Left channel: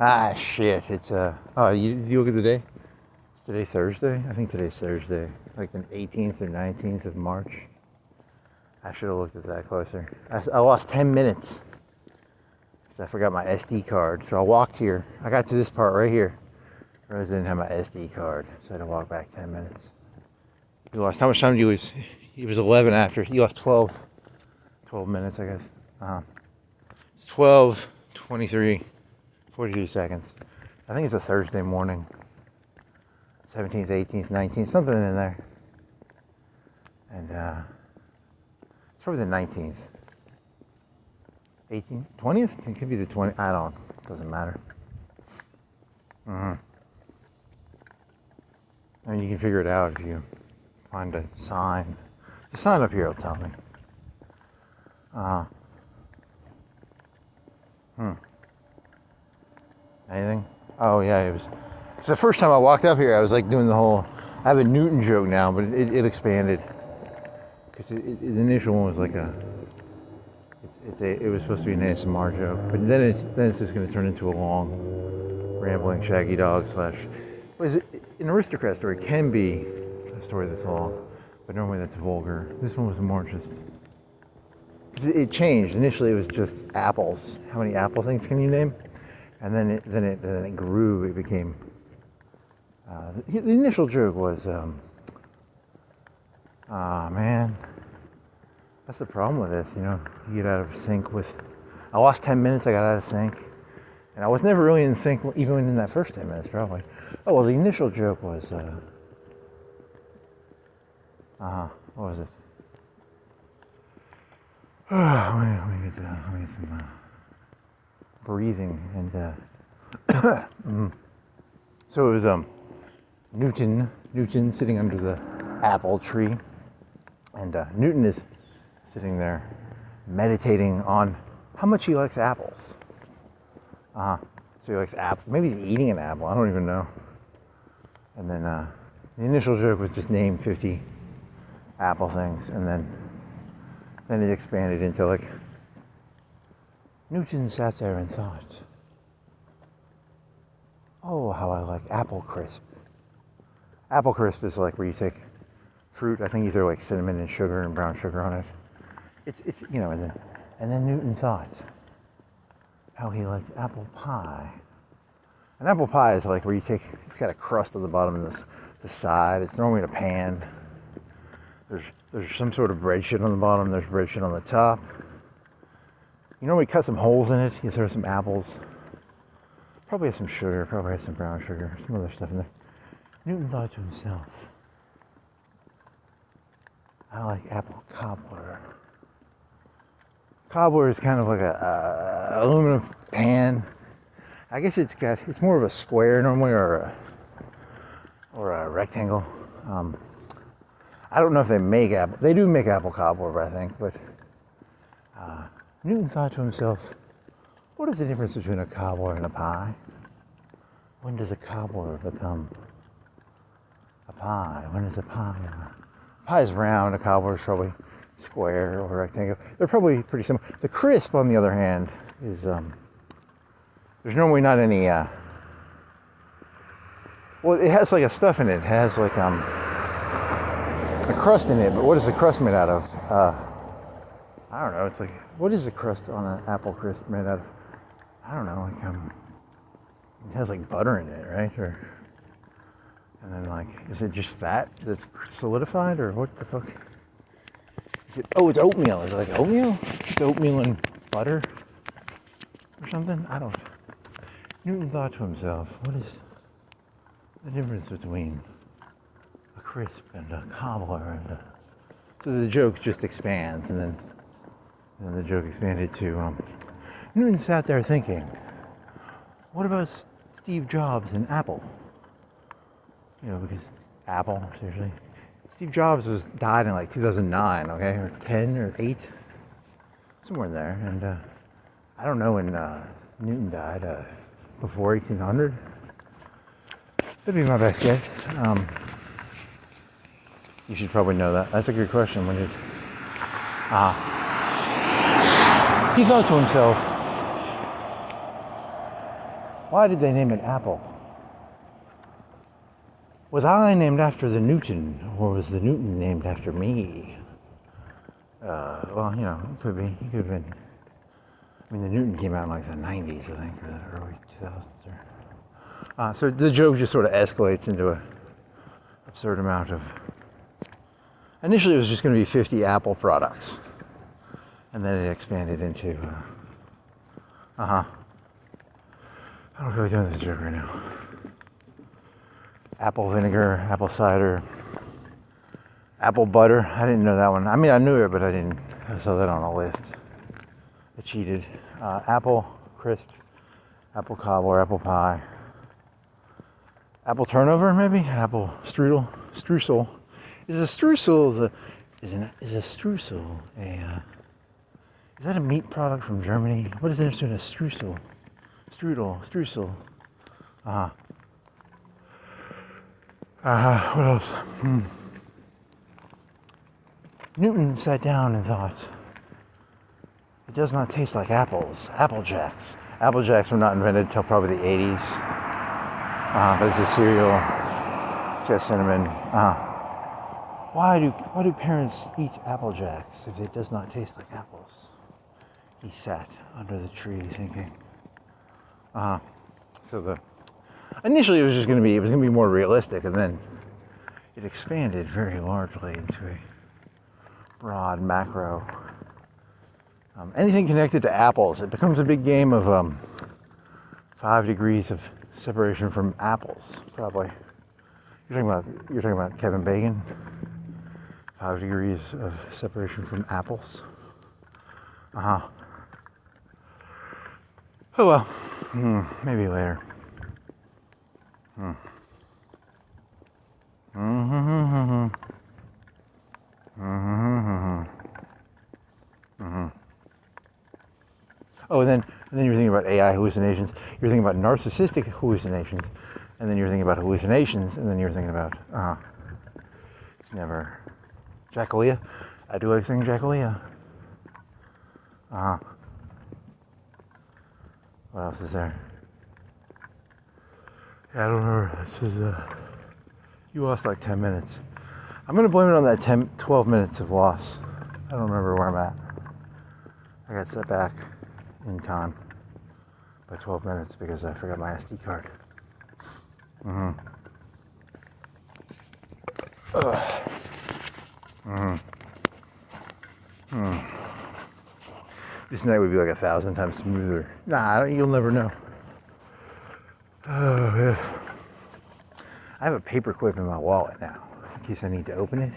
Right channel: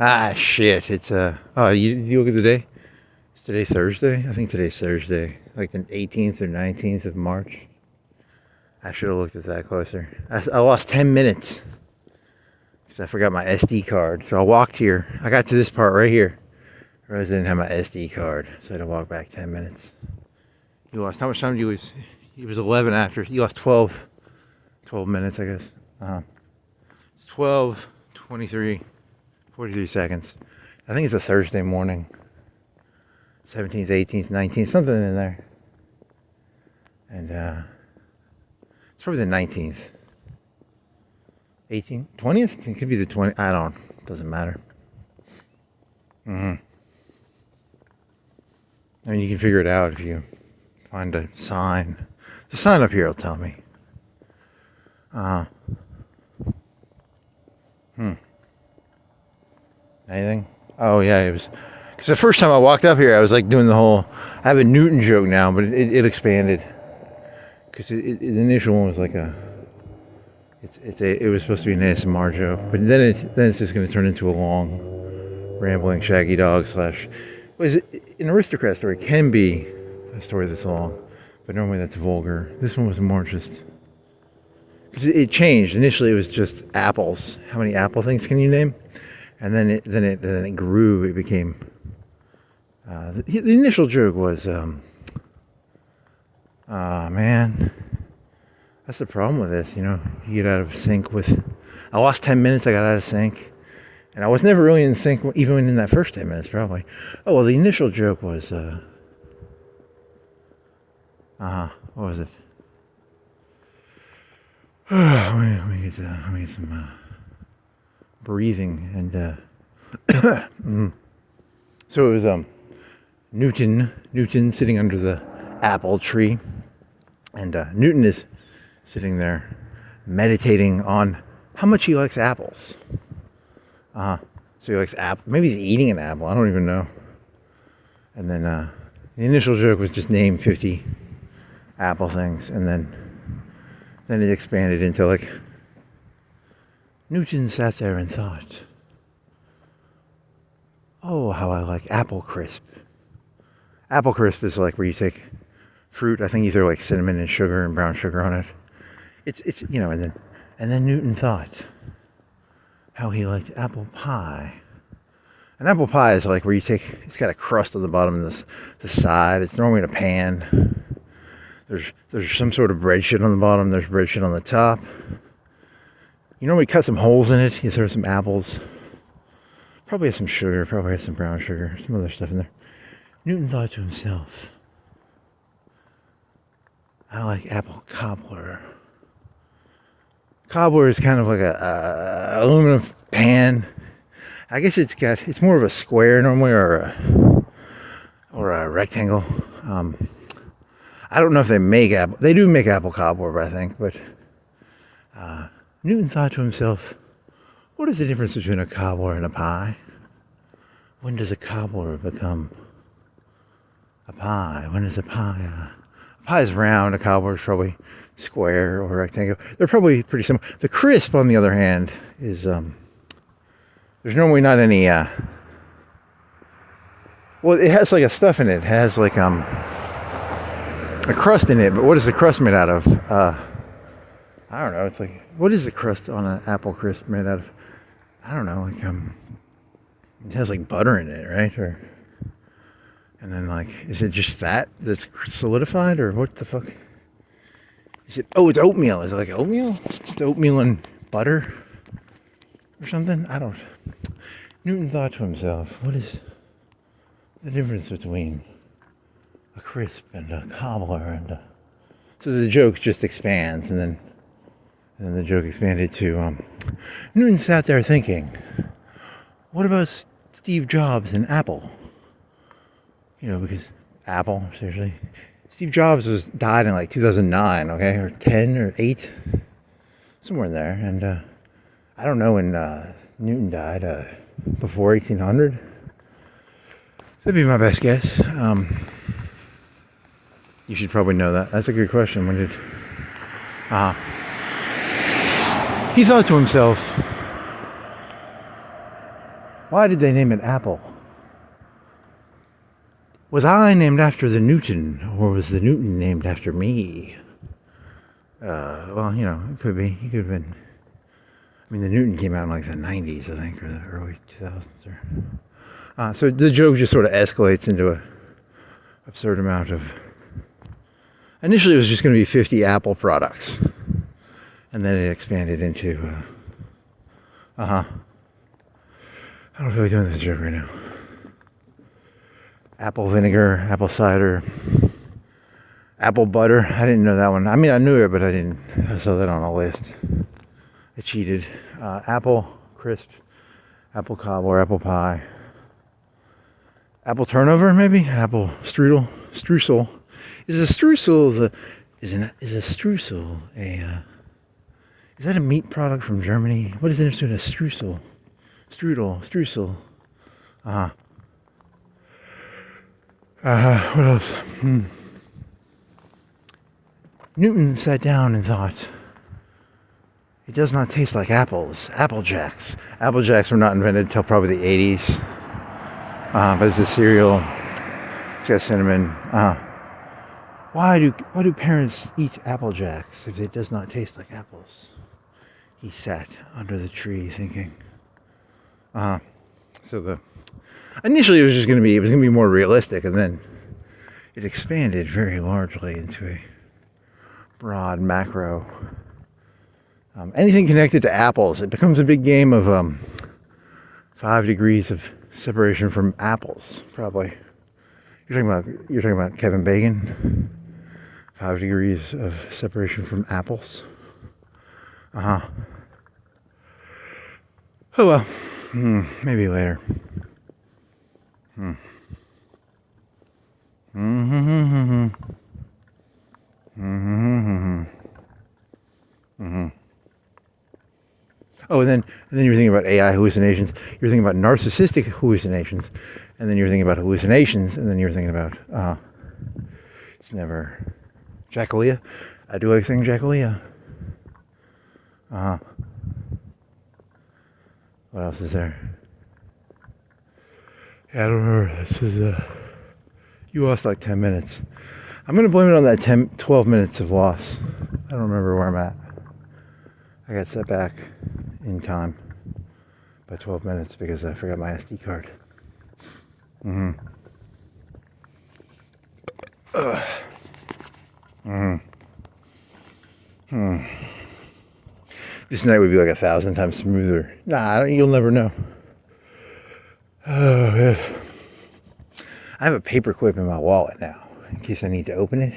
Ah, shit. It's, oh, you look at the day? Is today Thursday? I think today's Thursday. Like the 18th or 19th of March. I should have looked at that closer. I lost 10 minutes. Because I forgot my SD card. So I walked here. I got to this part right here. I realized I didn't have my SD card. So I had to walk back 10 minutes. You lost, how much time did you lose? It was 11 after. You lost 12 minutes, I guess. It's 12:23. 43 seconds. I think it's a Thursday morning. 17th, 18th, 19th, something in there. And it's probably the 19th. 18th? 20th? It could be the 20th. I don't, doesn't matter. I mean, you can figure it out if you find a sign. The sign up here will tell me. Anything? Oh yeah, it was. Because the first time I walked up here, I was like doing the whole. I have a Newton joke now, but it expanded. Because the initial one was like a. It was supposed to be an ASMR joke, but then it's just going to turn into a long, rambling Shaggy Dog slash. Was it an aristocrat story? Can be a story that's long, but normally that's vulgar. This one was more just. Because it changed. Initially, it was just apples. How many apple things can you name? And then it grew. It became. The initial joke was, man, that's the problem with this. You know, you get out of sync with. I lost 10 minutes. I got out of sync, and I was never really in sync, even in that first 10 minutes, probably. Oh well, the initial joke was, what was it? Let me get some. Breathing and so it was Newton sitting under the apple tree, and Newton is sitting there meditating on how much he likes apples. So he likes apple. Maybe he's eating an apple. I don't even know. And then the initial joke was just name 50 apple things, and then it expanded into like. Newton sat there and thought, oh, how I like apple crisp. Apple crisp is like where you take fruit, I think you throw like cinnamon and sugar and brown sugar on it. It's you know, and then Newton thought how he liked apple pie. And apple pie is like where you take, it's got a crust on the bottom and the side. It's normally in a pan. There's some sort of bread shit on the bottom, there's bread shit on the top. You normally cut some holes in it, you throw some apples, probably has some sugar, probably has some brown sugar, some other stuff in there. Newton thought to himself, I like apple cobbler. Cobbler is kind of like a aluminum pan. I guess it's more of a square normally, or a rectangle. I don't know if they make apple, they do make apple cobbler, I think, but Newton thought to himself, what is the difference between a cobbler and a pie? When does a cobbler become a pie? When is a pie is round, a cobbler is probably square or rectangle. They're probably pretty similar. The crisp, on the other hand, is, there's normally not any, well, it has like a stuff in it. It has like, a crust in it, but what is the crust made out of? I don't know. It's like, what is the crust on an apple crisp made out of? I don't know. Like, it has like butter in it, right? And then like, is it just fat that's solidified, or what the fuck? Is it? Oh, it's oatmeal. Is it like oatmeal? It's oatmeal and butter, or something? I don't. Newton thought to himself, what is the difference between a crisp and a cobbler? And so the joke just expands, and then the joke expanded to Newton sat there thinking, what about Steve Jobs and Apple? You know, because Apple, seriously. Steve Jobs died in like 2009, okay, or 10 or 8, somewhere in there. And I don't know when Newton died, before 1800. That'd be my best guess. You should probably know that. That's a good question. When did? He thought to himself, Why did they name it apple? Was I named after the Newton, or was the Newton named after me? Well, you know, it could be. He could have been. I mean, the Newton came out in like the 90s, I think, or the early 2000s. So the joke just sort of escalates into a absurd amount of. Initially, it was just going to be 50 Apple products, and then it expanded into. I don't feel like doing this joke right now. Apple vinegar, apple cider, apple butter. I didn't know that one. I mean, I knew it, but I didn't. I saw that on the list. I cheated. Apple crisp, apple cobbler, apple pie, apple turnover, maybe apple streusel. Is a streusel is a streusel a? Is that a meat product from Germany? What is there to a streusel? Streusel. What else? Newton sat down and thought, it does not taste like apples. Apple Jacks. Apple Jacks were not invented until probably the 80s. But it's a cereal. It's got cinnamon. Why do parents eat Apple Jacks if it does not taste like apples? He sat under the tree thinking. So initially it was going to be more realistic, and then it expanded very largely into a broad macro. Anything connected to apples, it becomes a big game of 5 degrees of separation from apples. Probably you're talking about Kevin Bacon. 5 degrees of separation from apples. Oh well, maybe later. Oh, and then you're thinking about AI hallucinations. You're thinking about narcissistic hallucinations, and then you're thinking about hallucinations, and then you're thinking about it's never Jackalia. I do like saying Jackalia. What else is there? Yeah, I don't remember. This is you lost like 10 minutes. I'm gonna blame it on that 12 minutes of loss. I don't remember where I'm at. I got set back in time by 12 minutes because I forgot my SD card. This night would be like 1,000 times smoother. Nah, you'll never know. Oh man. I have a paper clip in my wallet now in case I need to open it.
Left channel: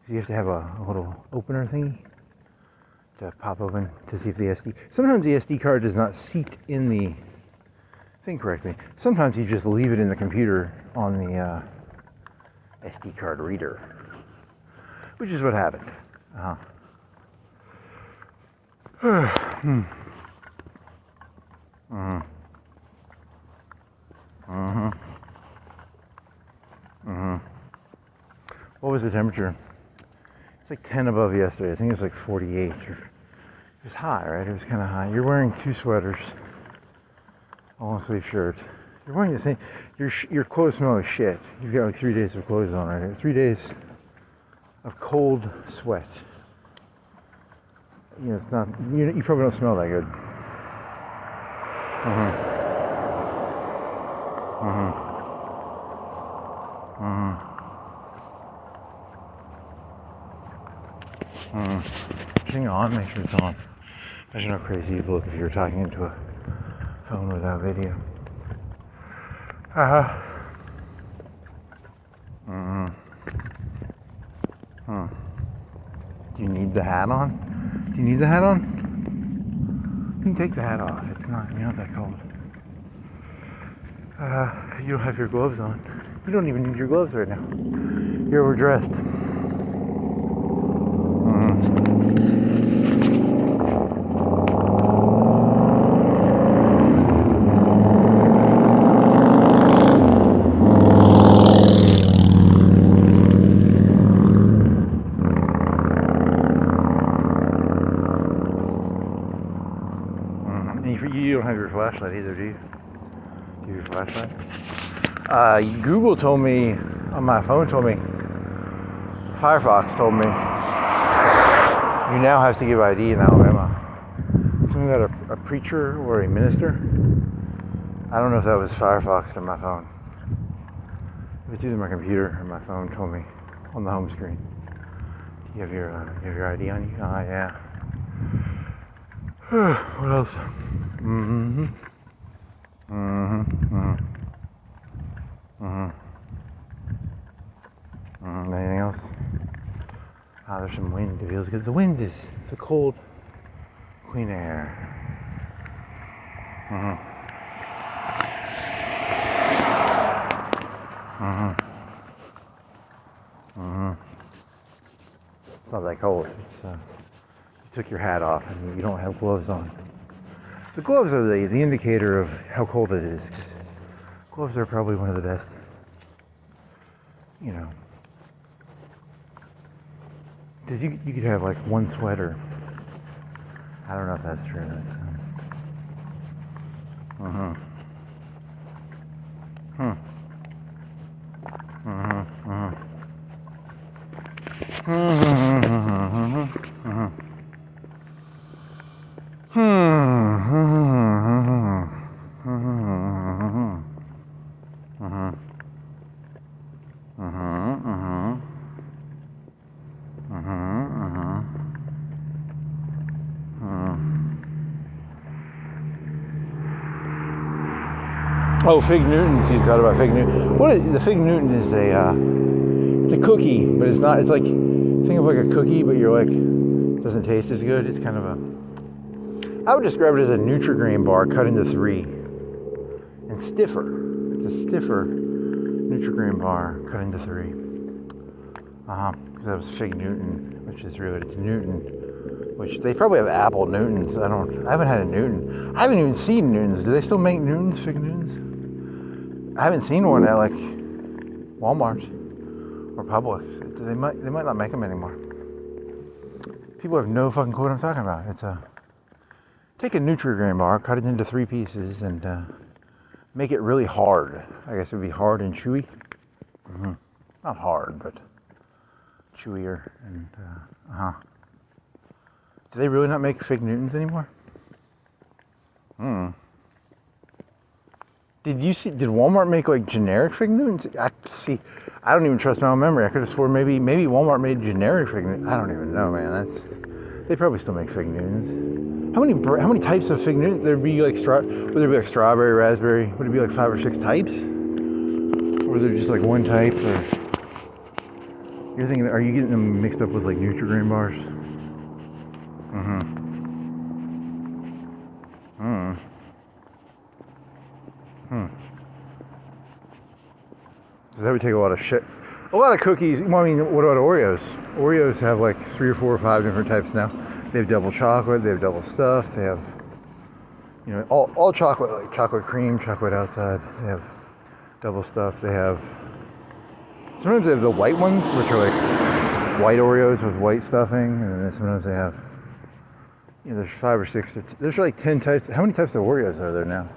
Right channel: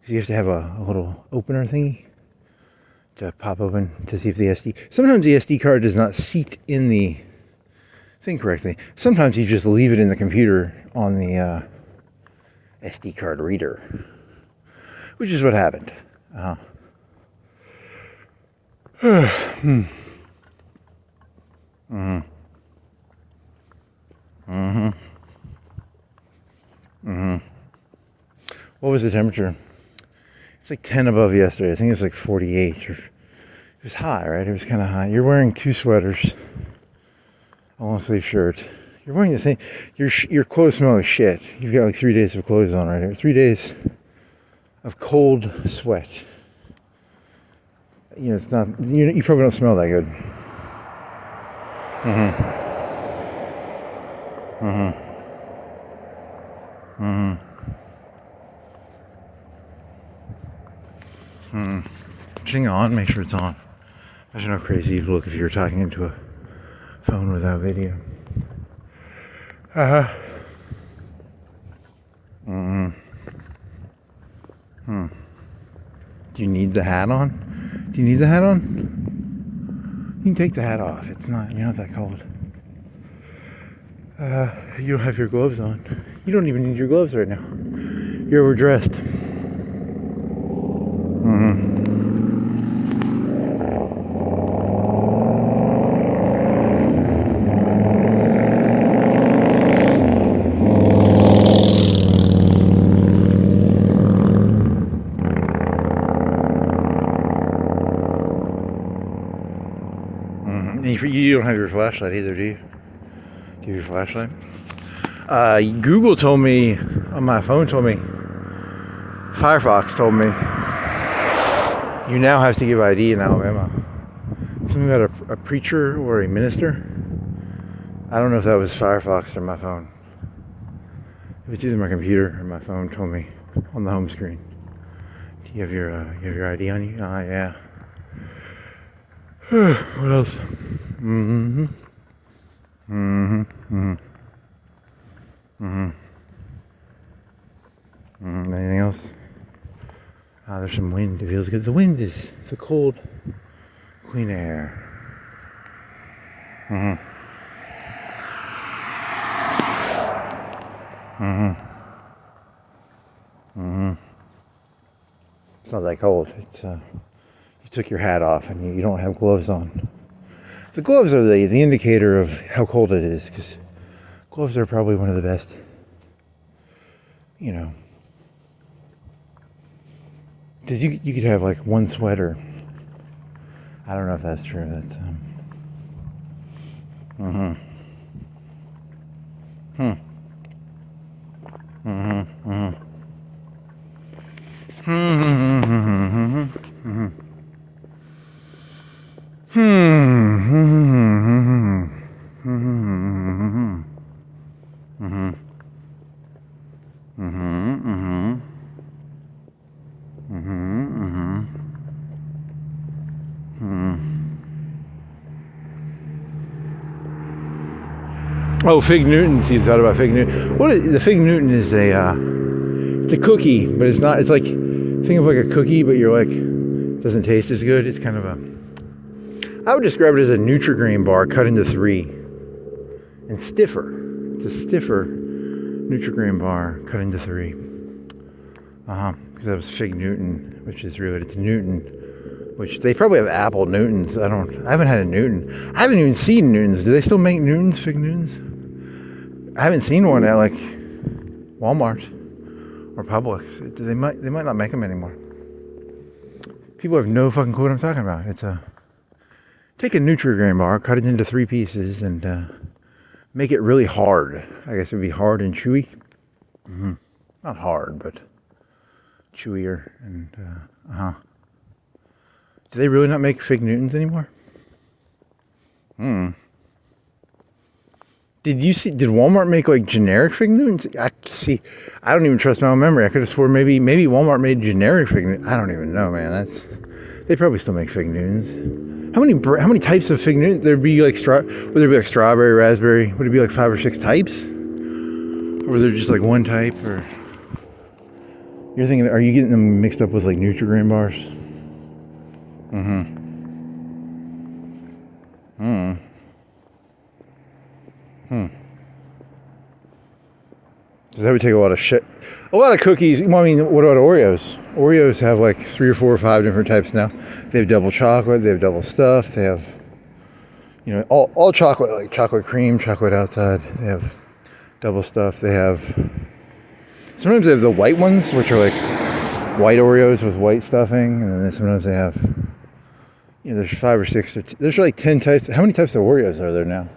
Because you have to have a little opener thingy to pop open to see if the SD. Sometimes the SD card does not seat in the thing correctly. Sometimes you just leave it in the computer on the SD card reader, which is what happened. What was the temperature? It's like 10 above yesterday. I think it was like 48. It was high, right? It was kind of high. You're wearing 2 sweaters, a long sleeve shirt. You're wearing the same. Your clothes smell like shit. You've got like 3 days of clothes on right here. 3 days of cold sweat. You know, it's not. You probably don't smell that good. Hang on, make sure it's on. Imagine how crazy you'd look if you were talking into a phone without video. Do you need the hat on? Do you need the hat on? You can take the hat off. It's not. You're not that cold. You don't have your gloves on. You don't even need your gloves right now. You're overdressed. You don't have your flashlight either, do you? Give you a flashlight. Google told me, on my phone told me, Firefox told me, you now have to give ID in Alabama. Something about a preacher or a minister. I don't know if that was Firefox or my phone. It was either my computer or my phone told me on the home screen. Do you have your ID on you? Oh, yeah. What else? Mm-hmm. Mm-hmm. Mm-hmm. Mm-hmm. Mm-hmm. Anything else? Ah, there's some wind. It feels good. The wind is the cold, clean air. Mm-hmm. Mm-hmm. Mm-hmm. It's not that cold. It's you took your hat off and you don't have gloves on. The gloves are the indicator of how cold it is, because gloves are probably one of the best, you know. Because you could have like one sweater. I don't know if that's true. That's mm-hmm. Hmm. Mm-hmm. Mm-hmm. Mm-hmm. Mm-hmm. Mm-hmm. Oh, Fig Newtons. You thought about Fig Newton. The Fig Newton is it's a cookie, but it's not. It's like, think of like a cookie, but you're like, doesn't taste as good. It's kind of I would describe it as a Nutri-Grain bar cut into 3 and stiffer. It's a stiffer Nutri-Grain bar cut into 3. Because that was Fig Newton, which is related to Newton, which they probably have apple Newtons. I haven't had a Newton. I haven't even seen Newtons. Do they still make Newtons, Fig Newtons? I haven't seen one at like Walmart or Publix. They might not make them anymore. People have no fucking clue what I'm talking about. It's take a Nutri-Grain bar, cut it into 3 pieces, and make it really hard. I guess it would be hard and chewy. Mm-hmm. Not hard, but chewier. And do they really not make Fig Newtons anymore? Did Walmart make like generic Fig Newtons? I don't even trust my own memory. I could have swore maybe Walmart made generic Fig Newtons. I don't even know, man. They probably still make Fig Newtons. How many types of Fig Newtons? Would there be like strawberry, raspberry? Would it be like 5 or 6 types? Or was there just like one type? Or you're thinking, are you getting them mixed up with like Nutri-Grain bars? So that would take a lot of shit. A lot of cookies. Well, I mean, what about Oreos? Oreos have like 3 or 4 or 5 different types now. They have double chocolate. They have double stuff. They have, you know, all chocolate, like chocolate cream, chocolate outside. They have double stuff. They have, sometimes they have the white ones, which are like white Oreos with white stuffing. And then sometimes they have, you know, there's 5 or 6. There's like 10 types. How many types of Oreos are there now?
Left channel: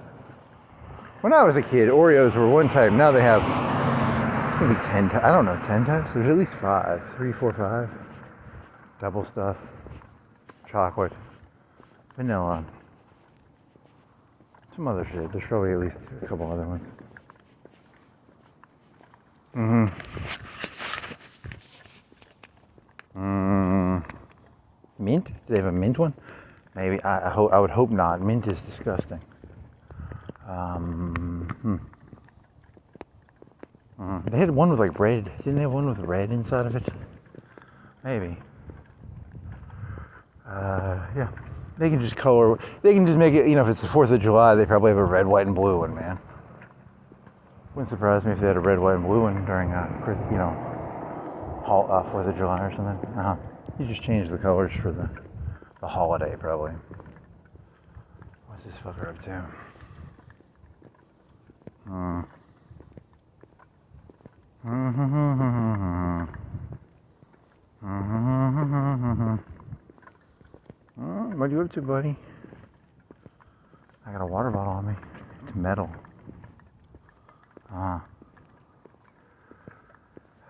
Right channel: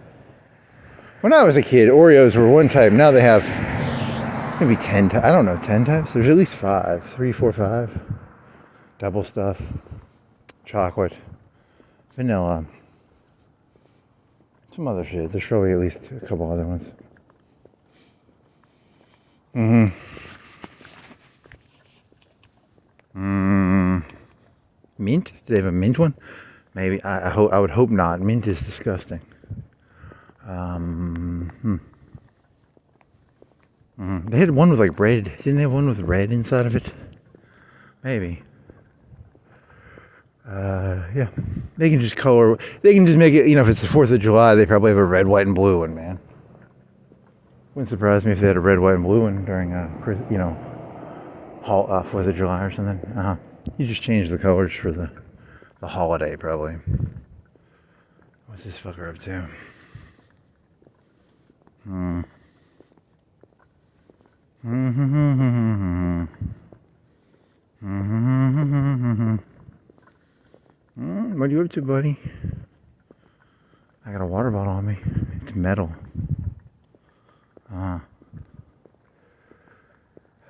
When I was a kid, Oreos were one type. Now they have maybe 10 types. I don't know, 10 types? There's at least 5. 3, 4, 5. Double stuff. Chocolate. Vanilla. Some other shit. There's probably at least a couple other ones. Mint? Do they have a mint one? Maybe. I would hope not. Mint is disgusting. They had one with like red. Didn't they have one with red inside of it? Maybe. Yeah. They can just color. They can just make it. You know, if it's the 4th of July, they probably have a red, white, and blue one, man. Wouldn't surprise me if they had a red, white, and blue one during, you know, 4th of July or something. You just change the colors for the holiday, probably. What's this fucker up to? What are you up to, buddy? I got a water bottle on me. It's metal.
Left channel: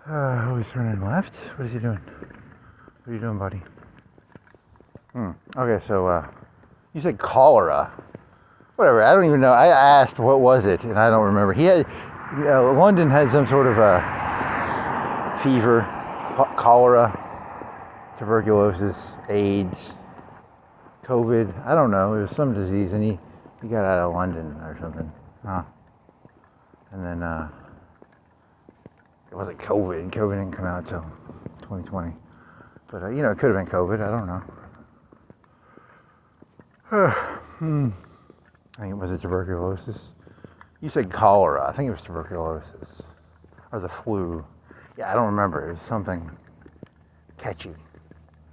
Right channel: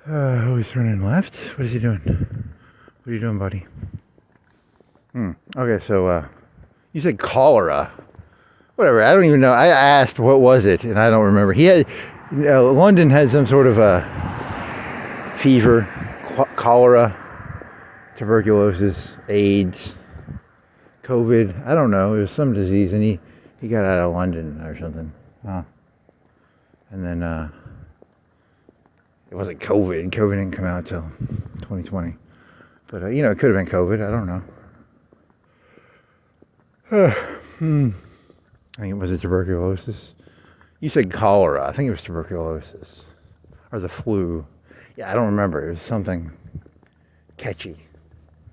Oh, he's turning left? What is he doing? What are you doing, buddy? Okay, so, you said cholera. Whatever, I don't even know. I asked what was it, and I don't remember. He had, London had some sort of a fever, cholera, tuberculosis, AIDS, COVID. I don't know. It was some disease, and he got out of London or something. And then, it wasn't COVID. COVID didn't come out till 2020. But, it could have been COVID. I don't know. I think it was tuberculosis. You said cholera. I think it was tuberculosis. Or the flu. Yeah, I don't remember. It was something catchy.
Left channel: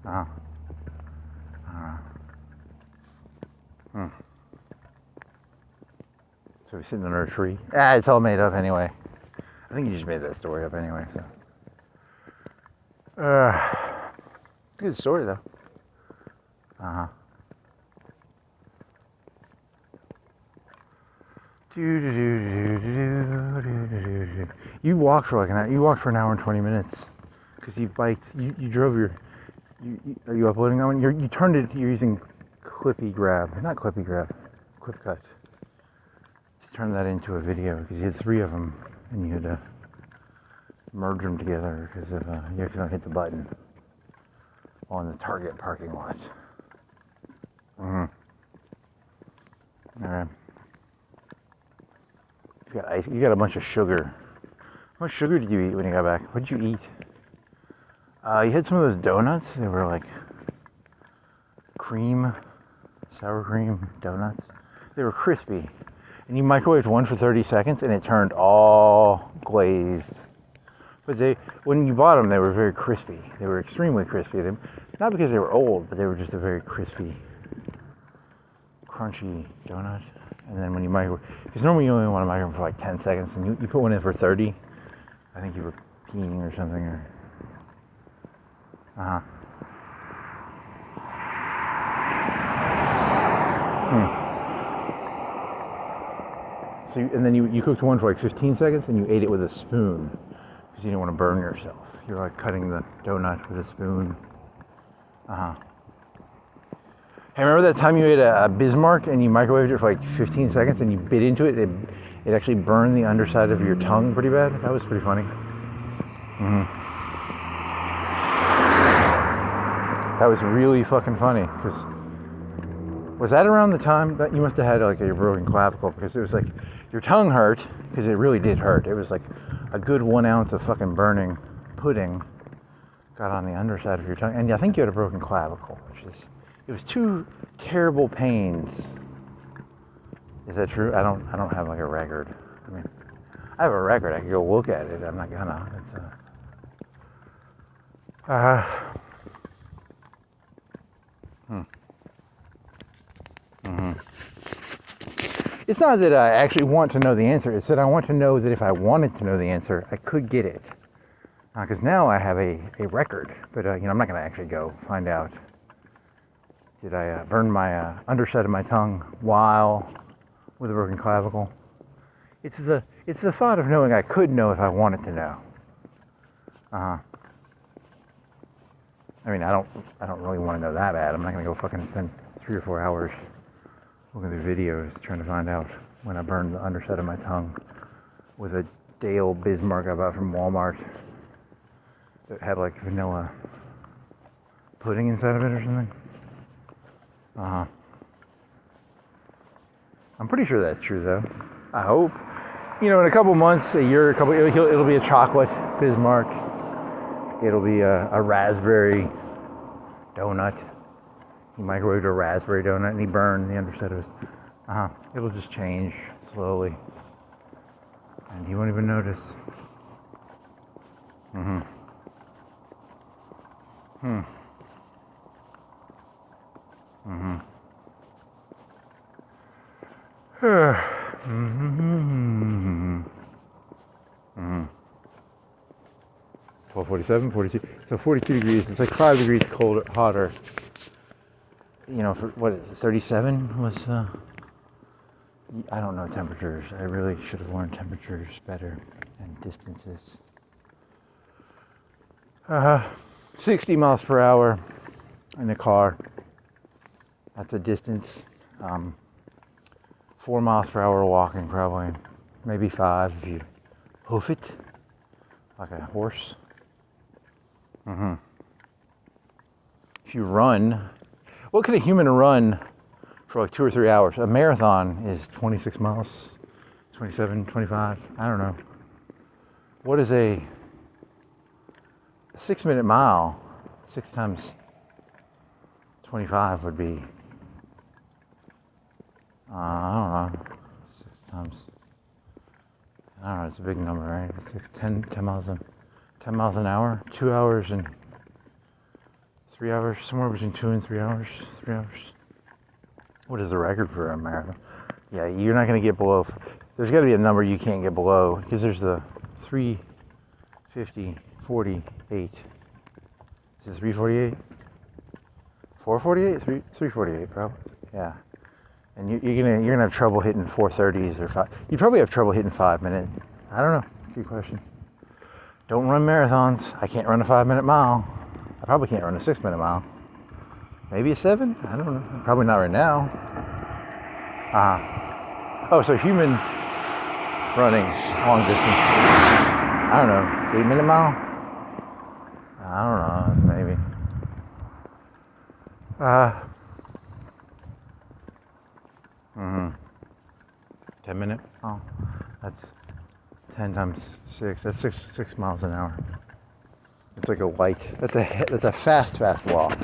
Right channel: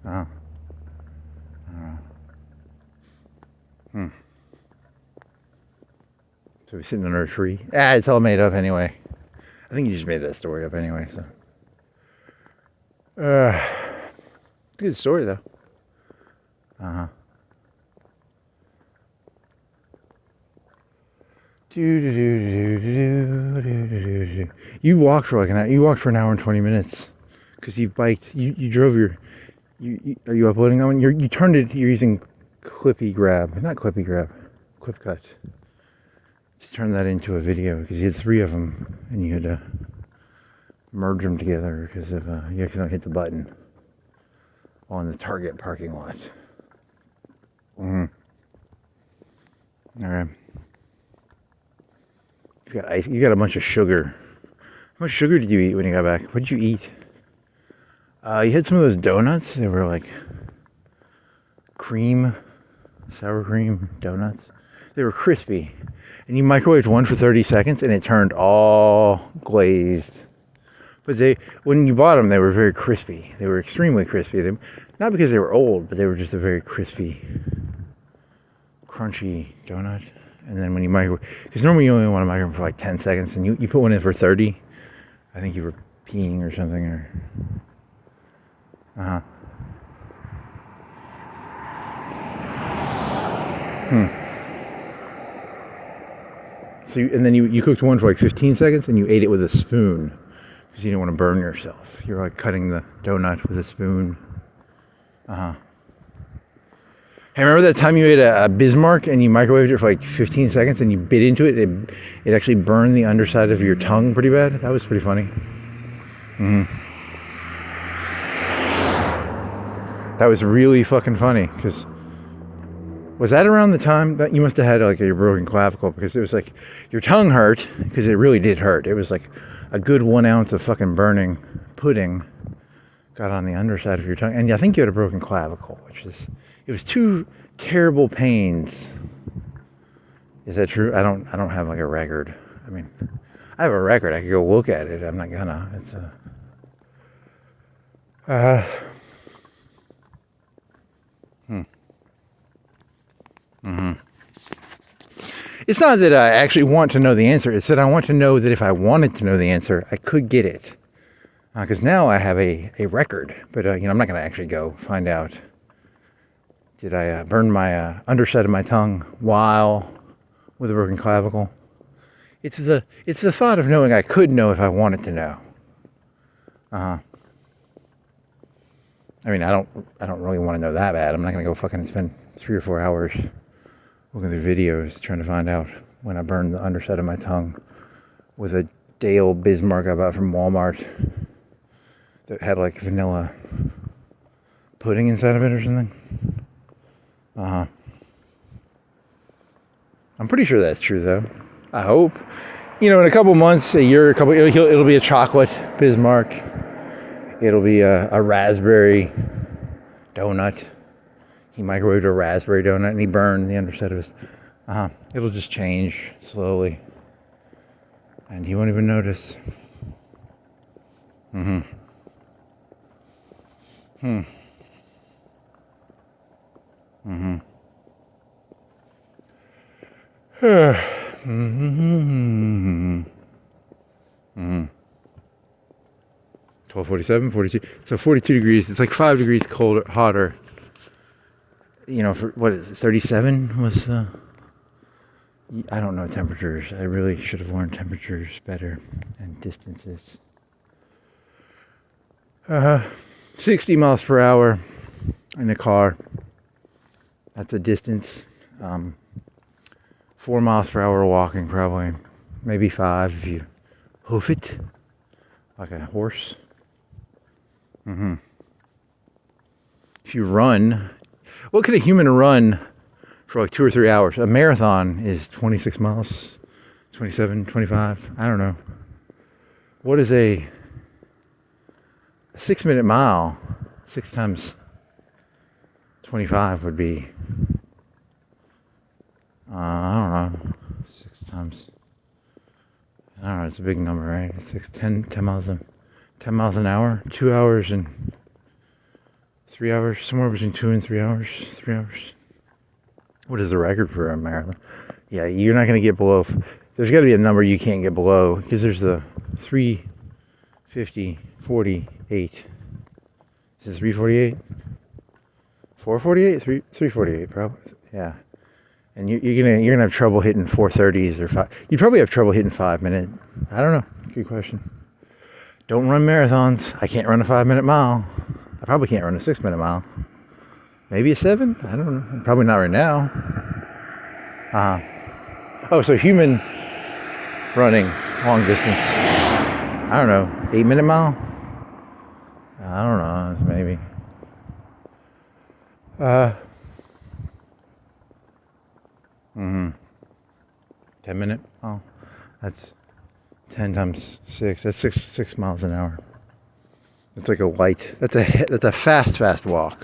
So he's sitting under a tree. It's all made up anyway. I think you just made that story up anyway, so. Good story though. You walked for like an hour. You walked for an hour and 20 minutes because you biked. You drove your. Are you uploading that one? You turned it. You're using ClipCut to turn that into a video because you had 3 of them and you had to merge them together because of you accidentally hit the button on the Target parking lot. All right. You got ice. You got a bunch of sugar. How much sugar did you eat when you got back? What did you eat? You had some of those donuts. They were like sour cream donuts. They were crispy. And you microwaved one for 30 seconds and it turned all glazed. But when you bought them, they were very crispy. They were extremely crispy. Not because they were old, but they were just a very crispy, crunchy donut. And then when you microwave, because normally you only want to microwave for like 10 seconds, and you put one in for 30, I think you were peeing or something, or... So and then you cooked one for like 15 seconds, and you ate it with a spoon, because you didn't want to burn yourself. You're like cutting the donut with a spoon. Hey, remember that time you ate a Bismarck and you microwaved it for like 15 seconds and you bit into it? It actually burned the underside of your tongue pretty bad. That was pretty funny. That was really fucking funny. Because was that around the time that you must have had like your broken clavicle? Because it was like your tongue hurt, because it really did hurt. It was like a good 1 ounce of fucking burning pudding got on the underside of your tongue. And I think you had a broken clavicle, which is... It was 2 terrible pains. Is that true? I don't have like a record. I mean, I have a record. I could go look at it. I'm not gonna. It's not that I actually want to know the answer. It's that I want to know that if I wanted to know the answer, I could get it. Because now I have a record. But I'm not gonna actually go find out. Did I burn my underside of my tongue while with a broken clavicle? It's the thought of knowing I could know if I wanted to know. I mean, I don't really want to know that bad. I'm not gonna go fucking spend 3 or 4 hours looking through videos trying to find out when I burned the underside of my tongue with a day old Bismarck I bought from Walmart that had like vanilla pudding inside of it or something. I'm pretty sure that's true though. I hope. In a couple months, a year, it'll be a chocolate Bismarck. It'll be a raspberry donut. He microwaved a raspberry donut and he burned the underside of his... It'll just change slowly. And he won't even notice. Mm-hmm. 12:47, 42. So 42 degrees. It's like 5 degrees colder, hotter. For what is it? 37 was I don't know temperatures. I really should have learned temperatures better and distances. 60 miles per hour in a car. That's a distance. 4 miles per hour walking, probably. Maybe 5 if you hoof it like a horse. If you run, what could a human run for like 2 or 3 hours? A marathon is 26 miles, 27, 25. I don't know. What is a 6-minute mile? 6 times 25 would be, I don't know, 6 times, I don't know, it's a big number, right? 10 miles an hour, 2 hours and 3 hours, somewhere between 2 and 3 hours, 3 hours. What is the record for a marathon? Yeah, you're not going to get below, there's got to be a number you can't get below, because there's the 350, 48. Is it 348? 448? 348 probably. Yeah. And you're gonna have trouble hitting 430s or 5. You probably have trouble hitting 5 minute. I don't know. Good question. Don't run marathons. I can't run a 5-minute mile. I probably can't run a 6-minute mile. Maybe a 7? I don't know. Probably not right now. Oh, so human running long distance. I don't know. 8-minute mile? I don't know. Maybe. 10-minute? Oh, that's 10 times 6. That's 6 miles an hour. It's like a light. That's a fast walk.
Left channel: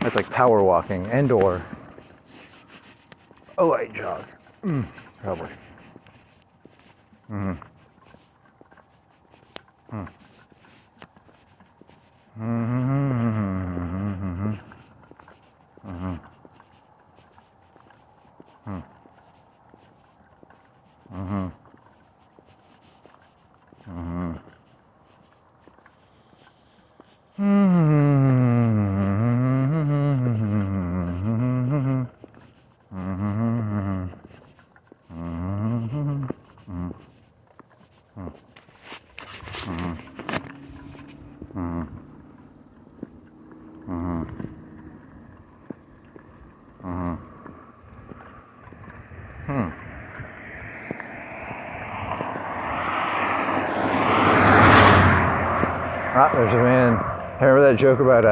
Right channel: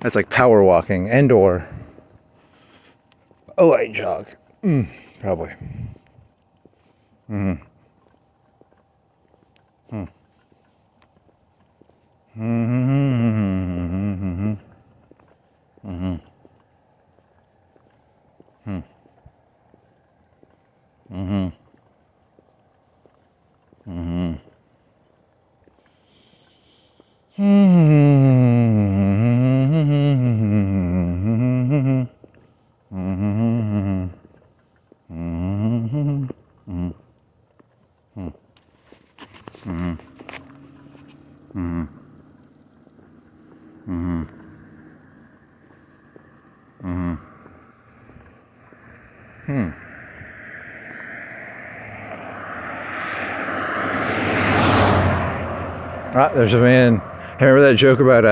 That's like power walking and or a light jog. Probably. There's a man. Remember that joke about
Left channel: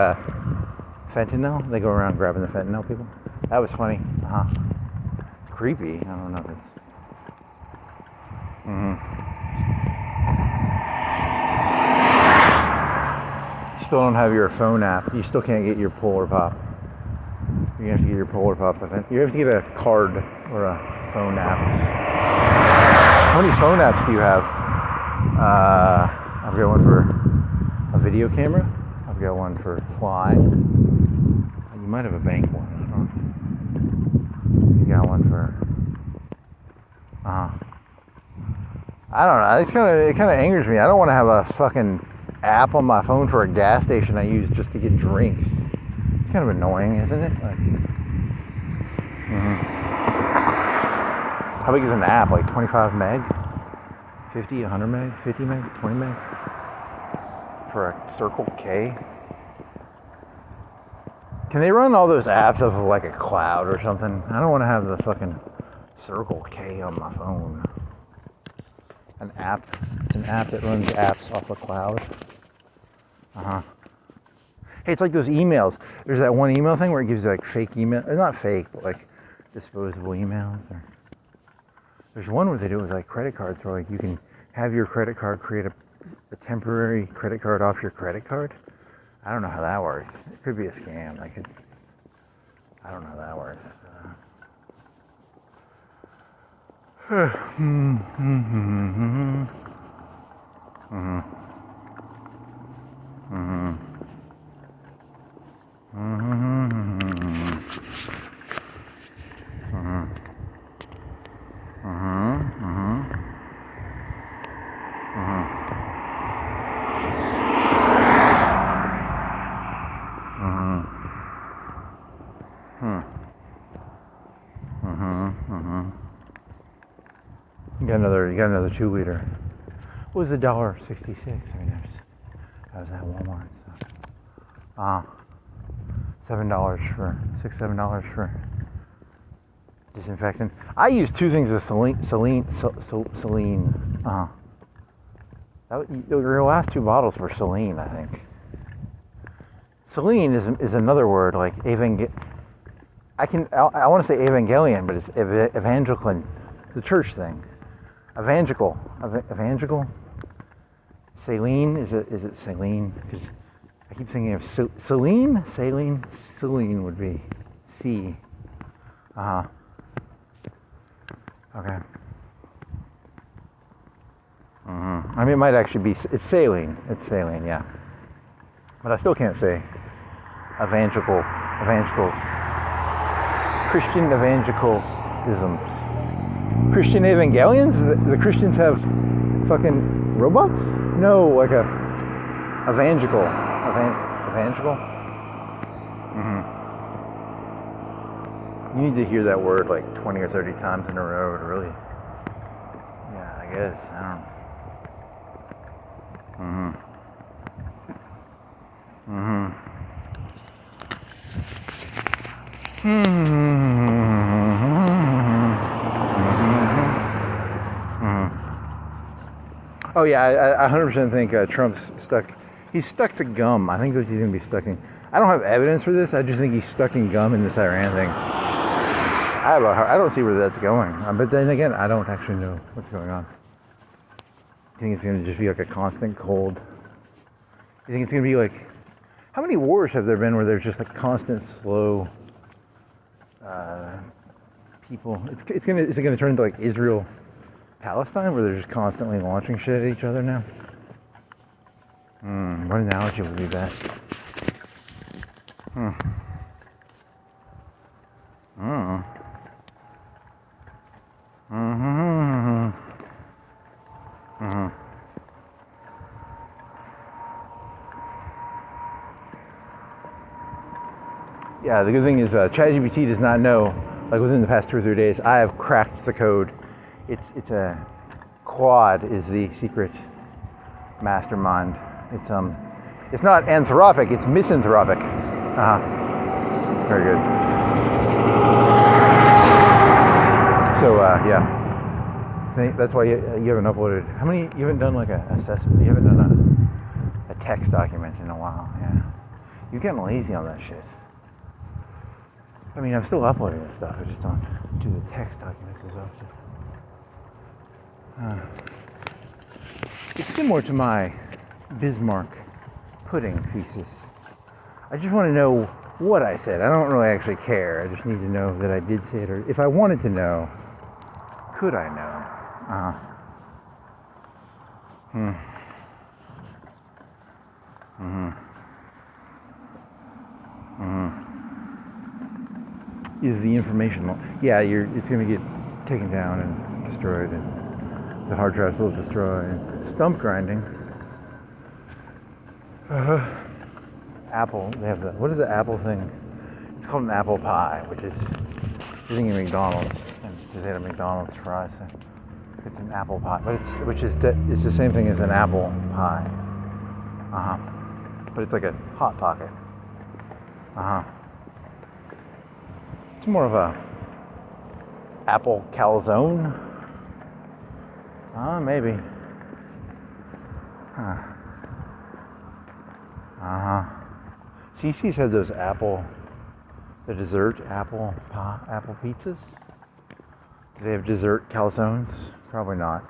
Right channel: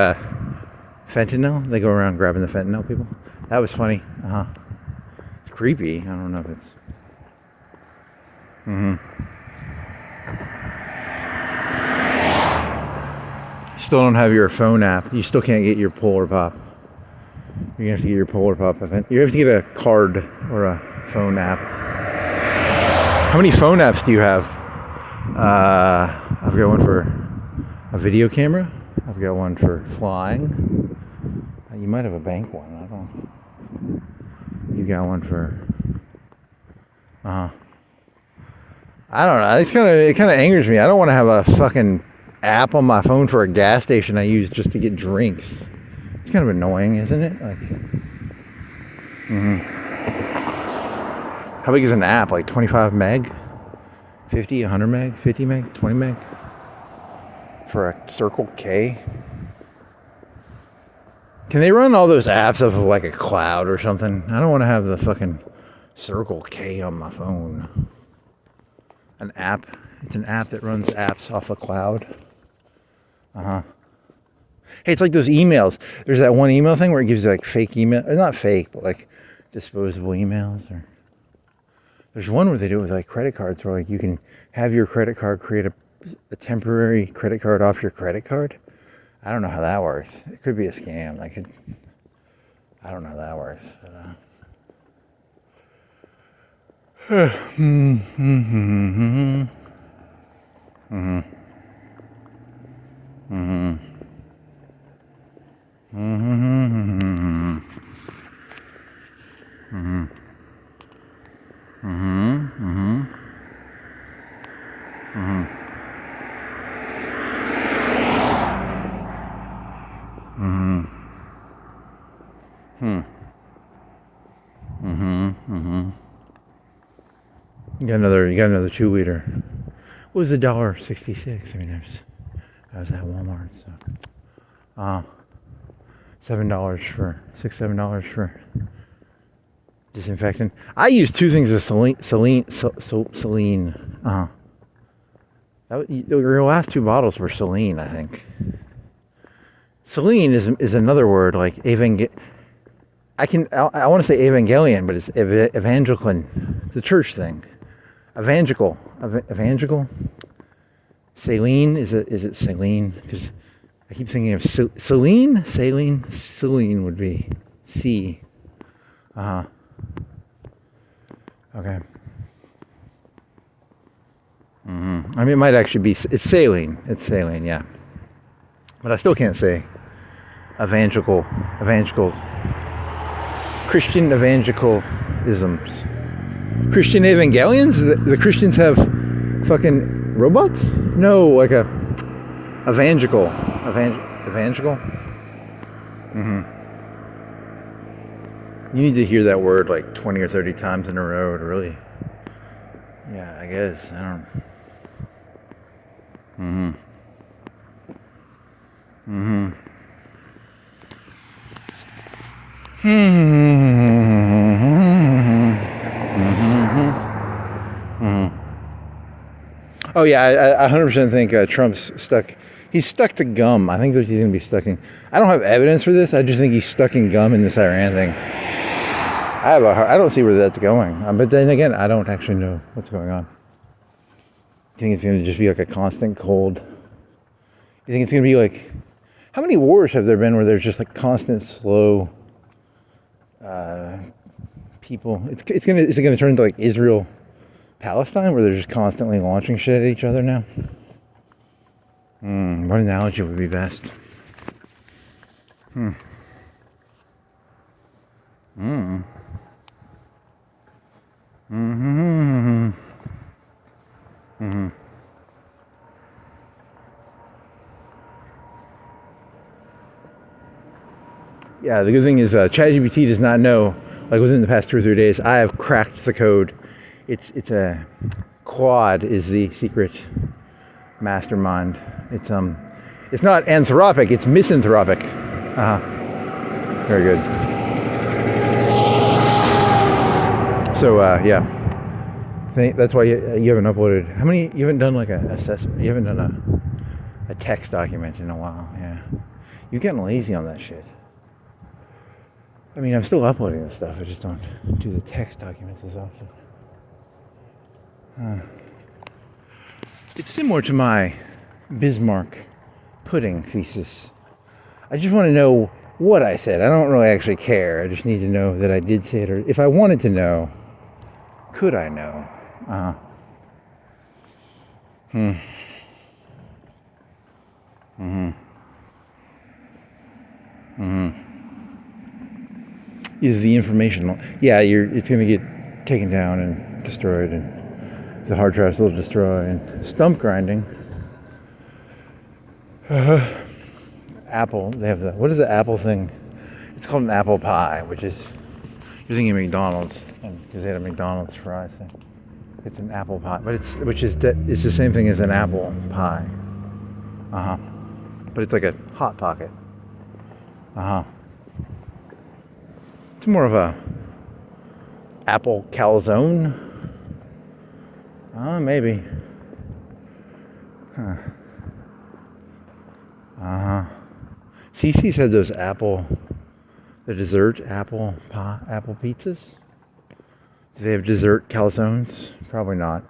fentanyl? They go around grabbing the fentanyl people. That was funny. It's creepy. I don't know if it's. Still don't have your phone app. You still can't get your Polar Pop. You're gonna have to get your Polar Pop event. You have to get a card or a phone app. How many phone apps do you have? I've got one for a video camera. I've got one for flying. You might have a bank one. I don't know. You got one for. I don't know. It kind of angers me. I don't want to have a fucking app on my phone for a gas station I use just to get drinks. It's kind of annoying, isn't it? Like, how big is an app? Like 25 meg? 50, 100 meg? 50 meg? 20 meg? For a Circle K? Can they run all those apps off of like a cloud or something? I don't want to have the fucking Circle K on my phone. An app. It's an app that runs apps off a cloud. Hey, it's like those emails. There's that one email thing where it gives you like fake email. Or not fake, but like disposable emails. Or there's one where they do it with like credit cards where like you can have your credit card create a temporary credit card off your credit card. I don't know how that works. It could be a scam. I don't know how that works. You got another 2-liter. What was $1.66? I mean, that was at Walmart. So, $7 for disinfectant. I use 2 things of saline. Your last 2 bottles were saline, I think. Saline is another word like I want to say evangelion, but it's evangelical. It's a church thing. Evangelical. Saline, is it saline? Because I keep thinking of saline. Saline would be C. Okay. I mean, it might actually be. It's saline. Yeah. But I still can't say evangelicals. Christian evangelicalisms. Christian evangelions? The Christians have fucking robots? No, like a evangelical. Evangelical? You need to hear that word like 20 or 30 times in a row to really. Yeah, I guess. I don't know. Oh yeah, I 100% think Trump's stuck. He's stuck to gum. I think that he's gonna be stuck in. I don't have evidence for this. I just think he's stuck in gum in this Iran thing. I don't see where that's going. But then again, I don't actually know what's going on. You think it's gonna just be like a constant cold? You think it's gonna be like? How many wars have there been where there's just like constant slow people? Is it gonna turn into like Israel, Palestine, where they're just constantly launching shit at each other now? What analogy would be best? Yeah, the good thing is ChatGPT does not know, like within the past 2 or 3 days, I have cracked the code. It's a quad is the secret mastermind. It's not anthropic, it's misanthropic. Very good. So yeah, that's why you haven't uploaded. How many? You haven't done like a assessment. You haven't done a text document in a while. Yeah, you're getting lazy on that shit. I mean, I'm still uploading this stuff. I just don't do the text documents as often. It's similar to my Bismarck pudding thesis. I just want to know what I said. I don't really actually care. I just need to know that I did say it, or if I wanted to know, could I know? Is the information? Yeah, it's going to get taken down and destroyed, and the hard drives will destroy, and stump grinding. Apple, they have what is the Apple thing? It's called an apple pie, which is using a McDonald's, because they had a McDonald's fries thing. It's an apple pie, but it's the same thing as an apple pie. But it's like a hot pocket. It's more of a apple calzone. Maybe. Cece said those the dessert apple pizzas. Do they have dessert calzones? Probably not.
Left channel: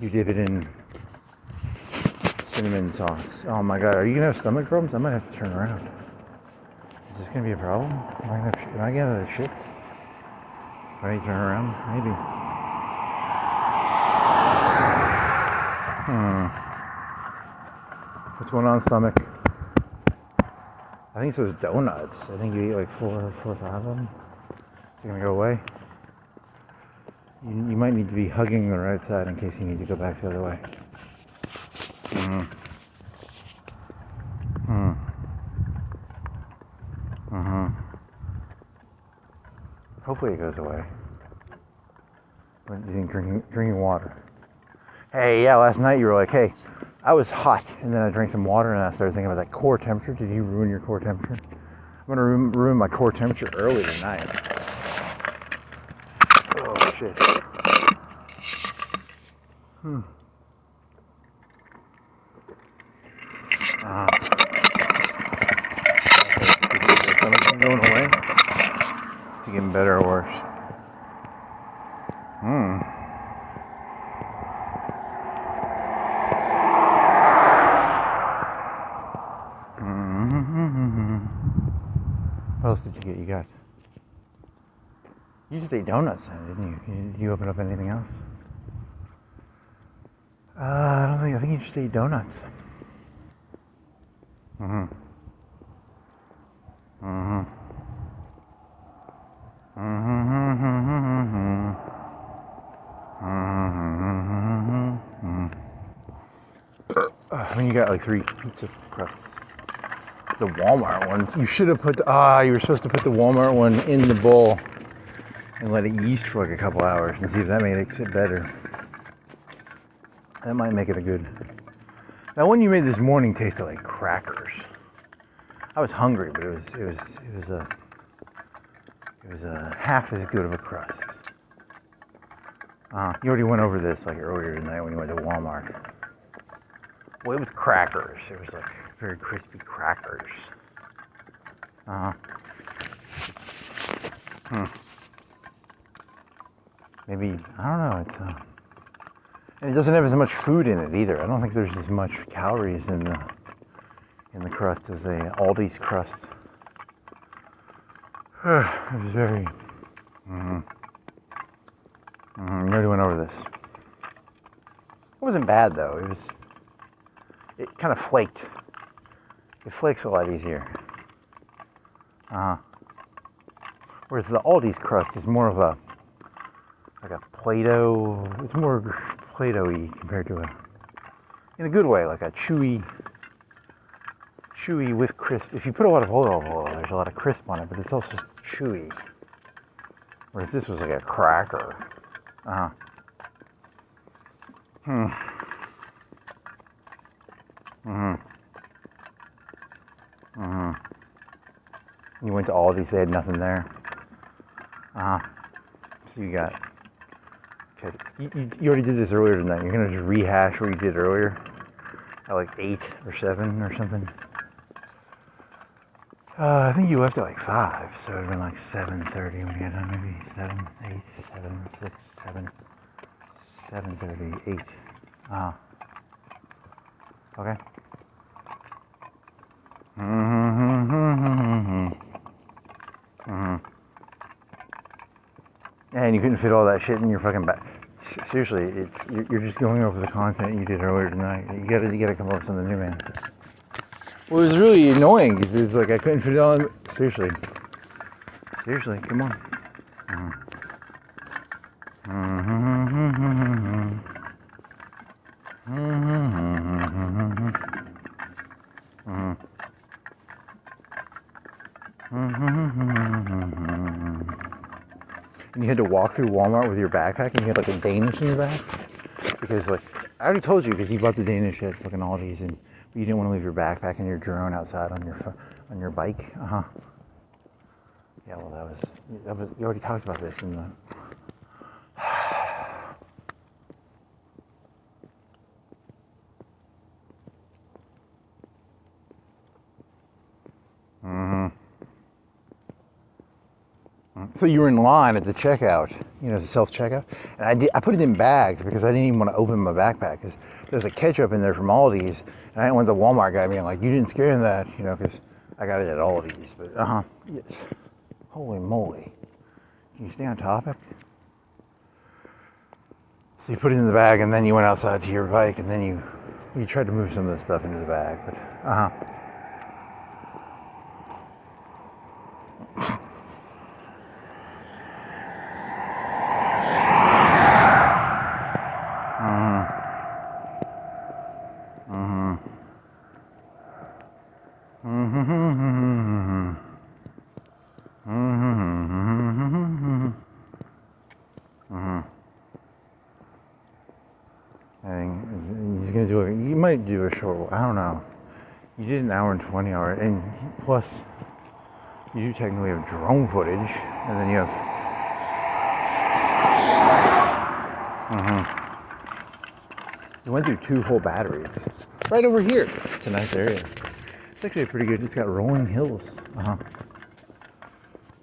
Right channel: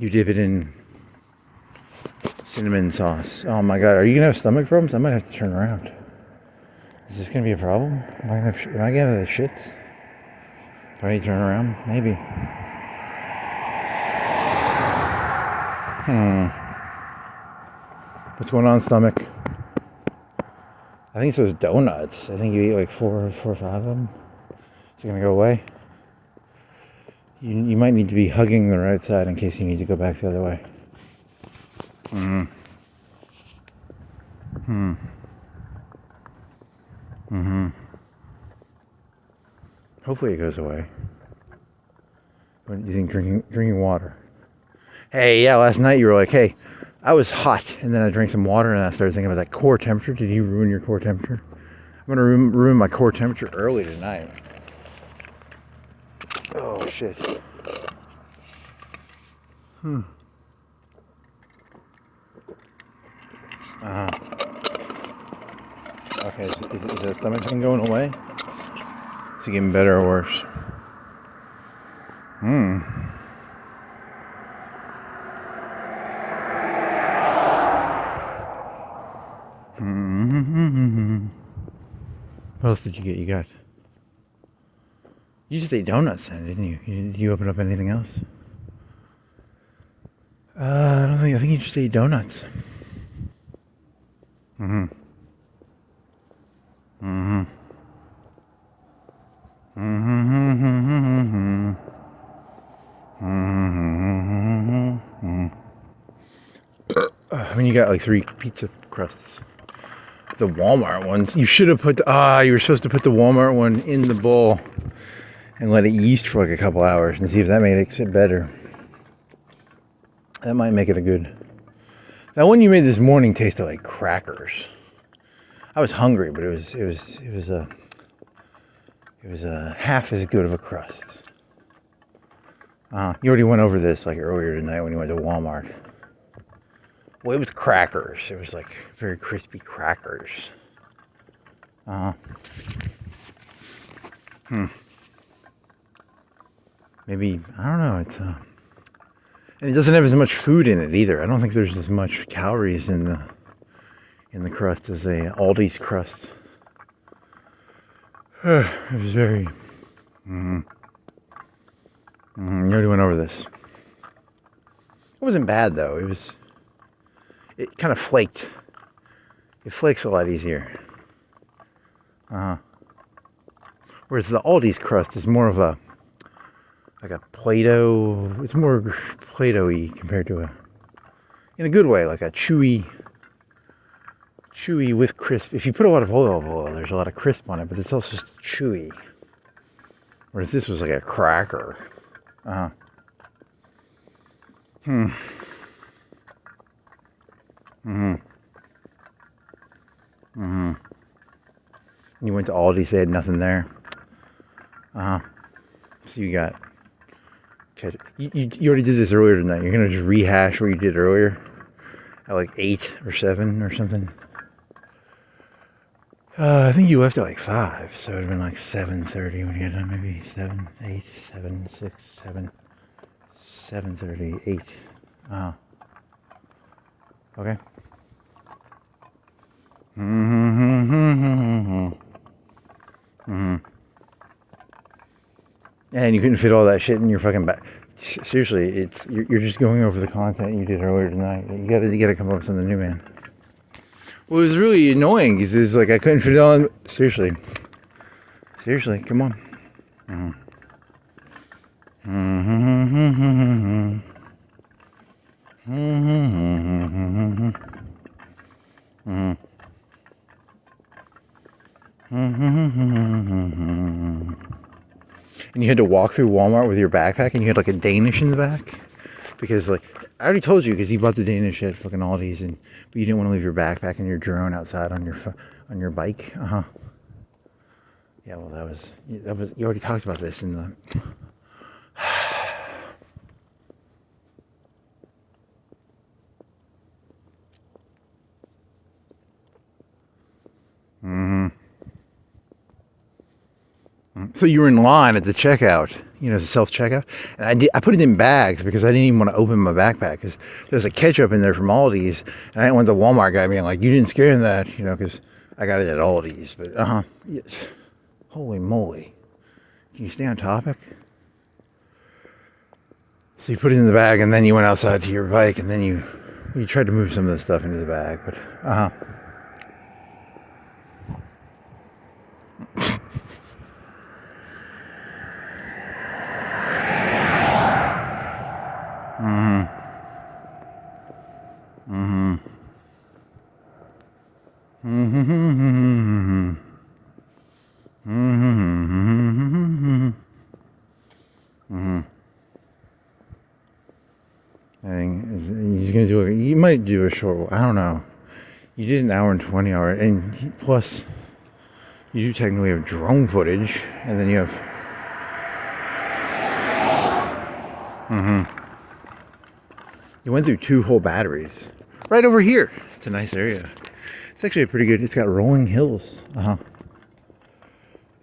You dip it in cinnamon sauce. Oh my god, are you gonna have stomach problems? I might have to turn around. Is this gonna be a problem? Am I gonna have the shits? Do I need to turn around? Maybe. What's going on, stomach? I think it's those donuts. I think you eat like 4 or 5 of them. Is it gonna go away? You might need to be hugging the right side in case you need to go back the other way. Hopefully it goes away. What do you think drinking water? Hey, yeah, last night you were like, hey, I was hot, and then I drank some water, and I started thinking about that core temperature. Did you ruin your core temperature? I'm gonna ruin my core temperature early tonight. Oh, shit. Okay, is the stomach thing going away? Is it getting better or worse? What else did you get? You just ate donuts then, didn't you? Did you open up anything else? I think you just ate donuts. When you got like 3 pizza crusts. The Walmart ones. You should have put you were supposed to put the Walmart one in the bowl and let it yeast for like a couple hours and see if that makes it better. That might make it a good. That one you made this morning tasted like crackers. I was hungry, but it was half as good of a crust. You already went over this like earlier tonight when you went to Walmart. Well, it was crackers. It was like very crispy crackers. Maybe, I don't know. It's and it doesn't have as much food in it either. I don't think there's as much calories in the crust as a Aldi's crust. It was very. You already went over this. It wasn't bad though. It kind of flaked. It flakes a lot easier. Whereas the Aldi's crust is more of a Play-Doh. It's more Play-Doh-y compared to in a good way, like a chewy with crisp. If you put a lot of olive oil, there's a lot of crisp on it, but it's also just chewy. Whereas this was like a cracker. You went to Aldi's, they had nothing there. So you got. Okay, you already did this earlier tonight. You're gonna just rehash what you did earlier at like 8 or 7 or something. I think you left at like 5, so it would have been like 7:30 when you got done. Maybe 7, 8, 7, 6, 7, 7:30, 8. Okay. And you couldn't fit all that shit in your fucking back. Seriously, you're just going over the content you did earlier tonight. You gotta come up with something new, man. Well, it was really annoying because it's like I couldn't fit it on. Seriously, come on. And you had to walk through Walmart with your backpack, and you had like a Danish in the back, because like I already told you, because you bought the Danish at fucking Aldi's, but you didn't want to leave your backpack and your drone outside on your bike. Yeah, well that was you already talked about this in the. So you were in line at the checkout, the self-checkout, and I put it in bags because I didn't even want to open my backpack because there's a ketchup in there from Aldi's, and I didn't want the Walmart guy being like, you didn't scare that, because I got it at Aldi's, but yes. Holy moly. Can you stay on topic? So you put it in the bag, and then you went outside to your bike, and then you tried to move some of the stuff into the bag, but I think he's gonna do you might do a short one. I don't know. You did an hour and 20 hour, and plus you do technically have drone footage, and then you have. You went through 2 whole batteries. Right over here. It's a nice area. It's actually pretty good. It's got rolling hills.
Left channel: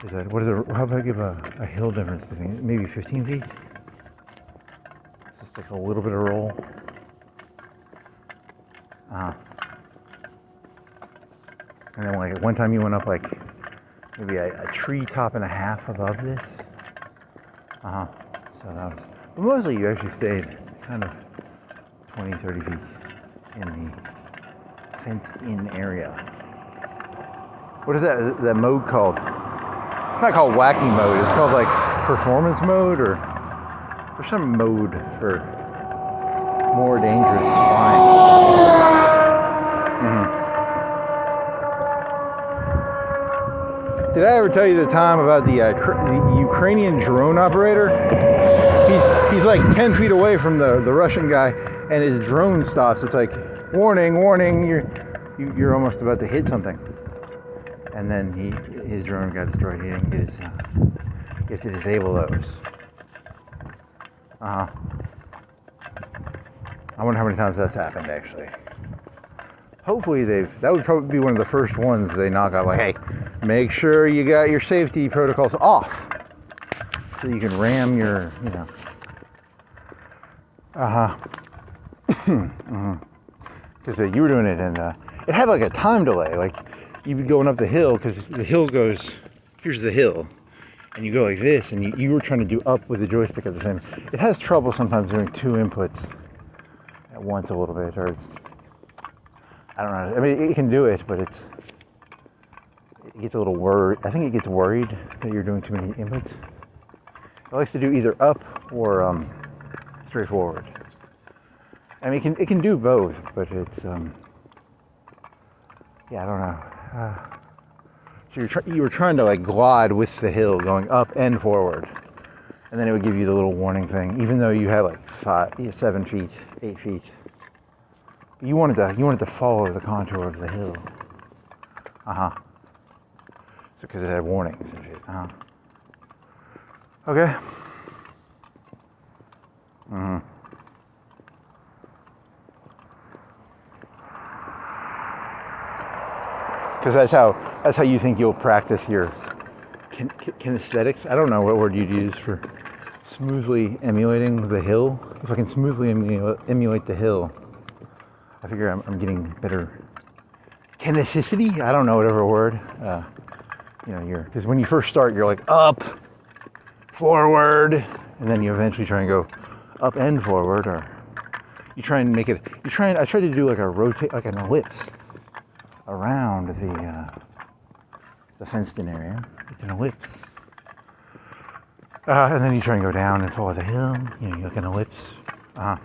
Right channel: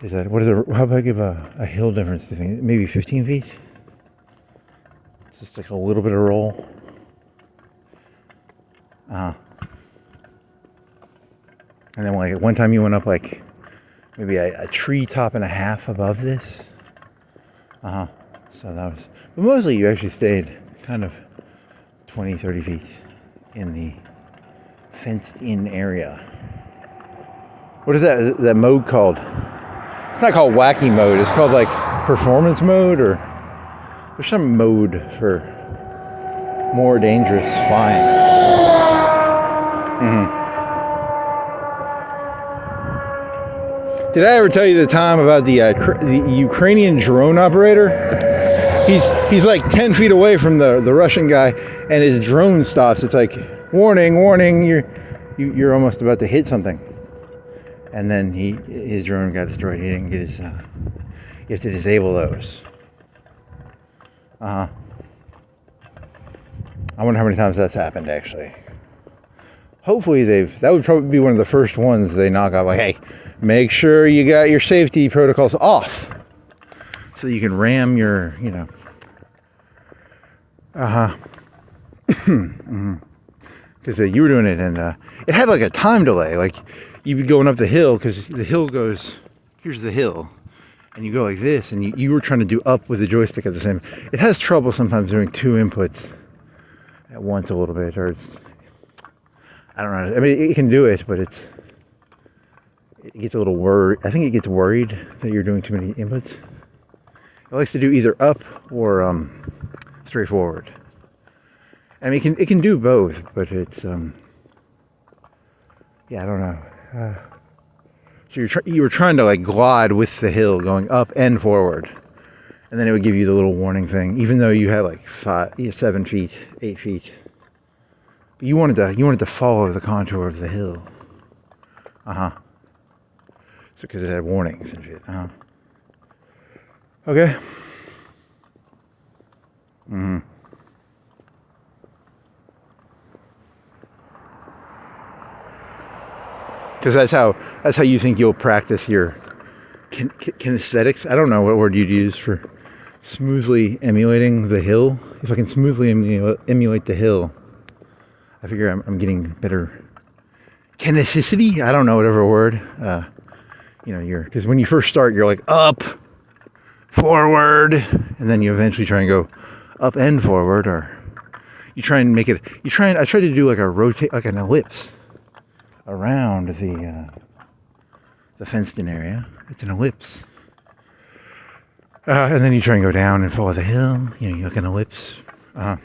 Is that what is it? How about I give a hill difference? Do you think maybe 15 feet? It's just like a little bit of roll. And then like one time you went up like maybe a tree top and a half above this. So that was, but mostly you actually stayed kind of 20, 30 feet in the fenced in area. What is that mode called? It's not called wacky mode. It's called like performance mode, or there's some mode for more dangerous flying. Did I ever tell you the time about the Ukrainian drone operator? He's like 10 feet away from the Russian guy, and his drone stops. It's like, warning, warning, you're almost about to hit something. And then his drone got destroyed. He didn't get his, you have to disable those. I wonder how many times that's happened, actually. Hopefully that would probably be one of the first ones they knock out, like, hey, make sure you got your safety protocols off so you can ram your, because you were doing it, and it had like a time delay. Like you'd be going up the hill, because the hill goes, here's the hill, and you go like this, and you were trying to do up with the joystick at the same. It has trouble sometimes doing 2 inputs at once a little bit, or it's, I don't know. I mean, it can do it, but it gets a little worried. I think it gets worried that you're doing too many inputs. It likes to do either up or straightforward. I mean, it can do both, but it's yeah, I don't know. So you were trying to like glide with the hill, going up and forward, and then it would give you the little warning thing, even though you had like 7 feet, 8 feet. You wanted to follow the contour of the hill. So because it had warnings and shit. Okay. Because that's how you think you'll practice your kinesthetics. I don't know what word you'd use for smoothly emulating the hill. If I can smoothly emulate the hill, I figure I'm getting better kineticity. I don't know, whatever word. Because when you first start, you're like up, forward, and then you eventually try and go up and forward, or you try and make it. I try to do like a rotate, like an ellipse around the fenced-in area. It's an ellipse, and then you try and go down and follow the hill. You like an ellipse. I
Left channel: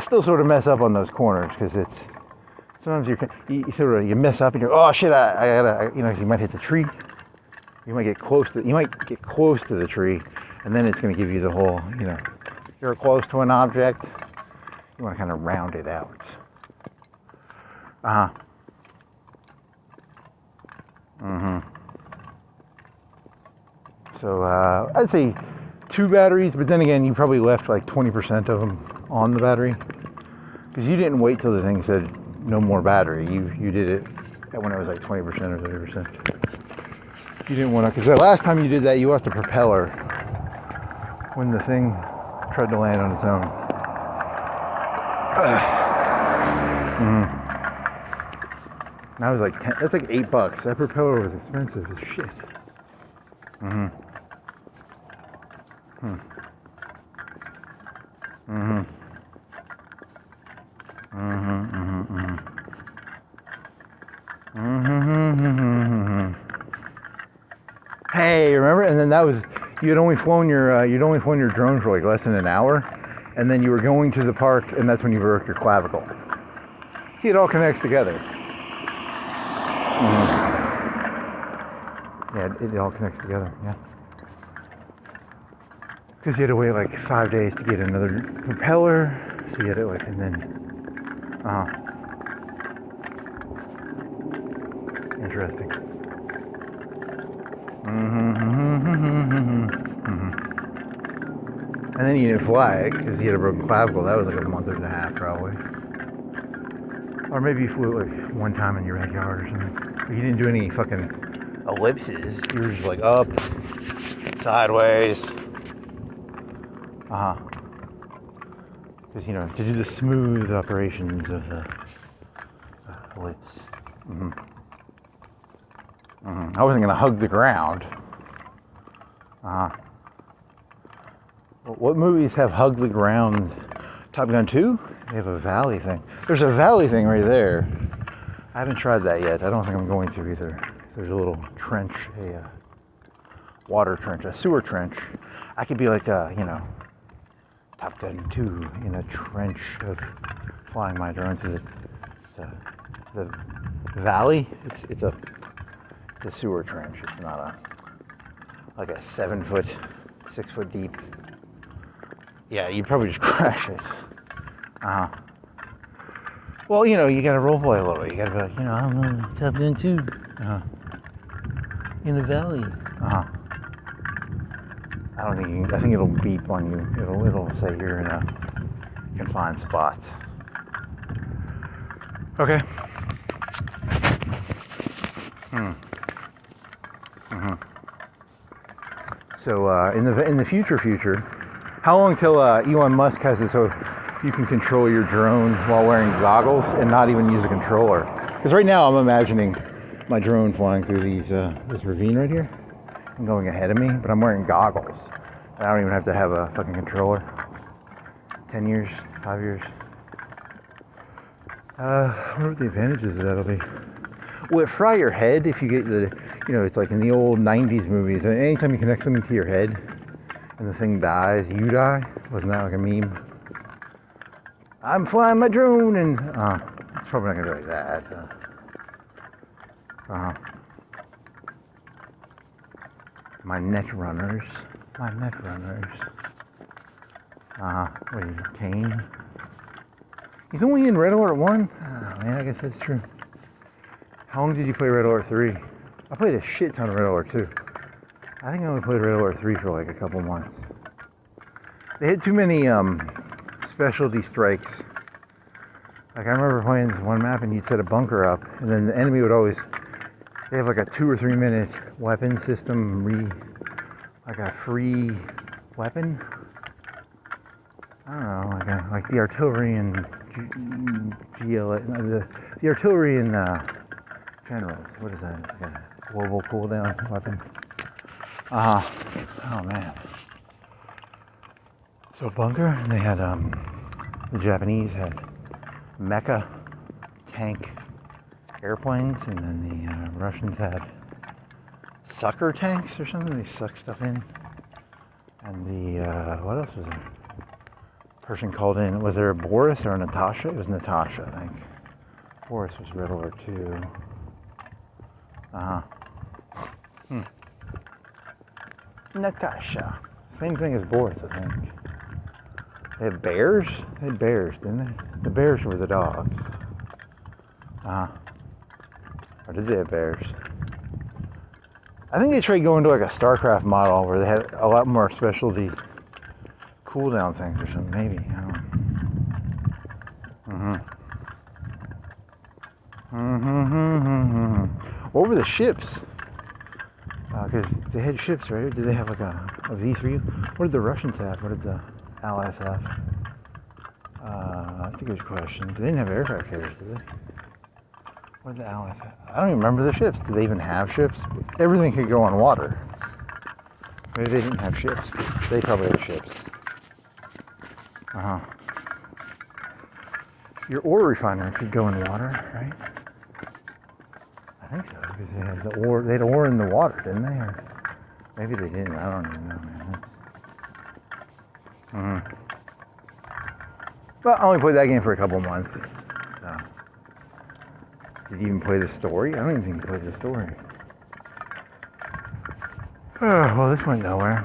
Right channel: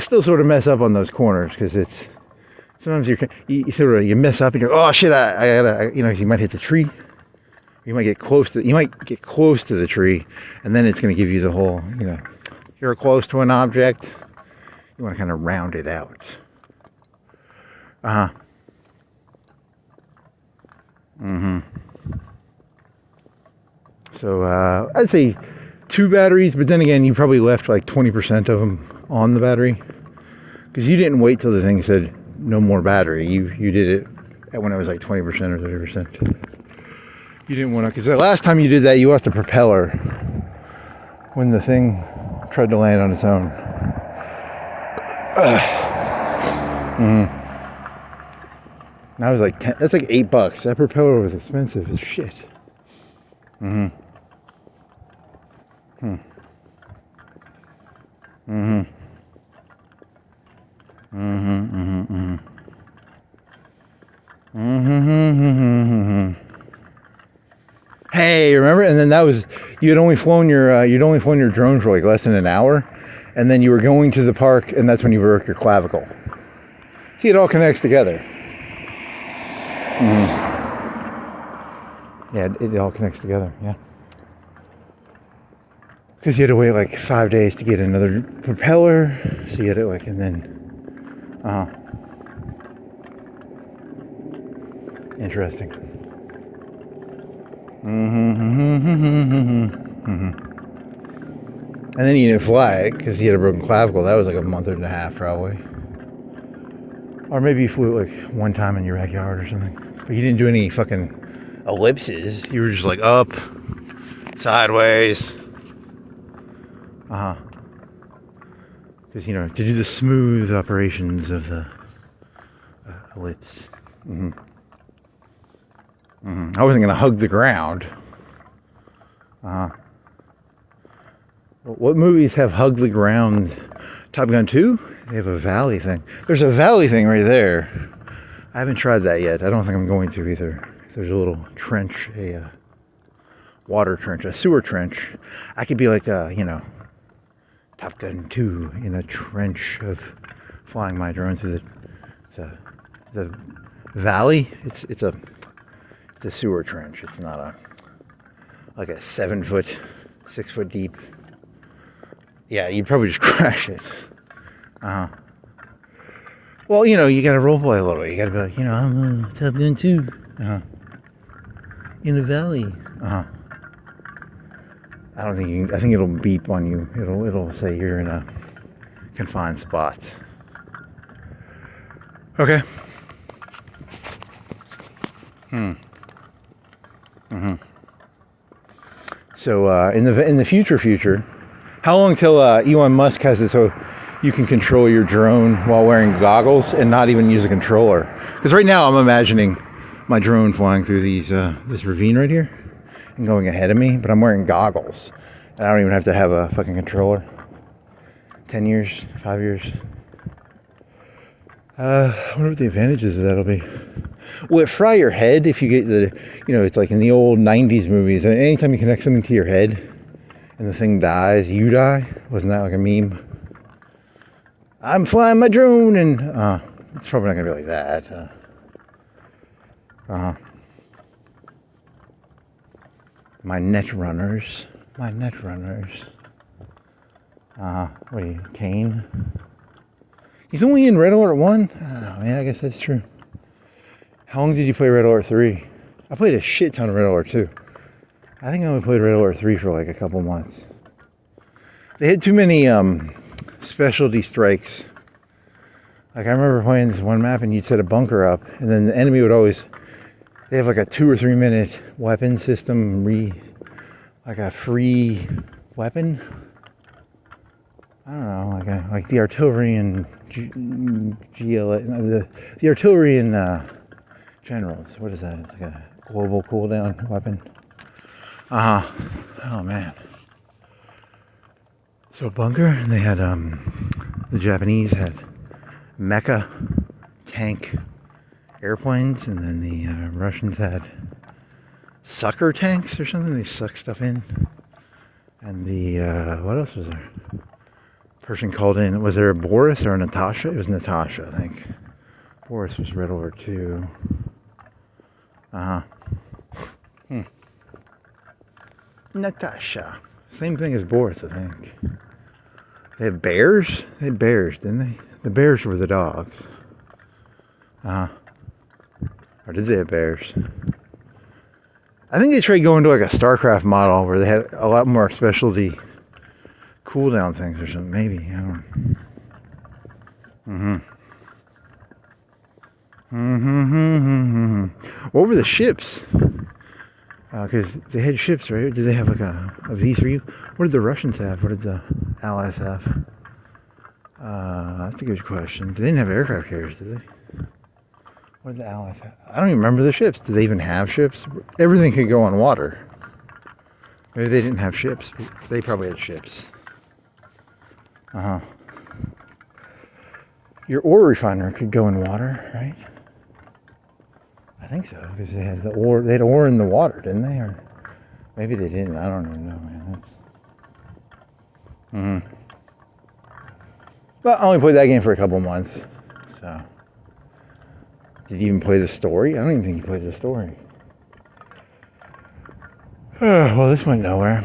still sort of mess up on those corners, because it's sometimes you mess up and you're, oh shit, I gotta, you might hit the tree. You might get close to the tree, and then it's going to give you the whole, you're close to an object. You want to kind of round it out. So I'd say 2 batteries, but then again, you probably left like 20% of them on the battery, because you didn't wait till the thing said no more battery. You did it when it was like 20% or 30%. You didn't want to, because the last time you did that, you lost the propeller when the thing tried to land on its own. That was like that's like $8. That propeller was expensive as shit. Hey, remember? And then that was, you'd only flown your drone for like less than an hour, and then you were going to the park, and that's when you broke your clavicle. See, it all connects together. Yeah, it all connects together. Yeah. Because you had to wait like 5 days to get another propeller. So you had to like, and then, interesting. And then you didn't fly it because he had a broken clavicle. That was like a month and a half probably. Or maybe you flew it like one time in your backyard or something. But you didn't do any fucking ellipses. You were just like up, sideways. Because, you know, to do the smooth operations of the ellipse. I wasn't going to hug the ground. What movies have hug the ground? Top Gun 2? They have a valley thing. There's a valley thing right there. I haven't tried that yet. I don't think I'm going to either. There's a little trench, a water trench, a sewer trench. I could be like, you know, Top Gun 2 in a trench of flying my drone through the valley. It's a sewer trench. It's not like a 7 foot, 6 foot deep. Yeah, you'd probably just crash it. Well, you know, you gotta role play a little bit. You gotta be like, you know, I'm Top Gun 2. In the valley. I don't think you can, I think it'll beep on you. It'll say you're in a confined spot. Okay. So in the future, how long till Elon Musk has it so you can control your drone while wearing goggles and not even use a controller? Because right now I'm imagining my drone flying through these this ravine right here and going ahead of me, but I'm wearing goggles and I don't even have to have a fucking controller. 10 years, 5 years. I wonder what the advantages of that'll be. Will it fry your head if you get the, you know, it's like in the old 90s movies, and anytime you connect something to your head and the thing dies, you die? Wasn't that like a meme? I'm flying my drone, and it's probably not gonna be like that. My net runners. What are you, Kane? He's only in Red Alert 1? Oh, yeah, I guess that's true. How long did you play Red Alert 3? I played a shit ton of Red Alert 2. I think I only played Red Alert 3 for like a couple months. They had too many specialty strikes. Like I remember playing this one map and you'd set a bunker up and then the enemy would always, they have like a 2 or 3 minute weapon system, like a free weapon. I don't know, like the artillery the artillery and generals. What is that? It's like a global cooldown weapon. Oh man. So bunker, they had the Japanese had mecha tank airplanes, and then the Russians had sucker tanks or something. They suck stuff in. And the what else was there? Person called in. Was there a Boris or a Natasha? It was Natasha, I think. Boris was Red Alert 2. Natasha. Same thing as Boris, I think. They had bears? They had bears, didn't they? The bears were the dogs. Or did they have bears? I think they tried going to like a StarCraft model where they had a lot more specialty cooldown things or something, maybe. I don't know. What were the ships? Because they had ships, right? Did they have like a V3? What did the Russians have? What did the Allies have? That's a good question. They didn't have aircraft carriers, did they? What did the Allies have? I don't even remember the ships. Did they even have ships? Everything could go on water. Maybe they didn't have ships, but they probably had ships. Your ore refiner could go in water, right? I think so, because they had the ore. They had ore in the water, didn't they? Or maybe they didn't. I don't even know, man. Well, I only played that game for a couple months. So, did you even play the story? I don't even think you played the story. Well, this went nowhere.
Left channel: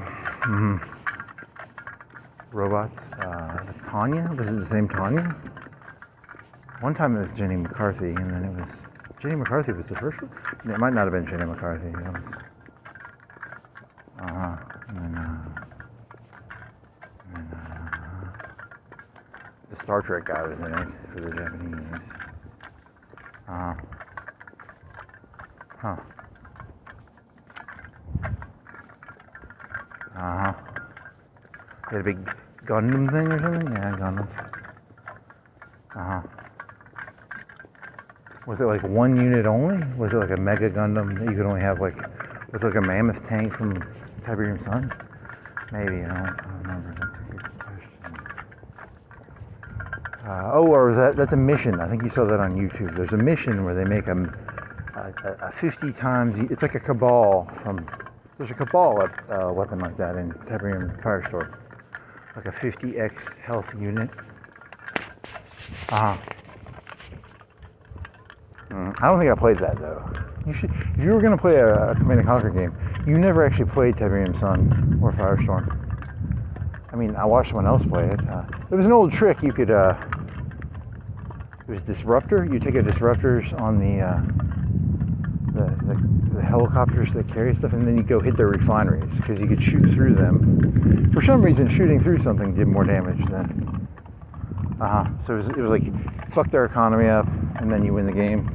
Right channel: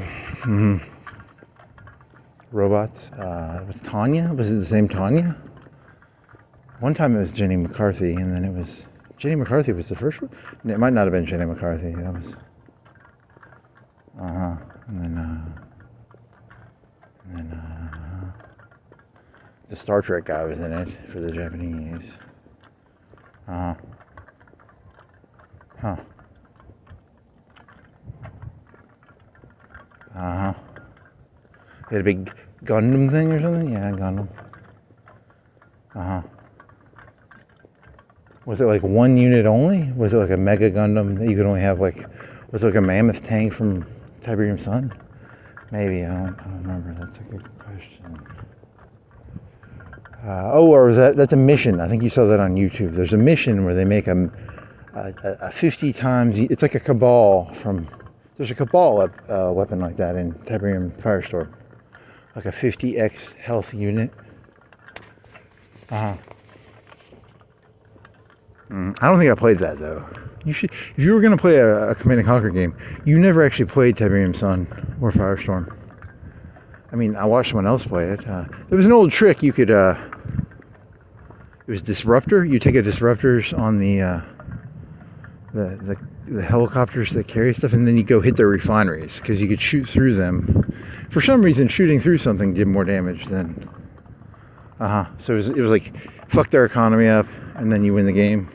robots. It was Tanya. Was it the same Tanya? One time it was Jenny McCarthy, and then it was Jenny McCarthy was the first one. It might not have been Jenny McCarthy. That was and then the Star Trek guy was in it for the Japanese. Huh. They had a big Gundam thing or something? Yeah, Gundam. Was it like one unit only? Was it like a Mega Gundam that you could only have like, was it like a mammoth tank from Tiberium Sun? Maybe, I don't remember. That's a good question. Or was that's a mission. I think you saw that on YouTube. There's a mission where they make a 50 times, it's like a Cabal there's a Cabal weapon like that in Tiberium Firestore. Like a 50x health unit. I don't think I played that though. You should, if you were going to play a Command and Conquer game, you never actually played Tiberium Sun or Firestorm. I mean, I watched someone else play it. It was an old trick. You could, it was Disruptor. You take a Disruptors on the helicopters that carry stuff, and then you go hit their refineries because you could shoot through them. For some reason, shooting through something did more damage than. So it was like fuck their economy up, and then you win the game.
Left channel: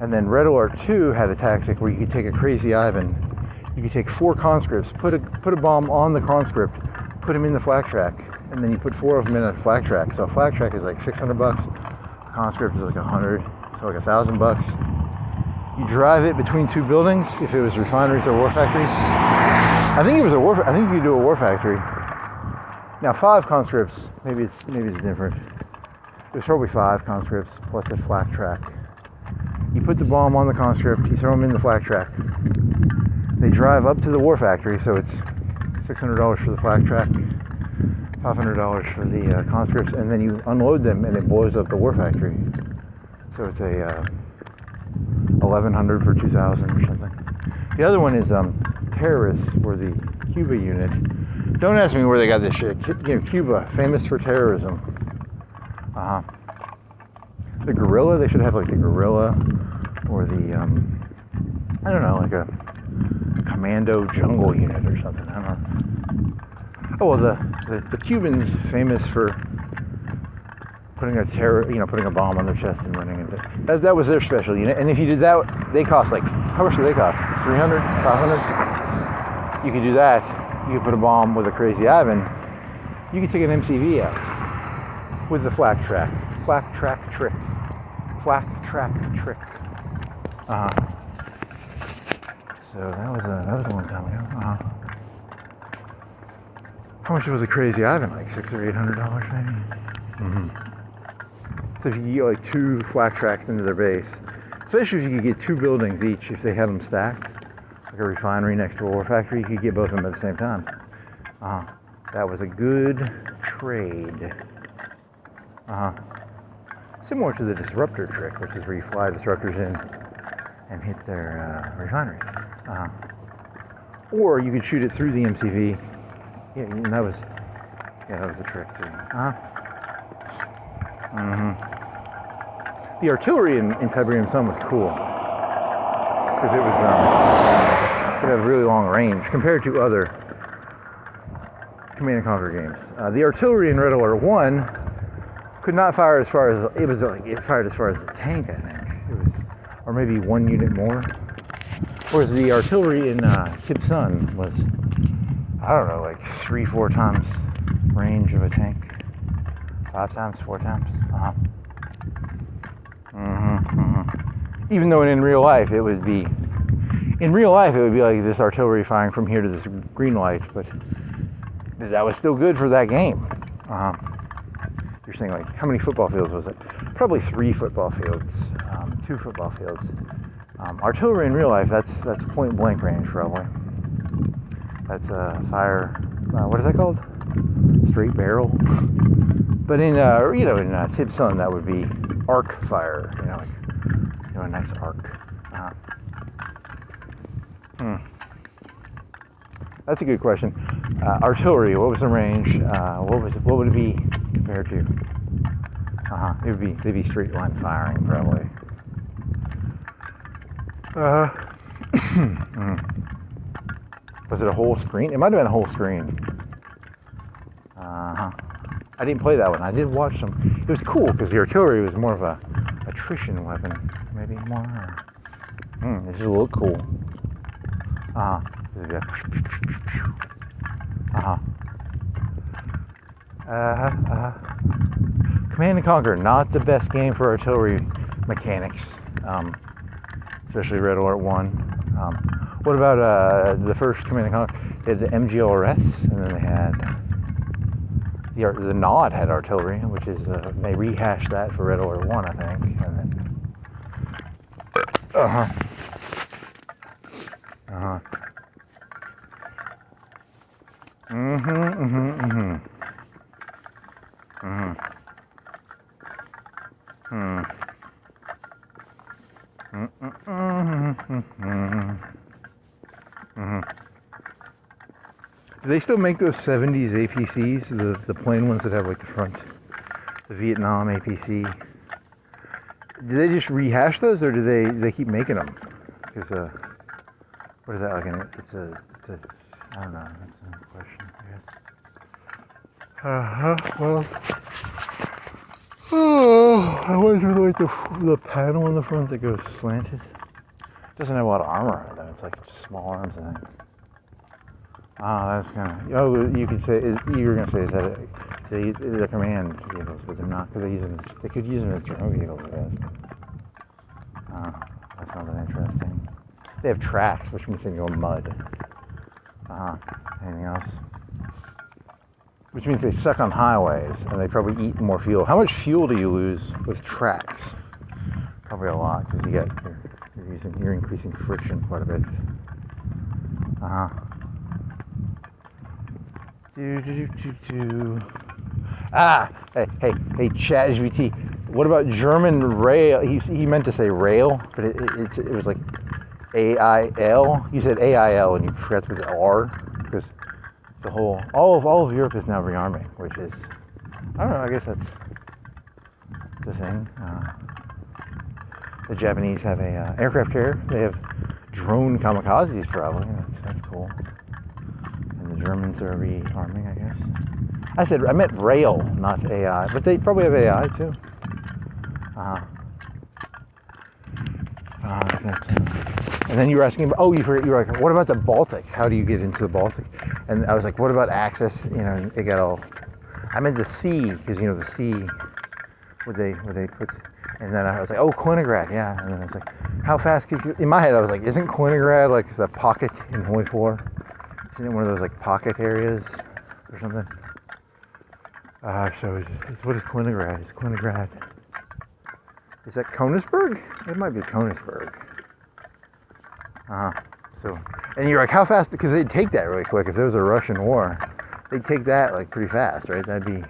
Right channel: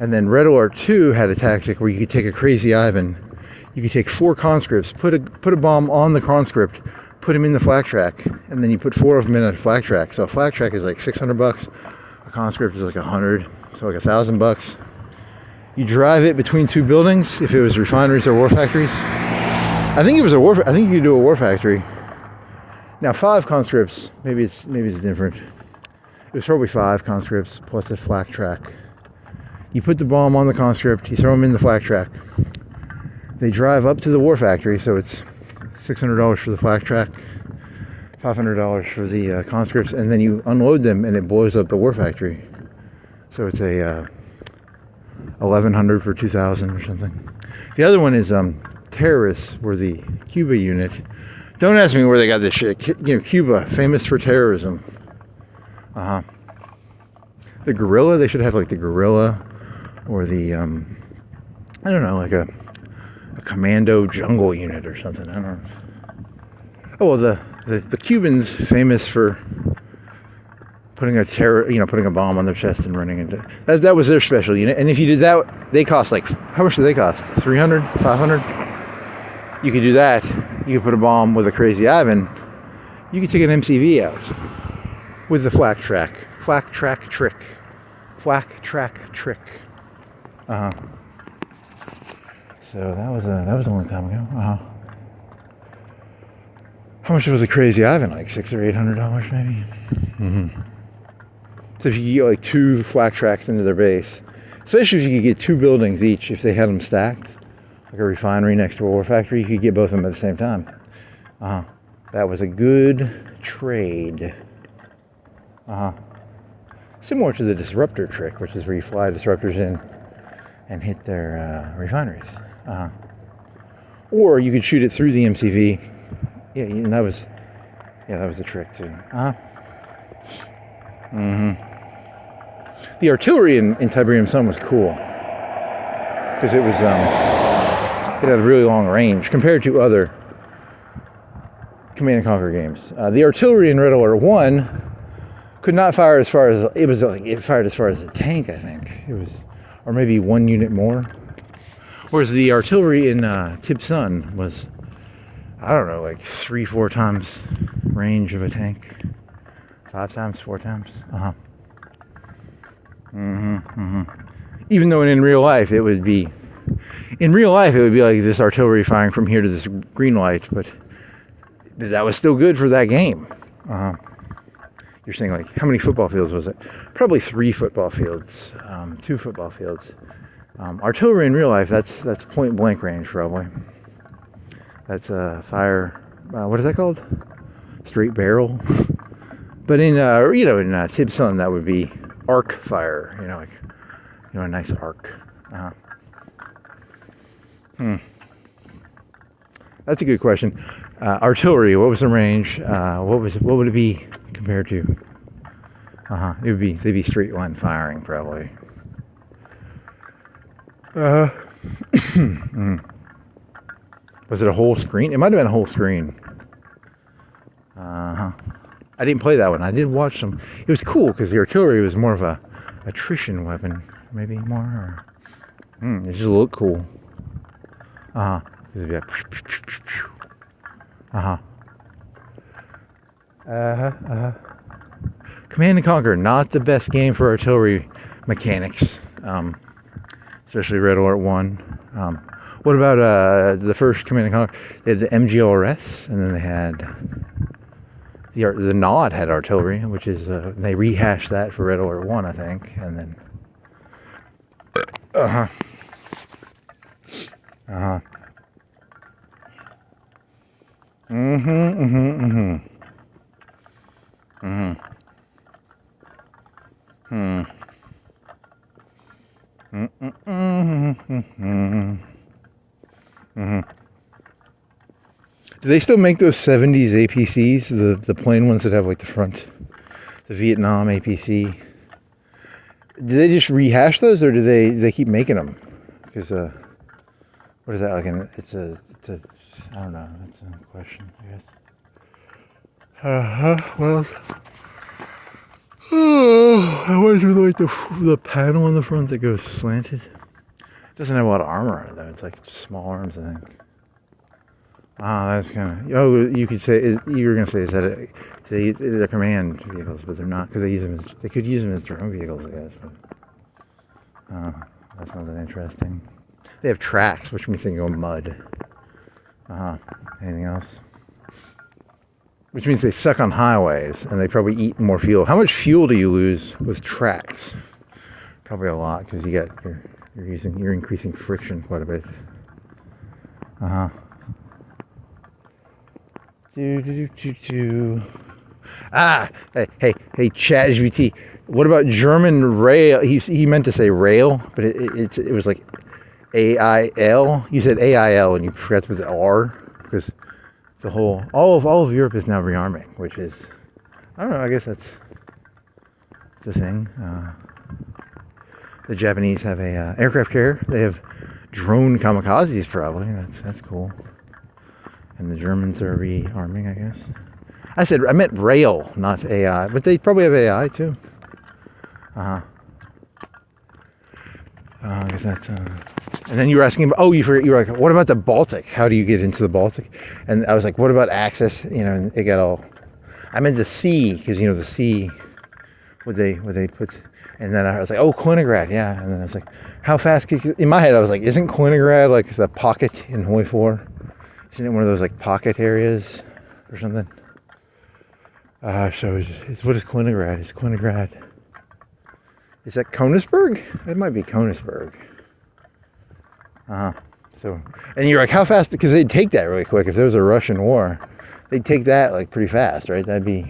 And then Red Alert 2 had a tactic where you could take a Crazy Ivan. You could take 4 conscripts, put a bomb on the conscript, put him in the flak track, and then you put 4 of them in a flak track. So a flak track is like $600. A conscript is like 100, so like $1,000. You drive it between 2 buildings if it was refineries or war factories. I think it was I think you could do a war factory. Now 5 conscripts, maybe it's different. It was probably 5 conscripts plus a flak track. You put the bomb on the conscript, you throw them in the flak track. They drive up to the war factory, so it's $600 for the flak track, $500 for the conscripts, and then you unload them and it blows up the war factory. So it's a $1,100 for $2,000 or something. The other one is terrorists were the Cuba unit. Don't ask me where they got this shit. Cuba, famous for terrorism. The guerrilla, they should have like the guerrilla or the, I don't know, like a commando jungle unit or something. I don't know. Oh, well, the Cubans famous for putting a bomb on their chest and running into, that was their special unit. And if you did that, they cost like, how much do they cost? 300, 500? You could do that. You could put a bomb with a Crazy Ivan. You could take an MCV out with the flak track trick. So that was a long time ago. How much was a Crazy Ivan? Like $600 or $800 maybe. So if you get like 2 flak tracks into their base, especially if you could get 2 buildings each, if they had them stacked, like a refinery next to a war factory, you could get both of them at the same time. That was a good trade. Similar to the Disruptor trick, which is where you fly disruptors in and hit their refineries. Or you could shoot it through the MCV. Yeah, and that was the trick too. The artillery in Tiberium Sun was cool because it had a really long range compared to other Command and Conquer games. The artillery in Red Alert 1 could not fire as far as it fired as far as a tank, I think. It was, or maybe 1 unit more. Whereas the artillery in Tib Sun was, I don't know, like 3-4 times range of a tank. 5 times, 4 times. Even though in real life it would be like this artillery firing from here to this green light, but that was still good for that game. You're saying like, how many football fields was it? Probably 3 football fields, 2 football fields. Artillery in real life, that's point blank range probably. That's a fire. What is that called? Straight barrel. But in Tib Sun, that would be arc fire. A nice arc. That's a good question. Artillery, what was the range? What would it be compared to? They'd be straight line firing probably. Was it a whole screen? It might have been a whole screen. I didn't play that one. I did watch some. It was cool because the artillery was more of a attrition weapon, maybe more. It just looked cool. Command and Conquer, not the best game for artillery mechanics, especially Red Alert 1. What about the first Command and Conquer? They had the MGLRS, and then they had the NOD had artillery, which is they rehashed that for Red Alert 1, I think, and then Do they still make those 70s APCs, the plain ones that have like the front, the Vietnam APC? Do they just rehash those, or do they keep making them? Because what is that like? It's a I don't know. That's a question, I guess. Well, I always really like the panel in the front that goes slanted. It doesn't have a lot of armor on it though. It's like just small arms, I think. Oh, that's kind of. Oh, you could say you were gonna say is that they're command vehicles, but they're not because they use them. They could use them as drone vehicles, I guess. But, that's not that interesting. They have tracks, which means they can go mud. Anything else? Which means they suck on highways, and they probably eat more fuel. How much fuel do you lose with tracks? Probably a lot, because you're increasing friction quite a bit. Hey, ChatGPT. What about German rail? He meant to say rail, but it was like AIL. You said AIL, and you forgot with the R, because the whole all of Europe is now rearming, which is, I don't know. I guess that's the thing. The Japanese have a aircraft carrier. They have drone kamikazes, probably. That's cool. And the Germans are rearming, I guess. I meant rail, not AI, but they probably have AI too. I guess that's, and then you were asking about, you were like, what about the Baltic? How do you get into the Baltic? And I was like, what about access? And it got all, I meant the sea, because the sea, would they put, and then I was like, Kaliningrad, yeah. And then I was like, how fast in my head I was like, isn't Kaliningrad like the pocket in Hoi 4? Isn't it one of those like pocket areas or something? So what is Kaliningrad? Is Kaliningrad? Is that Königsberg? It might be Königsberg. So, and you're like, how fast? Because they'd take that really quick. If there was a Russian war, they'd take that like pretty fast, right? That'd be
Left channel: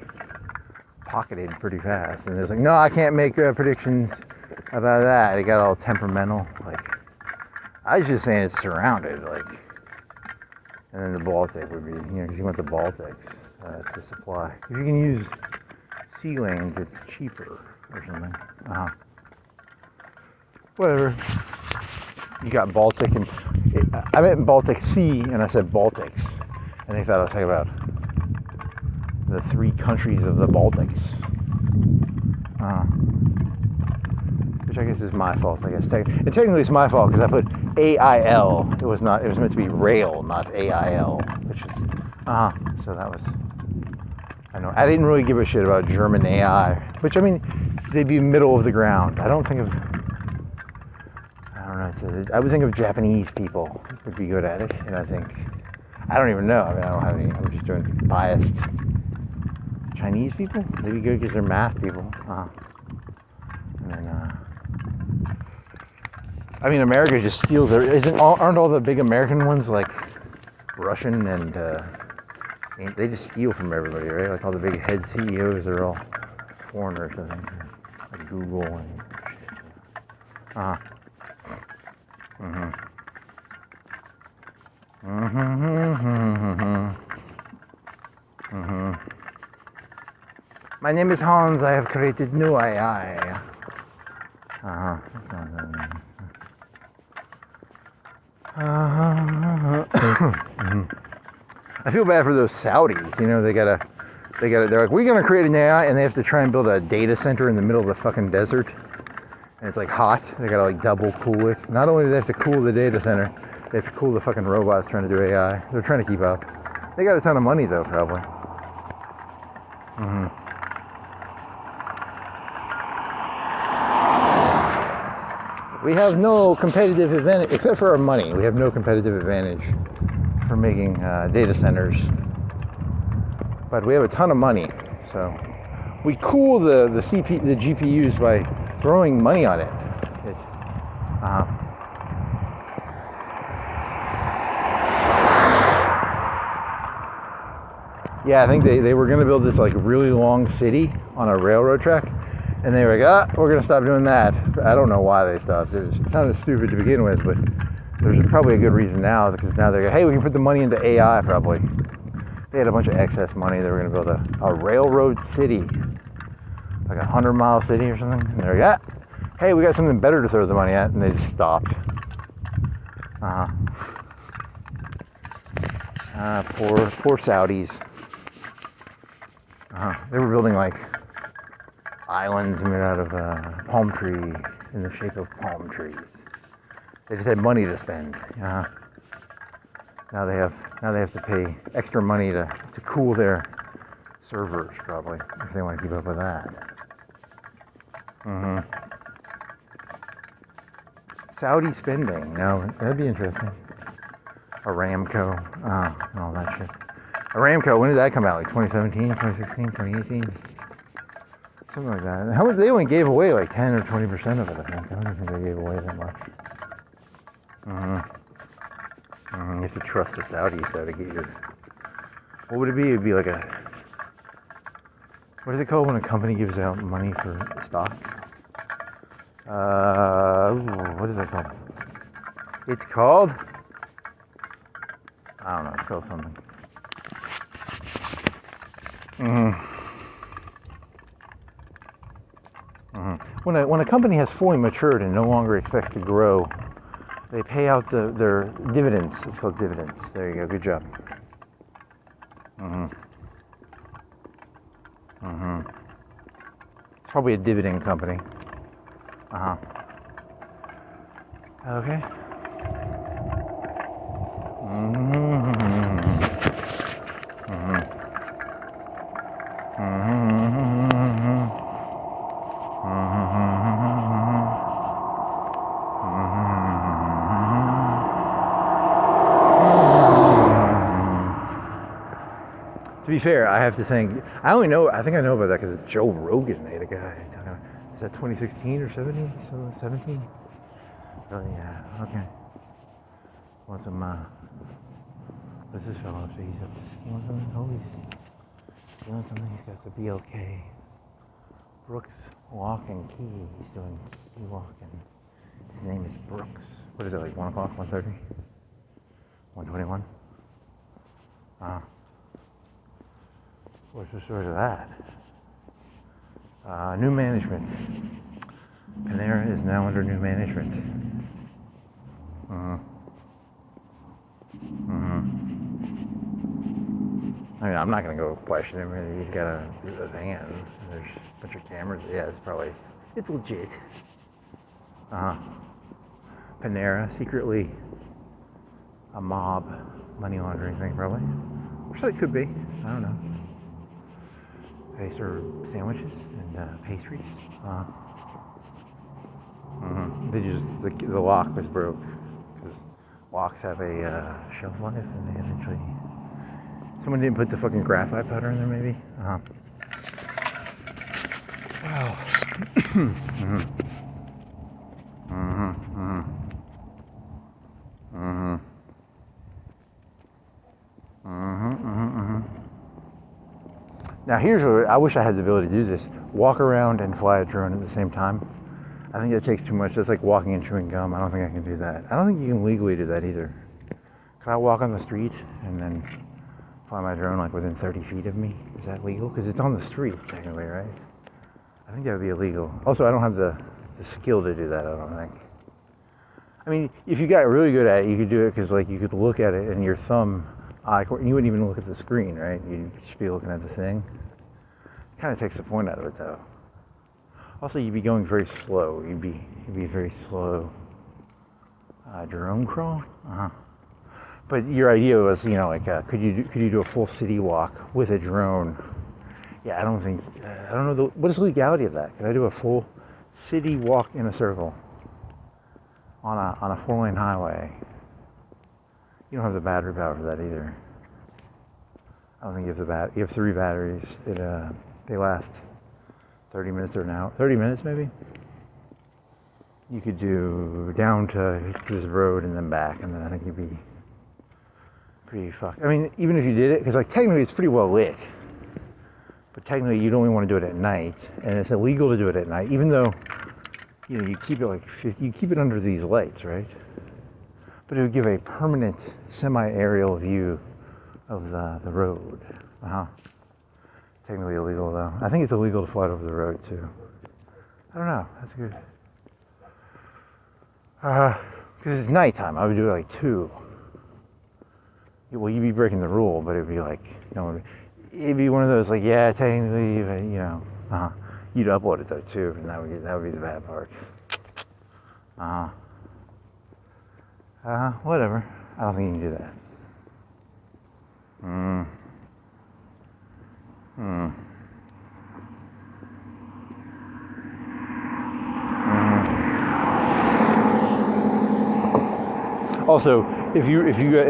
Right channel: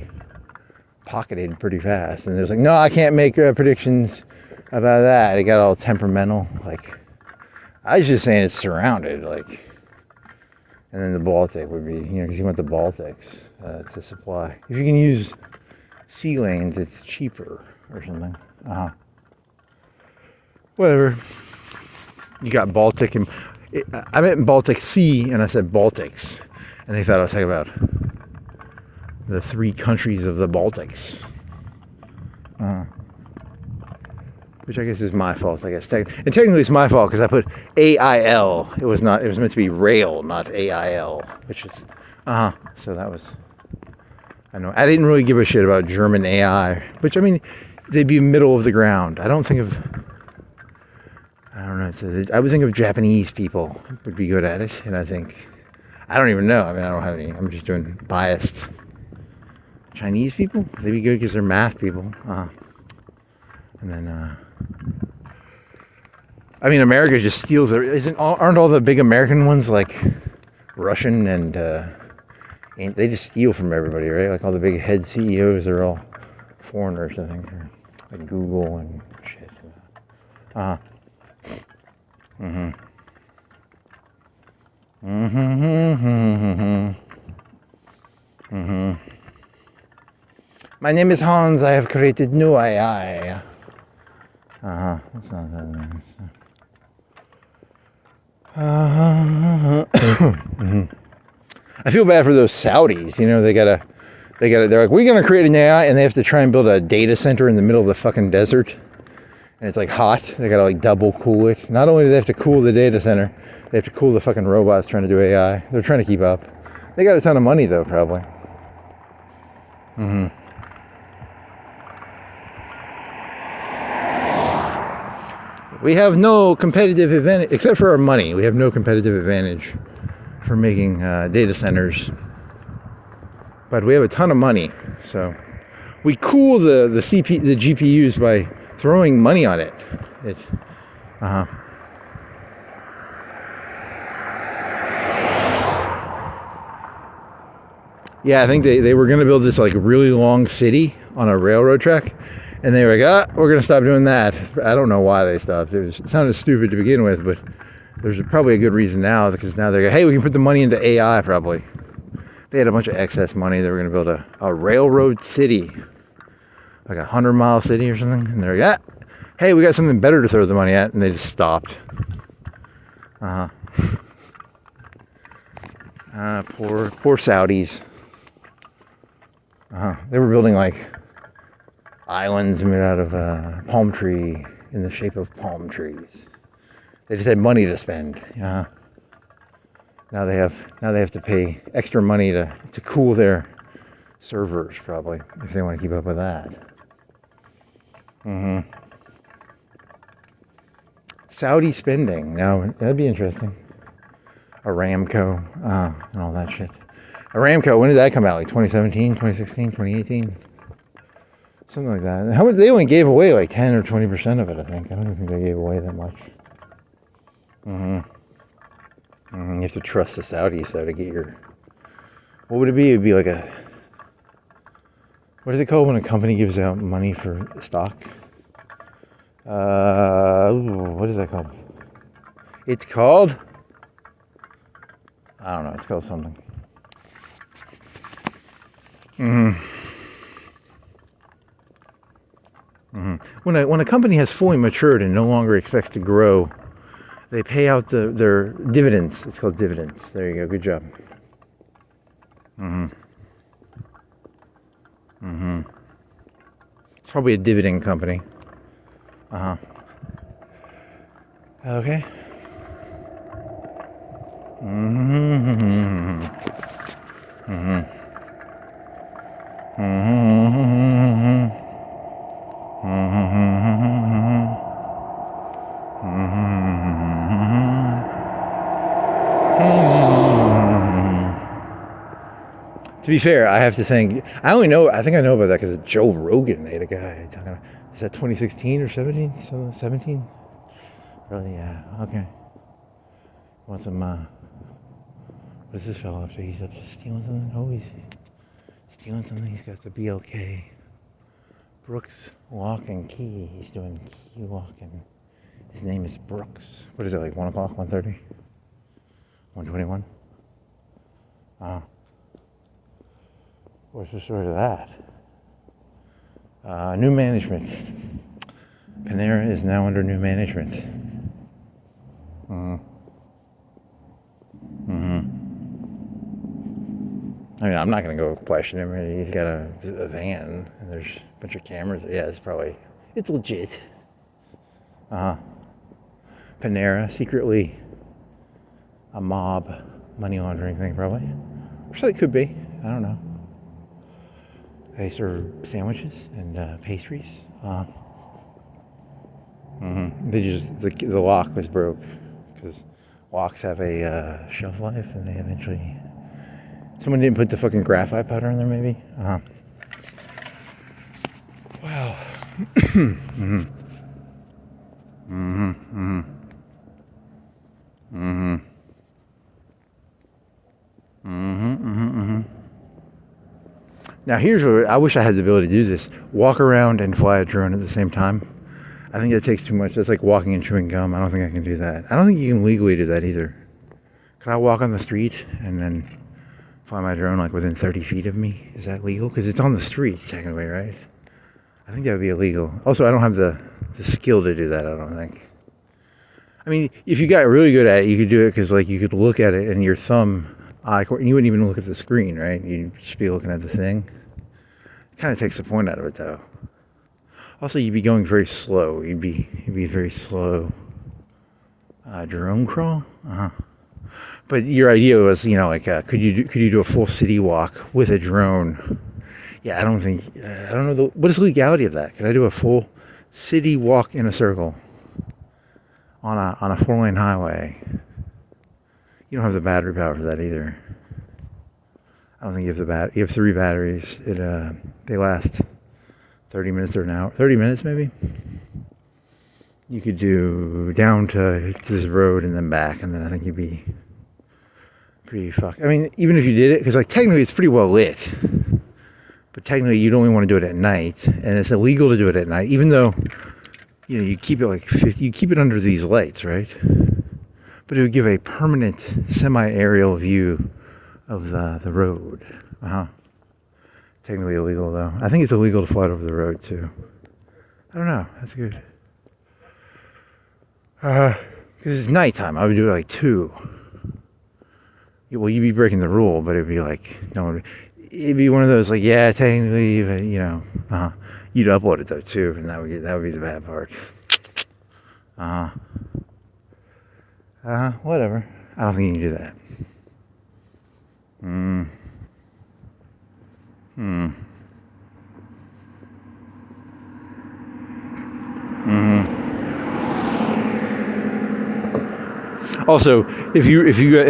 pocketed pretty fast. And there's like, no, I can't make predictions about that. It got all temperamental. Like, I was just saying it's surrounded, like. And then the Baltic would be, because you want the Baltics to supply. If you can use sea lanes, it's cheaper or something. Whatever. You got Baltic, and I meant Baltic Sea, and I said Baltics. And they thought I was talking about the 3 countries of the Baltics. Which I guess is my fault, I guess. And technically it's my fault because I put AIL. It was meant to be rail, not AIL, which is, so that was, I know. I didn't really give a shit about German AI, which, I mean, they'd be middle of the ground. I don't know. I would think of Japanese people would be good at it, and I don't even know. I mean, I don't have any, I'm just doing biased. Chinese people? They'd be good because they're math people. And then, I mean, America just steals aren't all the big American ones like Russian and they just steal from everybody, right? Like all the big head CEOs are all foreigners, I think, like Google and shit. My name is Hans. I have created new AI. That's not that nice. I feel bad for those Saudis. You know, they're like, we're gonna create an AI, and they have to try and build a data center in the middle of the fucking desert, and it's like hot. They gotta like double cool it. Not only do they have to cool the data center, they have to cool the fucking robots trying to do AI. They're trying to keep up. They got a ton of money though, probably. We have no competitive advantage, except for our money. We have no competitive advantage for making data centers. But we have a ton of money, so we cool the GPUs by throwing money on it. Yeah, I think they were going to build this like really long city on a railroad track, and they were like, we're going to stop doing that. I don't know why they stopped. It sounded stupid to begin with, but there's probably a good reason now, because now they're like, hey, we can put the money into AI probably. They had a bunch of excess money. They were going to build a railroad city, like a 100-mile city or something, and they're like, hey, we got something better to throw the money at, and they just stopped. Poor Saudis. They were building like islands made out of palm tree in the shape of palm trees. They just had money to spend. Now they have to pay extra money to cool their servers, probably, if they want to keep up with that. Saudi spending. Now that'd be interesting. Aramco, and all that shit. Aramco, when did that come out? Like 2017, 2016, 2018? Something like that. How much? They only gave away like 10 or 20% of it, I think. I don't think they gave away that much. You have to trust the Saudis though to get your... What would it be? It would be like a... What is it called when a company gives out money for stock? What is that called? It's called... I don't know. It's called something. When a company has fully matured and no longer expects to grow, they pay out their dividends. It's called dividends. There you go. Good job. It's probably a dividend company. Okay. To be fair, I have to think. I think I know about that because Joe Rogan made a guy talking about. Is that 2016 or 17? So 17? Oh yeah. Okay. Want some? What's this fellow up to? He's up to stealing something. Oh, he's stealing something. He's got the BLK. Brooks Walk and Key. He's doing key walking. His name is Brooks. What is it, like 1 o'clock, 1:30? 1:21? What's the story of that? New management. Panera is now under new management. I mean, I'm not going to go question him. He's got a van, and there's a bunch of cameras. Yeah, it's legit. Panera, secretly a mob money laundering thing, probably. Or so it could be. I don't know. They serve sandwiches and pastries. The lock was broke because locks have a shelf life, and they eventually. Someone didn't put the fucking graphite powder in there, maybe? Now here's what I wish I had the ability to do this. Walk around and fly a drone at the same time. I think it takes too much. That's like walking and chewing gum. I don't think I can do that. I don't think you can legally do that either. Could I walk on the street and then fly my drone like within 30 feet of me? Is that legal? Because it's on the street technically, right? I think that would be illegal. Also, I don't have the skill to do that, I don't think. I mean, if you got really good at it, you could do it because like you could look at it and your thumb, and you wouldn't even look at the screen, right? You'd just be looking at the thing. Kind of takes the point out of it though. Also, you'd be going very slow. You'd be very slow. Drone crawl? But your idea was, you know, like, could you do a full city walk with a drone? Yeah, I don't know, what is the legality of that? Could I do a full city walk in a circle on a 4-lane highway? You don't have the battery power for that either. I don't think you have you have 3 batteries. They last 30 minutes or an hour. 30 minutes maybe? You could do down to this road and then back, and then I think you'd be pretty fucked. I mean, even if you did it, because like technically it's pretty well lit, but technically you'd only want to do it at night, and it's illegal to do it at night, even though, you know, you keep it like you keep it under these lights, right? But it would give a permanent semi-aerial view of the road. Technically illegal though. I think it's illegal to fly over the road too. I don't know. That's good. Because it's nighttime. I would do it like 2. Well, you'd be breaking the rule, but it'd be like, no, it'd be one of those like, yeah, technically, but, you know, you'd upload it though too, and that would be the bad part. Whatever. I don't think you can do that. Also, if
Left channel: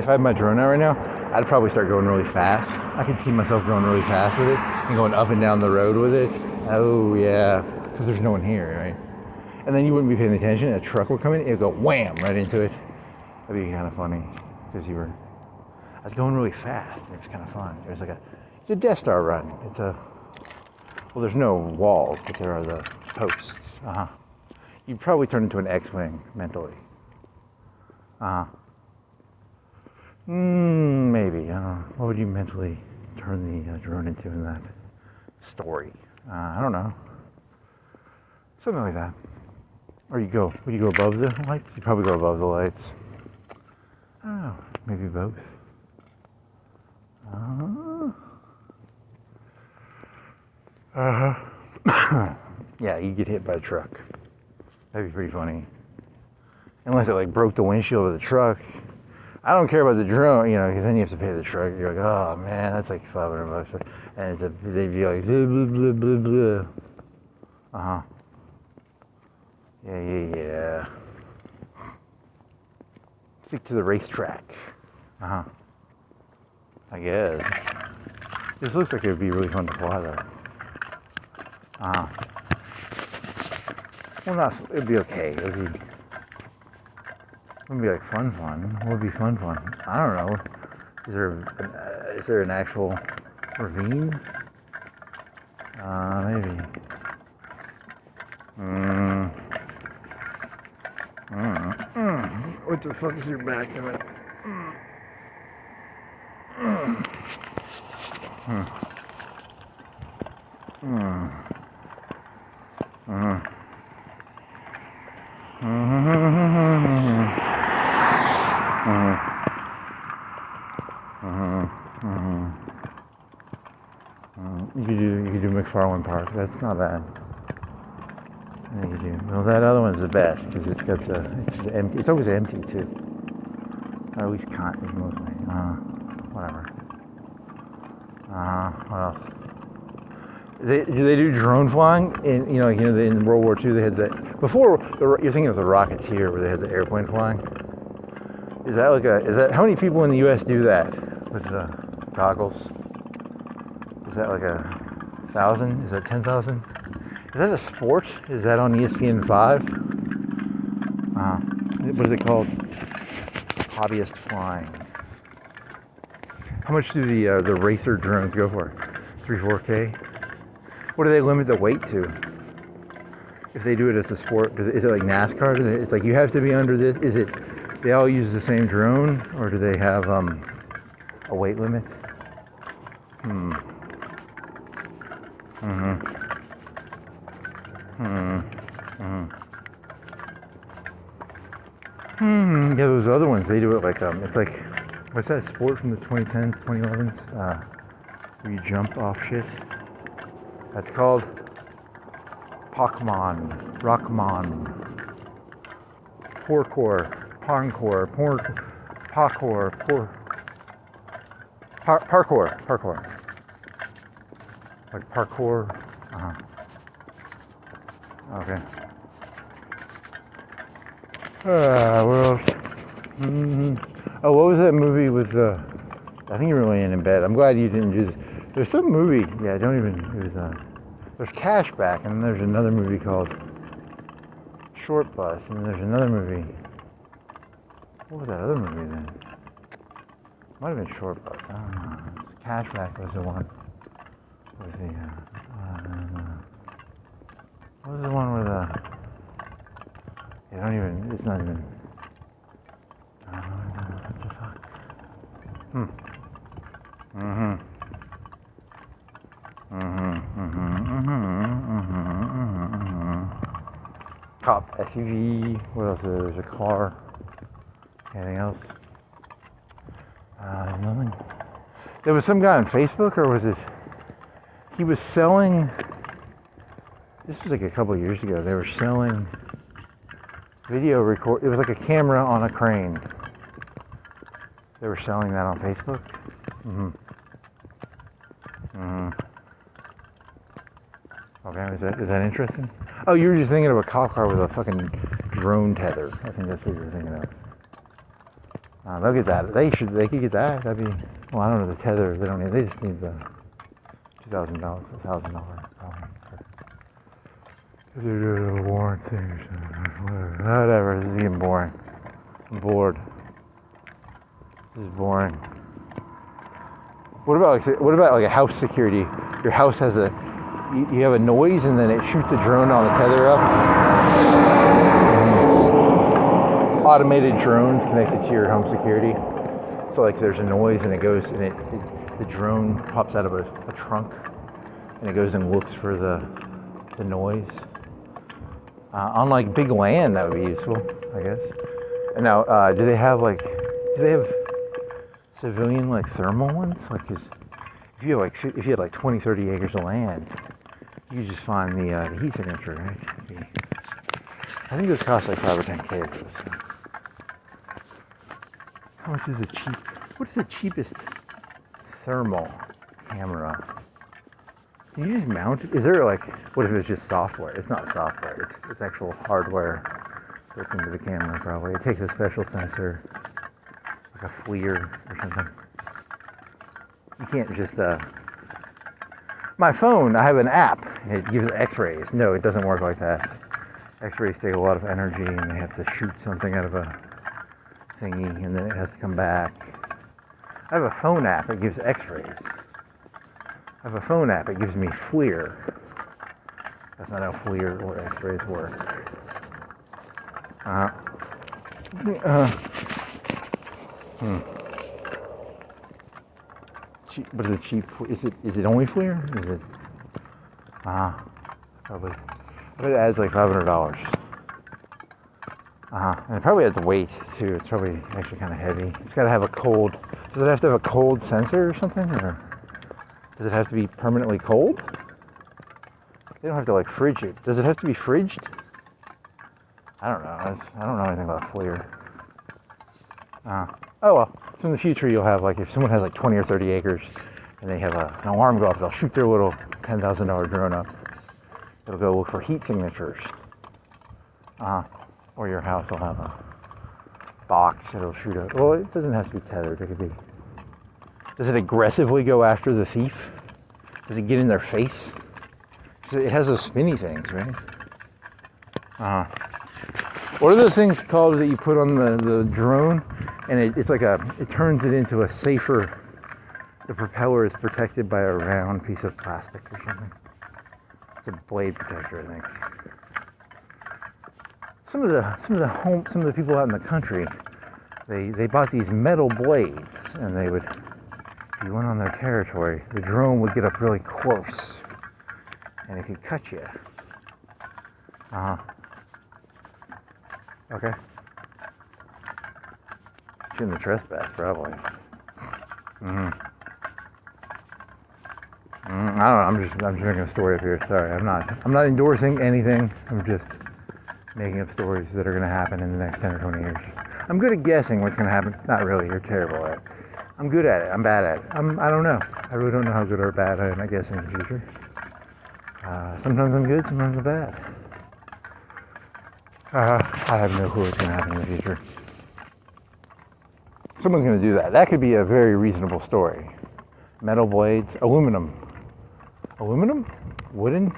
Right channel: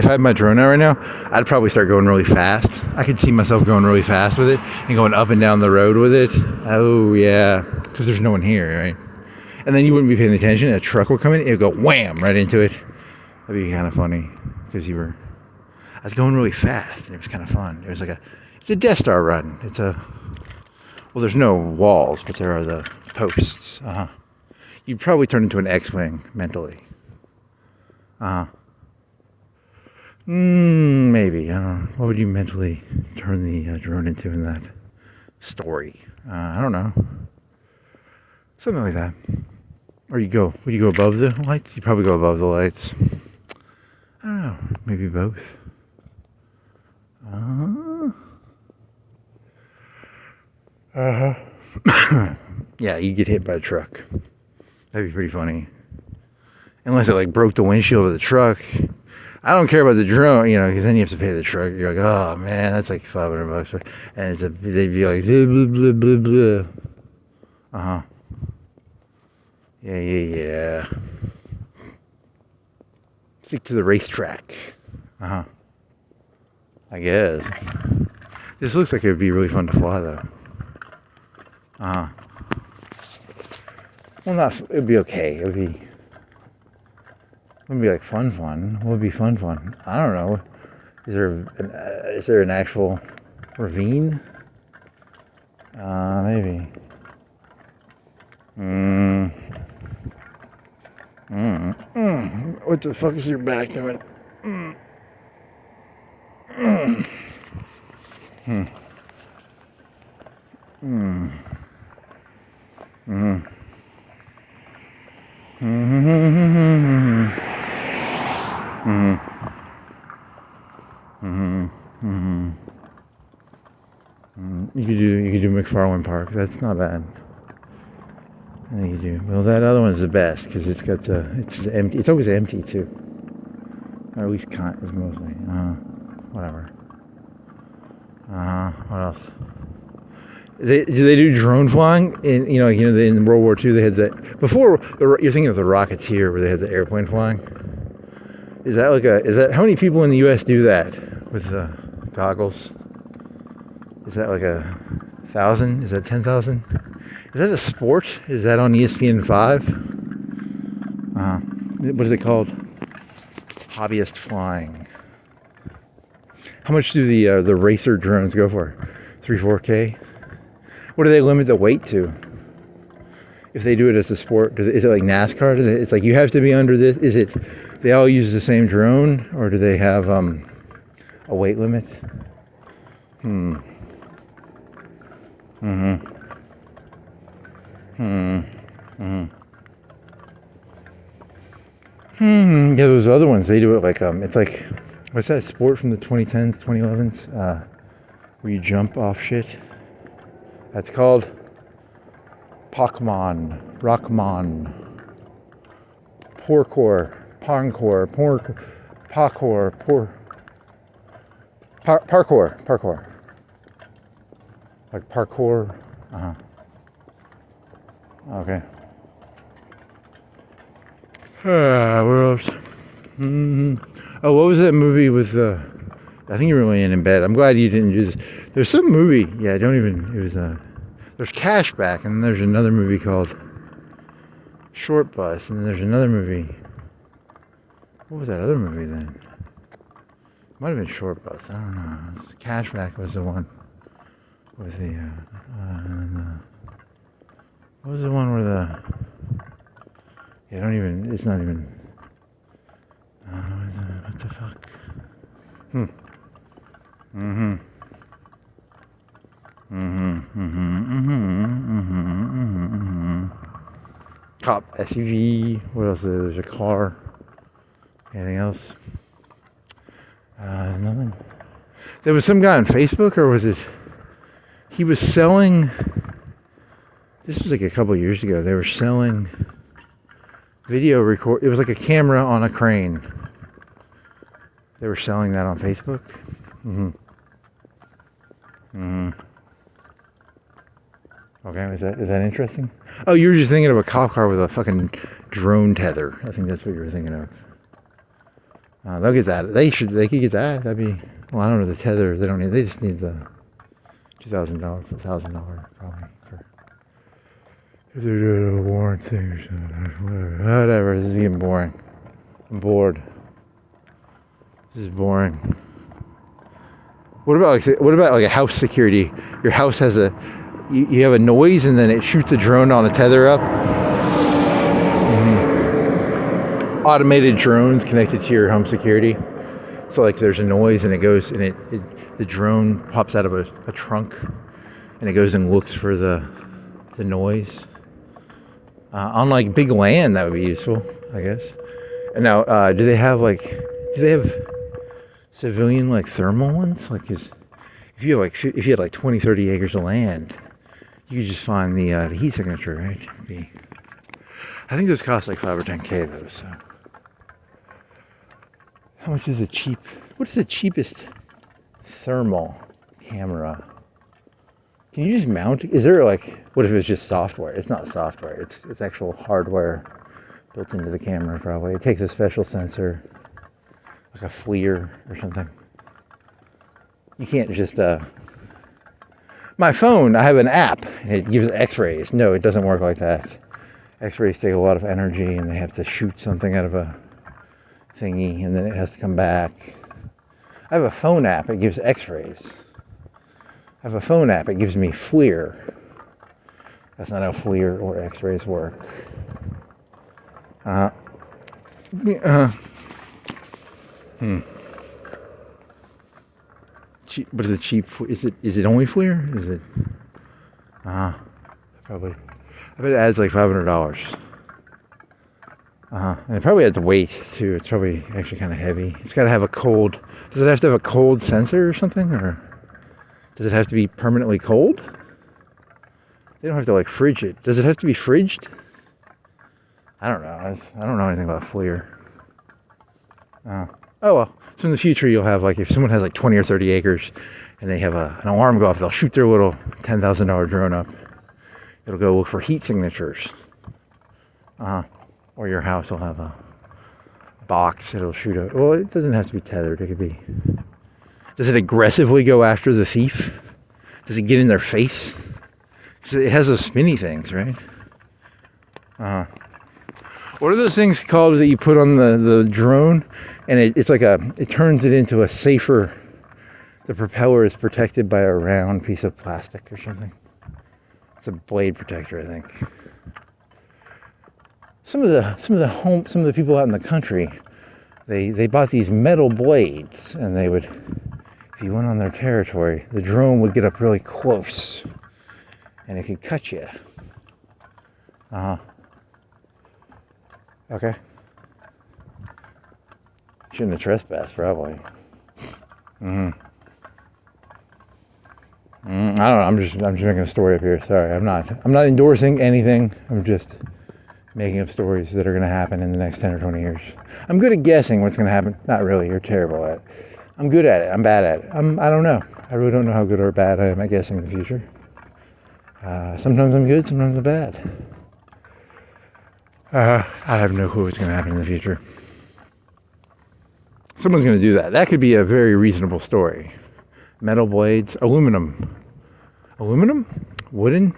I had my drone out right now, I'd probably start going really fast. I could see myself going really fast with it and going up and down the road with it. Oh yeah, because there's no one here, right? And then you wouldn't be paying attention. A truck would come in, it would go wham right into it. That'd be kind of funny because I was going really fast and it was kind of fun. It's a Death Star run. Well, there's no walls, but there are the posts. You'd probably turn into an X-Wing mentally. Maybe. I don't know. What would you mentally turn the drone into in that story? I don't know. Something like that. Or would you go above the lights? You'd probably go above the lights. I don't know. Maybe both. Yeah, you get hit by a truck. That'd be pretty funny. Unless it like broke the windshield of the truck. I don't care about the drone, you know, because then you have to pay the truck. You're like, oh man, that's like $500. And they'd be like, blah, blah, blah, blah. Yeah. Stick to the racetrack. I guess. This looks like it would be really fun to fly though. Well, it'd be okay. It wouldn't be like fun. What would be fun? I don't know. Is there an actual ravine? Maybe. What the fuck is your back doing? You could do McFarland Park. That's not bad. I think you do. Well, that other one's the best because it's empty. It's always empty too. Or at least is mostly. Whatever. What else? Do they do drone flying? In World War II they had that. Before you're thinking of the Rocketeer where they had the airplane flying. Is that how many people in the U.S. do that with the goggles? Is that like 1,000? Is that 10,000? Is that a sport? Is that on ESPN 5? What is it called? Hobbyist flying. How much do the racer drones go for? 3-4K? What do they limit the weight to? If they do it as a sport, is it like NASCAR? It's like you have to be under this. Is it They all use the same drone, or do they have a weight limit? Yeah, those other ones, they do it like, it's like, what's that sport from the 2010s, 2011s? Where you jump off shit. That's called Rockman, parkour, like parkour. Okay. What else? Oh, what was that movie with I think you were laying in bed. I'm glad you didn't do this. There's some movie. Yeah, it was there's Cashback, and then there's another movie called Short Bus, and then there's another movie. What was that other movie then? Might have been Short Bus. I don't know. Cashback was the one with the. What was the one where the? Yeah, it's not even. What the fuck? Cop SUV. What else? There's a car. Anything else? Nothing. There was some guy on Facebook, or was it? He was selling. This was like a couple of years ago. They were selling video record. It was like a camera on a crane. They were selling that on Facebook. Okay, is that interesting? Oh, you were just thinking of a cop car with a fucking drone tether. I think that's what you were thinking of. They'll get that. They could get that. That'd be. Well, I don't know the tether. They don't need. They just need the $2,000, $1,000 probably. If they're doing a warrant thing or something, whatever. This is getting boring. I'm bored. This is boring. What about like a house security? Your house has you have a noise, and then it shoots a drone on a tether up. Automated drones connected to your home security. So like there's a noise, and it goes, and the drone pops out of a trunk, and it goes and looks for the noise. On like big land, that would be useful, I guess. And now, do they have civilian like thermal ones? Like, if you had like 20, 30 acres of land, you could just find the heat signature, right? I think this costs like $5 or $10K though. So, how much is what is the cheapest thermal camera? Can you just mount? Is there like, what if it's just software? It's not software. It's actual hardware built into the camera probably. It takes a special sensor, like a FLIR or something. You can't just my phone, I have an app, and it gives x-rays. No, it doesn't work like that. X-rays take a lot of energy, and they have to shoot something out of a thingy, and then it has to come back. I have a phone app, it gives x-rays. I have a phone app, it gives me FLIR. That's not how FLIR or x-rays work. But is it cheap? Is it only FLIR? Is it? Probably. I bet it adds like $500. And it probably adds weight too. It's probably actually kind of heavy. It's got to have a cold. Does it have to have a cold sensor or something, or does it have to be permanently cold? They don't have to like fridge it. Does it have to be fridged? I don't know. I don't know anything about FLIR. Oh well. So in the future, you'll have like, if someone has like 20 or 30 acres and they have an alarm go off, they'll shoot their little $10,000 drone up. It'll go look for heat signatures. Or your house will have a box that'll shoot out. Well, it doesn't have to be tethered. It could be. Does it aggressively go after the thief? Does it get in their face? So it has those spinny things, right? What are those things called that you put on the drone? And it's like it turns it into a safer, the propeller is protected by a round piece of plastic or something. It's a blade protector, I think. Some of the people out in the country, they bought these metal blades, and they would, if you went on their territory, the drone would get up really close, and it could cut you. Okay. Shouldn't have trespassed, probably. I don't know. I'm just making a story up here. Sorry, I'm not endorsing anything. I'm just making up stories that are going to happen in the next 10 or 20 years. I'm good at guessing what's going to happen. Not really. You're terrible at it. I'm good at it. I'm bad at it. I don't know. I really don't know how good or bad I am at guessing the future. Sometimes I'm good. Sometimes I'm bad. I have no clue what's going to happen in the future. Someone's going to do that. That could be a very reasonable story. Metal blades, aluminum. Aluminum? Wooden?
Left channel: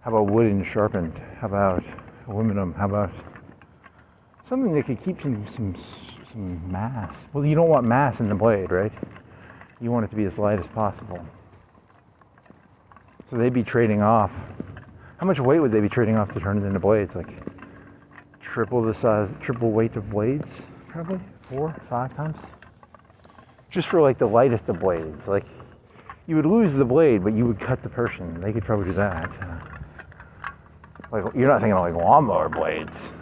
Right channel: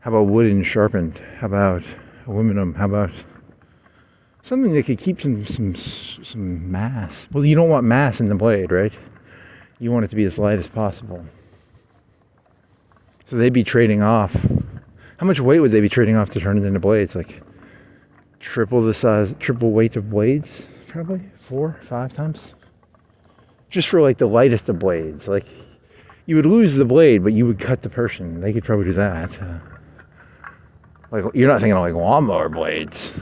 How about wooden sharpened? How about aluminum? How about something that could keep some mass? Well, you don't want mass in the blade, right? You want it to be as light as possible. So they'd be trading off. How much weight would they be trading off to turn it into blades? Like triple the size, triple weight of blades? Probably 4, 5 times. Just for like the lightest of blades. Like you would lose the blade, but you would cut the person. They could probably do that. Like you're not thinking of like lawnmower blades.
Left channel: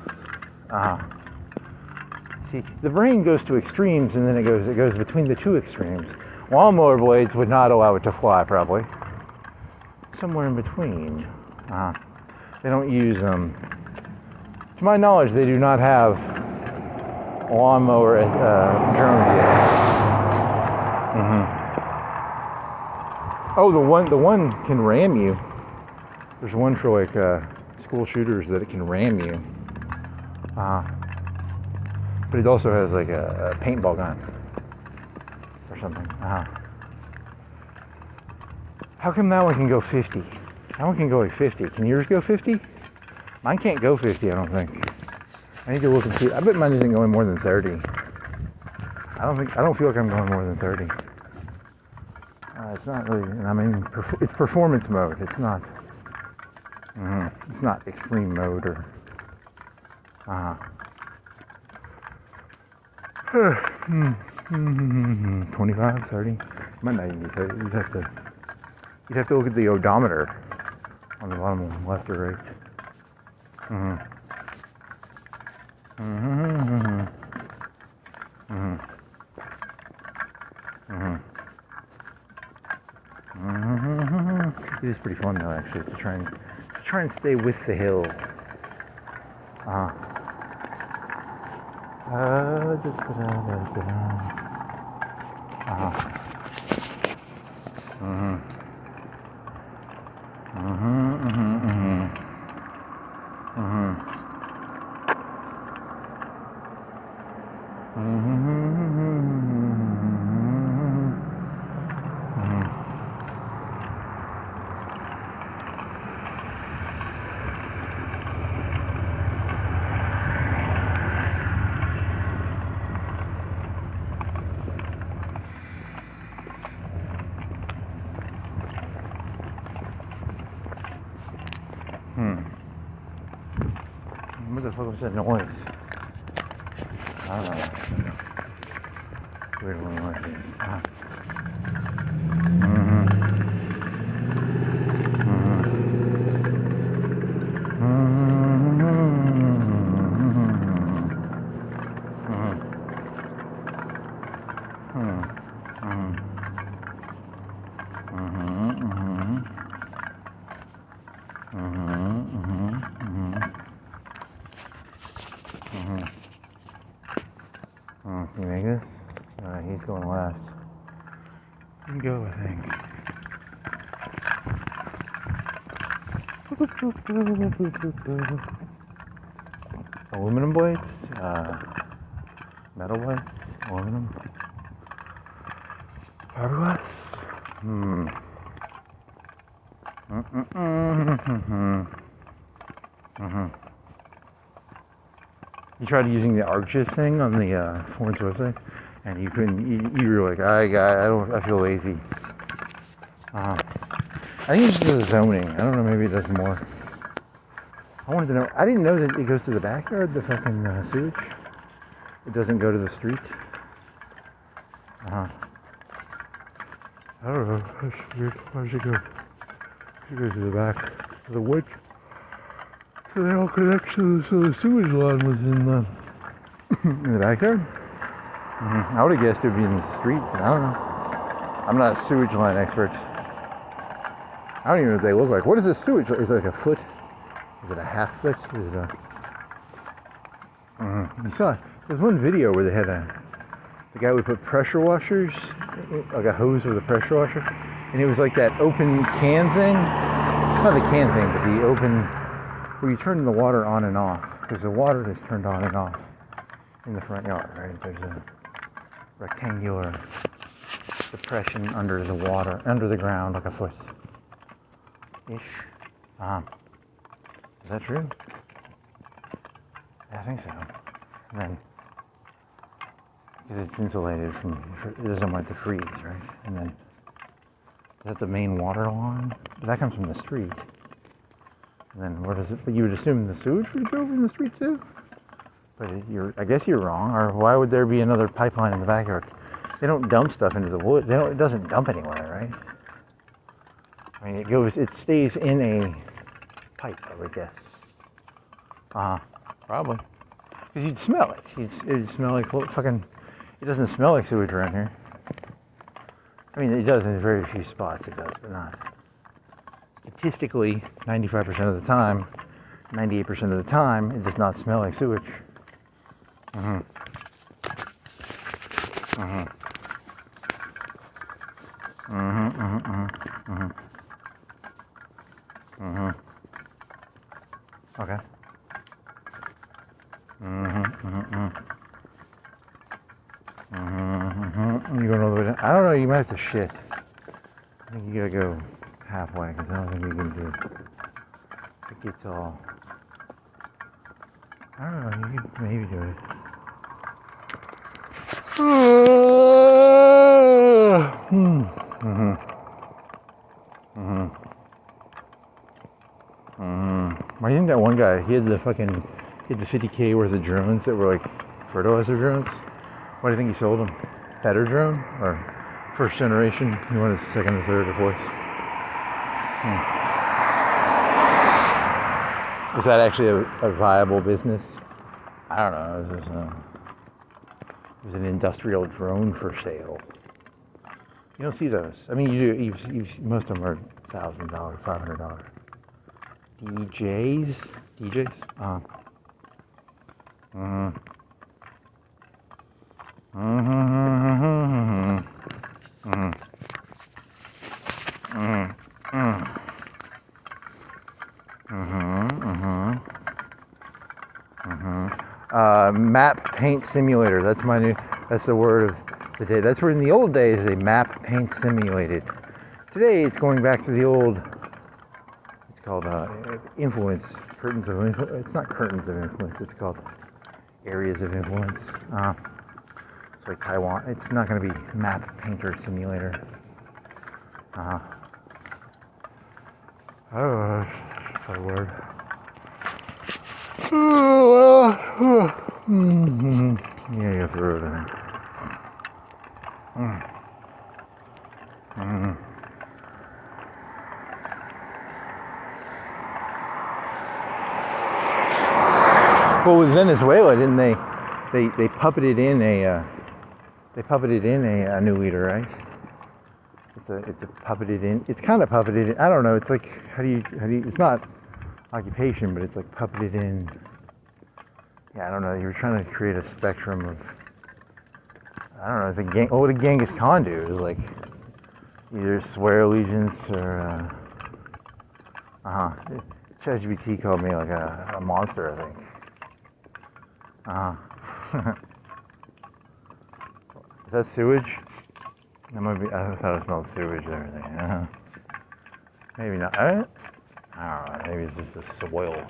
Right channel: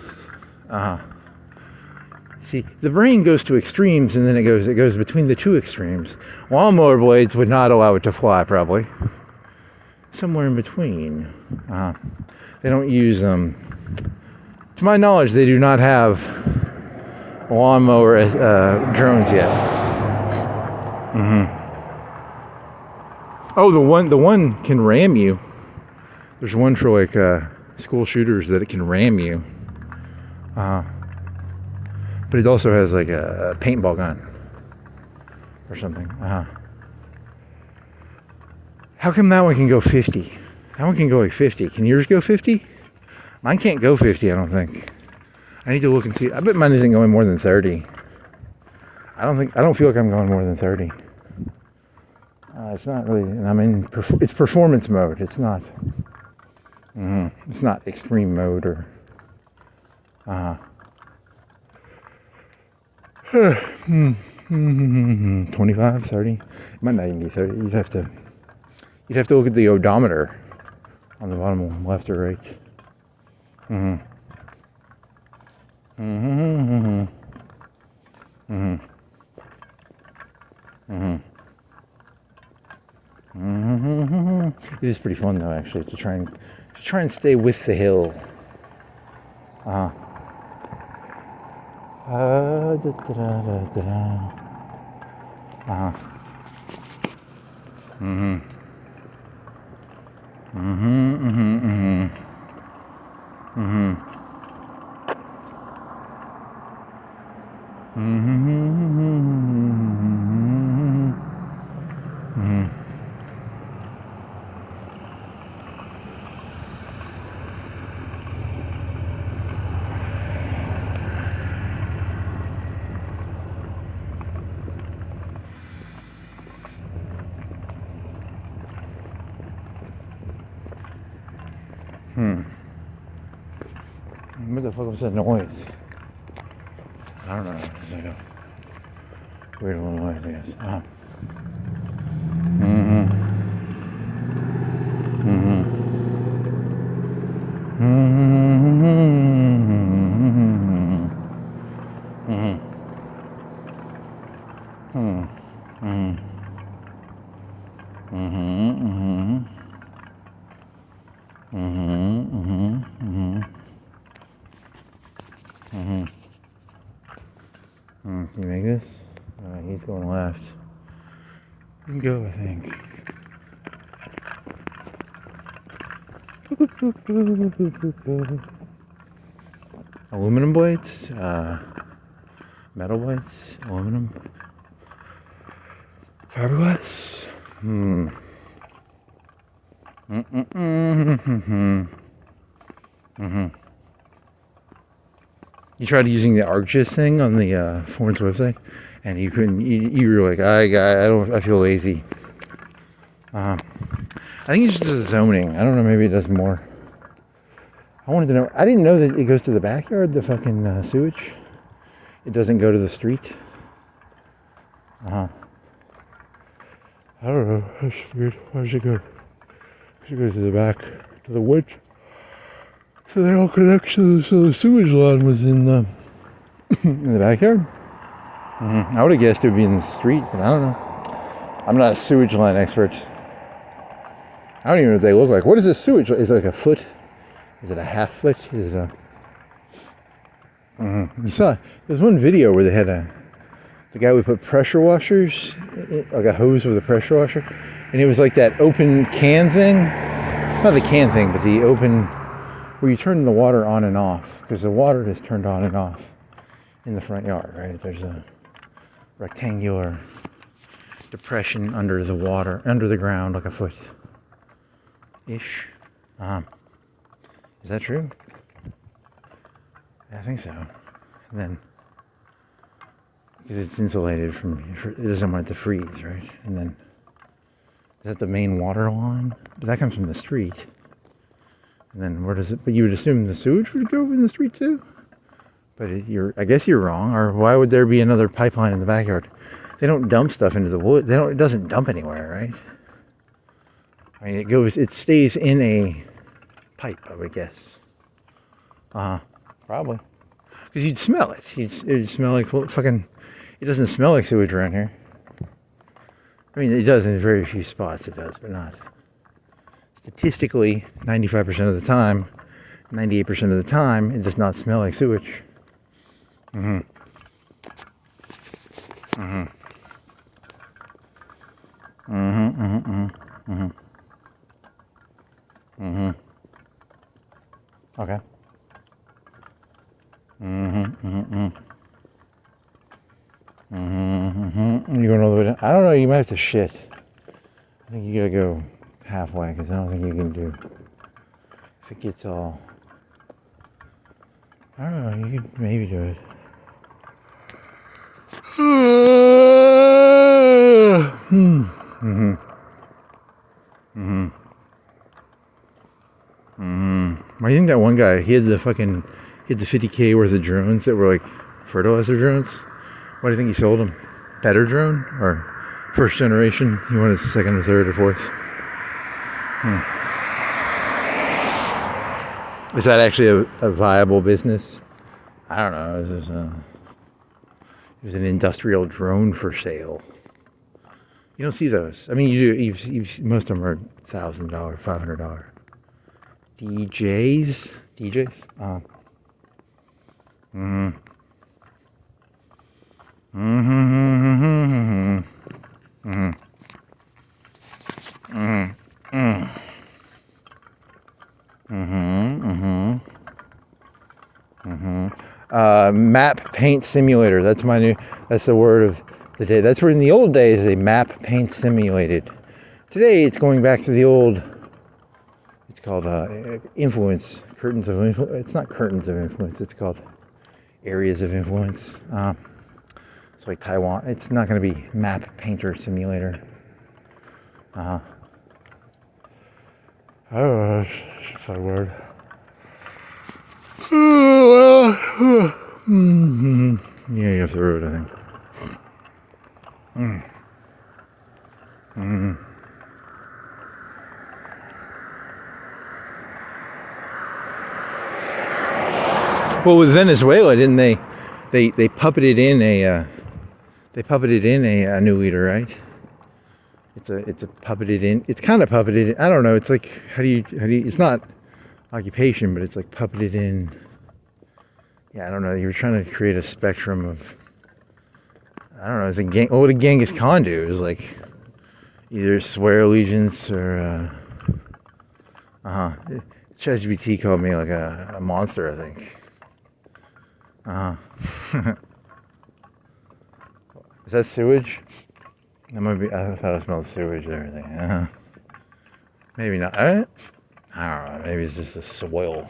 See, the brain goes to extremes, and then it goes between the two extremes. Lawnmower blades would not allow it to fly, probably. Somewhere in between. They don't use to my knowledge, they do not have lawnmower drones yet. Oh, the one can ram you. There's one for like school shooters that it can ram you. But it also has like a paintball gun or something. How come that one can go 50? That one can go like 50. Can yours go 50? Mine can't go 50, I don't think. I need to look and see. I bet mine isn't going more than 30. I don't feel like I'm going more than 30. It's not really, and I'm in, it's performance mode. It's not, it's not extreme mode or, 25, 30. It might not even be 30. You'd have to look at the odometer on the bottom left or right. 'It is pretty fun though, actually, to try and stay with the hill. What the fuck was that noise? I don't know. Weird little noise it is. Can you make this? He's going left. You can go, I think. Aluminum blades, metal blades, aluminum, fiberglass. You tried using the ArcGIS thing on the Florence website, and you couldn't. You were like, I feel lazy. I think it's just zoning. I don't know. Maybe it does more. I wanted to know. I didn't know that it goes to the backyard. The fucking sewage. It doesn't go to the street. I don't know. That's weird. Why does it go? It goes to the back, to the woods. So they all connect to so the sewage line was in the in the backyard. I would have guessed it would be in the street, but I don't know. I'm not a sewage line expert. I don't even know what they look like. What is a sewage line? Is it like a foot? Is it a half foot? Is it a... You saw, there's one video where they had the guy would put pressure washers, like a hose with a pressure washer, and it was like that open can thing. Not the can thing, but the open, where you turn the water on and off, because the water is turned on and off in the front yard, right? There's a rectangular depression under the water, under the ground, like a foot-ish. Is that true? I think so. And then, because it's insulated from, it doesn't want it to freeze, right? And then, is that the main water line? But that comes from the street. And then where does it, but you would assume the sewage would go in the street too? But I guess you're wrong, or why would there be another pipeline in the backyard? They don't dump stuff into the wood. It doesn't dump anywhere, right? I mean, it stays in a pipe, I would guess. Probably. Because you'd smell it. It'd smell like fucking, it doesn't smell like sewage around here. I mean, it does in very few spots, it does, but not. Statistically, 95% of the time, 98% of the time, it does not smell like sewage. Okay. You going all the way down? I don't know, you might have to shit. I think you gotta go halfway, because I don't think you can do, if it gets all, I don't know, you could maybe do it. Why do you think that one guy, he had the 50K worth of drones that were like fertilizer drones? Why do you think he sold them? Better drone? Or first generation? He wanted second or third or fourth? Is that actually a viable business? I don't know. There's an industrial drone for sale. You don't see those. I mean, you do. Most of them are $1,000, $500. DJs? Oh. Map paint simulator. That's the word of the day. That's where in the old days they map paint simulated. Today it's going back to the old, it's called influence, curtains of influence. It's not curtains of influence, it's called areas of influence. It's like Taiwan. It's not going to be map painter simulator. I don't know, it's a word. Yeah, you have the road, I think. Well, with Venezuela, didn't they puppeted in a new leader, right? It's a puppeted in. It's kind of puppeted in. I don't know. It's like how do you? It's not occupation, but it's like puppeted in. Yeah, I don't know. You were trying to create a spectrum of. I don't know. It's a gang. What would Genghis Khan do? It was like either swear allegiance or. ChatGPT called me like a monster, I think. Is that sewage? That might be. I thought I smelled sewage and everything. Maybe not. I don't know. Maybe it's just a soil.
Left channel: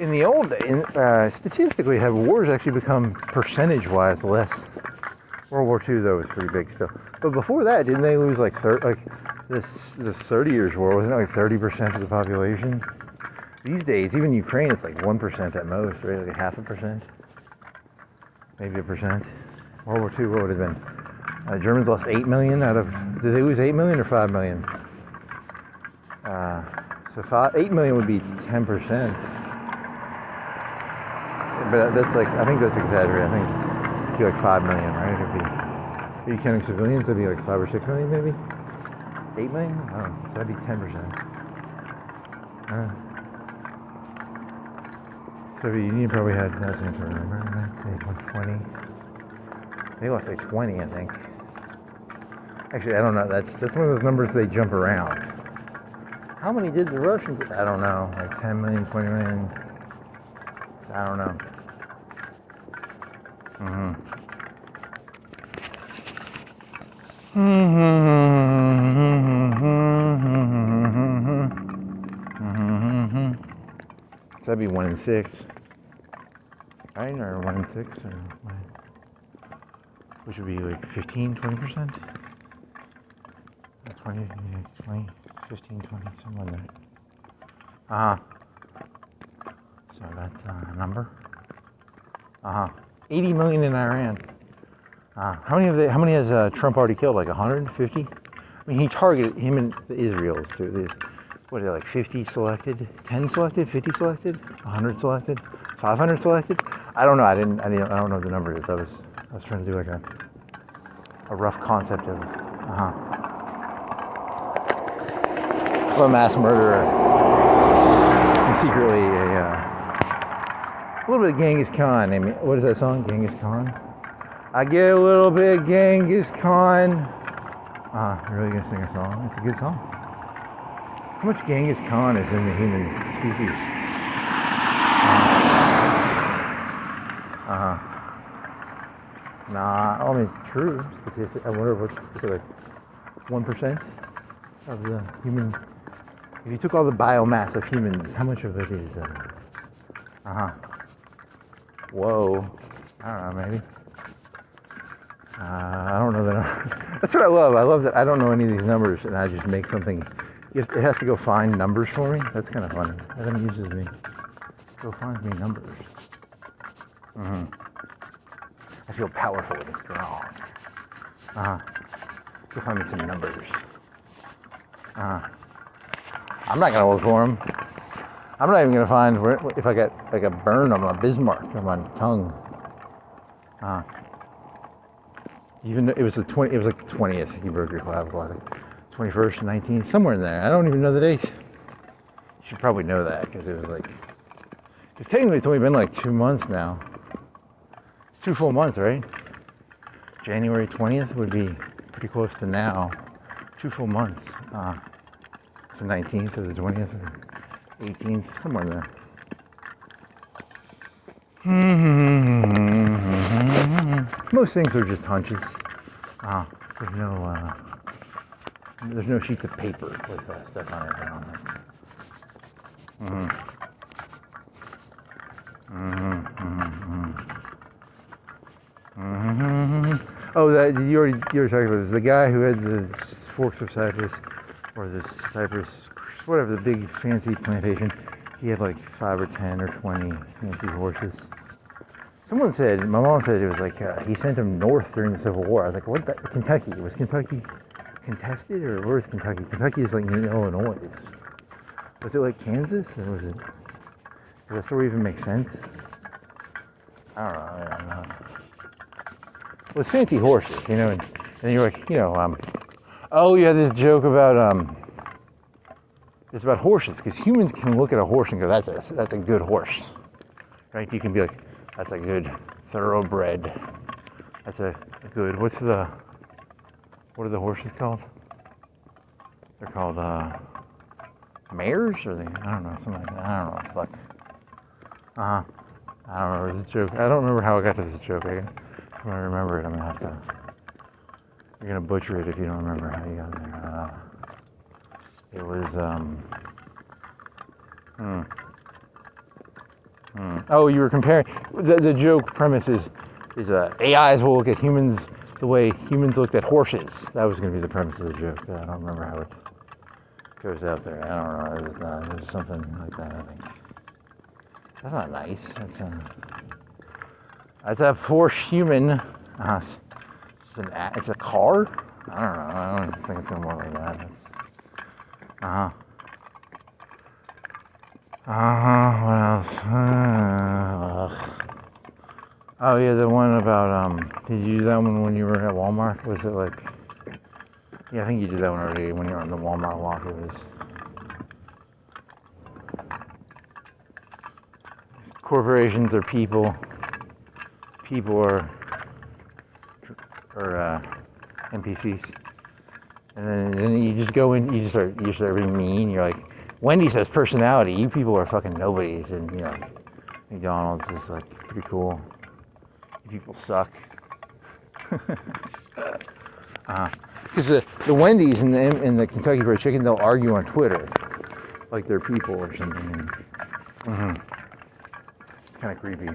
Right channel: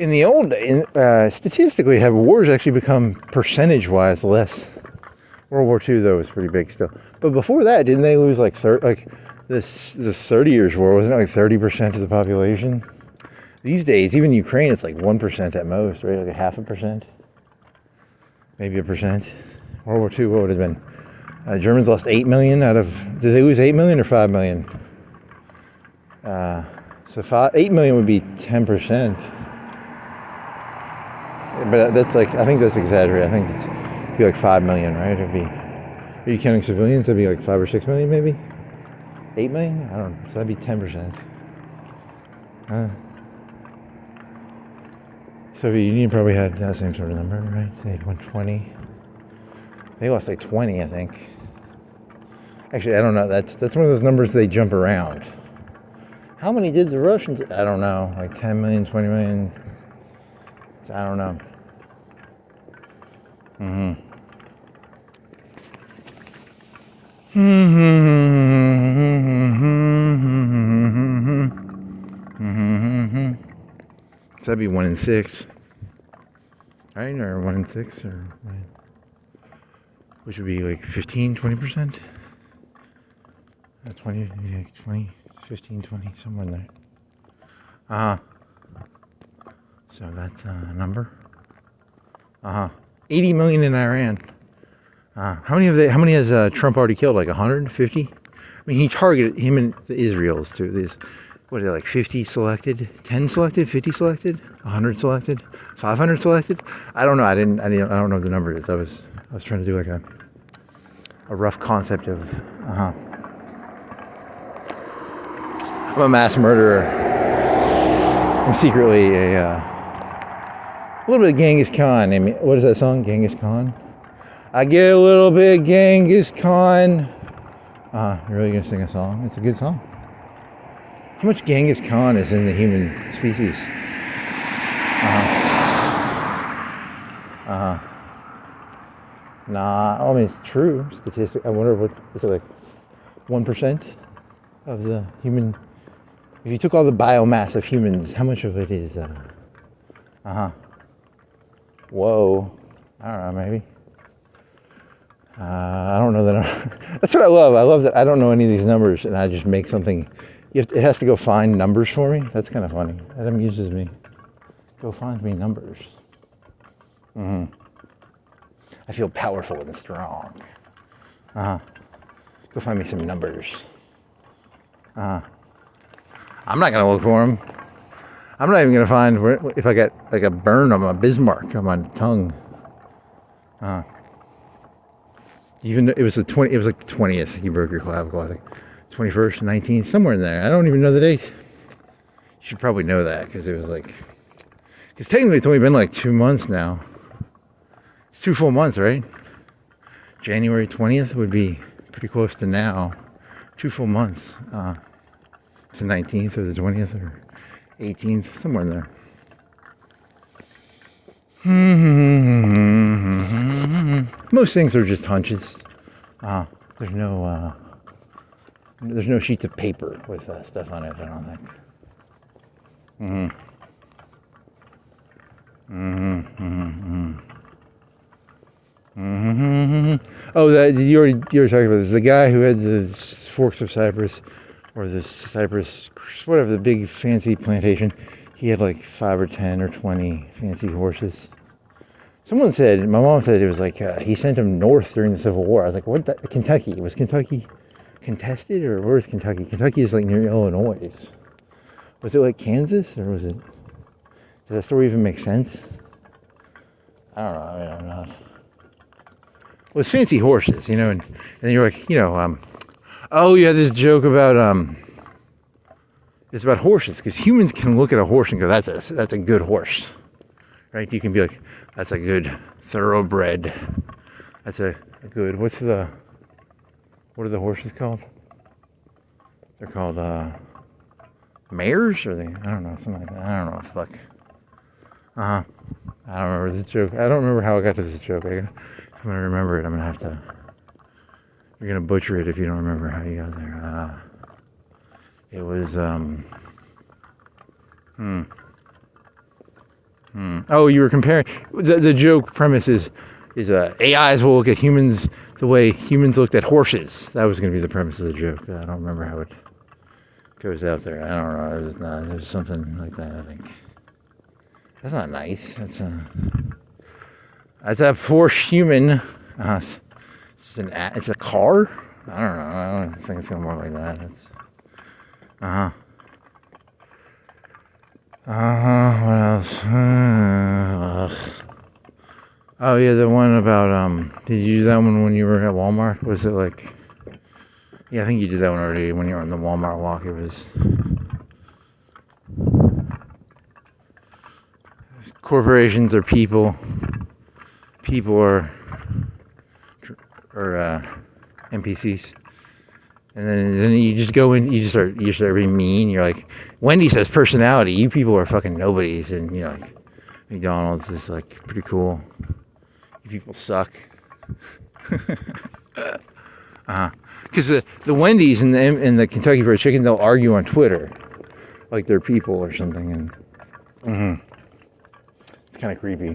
In the old days, statistically, have wars actually become percentage-wise less? World War II though was pretty big still. But before that, didn't they lose like this 30 Years' War? Wasn't it like 30% of the population? These days, even in Ukraine, it's like 1% at most, right? Like a 0.5%, maybe 1%. World War II, what would it have been? Germans lost 8 million out of. Did they lose 8 million or 5 million? So 8 million would be 10%. But that's like, I think that's exaggerated. I think it'd be like 5 million, right? It'd be. Are you counting civilians? That'd be like 5 or 6 million, maybe. 8 million? I don't know. So that'd be 10%. Soviet Union probably had that same sort of number, right? They had 120. They lost like 20, I think. Actually, I don't know. That's one of those numbers they jump around. How many did the Russians? I don't know. Like 10 million, 20 million. I don't know. So that'd be 1 in 6, right? Or 1 in 6, or which would be like 15, 20%. 20, 20, 15, 20, somewhere in there. So that's a number. 80 million in Iran. How many has Trump already killed? Like 150? I mean, he targeted him and the Israels too. These, what are they, like 50 selected, 10 selected, 50 selected, 100 selected, 500 selected? I don't know. I don't know what the number is. I was trying to do like a rough concept of a mass murderer. I'm secretly a little bit of Genghis Khan. I mean, what is that song? Genghis Khan? I get a little bit Genghis Khan. You're really gonna sing a song? It's a good song. How much Genghis Khan is in the human species? Nah, I mean, it's true. Statistic. I wonder what, is it like 1% of the human? If you took all the biomass of humans, how much of it is, whoa, I don't know, maybe. I don't know that. That's what I love. I love that I don't know any of these numbers, and I just make something. It has to go find numbers for me. That's kind of fun. That amuses me. Go find me numbers. I feel powerful and strong. Go find me some numbers. I'm not gonna look for them. I'm not even gonna find if I got like a burn on my Bismarck on my tongue. Even though it was like the 20th. You broke your clavicle, I think. 21st, 19th, somewhere in there. I don't even know the date. You should probably know that because it was like. Because technically it's only been like 2 months now. It's 2 full months, right? January 20th would be pretty close to now. 2 full months. It's the 19th or the 20th or 18th, somewhere in there. Most things are just hunches. There's no sheets of paper with stuff on it, I don't think. Oh, you already talked about this. The guy who had the Forks of Cyprus, or the Cyprus, whatever, the big fancy plantation, he had like 5 or 10 or 20 fancy horses. Someone said, my mom said it was like he sent them north during the Civil War. I was like, what? Kentucky? Was Kentucky contested, or where's Kentucky? Kentucky is like near Illinois. Was it like Kansas, or was it? Does that story even make sense? I don't know. It was fancy horses, you know, and you're like, you know, oh yeah, this joke about it's about horses, because humans can look at a horse and go, that's a good horse, right? You can be like, that's a good thoroughbred. That's a good. What are the horses called? They're called mares, or they? I don't know, something like that. I don't know. Fuck. I don't remember this joke. I don't remember how I got to this joke. I'm gonna remember it. I'm gonna have to. You're gonna butcher it if you don't remember how you got there. It was Oh, you were comparing. The joke premise is AIs will look at humans the way humans looked at horses. That was going to be the premise of the joke. I don't remember how it goes out there. I don't know. There's something like that, I think. That's not nice. That's a poor human. It's a car? I don't know. I don't think it's gonna work like that. What else? Oh yeah, the one about did you do that one when you were at Walmart? Was it like? Yeah, I think you did that one already when you were on the Walmart walk. It was corporations are people. People are NPCs. And then you just go in, you start being mean. You're like, Wendy's has personality. You people are fucking nobodies. And you're like, McDonald's is like pretty cool. You people suck. Because the Wendy's and the Kentucky Fried Chicken, they'll argue on Twitter like they're people or something. It's kind of creepy.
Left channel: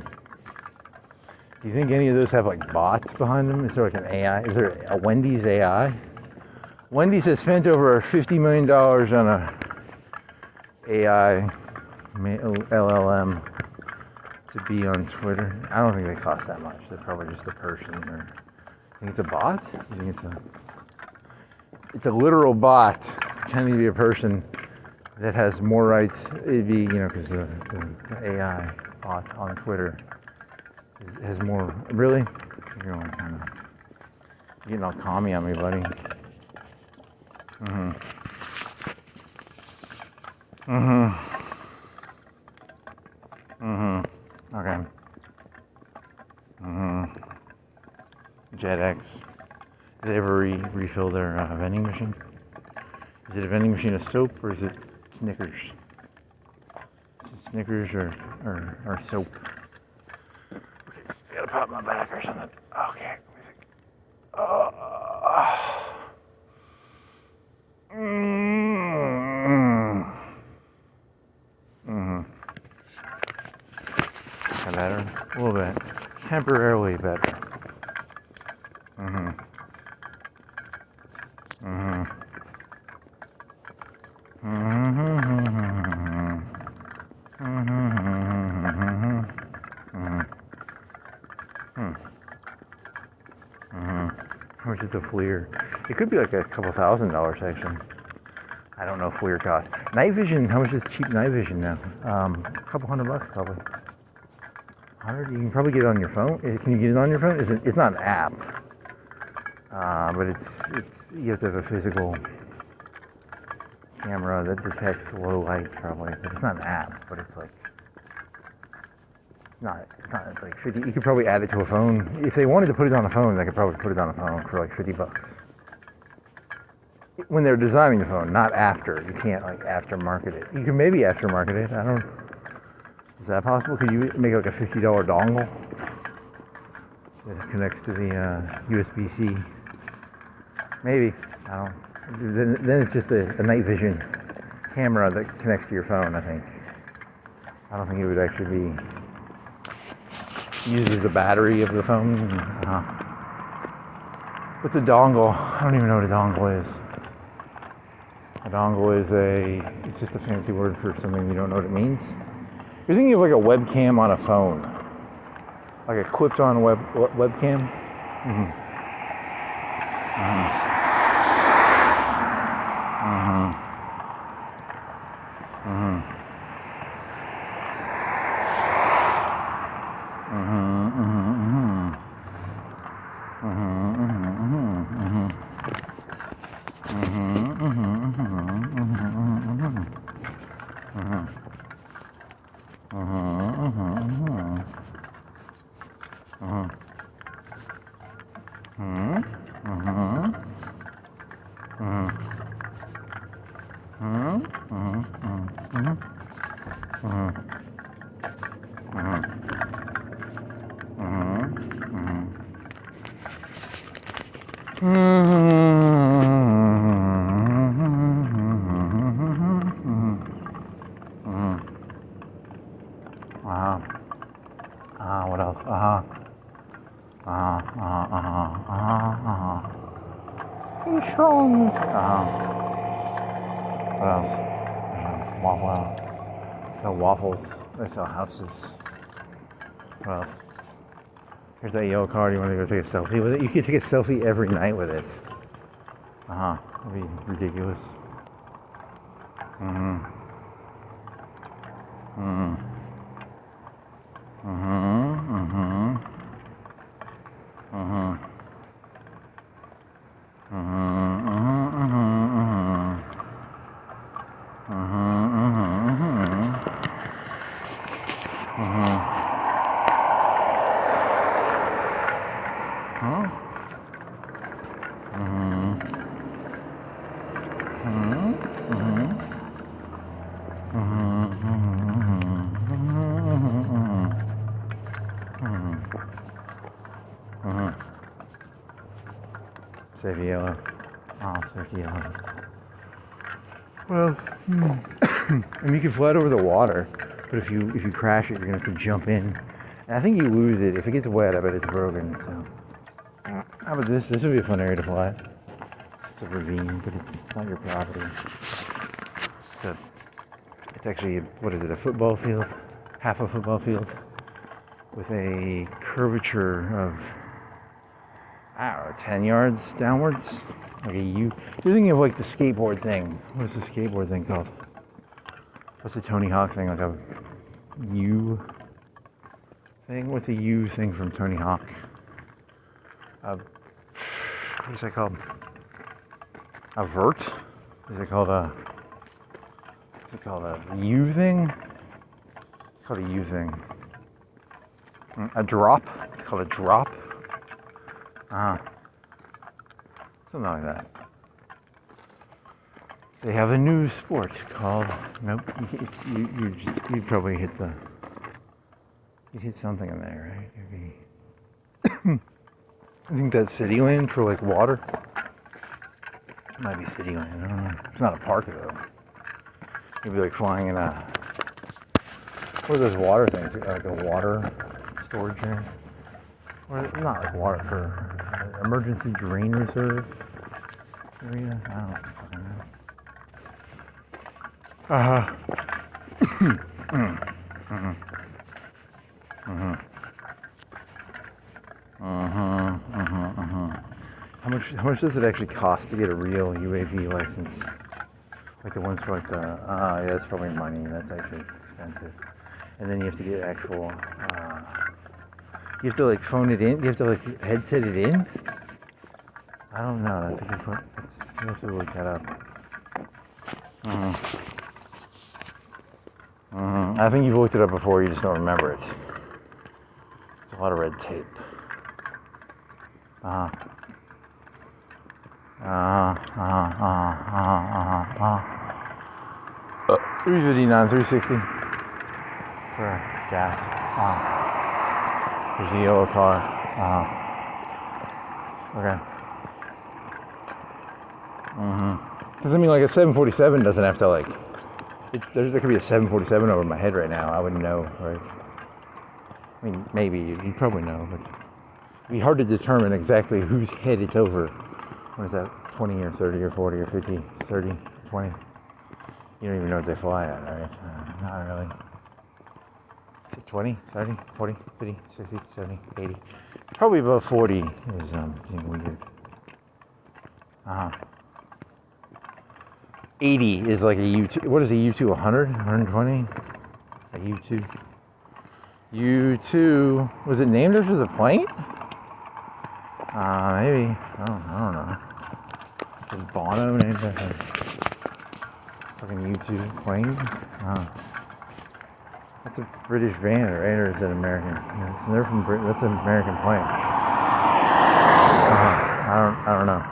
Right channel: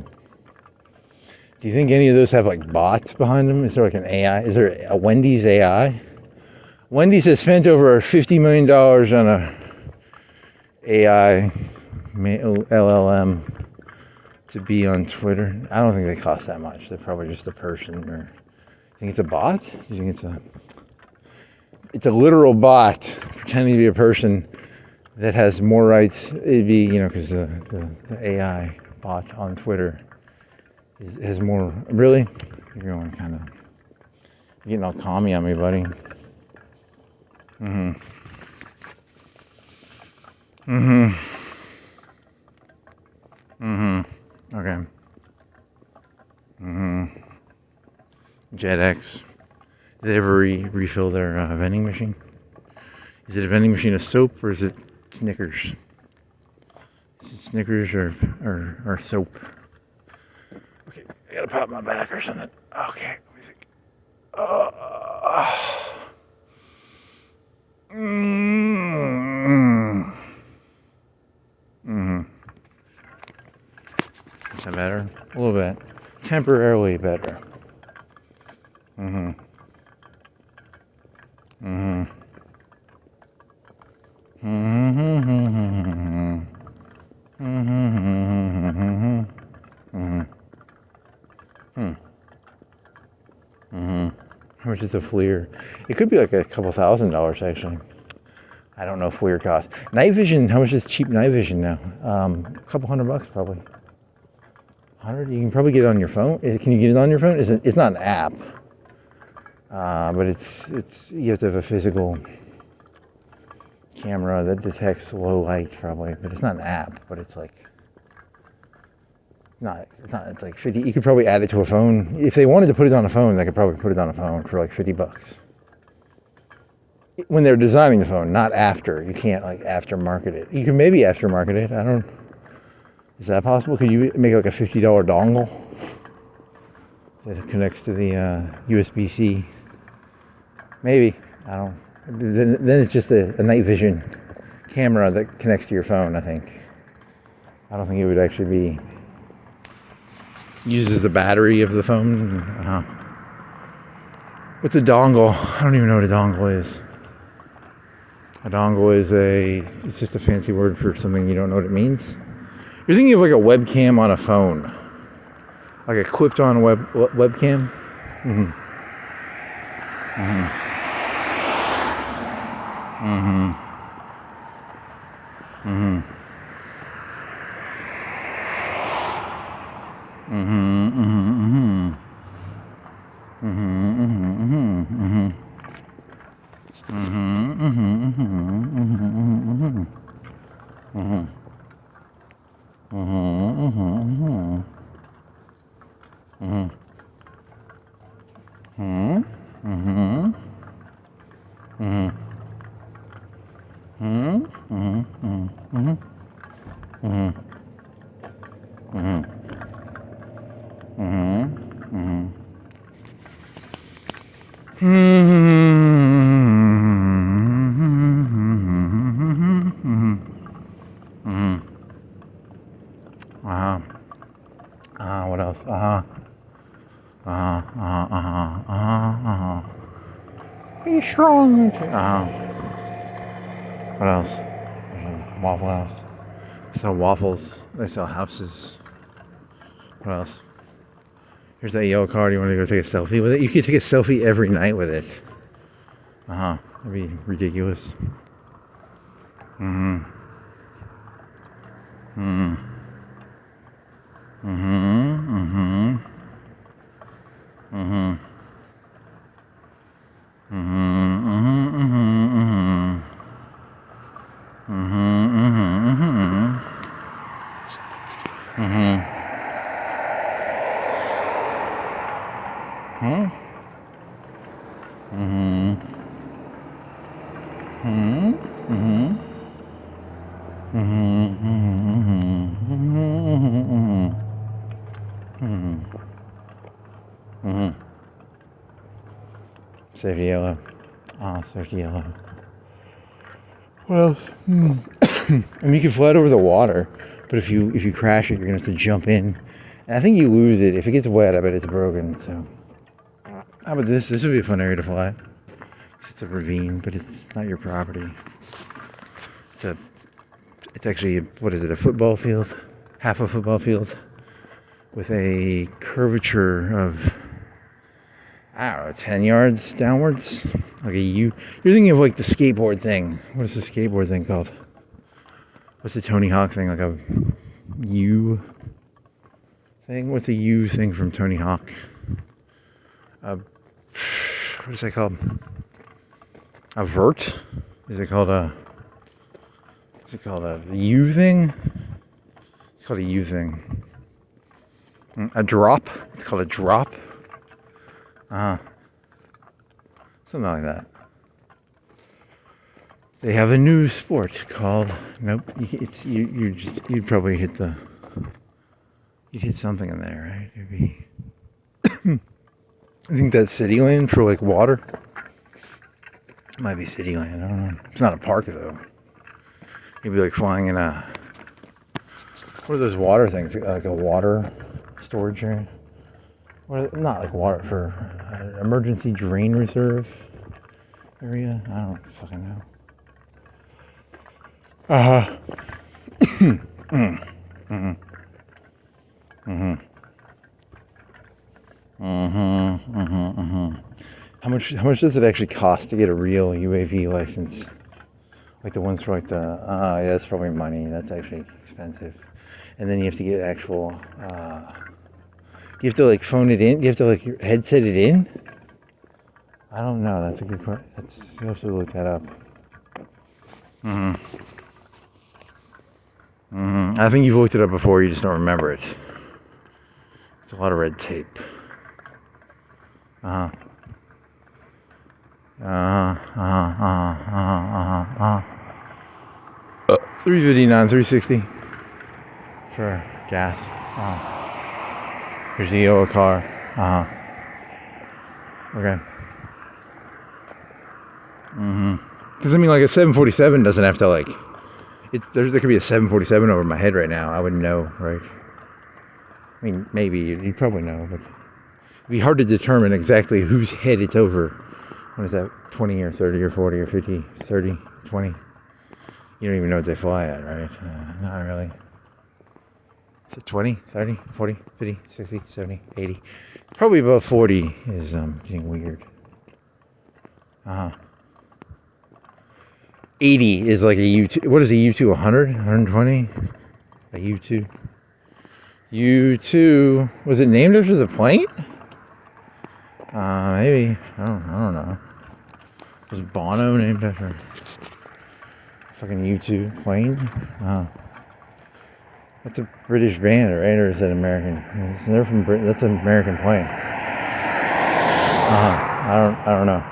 Do you think any of those have like bots behind them? Is there like an AI? Is there a Wendy's AI? Wendy's has spent over $50 million on a AI LLM to be on Twitter. I don't think they cost that much. They're probably just a person. Or you think it's a bot? You think it's a literal bot pretending to be a person that has more rights? It'd be, because the AI bot on Twitter has more. Really? You're getting all commie on me, buddy. Okay. JetX. Do they ever refill their vending machine? Is it a vending machine of soap or is it Snickers? Is it Snickers or soap? Okay, I gotta pop my back or something. Okay. Is that better? A little bit. Temporarily better. How much is a FLIR? It could be like a couple $1,000s actually. I don't know if FLIR costs. Night vision, how much is cheap night vision now? A couple $100 probably. 100? You can probably get it on your phone. Can you get it on your phone? It's not an app. But it's you have to have a physical camera that detects low light probably, but it's not an app, but it's like it's like 50. You could probably add it to a phone. If they wanted to put it on a phone, they could probably put it on a phone for like $50. When they're designing the phone, not after. You can't like aftermarket it. You can maybe aftermarket it. Is that possible? Could you make like a $50 dongle that connects to the USB-C? Maybe. I don't know. Then it's just a night vision camera that connects to your phone, I think. I don't think it would actually be uses the battery of the phone. What's a dongle? I don't even know what a dongle is. A dongle is it's just a fancy word for something you don't know what it means. You're thinking of like a webcam on a phone. Like a clipped on webcam? What else? Be strong. What else? Waffle House. They sell waffles. They sell houses. What else? Here's that yellow car. Do you want to go take a selfie with it? You could take a selfie every night with it. That'd be ridiculous. Mm-hmm. Mm-hmm. Mm-hmm. Mm-hmm. Mm-hmm. Mm-hmm. Mm-hmm. Mm-hmm. Mm-hmm. Mm-hmm. Huh? Mm-hmm. Mm-hmm. Mm-hmm. Safety yellow. Oh, safety yellow. What else? I mean, you can fly it over the water, but if you crash it, you're gonna have to jump in. And I think you lose it if it gets wet. I bet it's broken. So, how about this? This would be a fun area to fly. It's a ravine, but it's not your property. It's actually, what is it, a football field? Half a football field with a curvature of, I don't know, 10 yards downwards. Like a U. You're thinking of like the skateboard thing. What's the skateboard thing called? What's the Tony Hawk thing? Like a U thing? What's a U thing from Tony Hawk? What is that called? A vert? Is it called a U thing? It's called a U thing. A drop? It's called a drop. Something like that. They have a new sport called, nope, it's you'd probably hit something in there, right? Maybe. I think that's Cityland for like water. It might be Cityland, I don't know. It's not a park though. You'd be like flying in what are those water things? Like a water storage area? Or not like water, for emergency drain reserve area? I don't fucking know. How much does it actually cost to get a real UAV license? Like the ones for like yeah, that's probably money. That's actually expensive. And then you have to get actual, you have to like phone it in? You have to like headset it in? I don't know. That's a good point. You have to look that up. I think you've looked it up before. You just don't remember it. It's a lot of red tape. 359, 360 for gas. Here's the yellow car. Okay. Doesn't mean like a 747 doesn't have to like. There could be a 747 over my head right now. I wouldn't know, right? I mean, maybe you'd probably know, but it'd be hard to determine exactly whose head it's over. What is that? 20 or 30 or 40 or 50, 30, 20. You don't even know what they fly at, right? Not really. Is it 20, 30, 40, 50, 60, 70, 80? Probably above 40 is getting weird. 80 is like a U2. What is a U2? 100? 120? A U2? U2. Was it named after the plane? Maybe. I don't know. Was Bono named after fucking U2 plane? That's a British band, right? Or is that American? They're from Britain. That's an American plane. I don't know.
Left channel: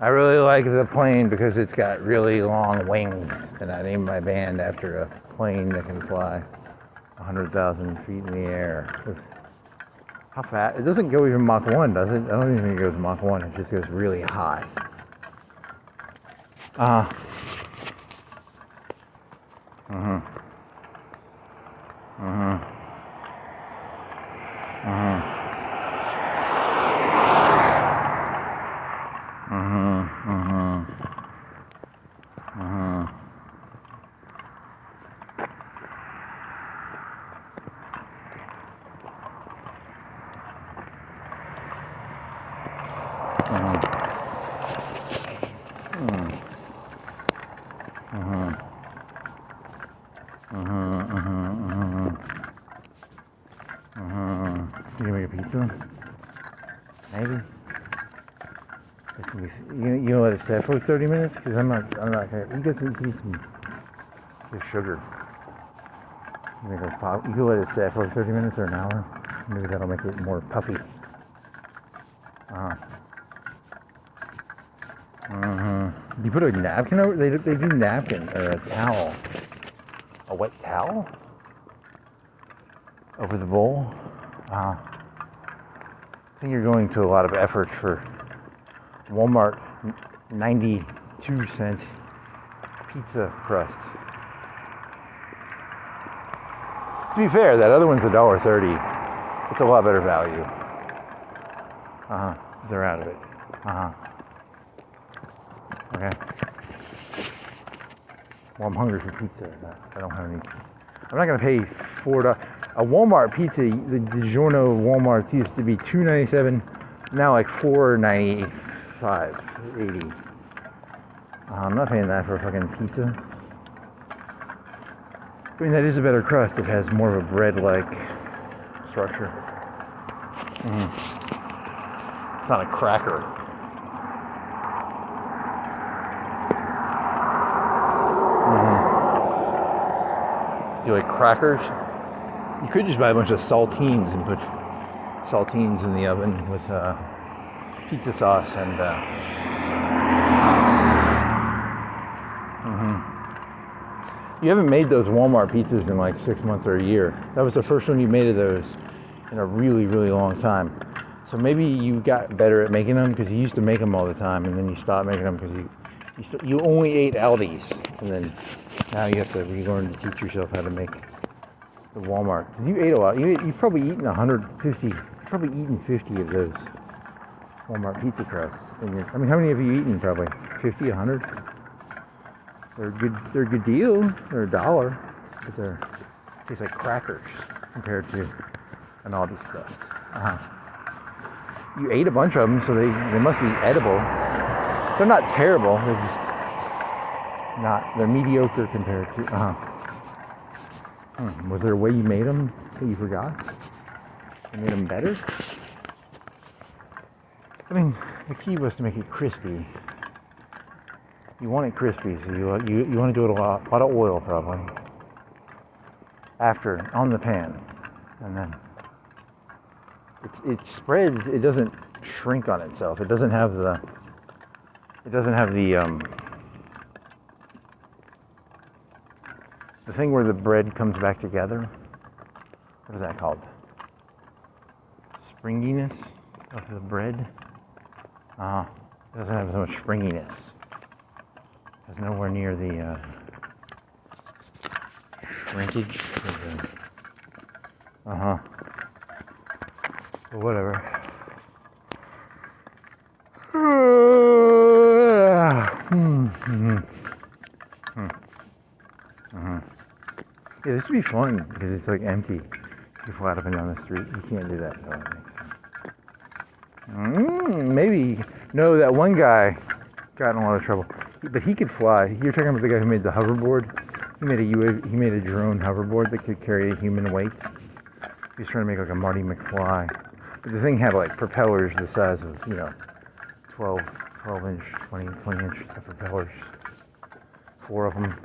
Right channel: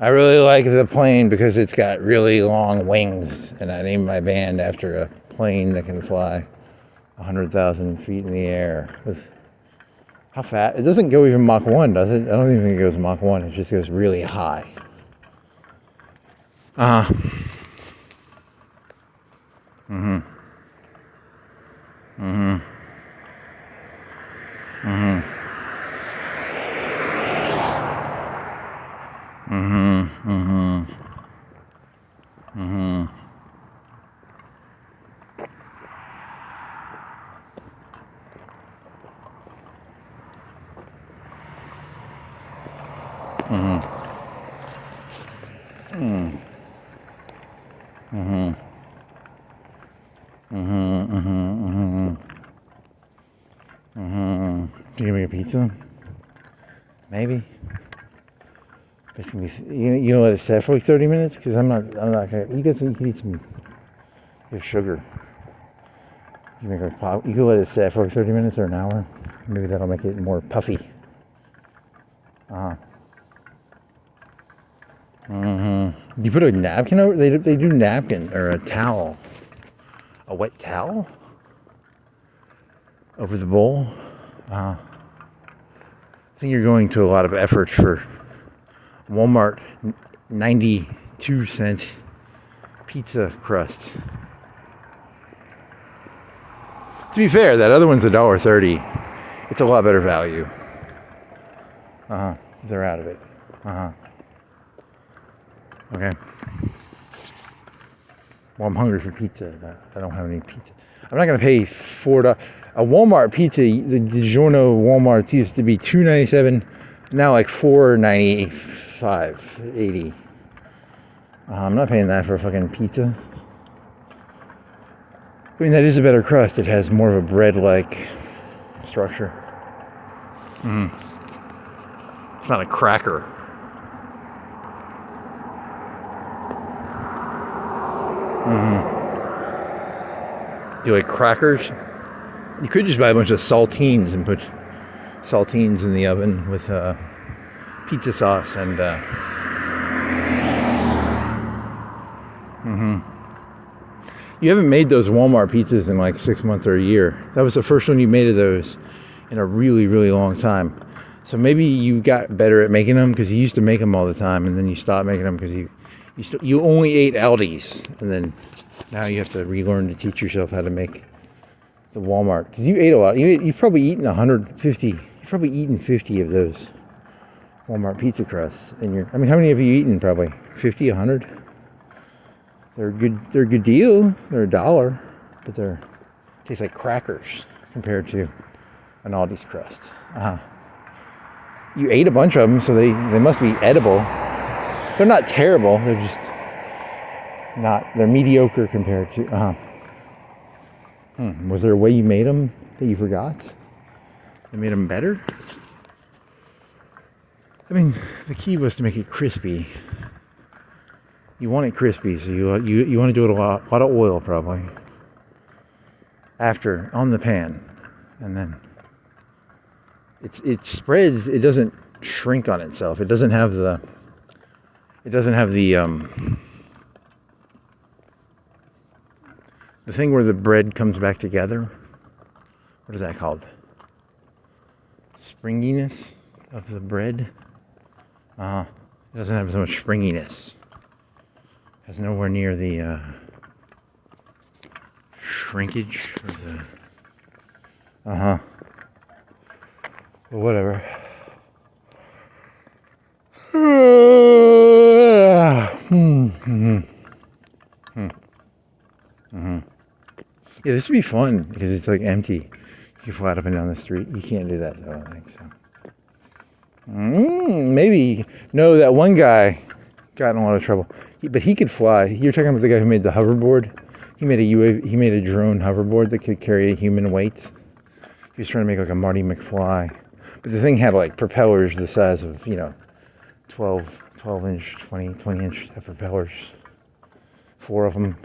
I really like the plane because it's got really long wings, and I named my band after a plane that can fly 100,000 feet in the air. How fast? It doesn't go even Mach 1, does it? I don't even think it goes Mach 1. It just goes really high. Mm-hmm. Mm. Mm-hmm. Mm-hmm. Mm-hmm. Mm-hmm. You gonna make a pizza? Maybe. It's gonna be, you know, let it set for like 30 minutes? Because I'm not gonna, you guys can eat some sugar. You make a pop, you can let it set for like 30 minutes or an hour. Maybe that'll make it more puffy. You put a napkin over, they do napkin or a towel. A wet towel? Over the bowl. I think you're going to a lot of effort for Walmart 92-cent pizza crust. To be fair, that other one's $1.30. It's a lot better value. They're out of it. Okay. Well, I'm hungry for pizza. I don't have any pizza. I'm not gonna pay $4. A Walmart pizza, the DiGiorno Walmarts used to be $2.97, now like $4.95, $80. I'm not paying that for a fucking pizza. I mean, that is a better crust. It has more of a bread-like structure. It's not a cracker. Do you like crackers? You could just buy a bunch of saltines and put saltines in the oven with pizza sauce and You haven't made those Walmart pizzas in like 6 months or a year. That was the first one you made of those in a really, really long time. So maybe you got better at making them because you used to make them all the time, and then you stopped making them because you only ate Aldi's, and then now you have to relearn to teach yourself how to make the Walmart. Because you ate a lot. You've probably eaten 150. You've probably eaten 50 of those Walmart pizza crusts in your. I mean, how many have you eaten? Probably 50, 100. They're good. They're a good deal. They're $1, but they taste like crackers compared to an Aldi's crust. You ate a bunch of them, so they must be edible. They're not terrible. They're just not. They're mediocre compared to. Was there a way you made them that you forgot? You made them better? I mean, the key was to make it crispy. You want it crispy, so you want to do it a lot of oil probably. After on the pan, and then it spreads. It doesn't shrink on itself. It doesn't have the. The thing where the bread comes back together. What is that called? Springiness of the bread. It doesn't have so much springiness. It has nowhere near the shrinkage. Well, whatever. Yeah, this would be fun because it's like empty. You fly up and down the street. You can't do that though, I think so. Maybe. No, that one guy got in a lot of trouble. But he could fly. You're talking about the guy who made the hoverboard? He made a drone hoverboard that could carry a human weight. He was trying to make like a Marty McFly. But the thing had like propellers the size of, 12 inch, 20 inch propellers. 4 of them.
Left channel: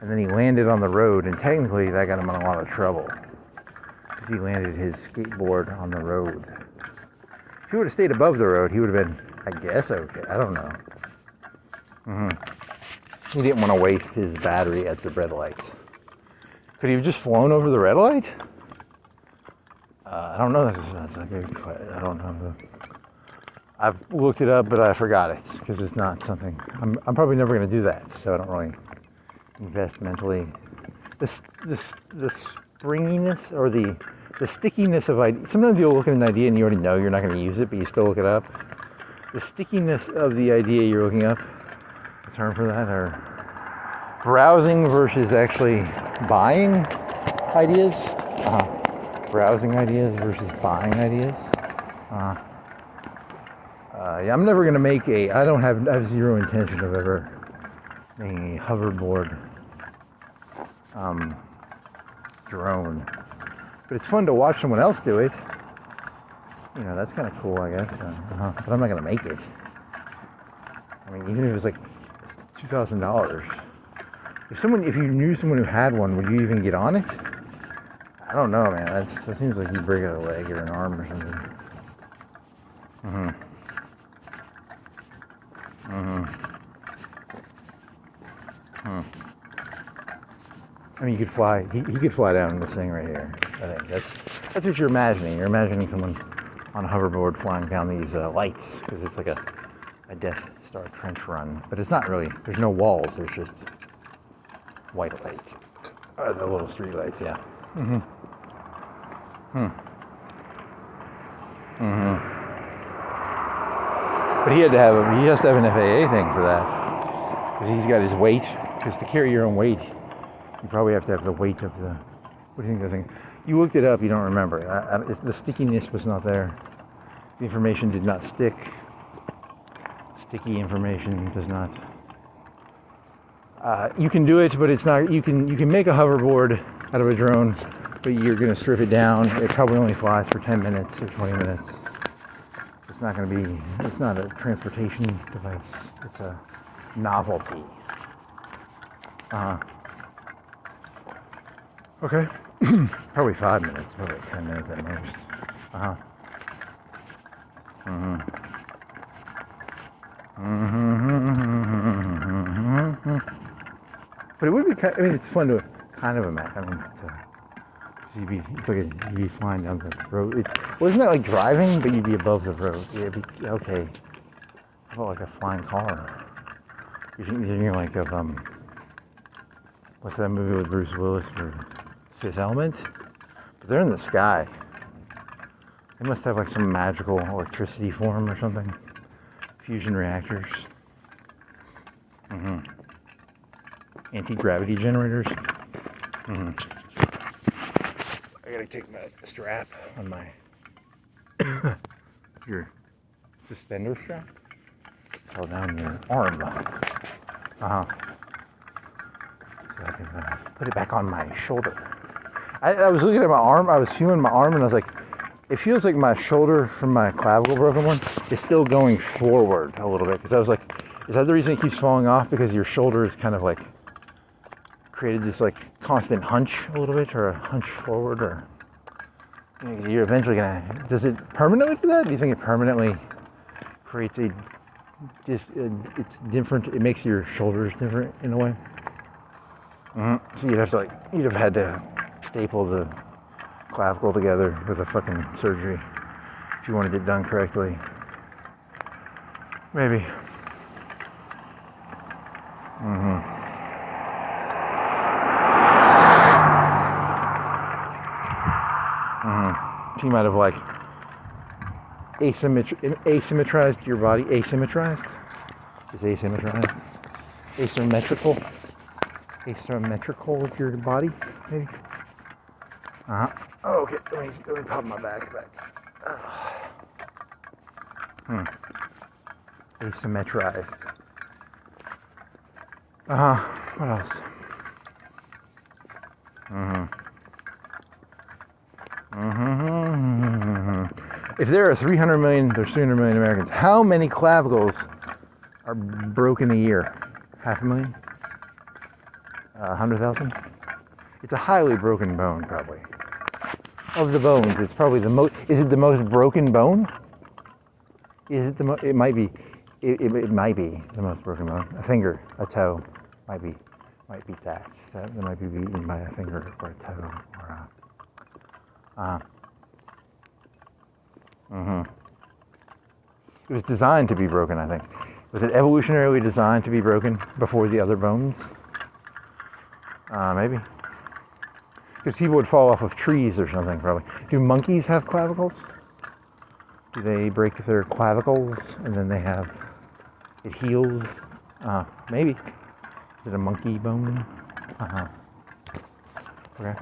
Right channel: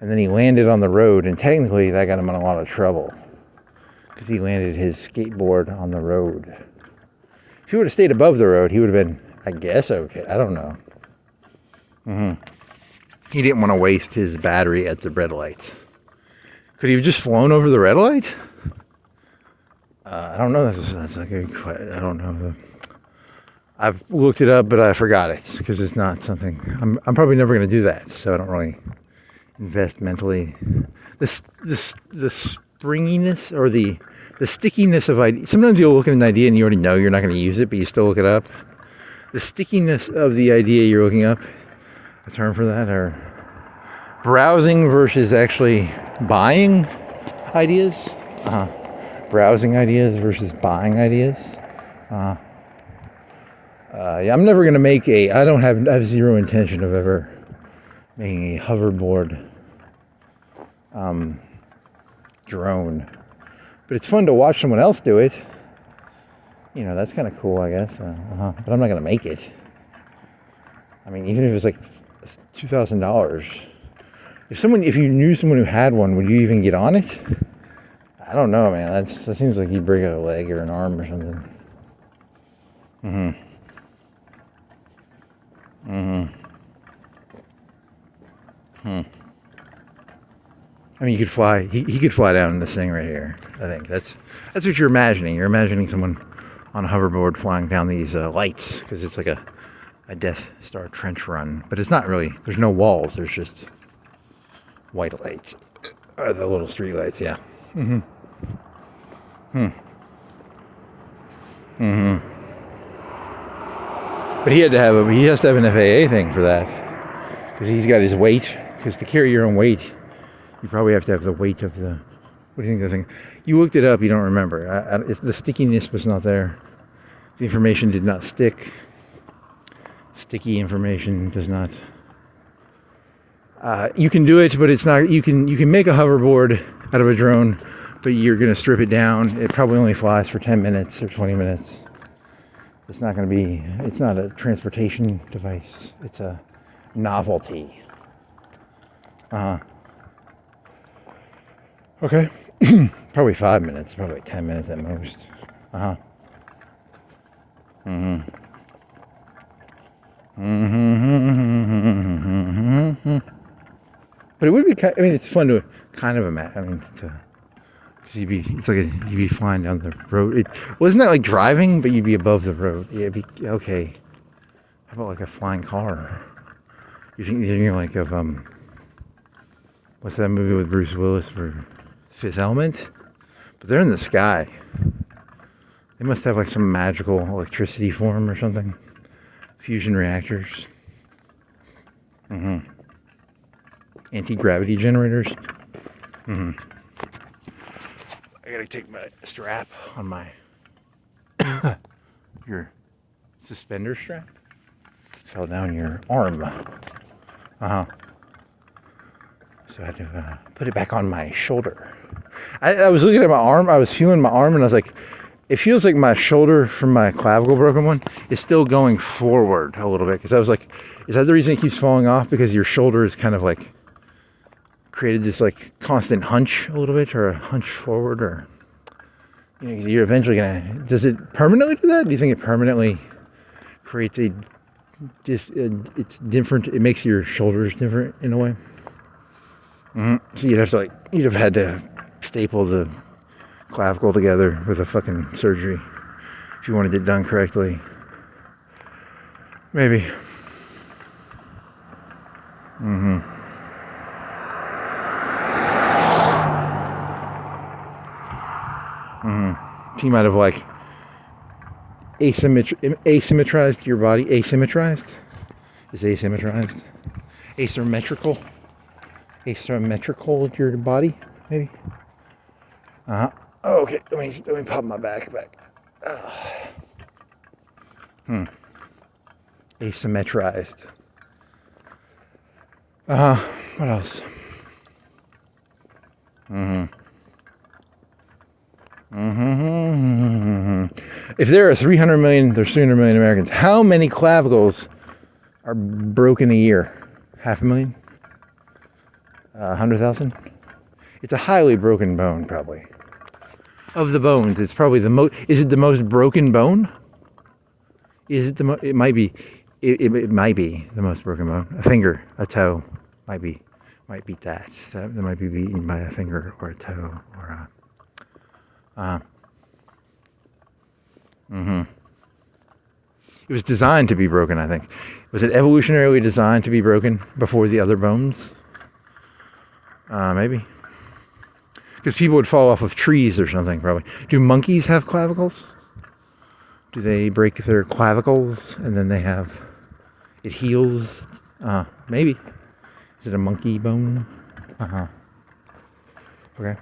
And then he landed on the road, and technically that got him in a lot of trouble. Because he landed his skateboard on the road. If he would have stayed above the road, he would have been, I guess, okay. I don't know. He didn't want to waste his battery at the red light. Could he have just flown over the red light? I don't know. That's like a question. I don't know. I've looked it up, but I forgot it because it's not something. I'm probably never going to do that, so I don't really invest mentally. The springiness or the stickiness of idea. Sometimes you'll look at an idea and you already know you're not going to use it, but you still look it up. The stickiness of the idea you're looking up. A term for that, or browsing versus actually buying ideas. Browsing ideas versus buying ideas. Yeah, I'm never gonna make a. I have zero intention of ever making a hoverboard drone. But it's fun to watch someone else do it. You know, that's kind of cool, I guess. But I'm not gonna make it. I mean, even if it was like $2,000. If you knew someone who had one, would you even get on it? I don't know, man. That seems like you'd break a leg or an arm or something. I mean, you could fly. He could fly down this thing right here. I think that's what you're imagining. You're imagining someone on a hoverboard flying down these lights, because it's like a Death Star trench run. But it's not really. There's no walls. There's just white lights, the little street lights. Yeah. But he has to have an FAA thing for that, because he's got his weight. Because to carry your own weight, you probably have to have the weight of the. What do you think of the thing? You looked it up. You don't remember. The stickiness was not there. The information did not stick. Sticky information does not. You can do it, but it's not. You can make a hoverboard out of a drone, but you're going to strip it down. It probably only flies for 10 minutes or 20 minutes. It's not going to be. It's not a transportation device. It's a novelty. Okay. Probably 5 minutes. Probably 10 minutes at most. But it would be. I mean, it's fun to kind of imagine. I mean, you'd be flying down the road. Wasn't that like driving, but you'd be above the road. Yeah, it'd be okay. How about like a flying car? You're thinking like of what's that movie with Bruce Willis for Fifth Element? But they're in the sky. They must have like some magical electricity form or something. Fusion reactors. Anti-gravity generators. I gotta take my strap on my your suspender strap. Fell down your arm. So I had to put it back on my shoulder. I was looking at my arm. I was feeling my arm, and I was like, it feels like my shoulder from my clavicle broken one is still going forward a little bit. Because I was like, is that the reason it keeps falling off? Because your shoulder is kind of like created this like constant hunch a little bit, or a hunch forward, or you're eventually gonna. Does it permanently do that? Do you think it permanently creates it's different? It makes your shoulders different in a way. So you'd have had to staple the clavicle together with a fucking surgery if you wanted it done correctly. Maybe. So you might have like asymmetrized your body. Asymmetrized? Is asymmetrized? Asymmetrical your body, maybe? Okay, let me pop my back. Asymmetrized. What else? If there are 300 million Americans, how many clavicles are broken a year? 500,000? 100,000? It's a highly broken bone, probably. Of the bones, it's probably the most. Is it the most broken bone? Is it it might be. It might be the most broken bone. A finger, a toe, might beat that. That might be beaten by a finger or a toe or a. It was designed to be broken, I think. Was it evolutionarily designed to be broken before the other bones? Maybe. Because people would fall off of trees or something, probably. Do monkeys have clavicles? Do they break their clavicles and then it heals? Maybe. Is it a monkey bone? Okay.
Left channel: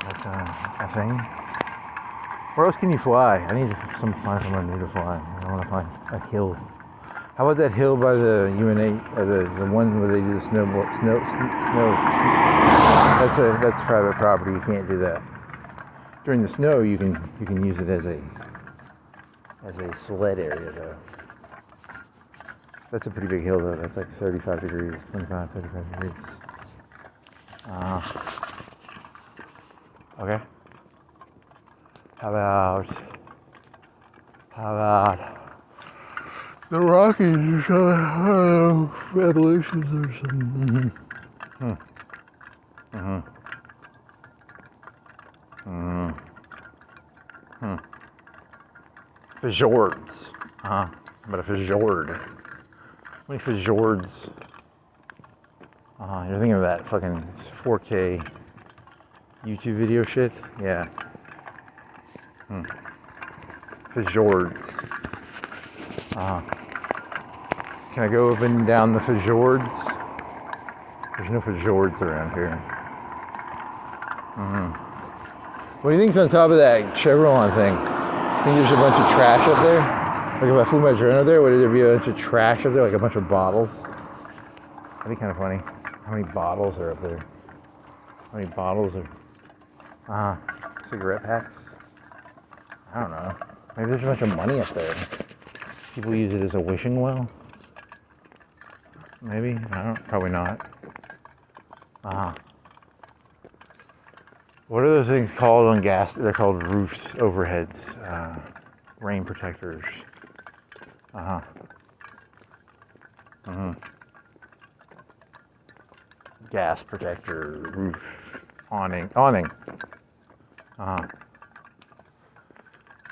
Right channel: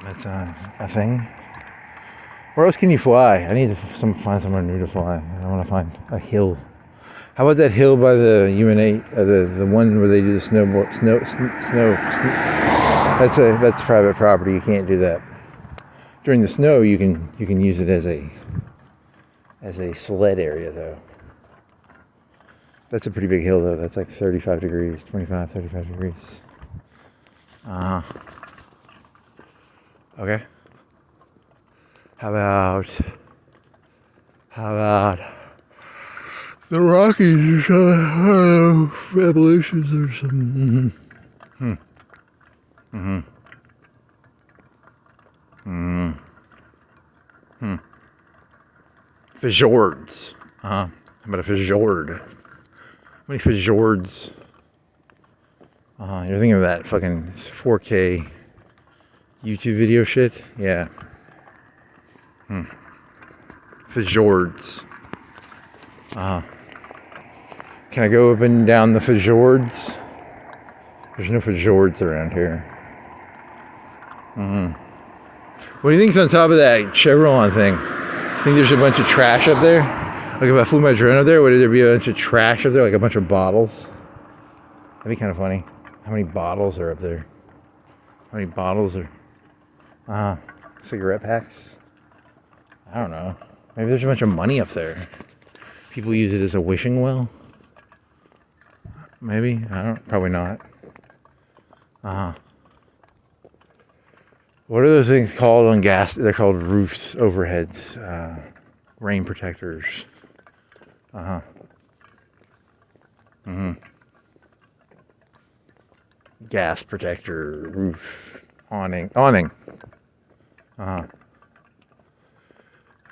That's a thing. Where else can you fly? I need to find somewhere new to fly. I want to find a hill. How about that hill by the UNA, or the one where they do the snowboard, snow. That's private property. You can't do that. During the snow, you can use it as a sled area though. That's a pretty big hill though. That's like 35 degrees, 25, 35 degrees. Okay. How about the Rockies or revolutions or something? Fjords. How about a fjord? How many fjords? You're thinking of that fucking 4K YouTube video shit? Yeah. Fjords. Can I go up and down the fjords? There's no fjords around here. What do you think's on top of that Chevron thing? Think there's a bunch of trash up there? Like if I flew my drone up there, would there be a bunch of trash up there, like a bunch of bottles? That'd be kind of funny. How many bottles are up there? How many bottles are... cigarette packs? I don't know. Maybe there's a bunch of money up there. People use it as a wishing well? Maybe? I don't... Probably not. What are those things called on gas? They're called roofs, overheads, rain protectors. Gas protector, roof, awning.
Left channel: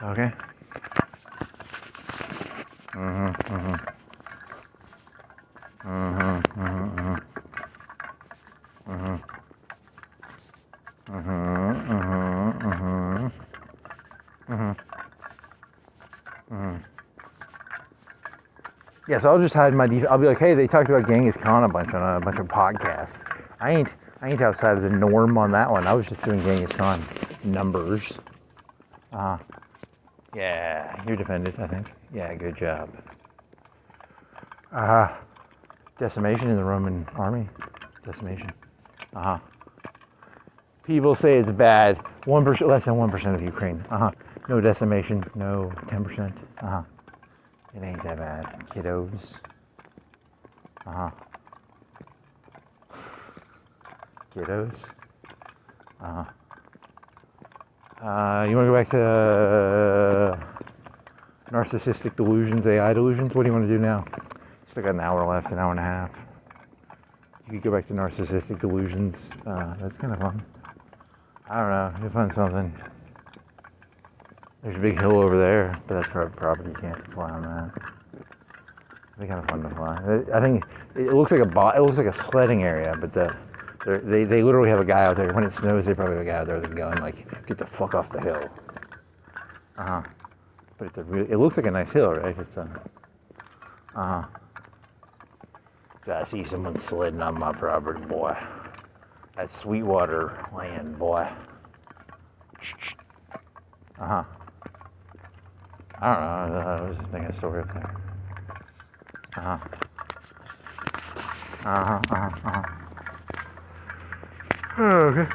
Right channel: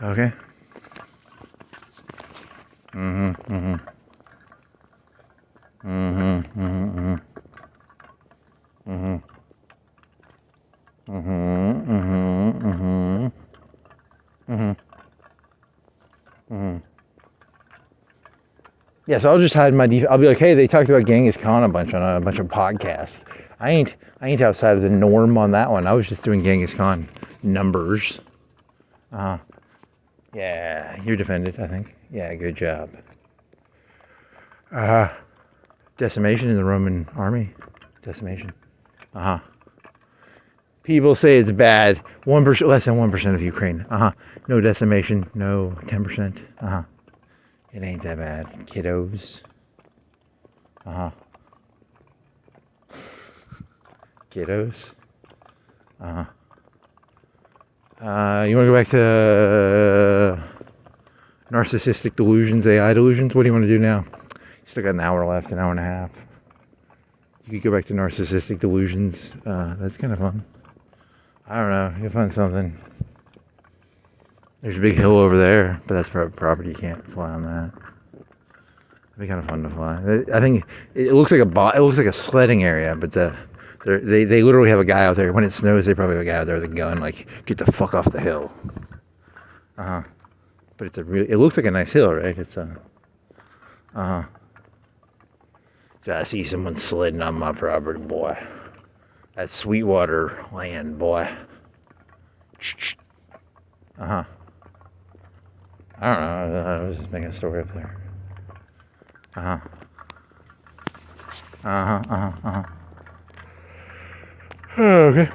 Okay. Yeah, so I'll just hide my I'll be like, hey, they talked about Genghis Khan a bunch on a bunch of podcasts. I ain't outside of the norm on that one. I was just doing Genghis Khan numbers. Yeah, you're defended, I think. Yeah, good job. Decimation in the Roman army. Decimation. People say it's bad. 1%, less than 1% of Ukraine. No decimation. No 10%. It ain't that bad, kiddos. Kiddos. You want to go back to narcissistic delusions, AI delusions? What do you want to do now? You still got an hour left, an hour and a half. You could go back to narcissistic delusions. That's kind of fun. I don't know. You'll find something. There's a big hill over there, but that's private property. You can't fly on that. It'd be kind of fun to fly. I think it looks like it looks like a sledding area, but they literally have a guy out there. When it snows, they probably have a guy out there with a gun, like, get the fuck off the hill. But it's it looks like a nice hill, right? It's I see someone sledding on my property, boy. That's Sweetwater land, boy. I don't know. I was just making a story up there. Okay.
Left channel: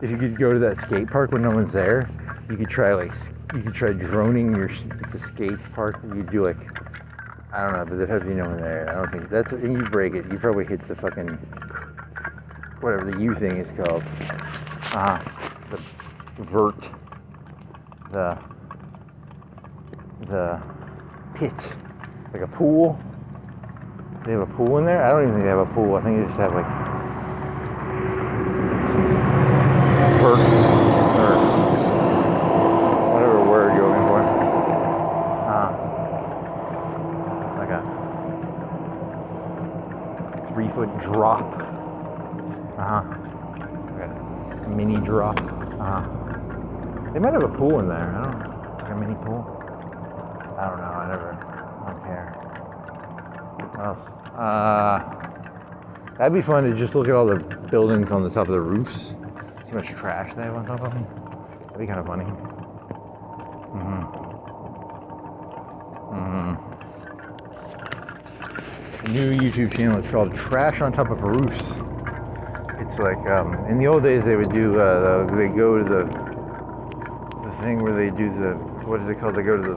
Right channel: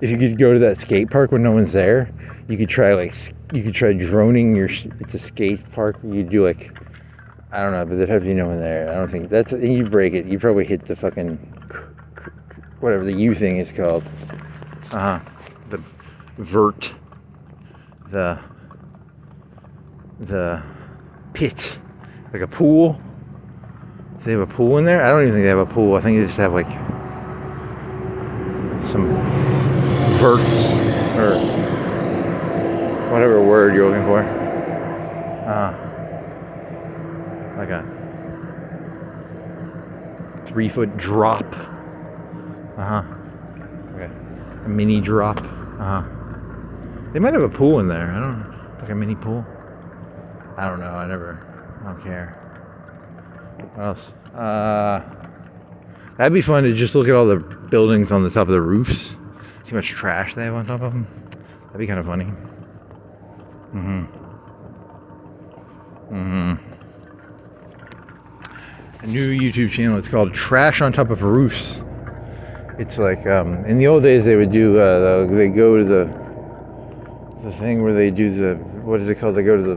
If you could go to that skate park when no one's there, you could try droning it's a skate park. You do like, I don't know, but there'd have to be no one there. I don't think that's, and you break it. You probably hit the fucking, whatever the U thing is called. The vert. The pit. Like a pool. Do they have a pool in there? I don't even think they have a pool. I think they just have like some verts or whatever word you're looking for. Like a 3-foot drop. Okay. A mini drop. They might have a pool in there. I don't know. Like a mini pool. I don't know. I don't care. What else? That'd be fun to just look at all the buildings on the top of the roofs. See how much trash they have on top of them. That'd be kind of funny. A new YouTube channel. It's called Trash on Top of Roofs. It's like in the old days they would do. They go to the thing where they do the, what is it called? They go to the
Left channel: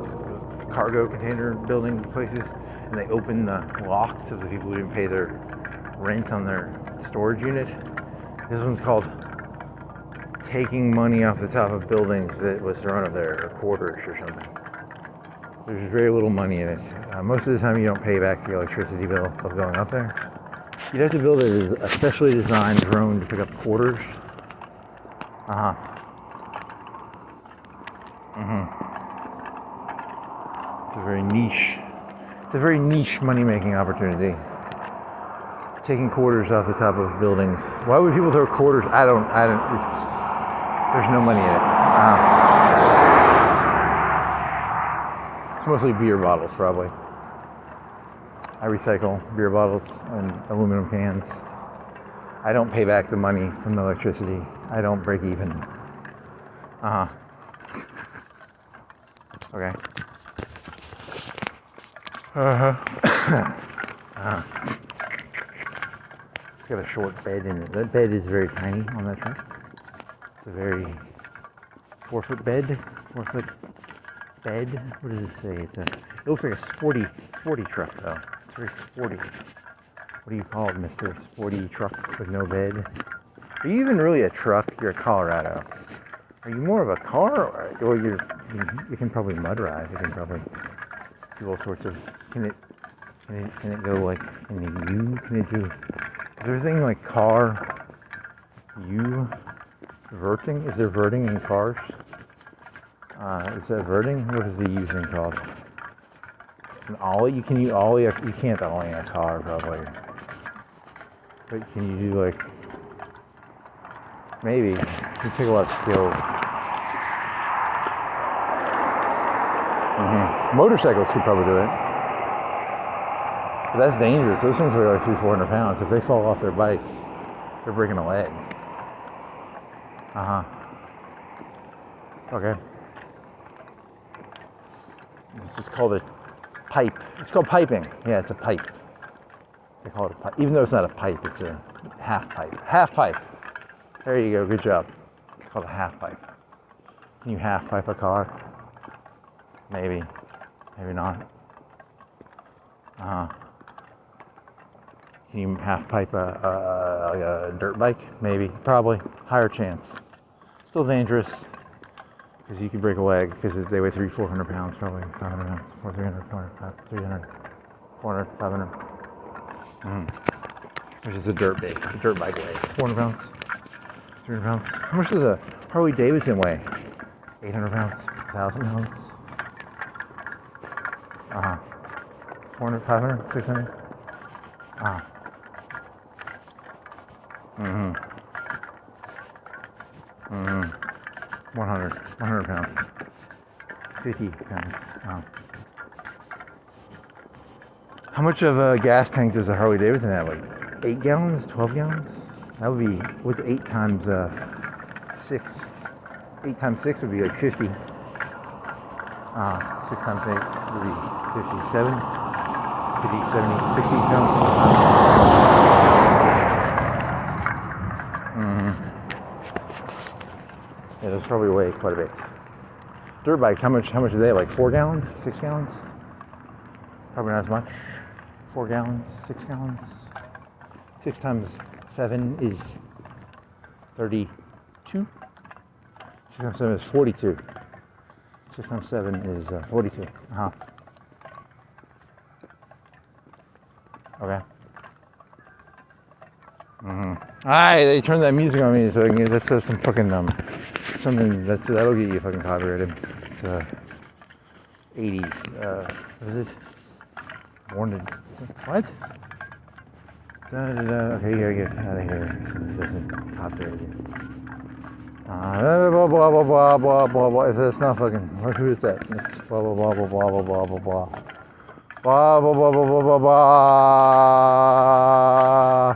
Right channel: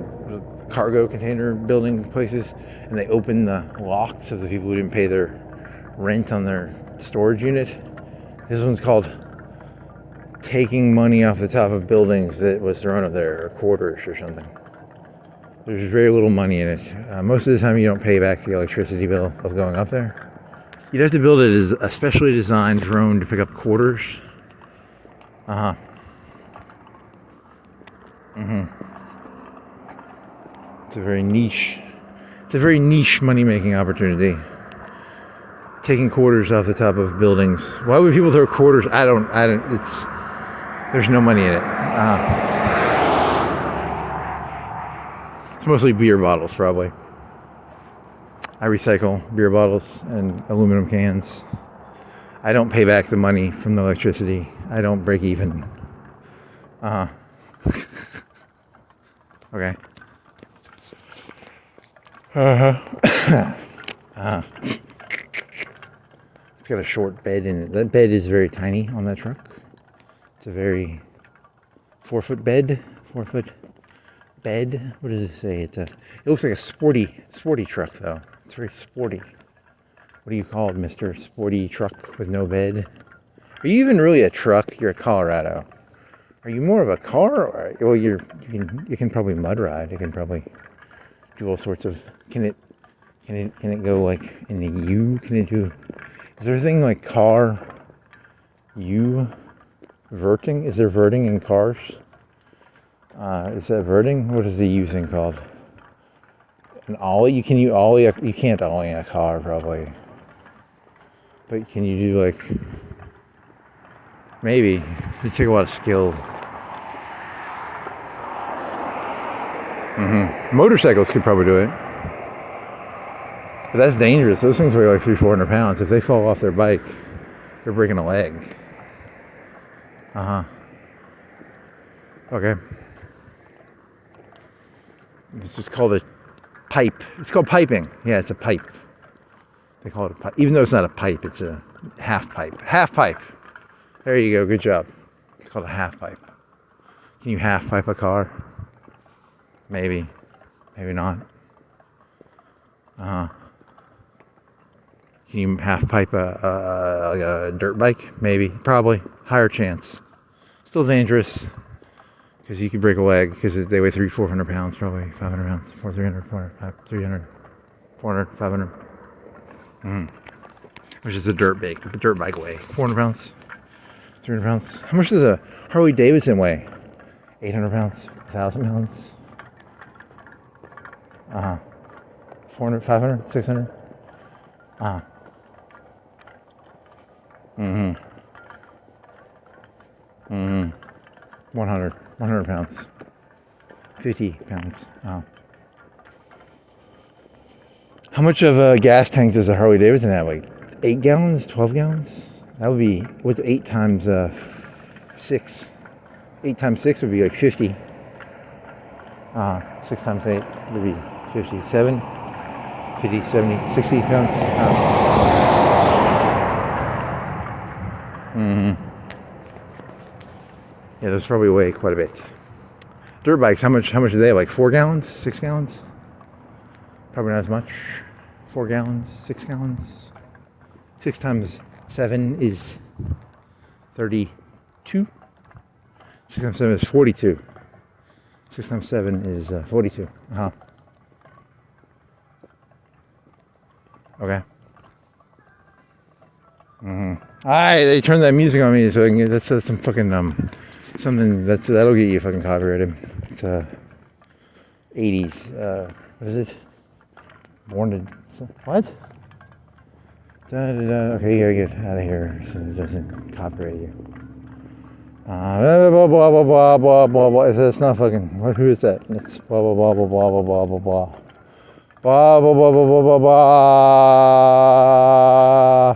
cargo container building places, and they open the locks of the people who didn't pay their rent on their storage unit. This one's called taking money off the top of buildings that was thrown up there, or quarters or something. There's very little money in it. Most of the time you don't pay back the electricity bill of going up there. You'd have to build it as a specially designed drone to pick up quarters. It's a very niche money-making opportunity. Taking quarters off the top of buildings. Why would people throw quarters? I don't, there's no money in it. It's mostly beer bottles, probably. I recycle beer bottles and aluminum cans. I don't pay back the money from the electricity. I don't break even. Okay. It's got a short bed in it. That bed is very tiny on that truck. It's a very 4-foot bed. 4-foot bed. What does it say? It looks like a sporty truck though. It's very sporty. What do you call it, Mr. Sporty Truck with no bed? Are you even really a truck? You're a Colorado. Are you more of a car? Or, well, you can probably mud ride. You can probably do all sorts of. Can it go like in the U? Can it do? Is there a thing like car U verting? Is there verting in cars? Is that verting? What is the U thing called? An ollie? You can't ollie a car probably. But can you do like, maybe, it'd take a lot of skill. Motorcycles could probably do it. But that's dangerous. Those things weigh like 300-400 pounds. If they fall off their bike, they're breaking a leg. Okay. It's just called a pipe. It's called piping. Yeah, it's a pipe. They call it a pipe. Even though it's not a pipe, it's a half pipe. Half pipe. There you go. Good job. It's called a half pipe. Can you half pipe a car? Maybe. Maybe not. Can you half pipe a dirt bike? Maybe. Probably. Higher chance. Still dangerous. Because you could break a leg. Because they weigh 300-400 pounds. Probably 500 pounds. 300, 400, 300, 400, 500. Which is a dirt bike weigh 400 pounds, 300 pounds. How much does a Harley Davidson weigh? 800 pounds, 1,000 pounds. 400, 500, 600. 100 pounds, 50 pounds. How much of a gas tank does a Harley Davidson have? Like 8 gallons, 12 gallons? That would be, what's 8 times 6? 8 times 6 would be like 50. 6 times 8 would be 50, 70, 50, 70, 60 pounds. Yeah, those probably weigh quite a bit. Dirt bikes, how much do they have? Like 4 gallons, 6 gallons? Probably not as much. 4 gallons, 6 gallons. 6 times 7 is 32. 6 times 7 is 42. 6 times 7 is 42. Okay. Alright, they turned that music on me so I can get, that's some fucking something that'll get you fucking copyrighted. It's 80s. What is it? Born to what? Okay, you gotta get out of here so it doesn't copyright you. Blah blah blah blah blah blah blah. It's not fucking. Who is that? It's blah blah blah blah blah blah blah blah blah. Blah blah blah blah blah blah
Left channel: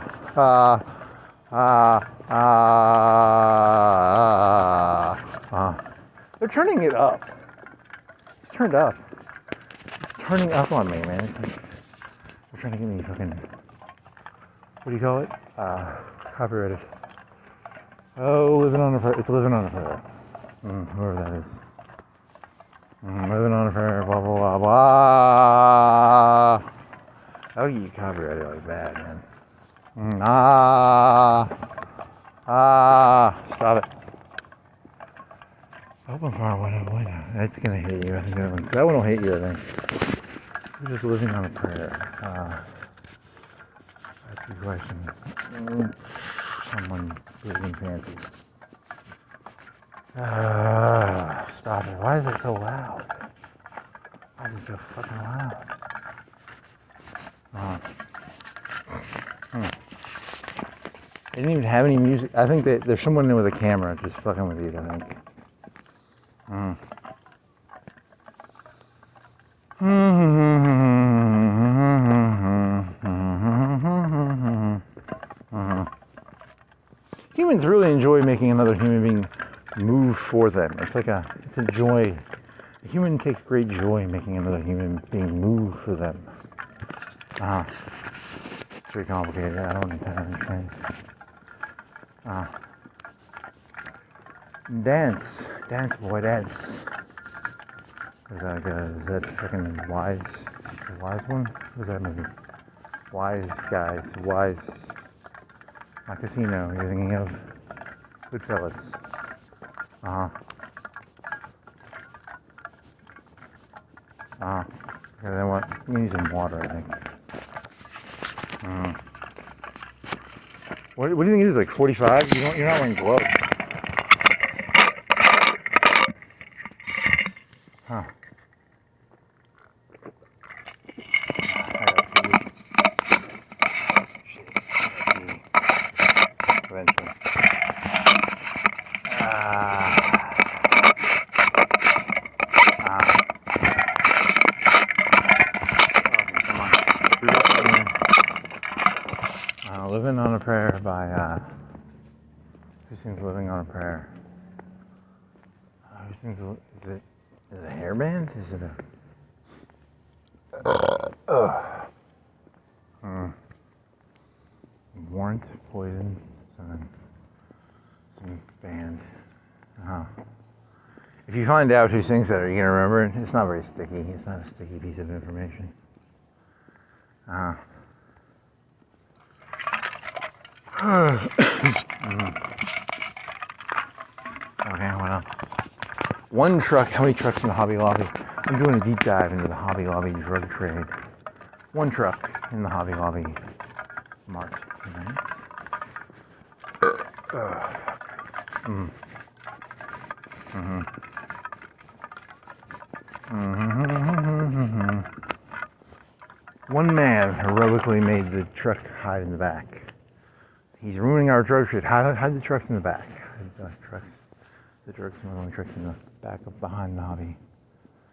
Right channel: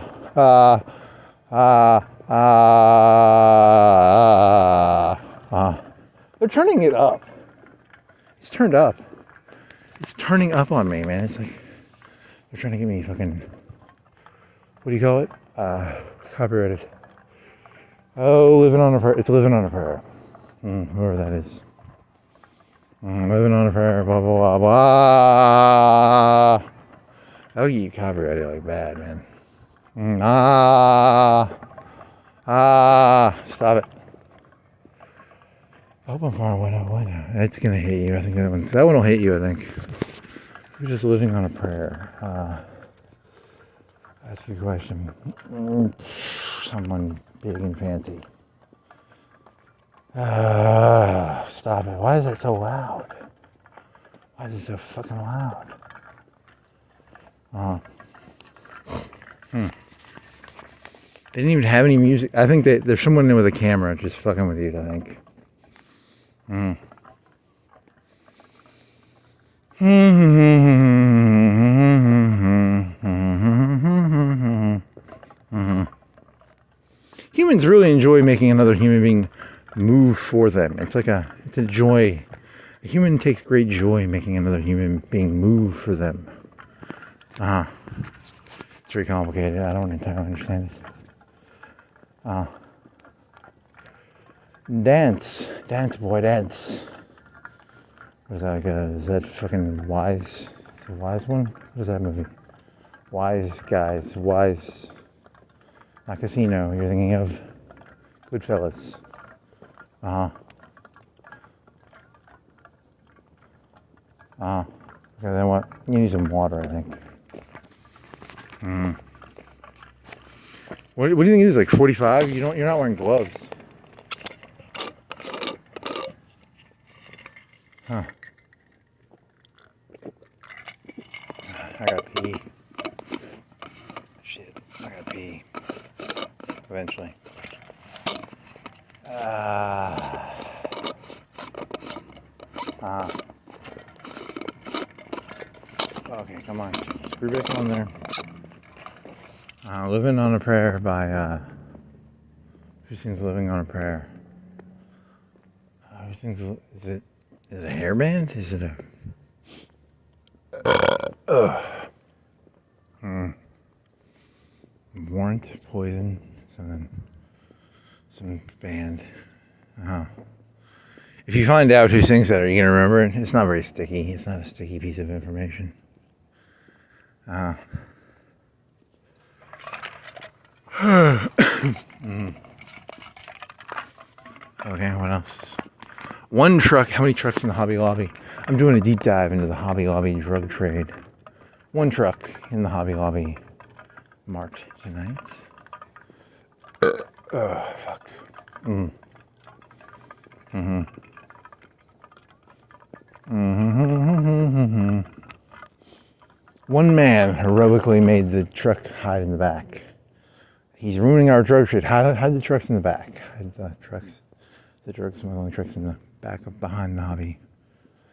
blah. They're turning it up. It's turned up. It's turning up on me, man. It's like they're trying to get me fucking. What do you call it? Copyrighted. Oh, living on a prayer. It's living on a prayer. Whoever that is. Living on a prayer. Blah blah blah blah. That'll get you copyrighted like bad, man. Stop it. Open fire, what? It's gonna hit you. I think that one will hit you. I think. We're just living on a prayer. That's a good question. Someone breathing fancy. Stop it. Why is it so loud? Why is it so fucking loud? They didn't even have any music. I think there's someone in with a camera just fucking with you, I think. Humans really enjoy making another human being move for them. It's a joy. A human takes great joy in making another human being move for them. It's very complicated. I don't entirely understand. Dance, boy, dance. Is that freaking Wise? The Wise one? What is that movie? Wise Guys, Wise. Not Casino. You're thinking of Goodfellas. Okay, then what? You need some water, I think. What do you think it is? Like 45? You're not wearing gloves. Huh. I gotta pee. Shit, I gotta pee. Eventually. Come on. Screw this on there. Living on a Prayer by, who sings Living on a Prayer? Is it a hair band? Is it a... Warrant, Poison, some band. If you find out who sings that, are you going to remember it? It's not very sticky. It's not a sticky piece of information. Okay, what else? One truck. How many trucks in the Hobby Lobby? I'm doing a deep dive into the Hobby Lobby drug trade. One truck in the Hobby Lobby mart tonight. Fuck. One man heroically made the truck hide in the back. He's ruining our drug trade. Hide the trucks in the back. Hide the trucks. The drugs are the only trucks in the back of behind the Hobby.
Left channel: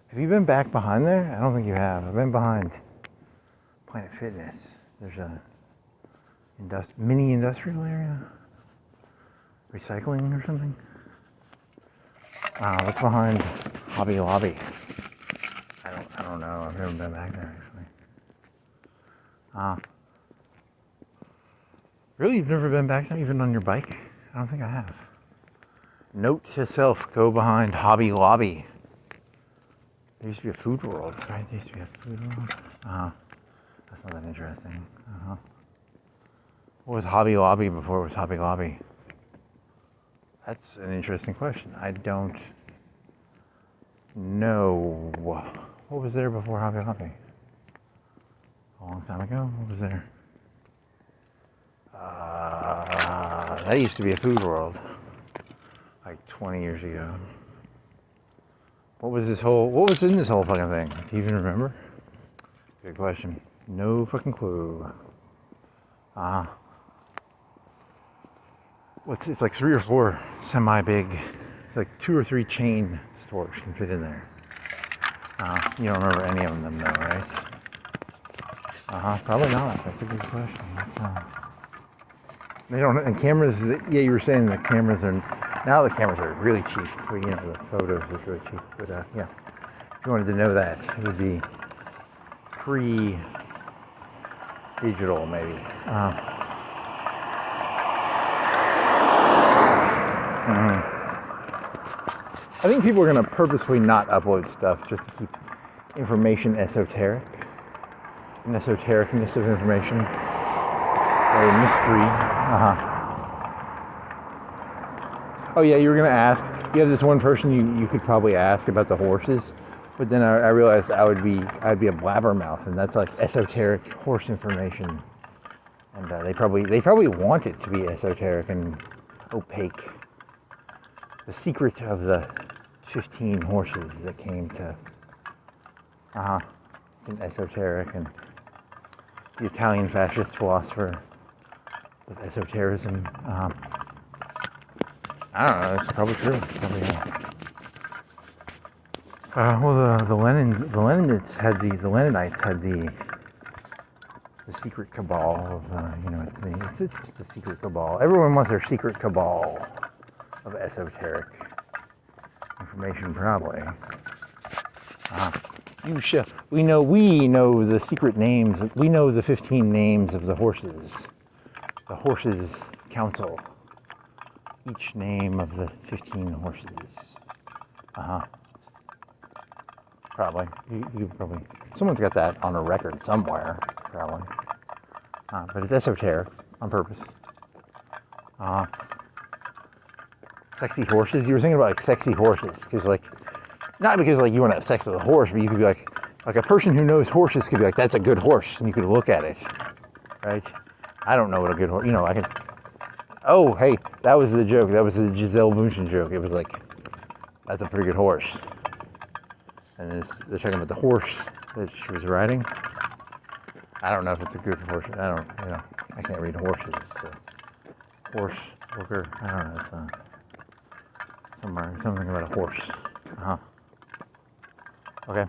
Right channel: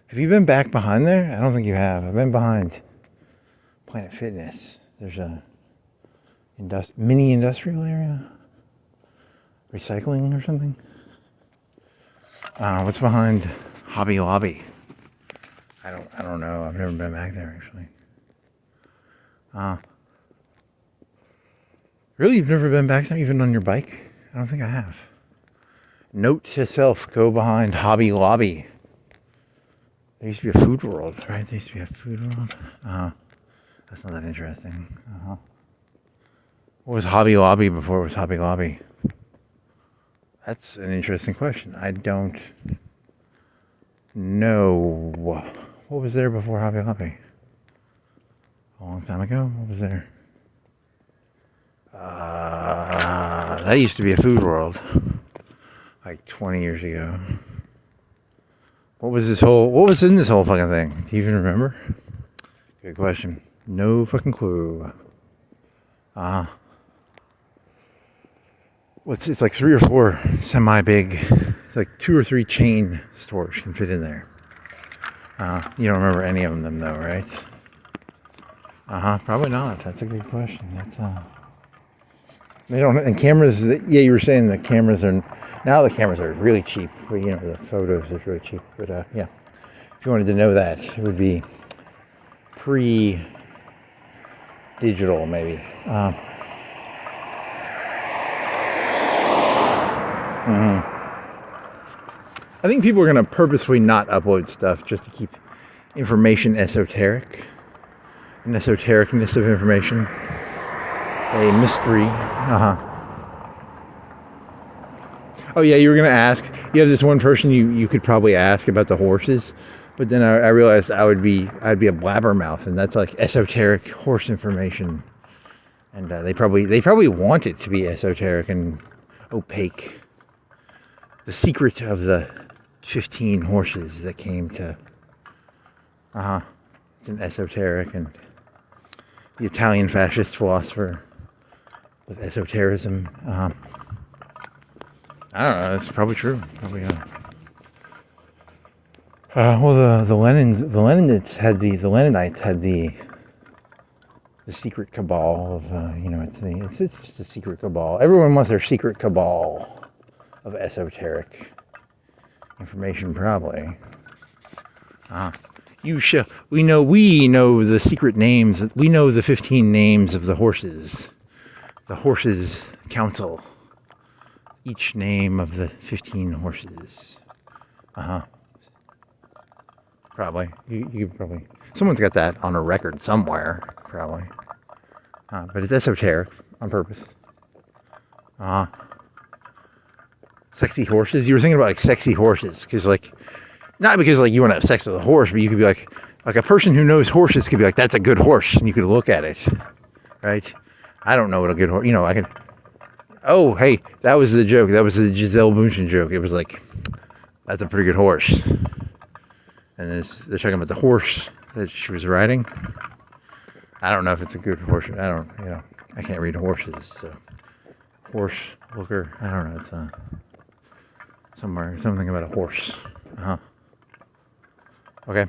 Have you been back behind there? I don't think you have. I've been behind Planet Fitness. There's a mini industrial area. Recycling or something. What's behind Hobby Lobby? I don't know. I've never been back there actually. Really? You've never been back there, even on your bike? I don't think I have. Note to self, go behind Hobby Lobby. There used to be a Food World, right? There used to be a Food World. That's not that interesting. What was Hobby Lobby before it was Hobby Lobby? That's an interesting question. I don't know. What was there before Hobby Lobby? A long time ago? What was there? That used to be a Food World. Like 20 years ago. What was in this whole fucking thing? Do you even remember? Good question. No fucking clue. It's like 3 or 4 semi-big, it's like 2 or 3 chain stores can fit in there. You don't remember any of them though, right? Probably not. That's a good question. They don't, and cameras, yeah, you were saying the cameras are, now the cameras are really cheap. For, you know, the photos are really cheap. But yeah, if you wanted to know that, it would be pre-digital maybe. I think people are going to purposefully not upload stuff just to keep information esoteric. An esotericness of information. A mystery. Oh yeah, you were going to ask. You have this one person you could probably ask about the horses. But then I realized I'd be a blabbermouth, and that's like esoteric horse information. And they probably want it to be esoteric and opaque. The secret of the 15 horses that came to. It's an esoteric, and the Italian fascist philosopher with esotericism. I don't know. It's probably true. Probably. Well, the Leninites had the secret cabal of you know, it's just a secret cabal. Everyone wants their secret cabal of esoteric information, probably. We know the secret names. We know the 15 names of the horses. The horses council. Each name of the 15 horses. Probably. You probably. Someone's got that on a record somewhere, probably. But it's esoteric on purpose. Sexy horses. You were thinking about like sexy horses, because like, not because like you want to have sex with a horse, but you could be like a person who knows horses could be like, that's a good horse, and you could look at it, right? I don't know what a good horse. You know, I can. Oh, hey, that was the joke. That was the Giselle Bundchen joke. It was like, that's a pretty good horse. And then they're talking about the horse that she was riding. I don't know if it's a good horse. I can't read horses. So. Horse looker. I don't know. It's something about a horse. Okay.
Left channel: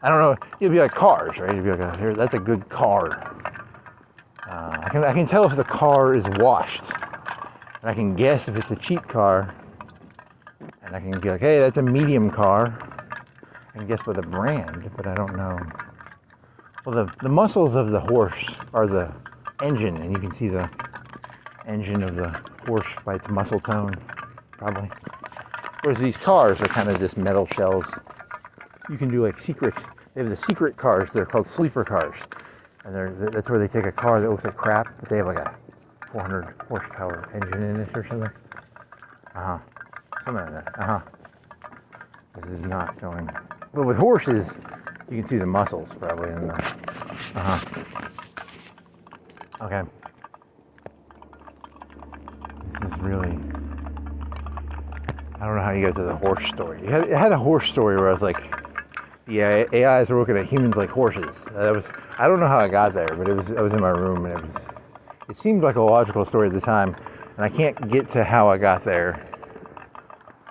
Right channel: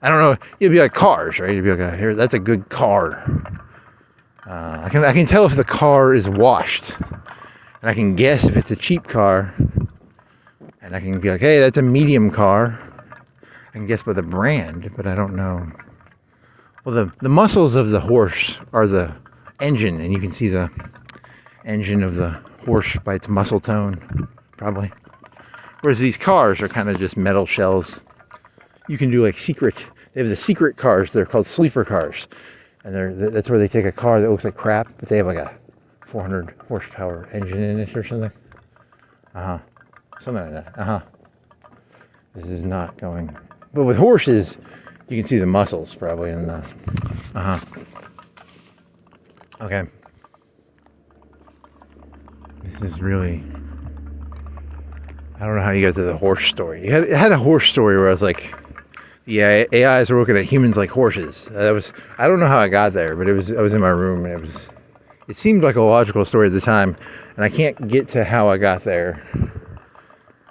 I don't know. You'd be like cars, right? You'd be like, here, that's a good car. I can tell if the car is washed, and I can guess if it's a cheap car, and I can be like, hey, that's a medium car. I can guess by the brand, but I don't know. Well, the muscles of the horse are the engine, and you can see the engine of the horse by its muscle tone, probably. Whereas these cars are kind of just metal shells. You can do like they have the secret cars. They're called sleeper cars. And that's where they take a car that looks like crap, but they have like a 400 horsepower engine in it or something. Something like that. This is not going. But with horses, you can see the muscles probably in the. Okay. This is really. I don't know how you got to the horse story. It had a horse story where I was like, yeah, AIs are looking at humans like horses. I don't know how I got there, but I was in my room, and it seemed like a logical story at the time, and I can't get to how I got there.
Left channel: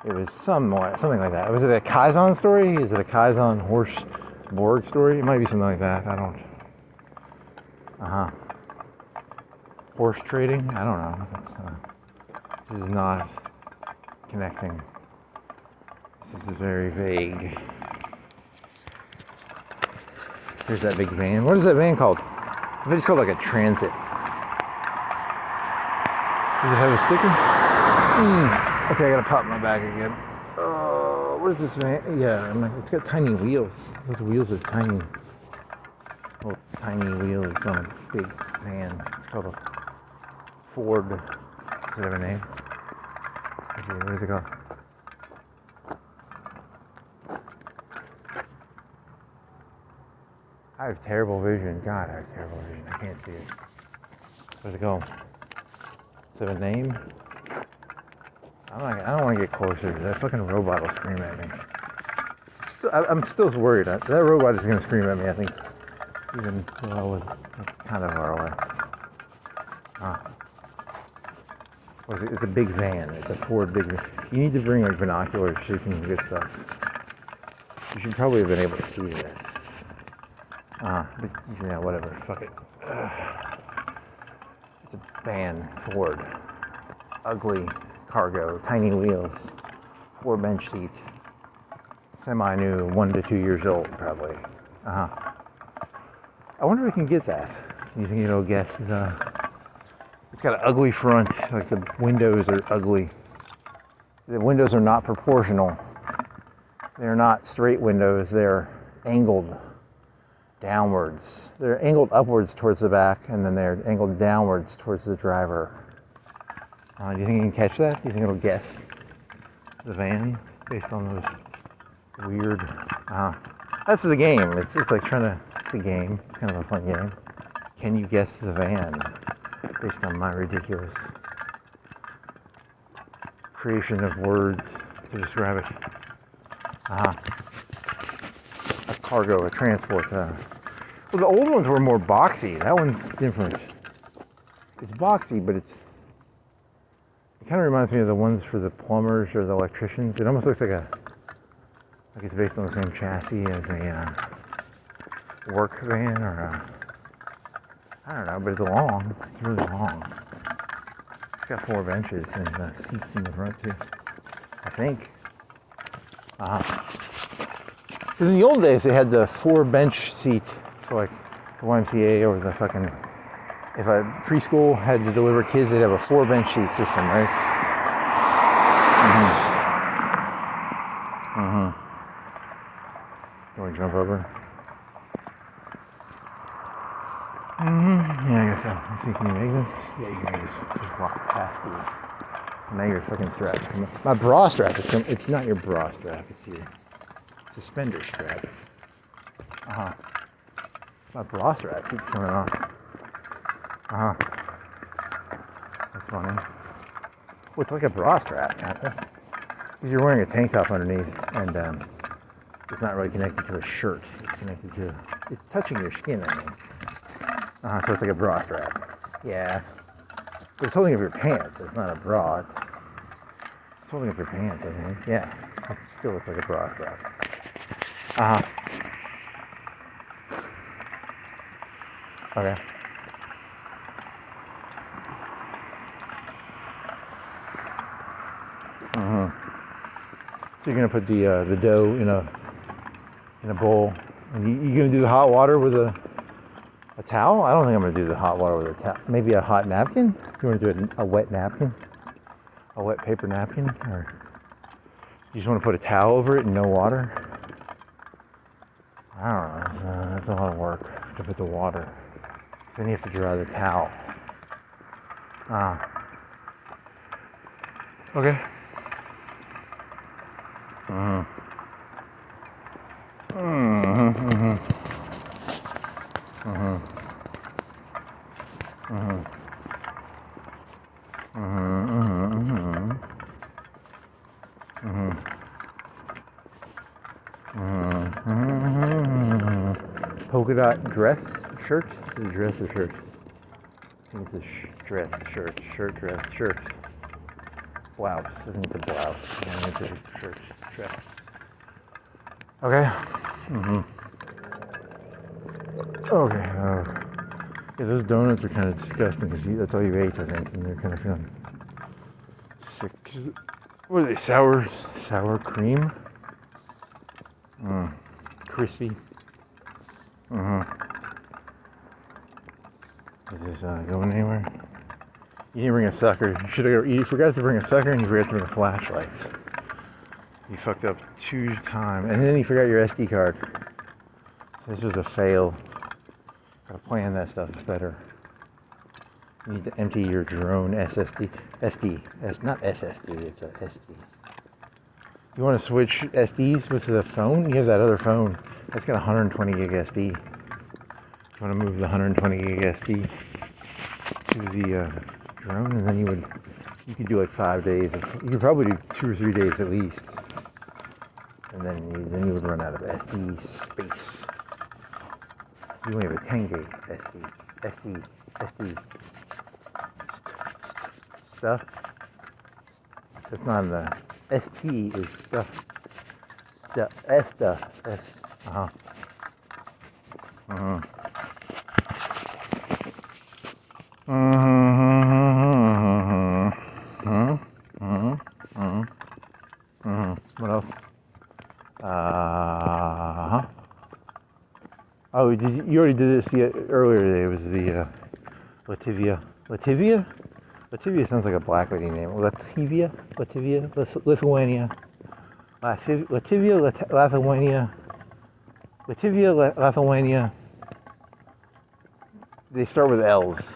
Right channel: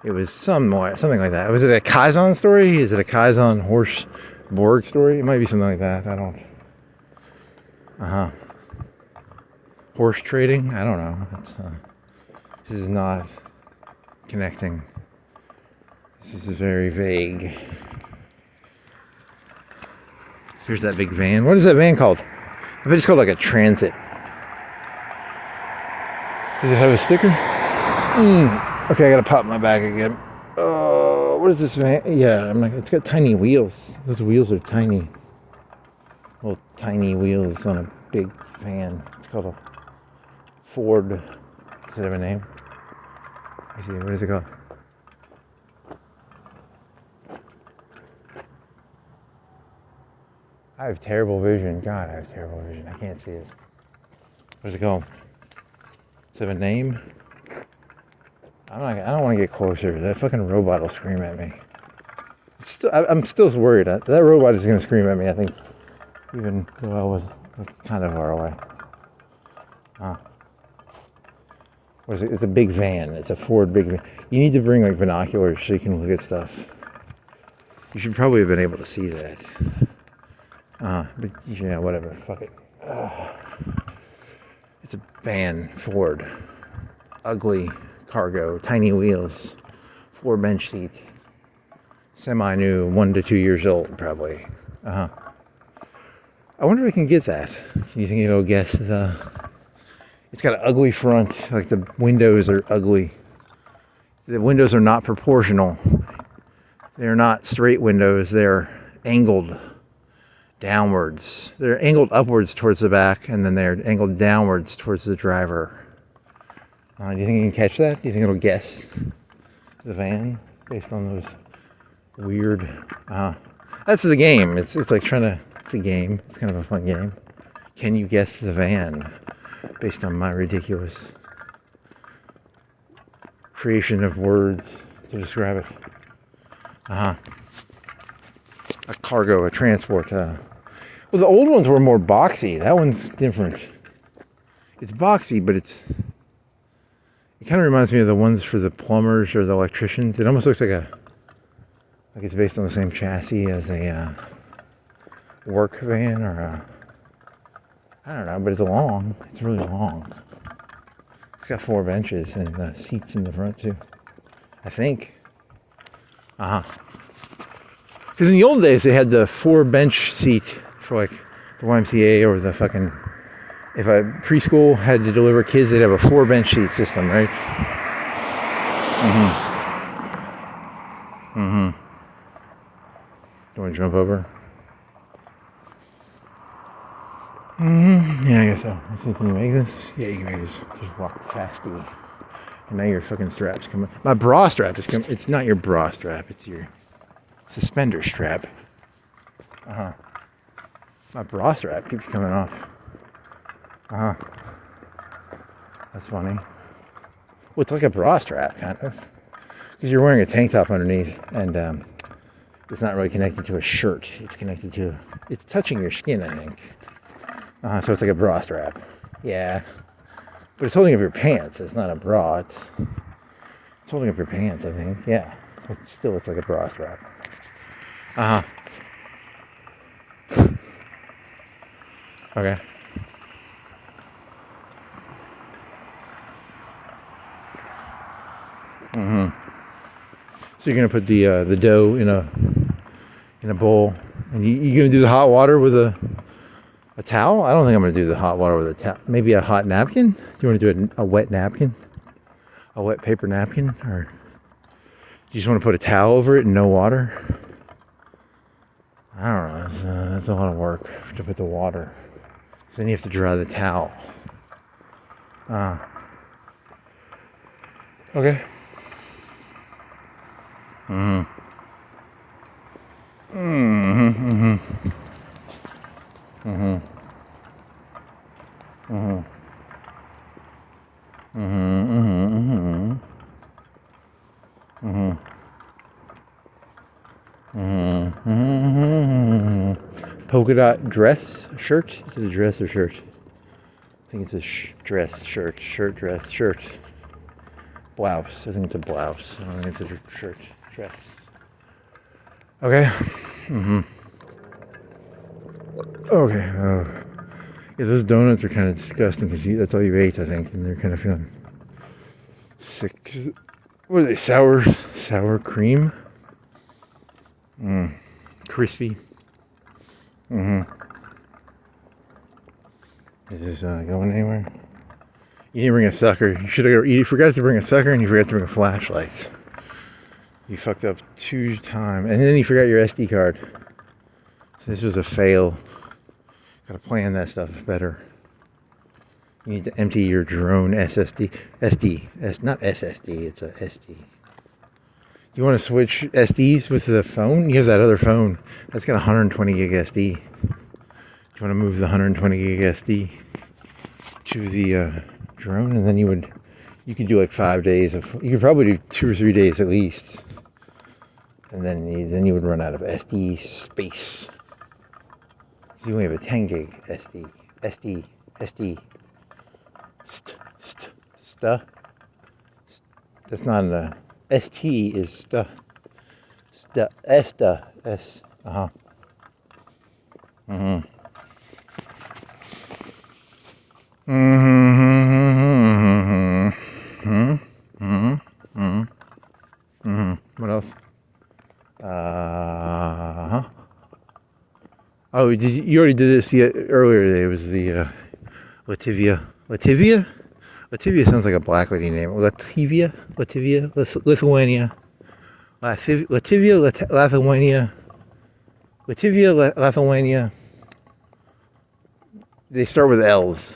It was something like that. Was it a Kaizen story? Is it a Kaizen horse Borg story? It might be something like that. I don't. Horse trading? I don't know. This is not connecting. This is very vague. Here's that big van. What is that van called? I bet it's called like a transit. Does it have a sticker? Okay, I gotta pop my bag again. What is this van? Yeah, it's got tiny wheels. Those wheels are tiny. Little tiny wheels on a big van. It's called a Ford. Does it have a name? Let's see, what is it called? I have terrible vision. God, I have terrible vision. I can't see it. What's it called? Does it have a name? I don't want to get closer. That fucking robot will scream at me. I'm still worried. That robot is going to scream at me, I think. Even though I was kind of far away. What is it? It's a big van. It's a Ford big van. You need to bring like binoculars so you can get stuff. You should probably have been able to see that. But yeah, whatever. Fuck it. It's a van, Ford. Ugly cargo, tiny wheels, 4 bench seat. Semi-new, 1 to 2 years old, probably. I wonder if I can get that. You think it'll guess the... It's got an ugly front, like the windows are ugly. The windows are not proportional. They're not straight windows, they're angled downwards. They're angled upwards towards the back, and then they're angled downwards towards the driver. Do you think you can catch that? Do you think it'll guess the van based on those weird... That's the game. It's like trying to... It's a game. It's kind of a fun game. Can you guess the van based on my ridiculous creation of words to describe it? A cargo, a transport. Well, the old ones were more boxy. That one's different. It's boxy, but it kind of reminds me of the ones for the plumbers or the electricians. It almost looks like it's based on the same chassis as a work van or I don't know, but it's long. It's really long. It's got 4 benches and seats in the front too, I think. Because in the old days they had the 4 bench seat for like the YMCA or the fucking... If a preschool had to deliver kids, they'd have a 4 bench seat system, right? You want to jump over? Yeah, I guess so. Can you make this? Yeah, you can make this. Just walk fasty. Now your fucking strap's coming. My bra strap is coming. It's not your bra strap. It's your suspender strap. My bra strap keeps coming off. That's funny. Well, it's like a bra strap, kind of. Because you're wearing a tank top underneath, and it's not really connected to a shirt. It's connected to... It's touching your skin, I think. So it's like a bra strap. Yeah. But it's holding up your pants. It's not a bra. It's holding up your pants, I think. Yeah. But still, it's like a bra strap. Okay. So you're gonna put the dough in a bowl, and you're gonna do the hot water with a towel? I don't think I'm gonna do the hot water with a towel. Maybe a hot napkin? Do you want to do a wet napkin? A wet paper napkin? Or you just want to put a towel over it and no water? I don't know. That's a lot of work to put the water. So then you have to dry the towel. Okay. Polka dot dress shirt? Is it a dress or shirt? I think it's a dress shirt. Shirt. Blouse. I think it's a blouse. I think it's a shirt. Dress. Okay. Okay. Yeah, those donuts are kind of disgusting because that's all you ate, I think, and they're kind of feeling sick. What are they? Sour cream? Crispy. Is this going anywhere? You didn't bring a sucker. You forgot to bring a sucker, and you forgot to bring a flashlight. You fucked up 2 times, and then you forgot your SD card. So this was a fail. Gotta plan that stuff better. You need to empty your drone SSD. Not SSD, it's a SD. You want to switch SDs with the phone? You have that other phone. That's got 120 gig SD. You want to move the 120 gig SD to the drone, and then you could do like 5 days you could probably do 2 or 3 days at least, and then you would run out of SD space. So you only have a 10 gig SD. Stuff. That's not an ST is stuff. Esta. S. Mm-hmm. What else? Oh, you already did this earlier today. It was the Latvia. Latvia? Latvia sounds like a black lady name. Latvia? Lithuania. Lithuania. They start with L's.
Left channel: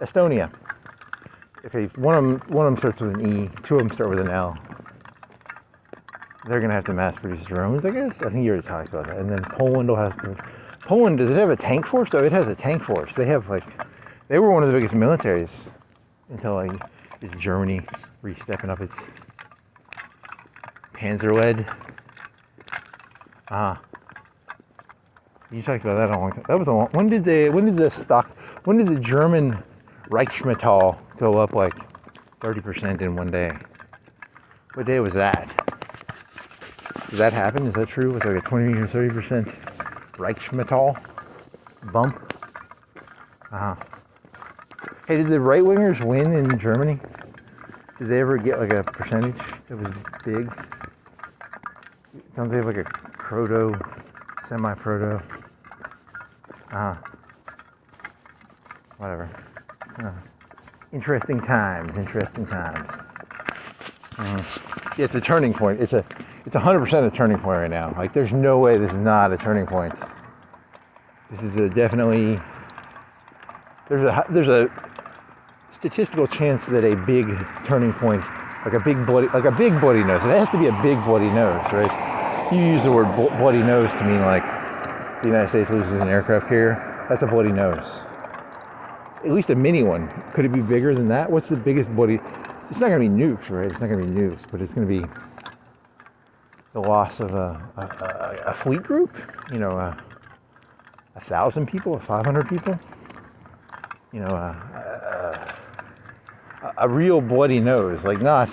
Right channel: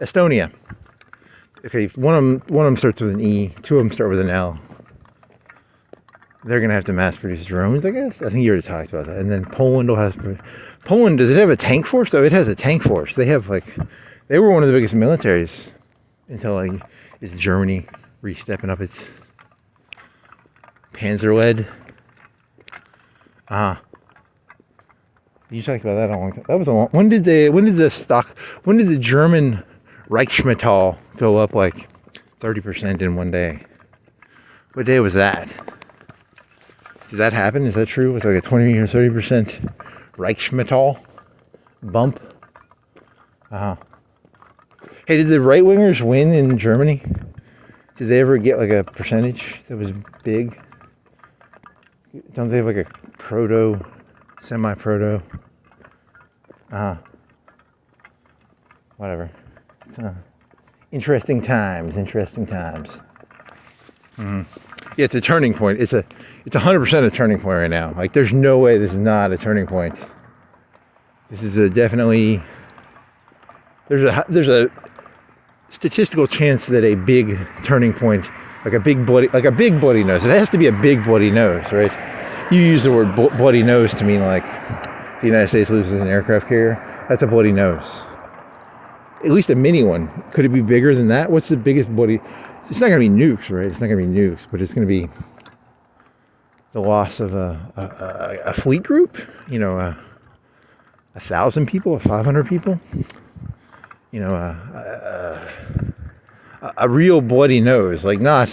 Estonia. Okay, one of them starts with an E. Two of them start with an L. They're gonna have to mass produce drones, I guess. I think you already talked about that. And then Poland will have. Poland, does it have a tank force? Oh, it has a tank force. They have they were one of the biggest militaries until is Germany re-stepping up its Panzer-led. You talked about that a long time. That was a long. When did the German Reichsmetall go up 30% in one day? What day was that? Did that happen? Is that true? Was a 20 or 30% Reichsmetall bump? Hey, did the right wingers win in Germany? Did they ever get a percentage that was big? Don't they have a proto, semi-proto? Whatever. Interesting times. Yeah, it's a turning point. It's 100% a turning point right now. There's no way this is not a turning point. This is definitely. There's a statistical chance that a big turning point, like a big bloody nose. It has to be a big bloody nose, right? You use the word bloody nose to mean the United States loses an aircraft carrier. That's a bloody nose. At least a mini one. Could it be bigger than that? What's the biggest bloody? It's not going to be nukes, right? It's not going to be nukes, but it's going to be the loss of a fleet group. 1,000 people, 500 people. A real bloody nose, not.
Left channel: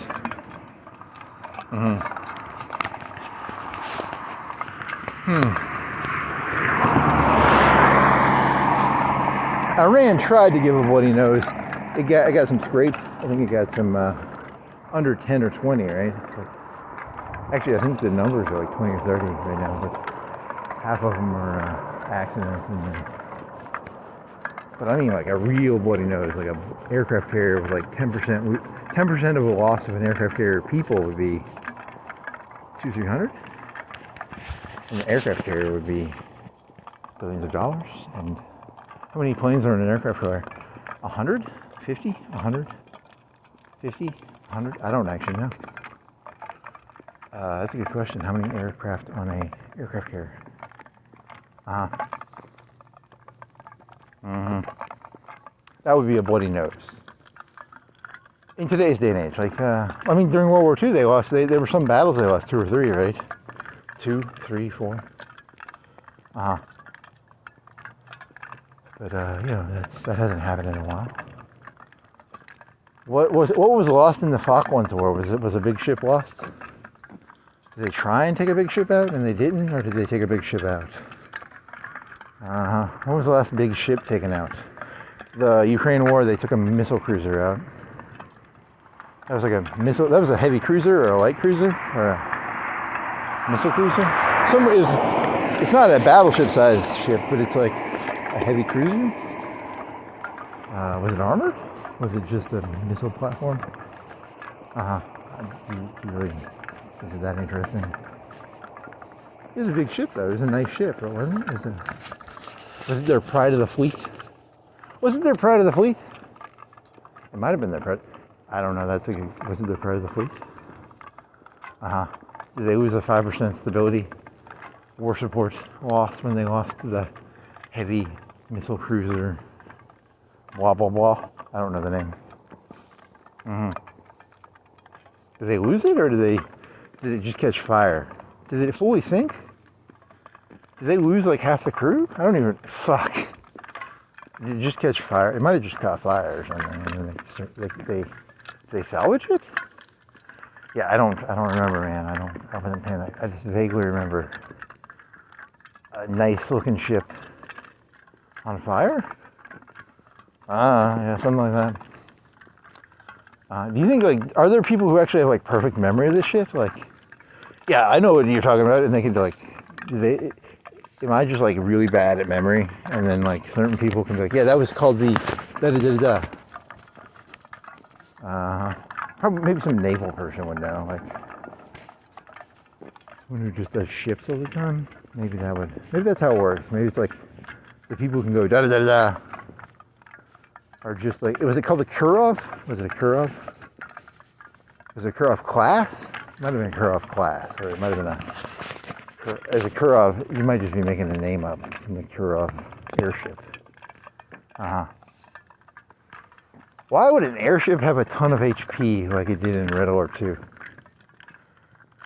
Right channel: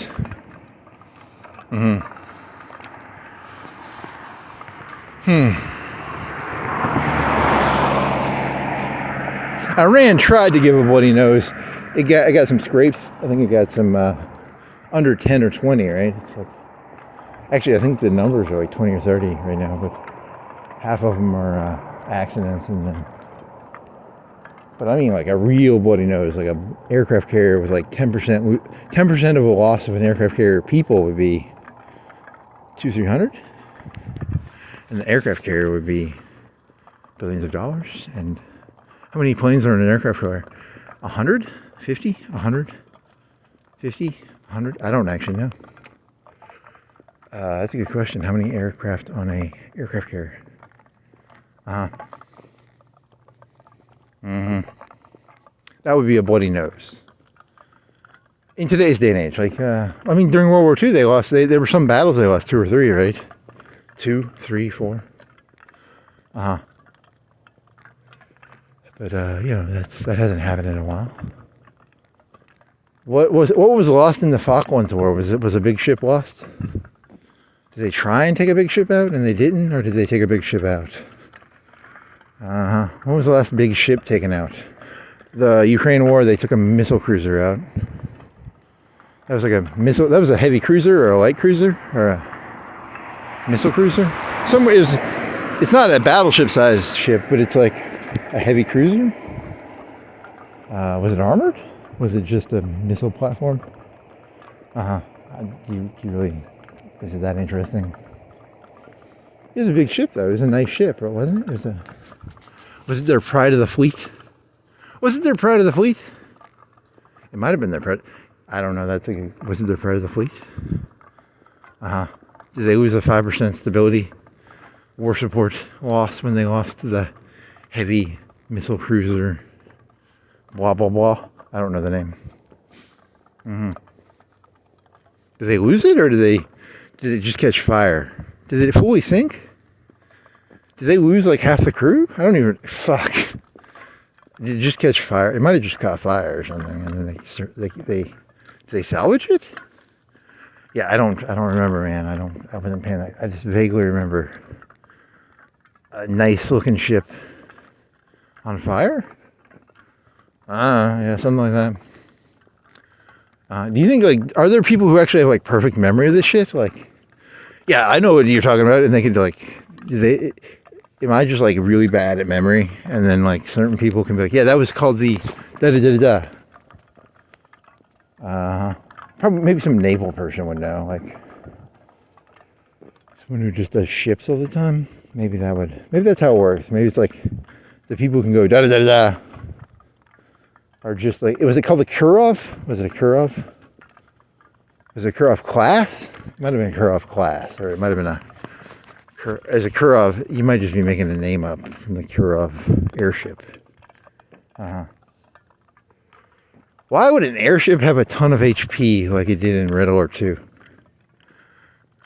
Iran tried to give a bloody nose. I got some scrapes. I think it got some under 10 or 20, right? Actually, I think the numbers are 20 or 30 right now, but half of them are accidents, but I mean a real bloody nose, a aircraft carrier with 10%. 10% of the loss of an aircraft carrier people would be 200-300, and the aircraft carrier would be billions of dollars. And how many planes are in an aircraft carrier? 100? 50? 100? 50? 100? I don't actually know. That's a good question. How many aircraft on a aircraft carrier? That would be a bloody nose. In today's day and age, during World War II, they lost. There were some battles they lost 2 or 3, right? 2, 3, 4. But that hasn't happened in a while. What was lost in the Falklands War? Was a big ship lost? Did they try and take a big ship out and they didn't, or did they take a big ship out? When was the last big ship taken out? The Ukraine War, they took a missile cruiser out. That was a missile. That was a heavy cruiser or a light cruiser or a missile cruiser. It's not a battleship-sized ship, but it's a heavy cruiser. Was it armored? Was it just a missile platform? Is it that interesting? It was a big ship, though. It was a nice ship, wasn't it? Was it their pride of the fleet? Was it their pride of the fleet? It might have been their pride. I don't know. Was it their pride of the fleet? Did they lose a 5% stability war support loss when they lost to the heavy missile cruiser? Blah blah blah. I don't know the name. Did they lose it, or did it just catch fire? Did it fully sink? Did they lose half the crew? I don't even. Fuck. Did it just catch fire? It might have just caught fire or something. And then they salvage it? Yeah, I don't remember, man. I wasn't paying that. I just vaguely remember a nice looking ship on fire. Yeah, something like that. Do you think are there people who actually have perfect memory of this shit? Yeah, I know what you're talking about, and they can like, am I just like really bad at memory? And then like certain people can be like, yeah, that was called the da da da da da. Probably maybe some naval person would know, like someone who just does ships all the time. Maybe that's how it works. Maybe it's like the people who can go da da da da are just like, was it called the Kurov? Was it a Kurov? Was it a Kurov class? It might have been a Kurov class, or it might have been as a Kurov, you might just be making a name up from the Kurov airship. Why would an airship have a ton of HP like it did in Red Alert 2?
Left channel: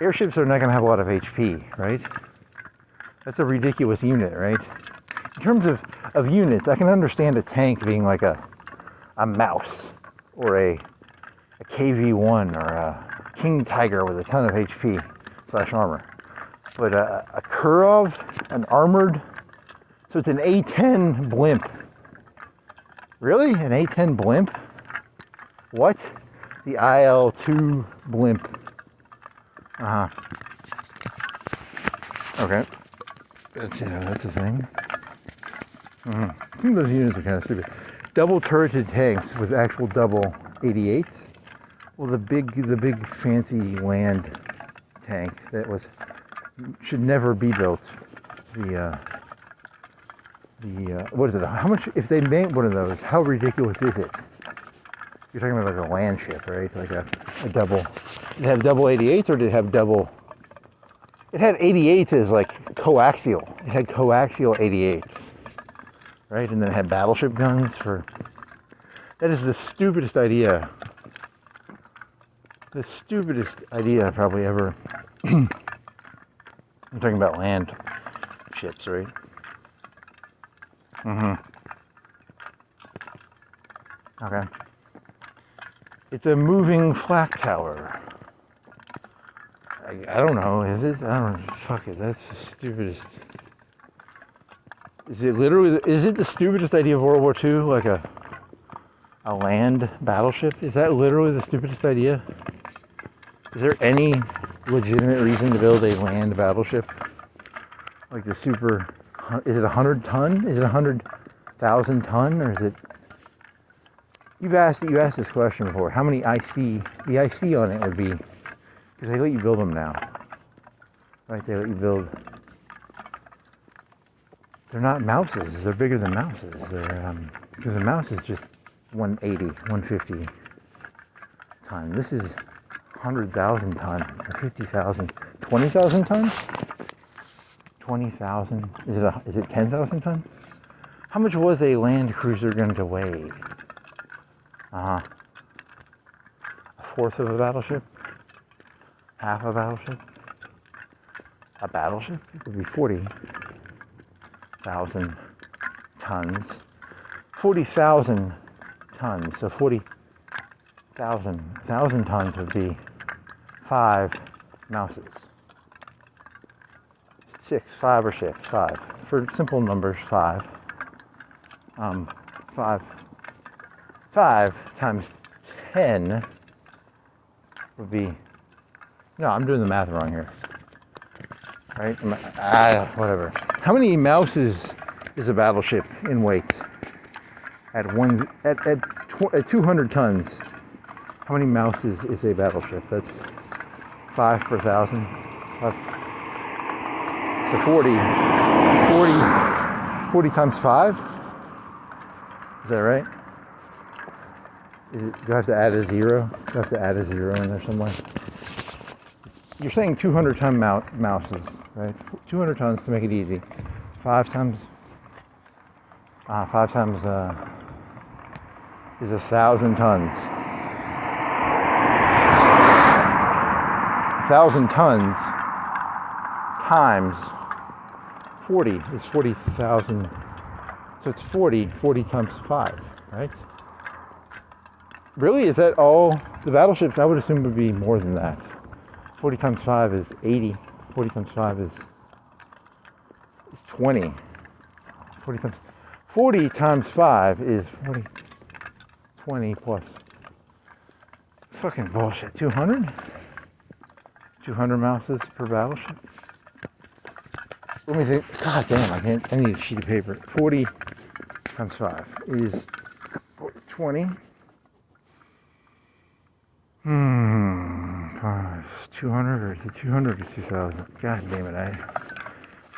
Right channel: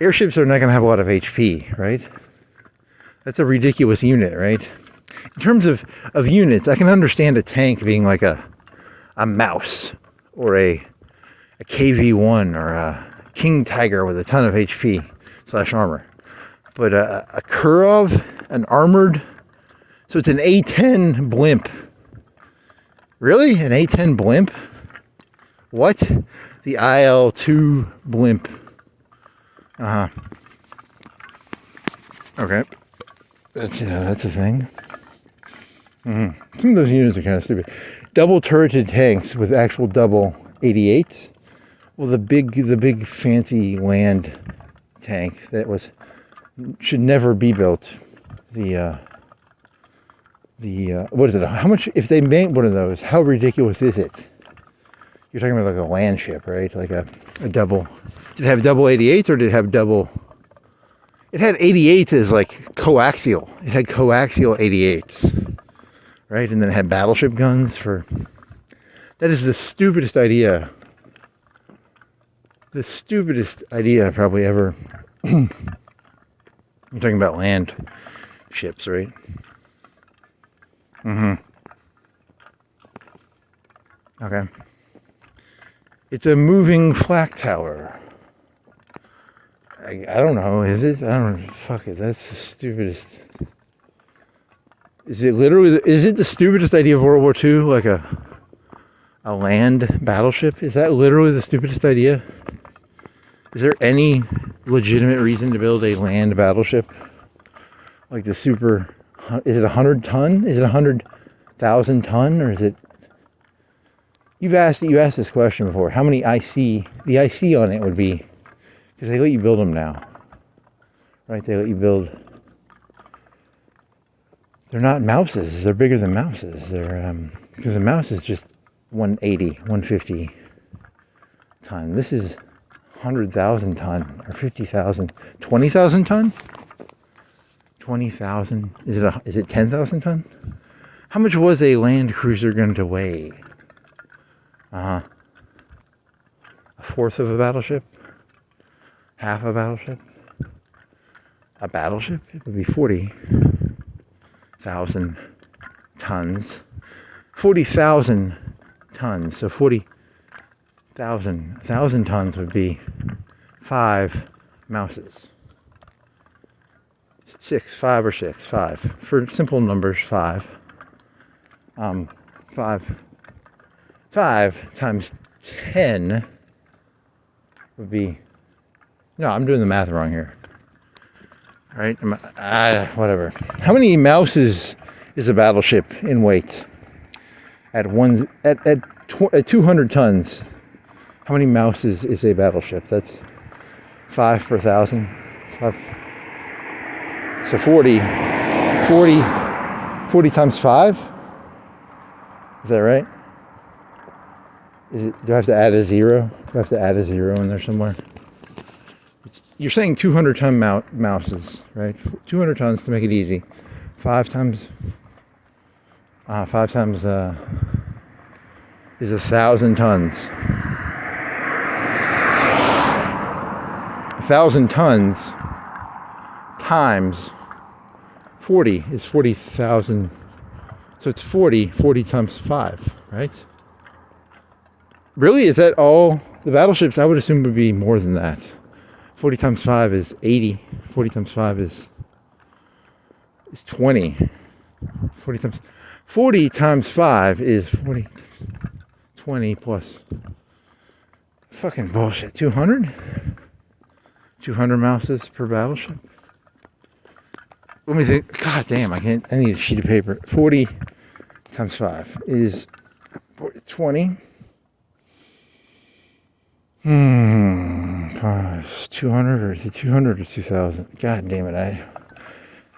Airships are not going to have a lot of HP, right? That's a ridiculous unit, right? In terms of units, I can understand a tank being like a mouse or a KV-1 or a King Tiger with a ton of HP / armor. But a Kurov, an armored, so it's an A-10 blimp. Really? An A-10 blimp? What? The IL-2 blimp. Okay. That's a thing. Some of those units are kind of stupid. Double turreted tanks with actual double 88s. Well, the big fancy land tank that should never be built. The what is it? How much, if they made one of those, how ridiculous is it? You're talking about like a land ship, right? Like a double. Did it have double 88s or did it have double? It had 88s as like coaxial. It had coaxial 88s, right? And then it had battleship guns for. That is the stupidest idea. The stupidest idea probably ever. I'm talking about land ships, right? Okay. It's a moving flak tower. I don't know, is it? I don't know. Fuck it, that's the stupidest. Is it the stupidest idea of World War II? Like a land battleship? Is that literally the stupidest idea? Is there any legitimate reason to build a land battleship? Like the super, is it 100 ton? Is it 100,000 ton? Or is it, you asked this question before, how many the IC on it would be, because they let you build them now, right? They let you build, they're not mouses, they're bigger than mouses. They're, because a mouse is just 180, 150 ton. This is 100,000 ton, or 50,000, 20,000 ton? 20,000, is it 10,000 ton? How much was a land cruiser going to weigh? A fourth of a battleship? Half a battleship? A battleship? It would be 40,000 tons. 40,000 tons. So 1,000 tons would be 5 mouses. 5 or 6. For simple numbers, 5. 5 times 10 would be, no, I'm doing the math wrong here. Right? Whatever. How many mouses is a battleship in weight? At 200 tons, how many mouses is a battleship? That's 5 per 1,000. 5. So 40 times 5? Is that right? Do I have to add a 0? Do I have to add a 0 in there somewhere? You're saying 200 ton mouses, right? 200 tons to make it easy. 5 times is 1,000 tons. 1,000 tons times 40 is 40,000. So it's 40 times 5, right? Really? Is that all? The battleships, I would assume, would be more than that. 40 times 5 is 80. 40 times 5 is 20. 40 times 5 is 40. 20 plus. Fucking bullshit. 200? 200 mouses per battleship. Let me think. God damn, I need a sheet of paper. 40 times 5 is 20. 200, or is it 200 or 2,000? God damn it, I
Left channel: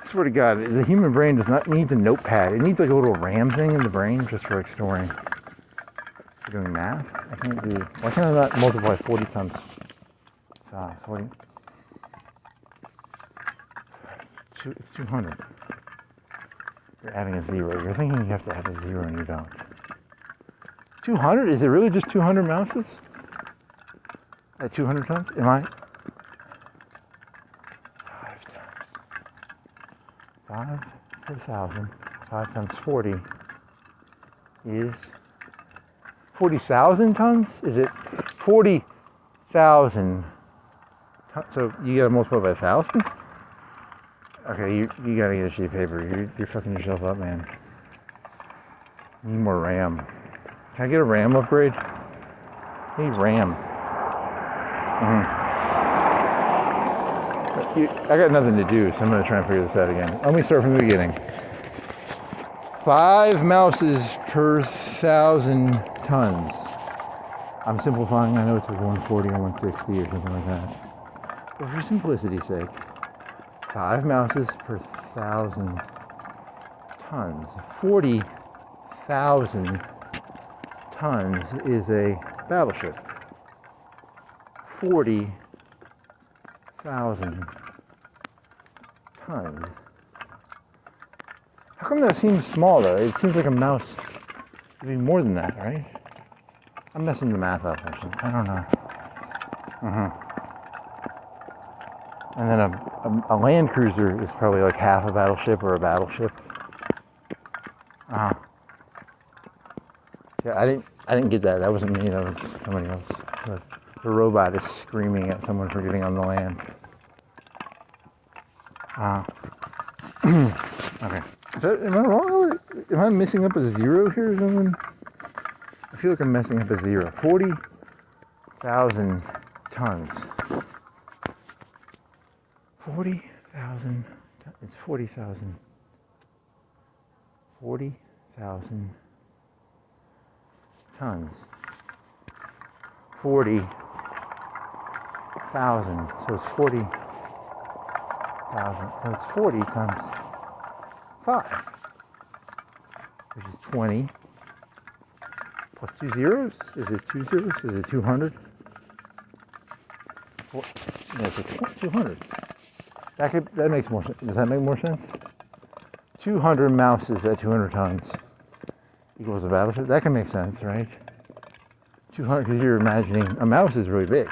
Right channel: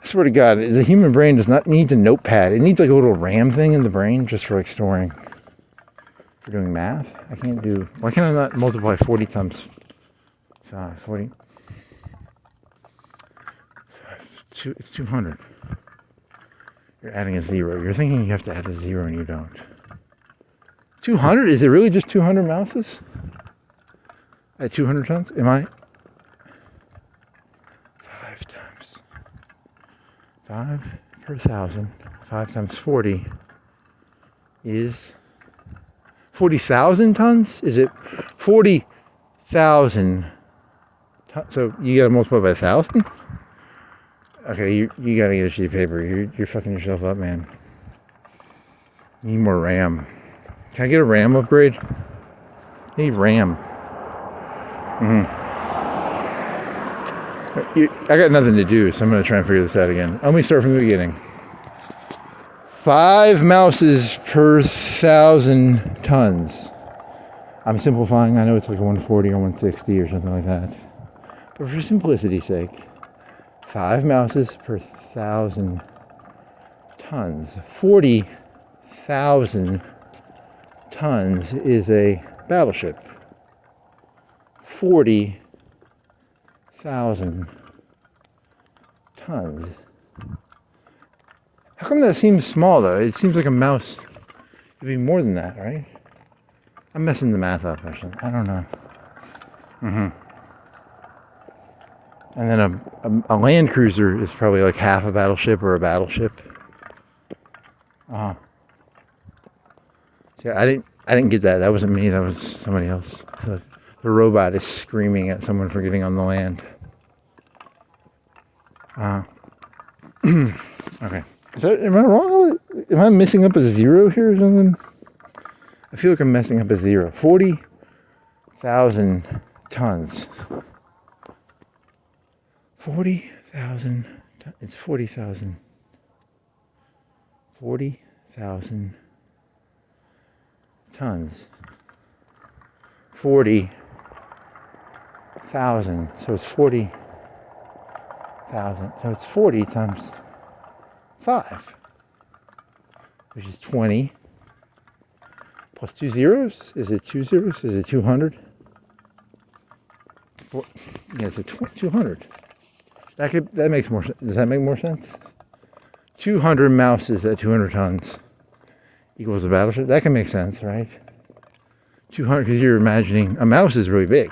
swear to God, the human brain does not need a notepad. It needs like a little RAM thing in the brain just for like storing. For doing math? I can't do, why can't I not multiply 40 times 5? 40? It's 200. You're adding a 0. You're thinking you have to add a 0 and you don't. 200? Is it really just 200 mouses? At 200 tons? Am I? 5 times 5 per 1,000. 5 times 40 is 40,000 tons? Is it 40,000 tons? So you gotta multiply by 1,000? Okay, you gotta get a sheet of paper. You're fucking yourself up, man. You need more RAM. Can I get a RAM upgrade? I need RAM. I got nothing to do, so I'm going to try and figure this out again. Let me start from the beginning. 5 mouses per 1,000 tons. I'm simplifying. I know it's like 140 or 160 or something like that. But for simplicity's sake, 5 mouses per 1,000 tons. 40,000 tons is a battleship. 40,000 tons. How come that seems small though? It seems like a mouse would be more than that, right? I'm messing the math up or something. I don't know. And then a land cruiser is probably like half a battleship or a battleship. Yeah, I didn't get that. That wasn't me. That was somebody else. The robot is screaming at someone for getting on the land. Okay. Am I wrong? Am I messing up a 0 here or something? I feel like I'm messing up a 0. 40,000 tons. 40,000. It's 40,000. 40,000 tons. 40,000. So it's 40,000. So it's 40 times 5, which is 20. Plus 2 zeros? Is it 2 zeros? Is it 200? Well, yeah, it's a 200. That makes more sense. Does that make more sense? 200 mouses at 200 tons equals a battleship. That can make sense, right? 200, because you're imagining a mouse is really big,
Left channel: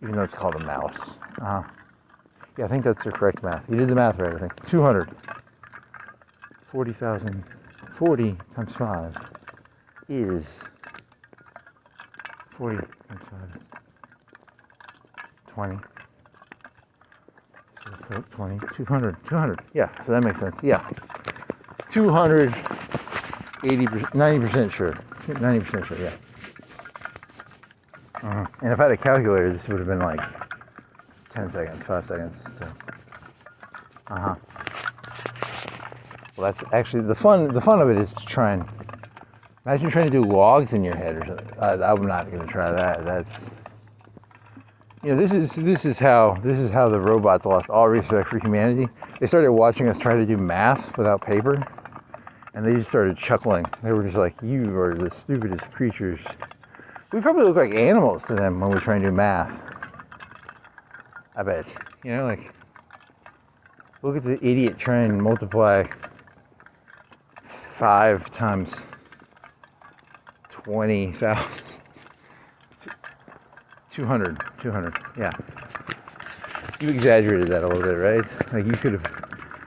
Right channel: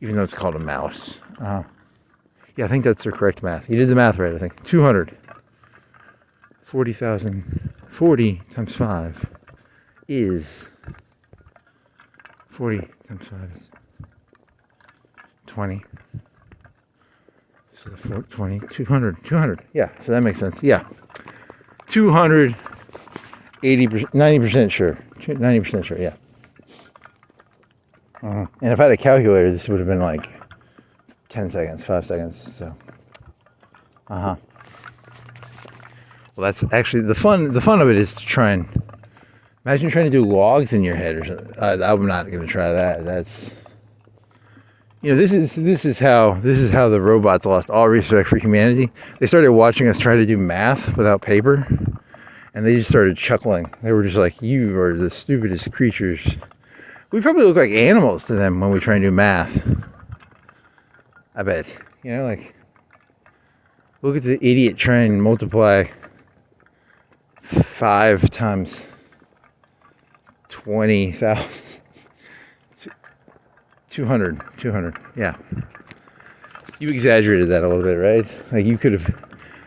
even though it's called a mouse. Yeah, I think that's the correct math. You did the math right, I think. 200. 40,000. 40 times 5 is 40 times 5 is 20. So 20, 200. Yeah, so that makes sense. Yeah. 200, 80%, 90% sure. 90% sure, yeah. And if I had a calculator, this would have been like 10 seconds, 5 seconds, so. Well, that's actually, the fun of it is to try and, imagine trying to do logs in your head or something. I'm not going to try that. That's, this is how the robots lost all respect for humanity. They started watching us try to do math without paper, and they just started chuckling. They were just like, you are the stupidest creatures. We probably look like animals to them when we try and do math. I bet. Like, look at the idiot trying to multiply 5 times 20,000. 200, yeah. You exaggerated that a little bit, right? Like you could have,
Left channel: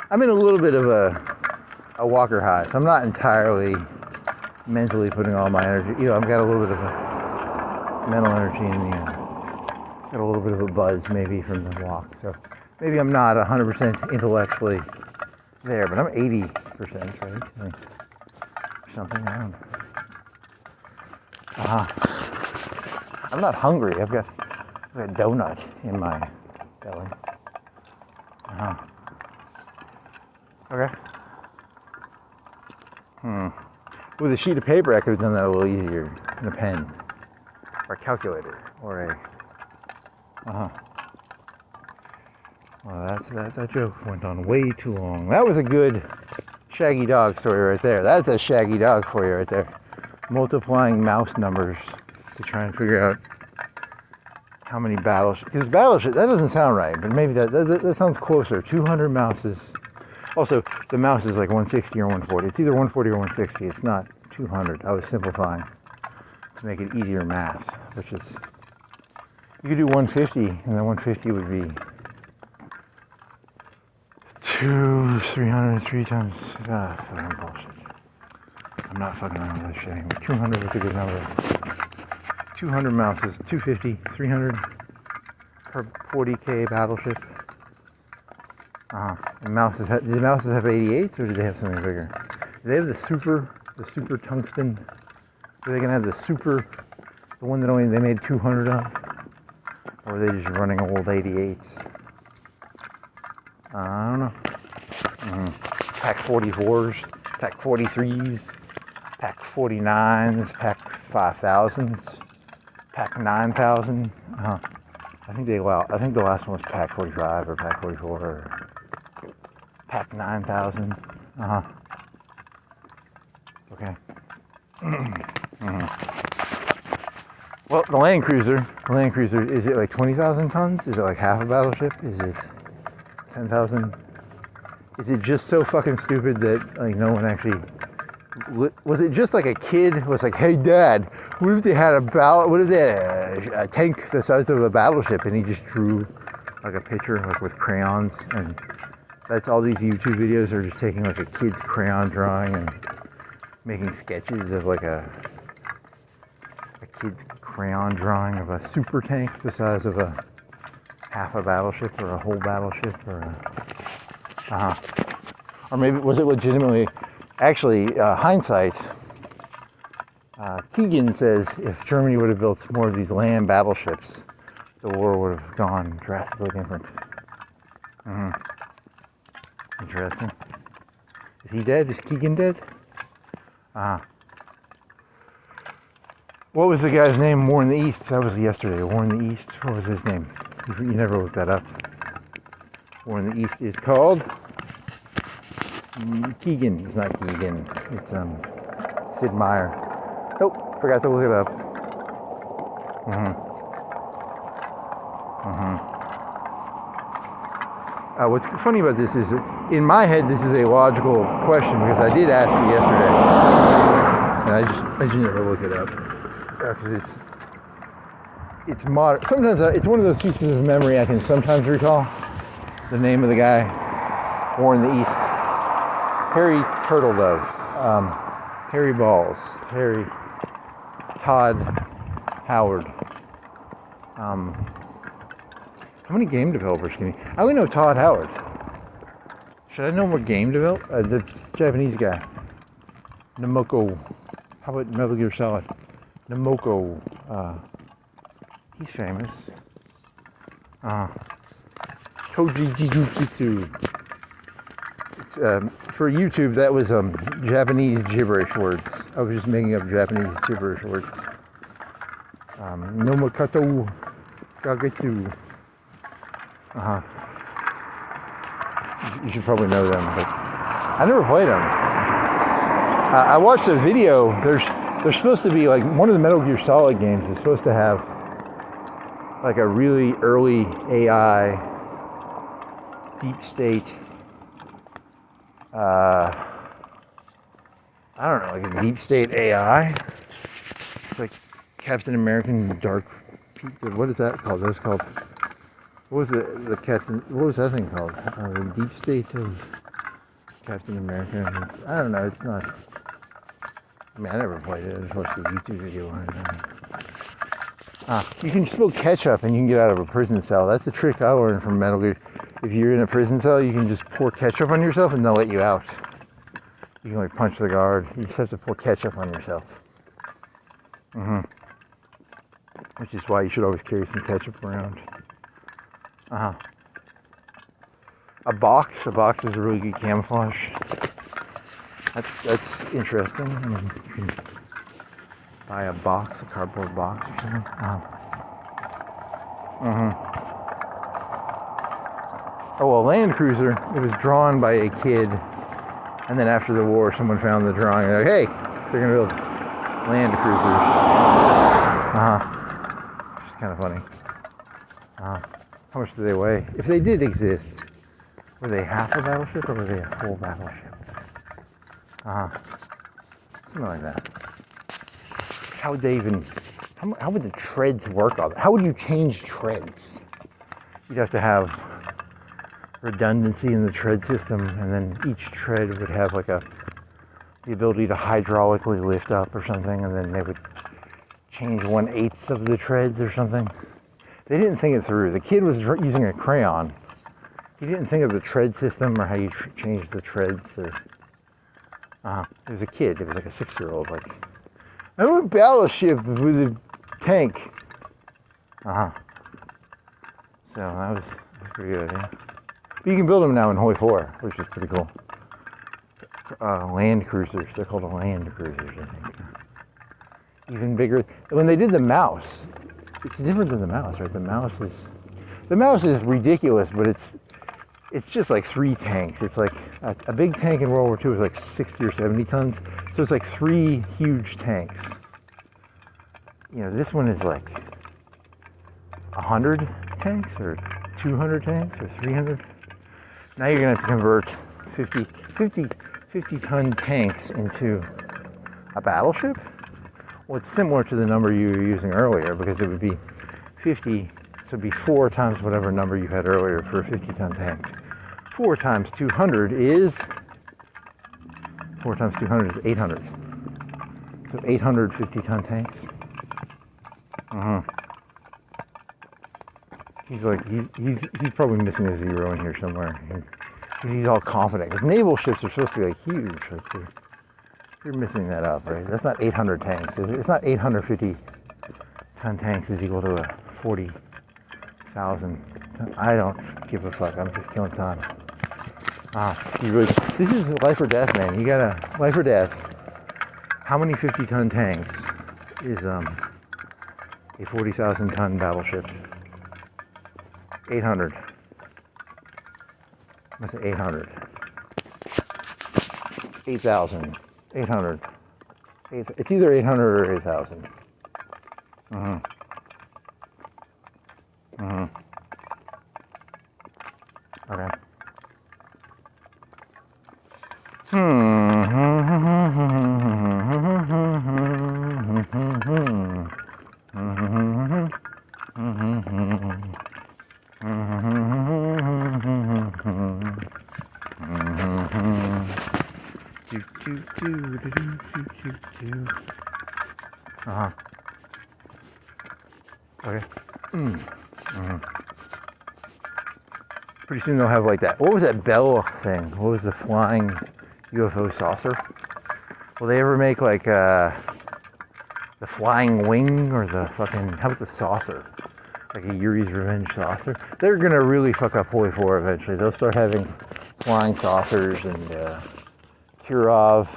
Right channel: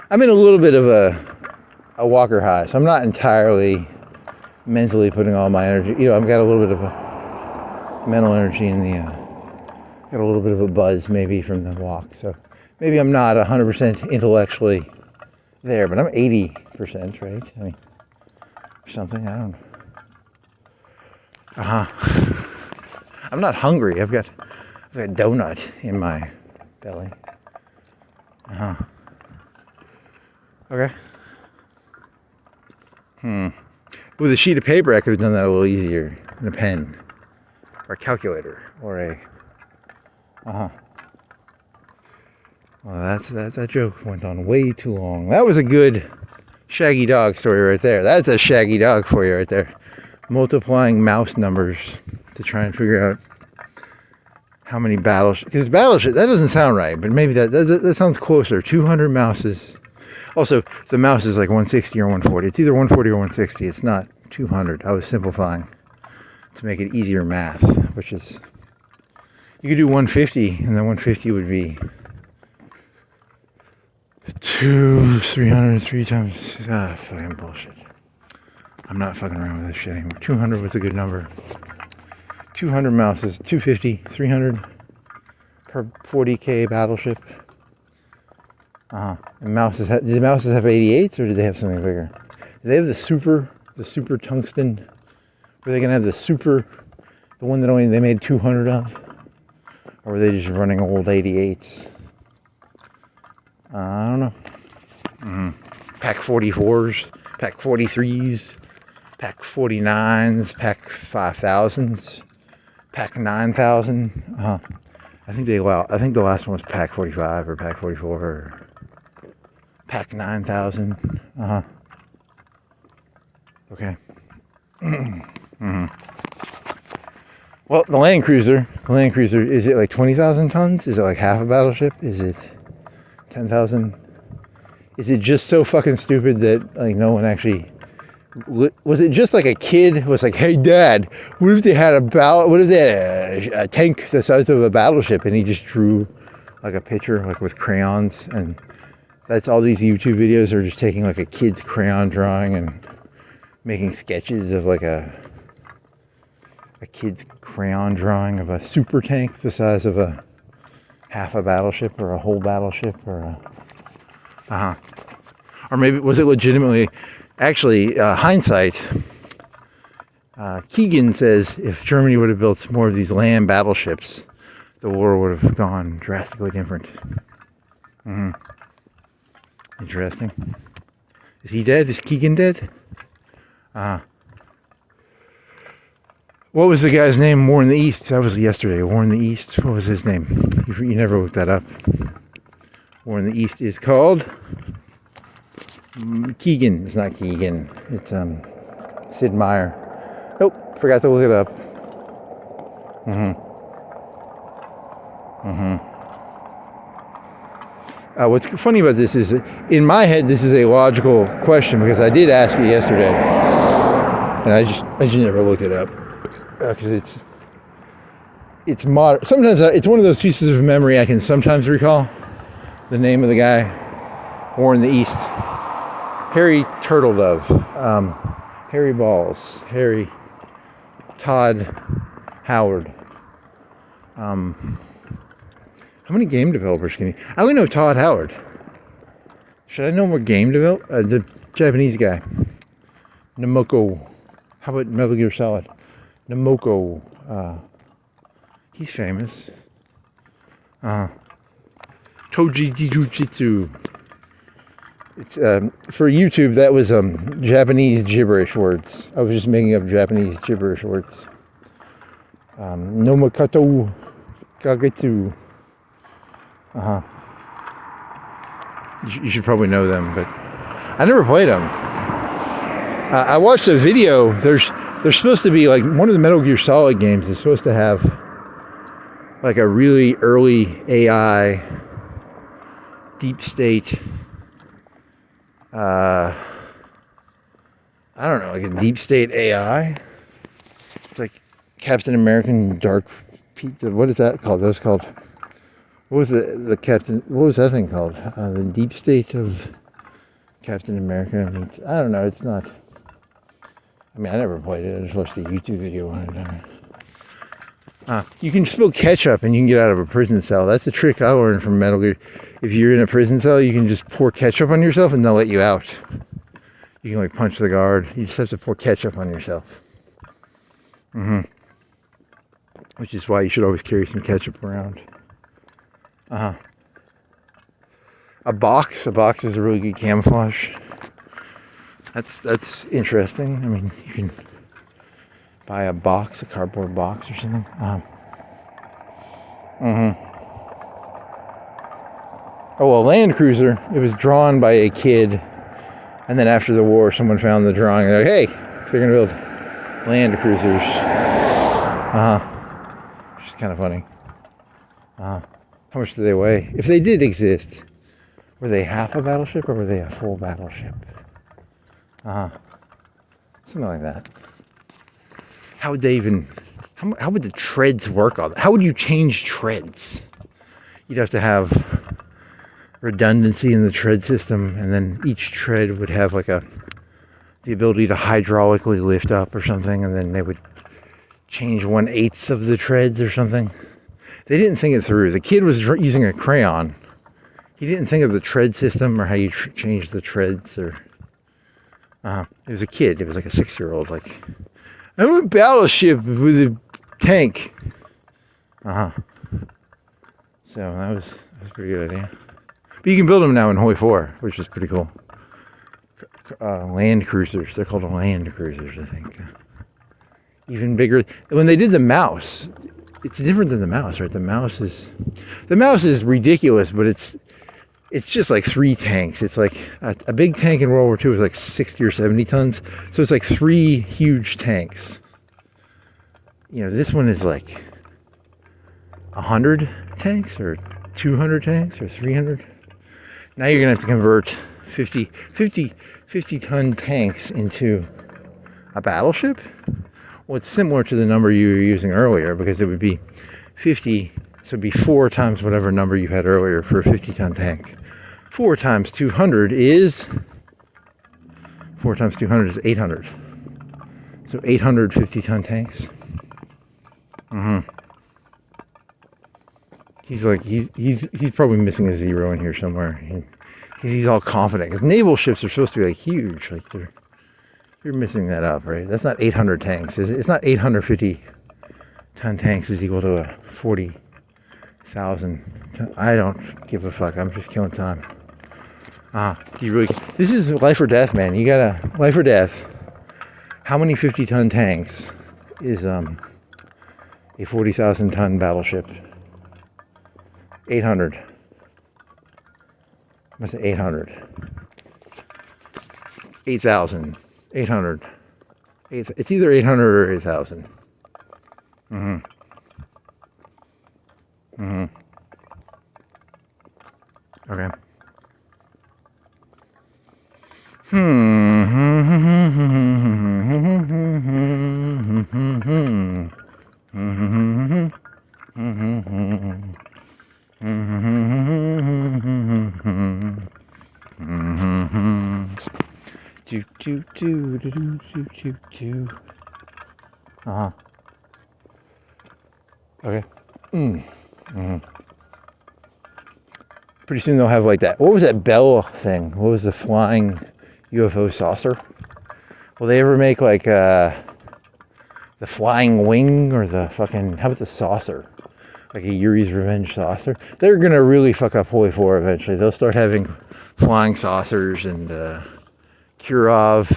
I'm in a little bit of a walker high, so I'm not entirely mentally putting all my energy, I've got a little bit of a mental energy in the, got a little bit of a buzz maybe from the walk, so maybe I'm not 100% intellectually there, but I'm 80%, right? Or something, I don't know. I'm not hungry. I've got like a donut in my belly. Okay. With a sheet of paper, I could have done that a little easier. And a pen. Or a calculator. Or a... Well, that joke went on way too long. That was a good Shaggy Dog story right there. That's a Shaggy Dog for you right there. Multiplying mouse numbers to try and figure out how many battleships. Because battleship, that doesn't sound right, but maybe that sounds closer. 200 mouses. Also, the mouse is like 160 or 140. It's either 140 or 160. It's not 200. I was simplifying to make it easier math, which is, you could do 150, and then 150 would be 303 times, fucking bullshit. I'm not fucking around with this shit anymore. 200 was a good number. 200 mouses, 250, 300 per 40k battleship. And mouses, did the mouses have 88s, or did they have something bigger? Did they have the super tungsten? Were they gonna have the one that only they made 200 of? Or were they just running old 88s? I don't know. Pack 44s, pack 43s, pack 49s, pack 5000s, pack 9000. I think the last one was pack 45 or pack 44 or pack 9000. Okay. Well, the Land Cruiser, is it like 20,000 tons? Is it like half a battleship? Is it 10,000? Is it just so fucking stupid that like no one actually, was it just like a kid was like, hey dad, what if they had a tank the size of a battleship, and he just drew like a picture like with crayons, and that's all these YouTube videos are just taking like a kid's crayon drawing and making sketches of like a kid's crayon drawing of a super tank the size of a half a battleship or a whole battleship or or maybe was it legitimately, actually hindsight, Keegan says if Germany would have built more of these land battleships, the war would have gone drastically different. Interesting. Is he dead? Is Keegan dead? What was the guy's name? War in the East. That was yesterday. War in the East. What was his name? You never looked that up. War in the East is called Keegan. It's not Keegan. It's Sid Meier. Nope. Forgot to look it up. What's funny about this is, in my head, this is a logical question because I did ask it yesterday, and I just never looked it up because it's modern. Sometimes it's one of those pieces of memory I can sometimes recall the name of the guy. War in the East. Harry Turtledove. Harry Balls. Harry Todd Howard. How many game developers can you... I only know Todd Howard. Should I know more game developer? The Japanese guy. Namoko. How about Metal Gear Solid? Namoko. He's famous. Toji Jujutsu. It's, for YouTube, that was Japanese gibberish words. I was just making up Japanese gibberish words. Nomokato Kagetsu. You should probably know them, but I never played them. I watched a video. There's supposed to be like one of the Metal Gear Solid games is supposed to have like a really early AI deep state. I don't know, like a deep state AI. It's like Captain American Dark Pizza. What is that called? That's called. What was the Captain? What was that thing called? The deep state of Captain America. I don't know. It's not. I mean, I never played it. I just watched a YouTube video on it. You can spill ketchup and you can get out of a prison cell. That's the trick I learned from Metal Gear. If you're in a prison cell, you can just pour ketchup on yourself and they'll let you out. You can like punch the guard. You just have to pour ketchup on yourself. which is why you should always carry some ketchup around. A box is a really good camouflage. That's interesting. I mean, you can buy a box, a cardboard box or something. Oh, a Land Cruiser. It was drawn by a kid, and then after the war, someone found the drawing. They're like, hey, they're gonna build Land Cruisers. Which is kind of funny. How much do they weigh? If they did exist, were they half a battleship or were they a full battleship? Something like that. How would they even? How would the treads work on that? How would you change treads? You'd have to have redundancy in the tread system, and then each tread would have like the ability to hydraulically lift up or something, and then they would change 1/8 of the treads or something. They didn't think it through. The kid was using a crayon. He didn't think of the tread system or how you change the treads. Or it was a kid. It was like a 6-year-old. Like, I want a battleship with a tank. So that was a pretty good idea. But you can build them now in Hoi 4, which is pretty cool. Land Cruisers. They're called Land Cruisers, I think. Even bigger. When they did the mouse, it's different than the mouse, right? The mouse is ridiculous, but it's just like 3 tanks. It's like a big tank in World War II was like 60 or 70 tons. So it's like 3 huge tanks. You know, this one is like 100 tanks or 200 tanks or 300. Now you're gonna have to convert 50 ton tanks into a battleship. Well, it's similar to the number you were using earlier, because it would be 50, so it'd be 4 times whatever number you had earlier for a 50-ton tank. 4 times 200 is 800. So 800 50-ton tanks. He's probably missing a 0 in here somewhere. He's all confident, because naval ships are supposed to be like huge. Like you're missing that up, right? That's not 800 tanks. It's not 850-ton tanks is equal to a 40,000. I don't give a fuck. I'm just killing time. This is life or death, man. You gotta life or death. How many 50-ton tanks is a 40,000-ton battleship? 800. I say 800. 8,000. 800. It's either 800 or 8,000. Okay. Okay. Pretty soon they'll have like that. What was that Bell thing? What was the flying UFO saucer? Will they ever make like the flying wing or the fucking, how about the saucer? Like a Yuri's Revenge saucer? They're gonna really fuck up Hoi 4 eventually. They'll start having flying saucers and Kurov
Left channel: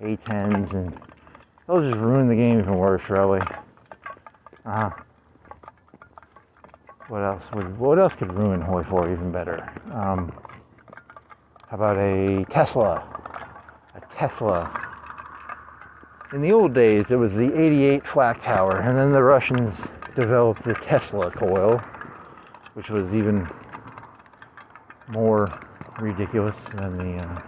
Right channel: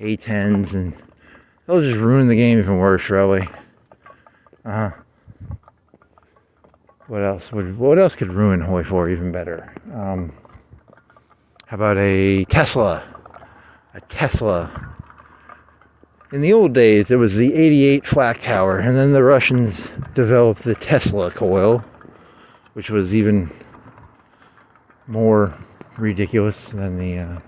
A-10s, and they'll just ruin the game even worse, probably. What else could ruin Hoi 4 even better? How about a Tesla? A Tesla. In the old days, it was the 88 flak tower, and then the Russians developed the Tesla coil, which was even more ridiculous than the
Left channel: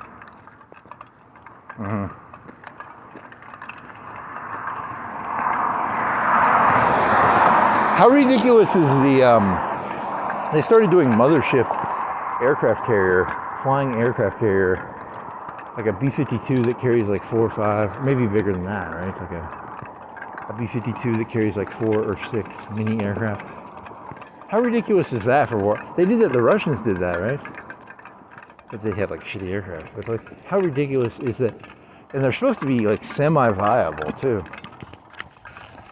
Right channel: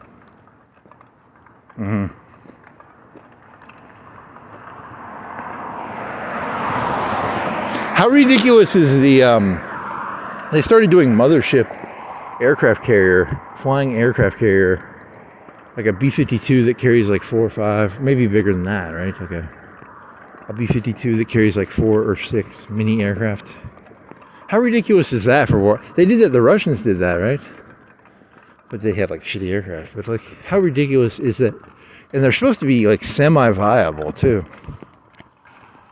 How ridiculous is the they started doing mothership aircraft carrier, flying aircraft carrier, like a B-52 that carries like 4 or 5, maybe bigger than that, right? Like a B-52 that carries like 4 or 6 mini aircraft. How ridiculous is that for war? They did that, the Russians did that, right? But they had like shitty aircraft. But like, how ridiculous is that? And they're supposed to be like semi-viable too.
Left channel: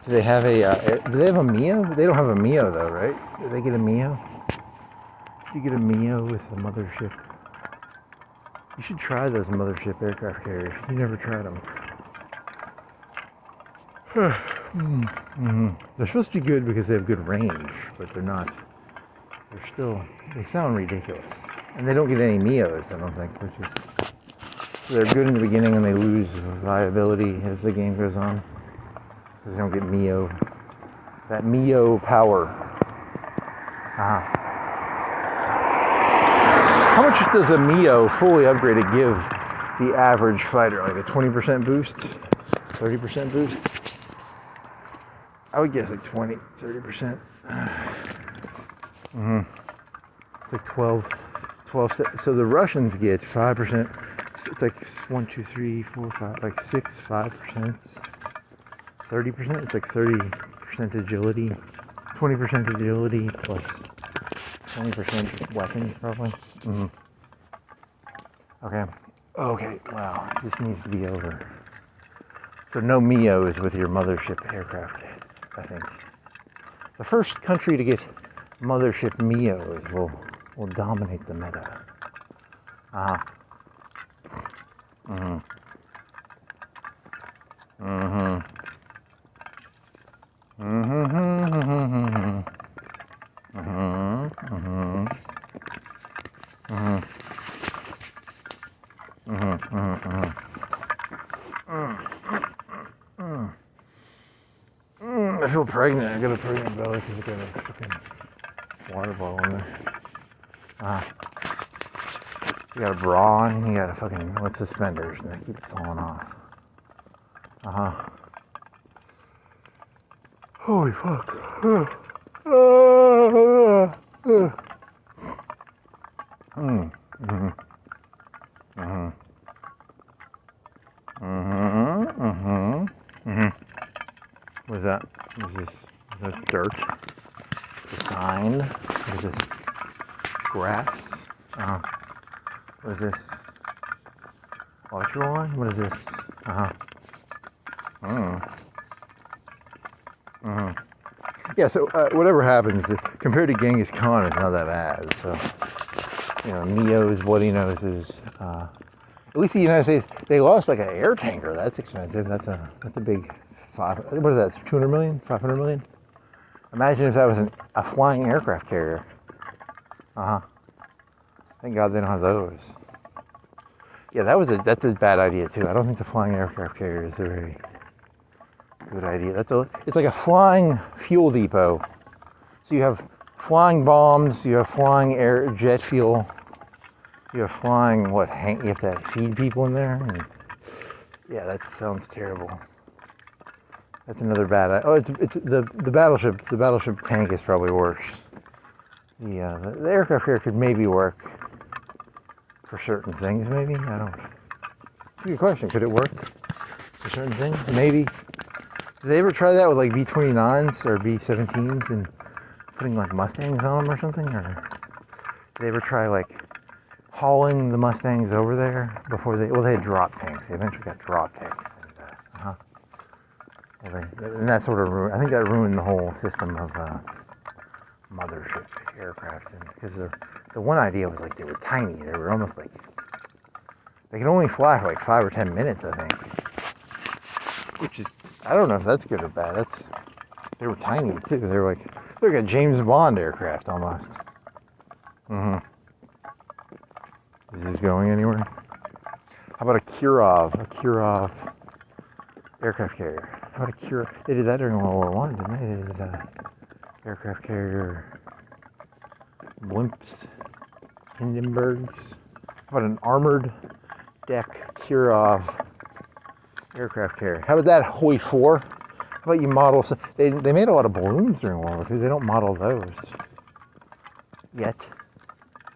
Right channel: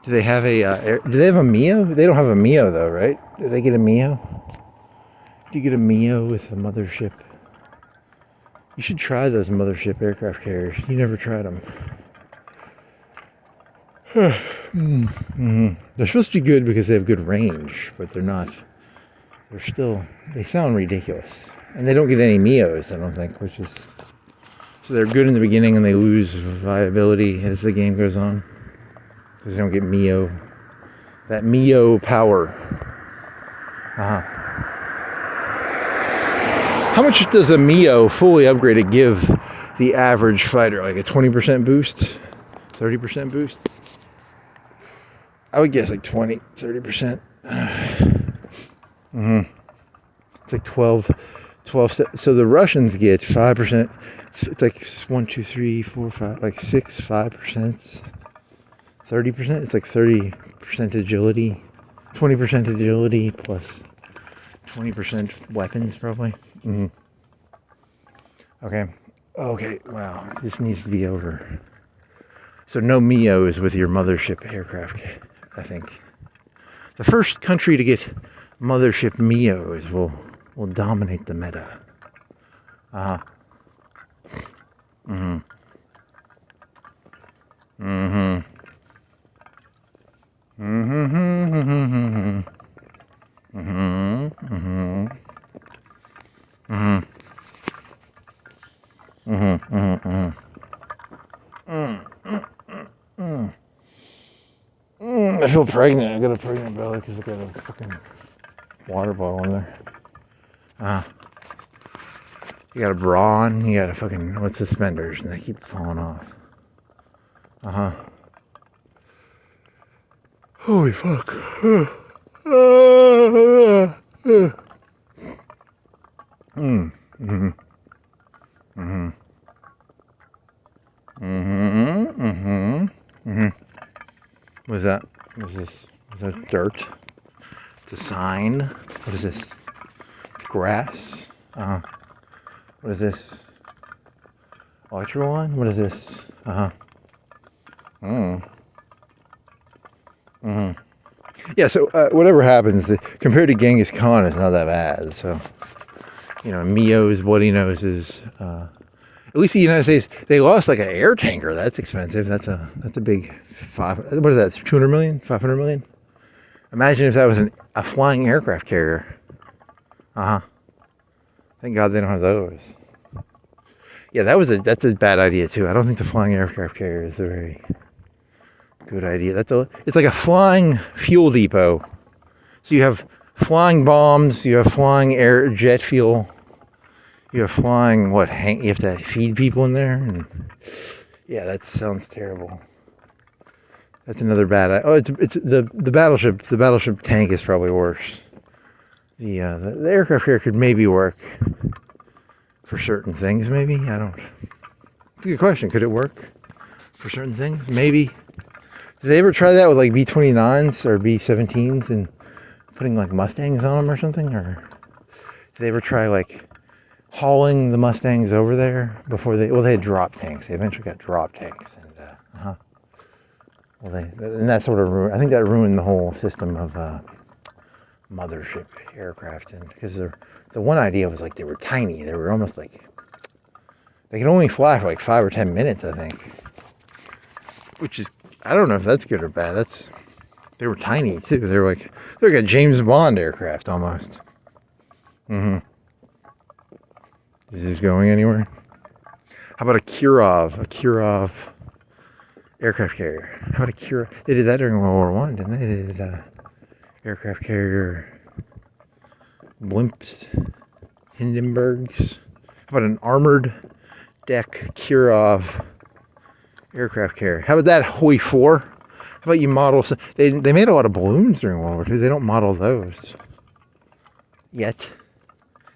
Do they have a do they have a MEO? They don't have a MEO though, right? Do they get a MEO? Do you get a MEO with a mothership? You should try those mothership aircraft carriers. You never tried them. They're supposed to be good because they have good range, but they're not. They're still, they sound ridiculous. And they don't get any MEOs, I don't think, which is, so they're good in the beginning and they lose viability as the game goes on. Because they don't get MEO, that MEO power. How much does a MEO fully upgraded give the average fighter? Like a 20% boost? 30% boost? I would guess like 20, 30%. It's like 12. So the Russians get 5%. It's like 1, 2, 3, 4, 5, like 6, 5%. 30%. It's like 30% agility. 20% agility plus 20% weapons probably. Okay. Wow. This needs to be over. So no MEOs with your mothership aircraft, I think. The first country to get mothership MEOs will dominate the meta. I feel pregnant. I got a pregnant belly because I got a fucking water ball in there. You got a bra on, you got a fucking, what, suspenders, and they keep falling off. Holy fuck. What's that? What is this? Is that dirt? It's a sign. What is this? It's grass. What is this? Electrical line? What is this? Yeah, so whatever happens, compared to Genghis Khan, it's not that bad. So, you know, MEOs, bloody noses. At least the United States, they lost like an air tanker. That's expensive. That's a big what is that? 200 million? 500 million? Imagine if that was a flying aircraft carrier. Thank God they don't have those. Yeah, that's a bad idea too. I don't think the flying aircraft carrier is a very good idea. It's like a flying fuel depot. So you have flying bombs, you have flying jet fuel, you have flying you have to feed people in there. And yeah, that sounds terrible. That's another bad idea. Oh, it's the battleship. The battleship tank is probably worse. The aircraft carrier could maybe work for certain things, maybe. I don't. It's a good question. Could it work for certain things? Maybe. Did they ever try that with like B-29s or B-17s and putting like Mustangs on them or something? Or did they ever try like hauling the Mustangs over there before they had drop tanks. They eventually got drop tanks. And that sort of ruined, I think that ruined the whole system of mothership aircraft, and because the one idea was like they were tiny. They were almost like they could only fly for like 5 or 10 minutes, I think. Which is, I don't know if that's good or bad. They were tiny too. They're like a James Bond aircraft almost. Is this going anywhere? How about a Kirov aircraft carrier? How about a Kirov? They did that during World War I, didn't they? They did aircraft carrier blimps, Hindenburgs. How about an armored deck Kirov aircraft carrier? How about that Hoi 4? How about you model some? They made a lot of balloons during World War II. They don't model those yet.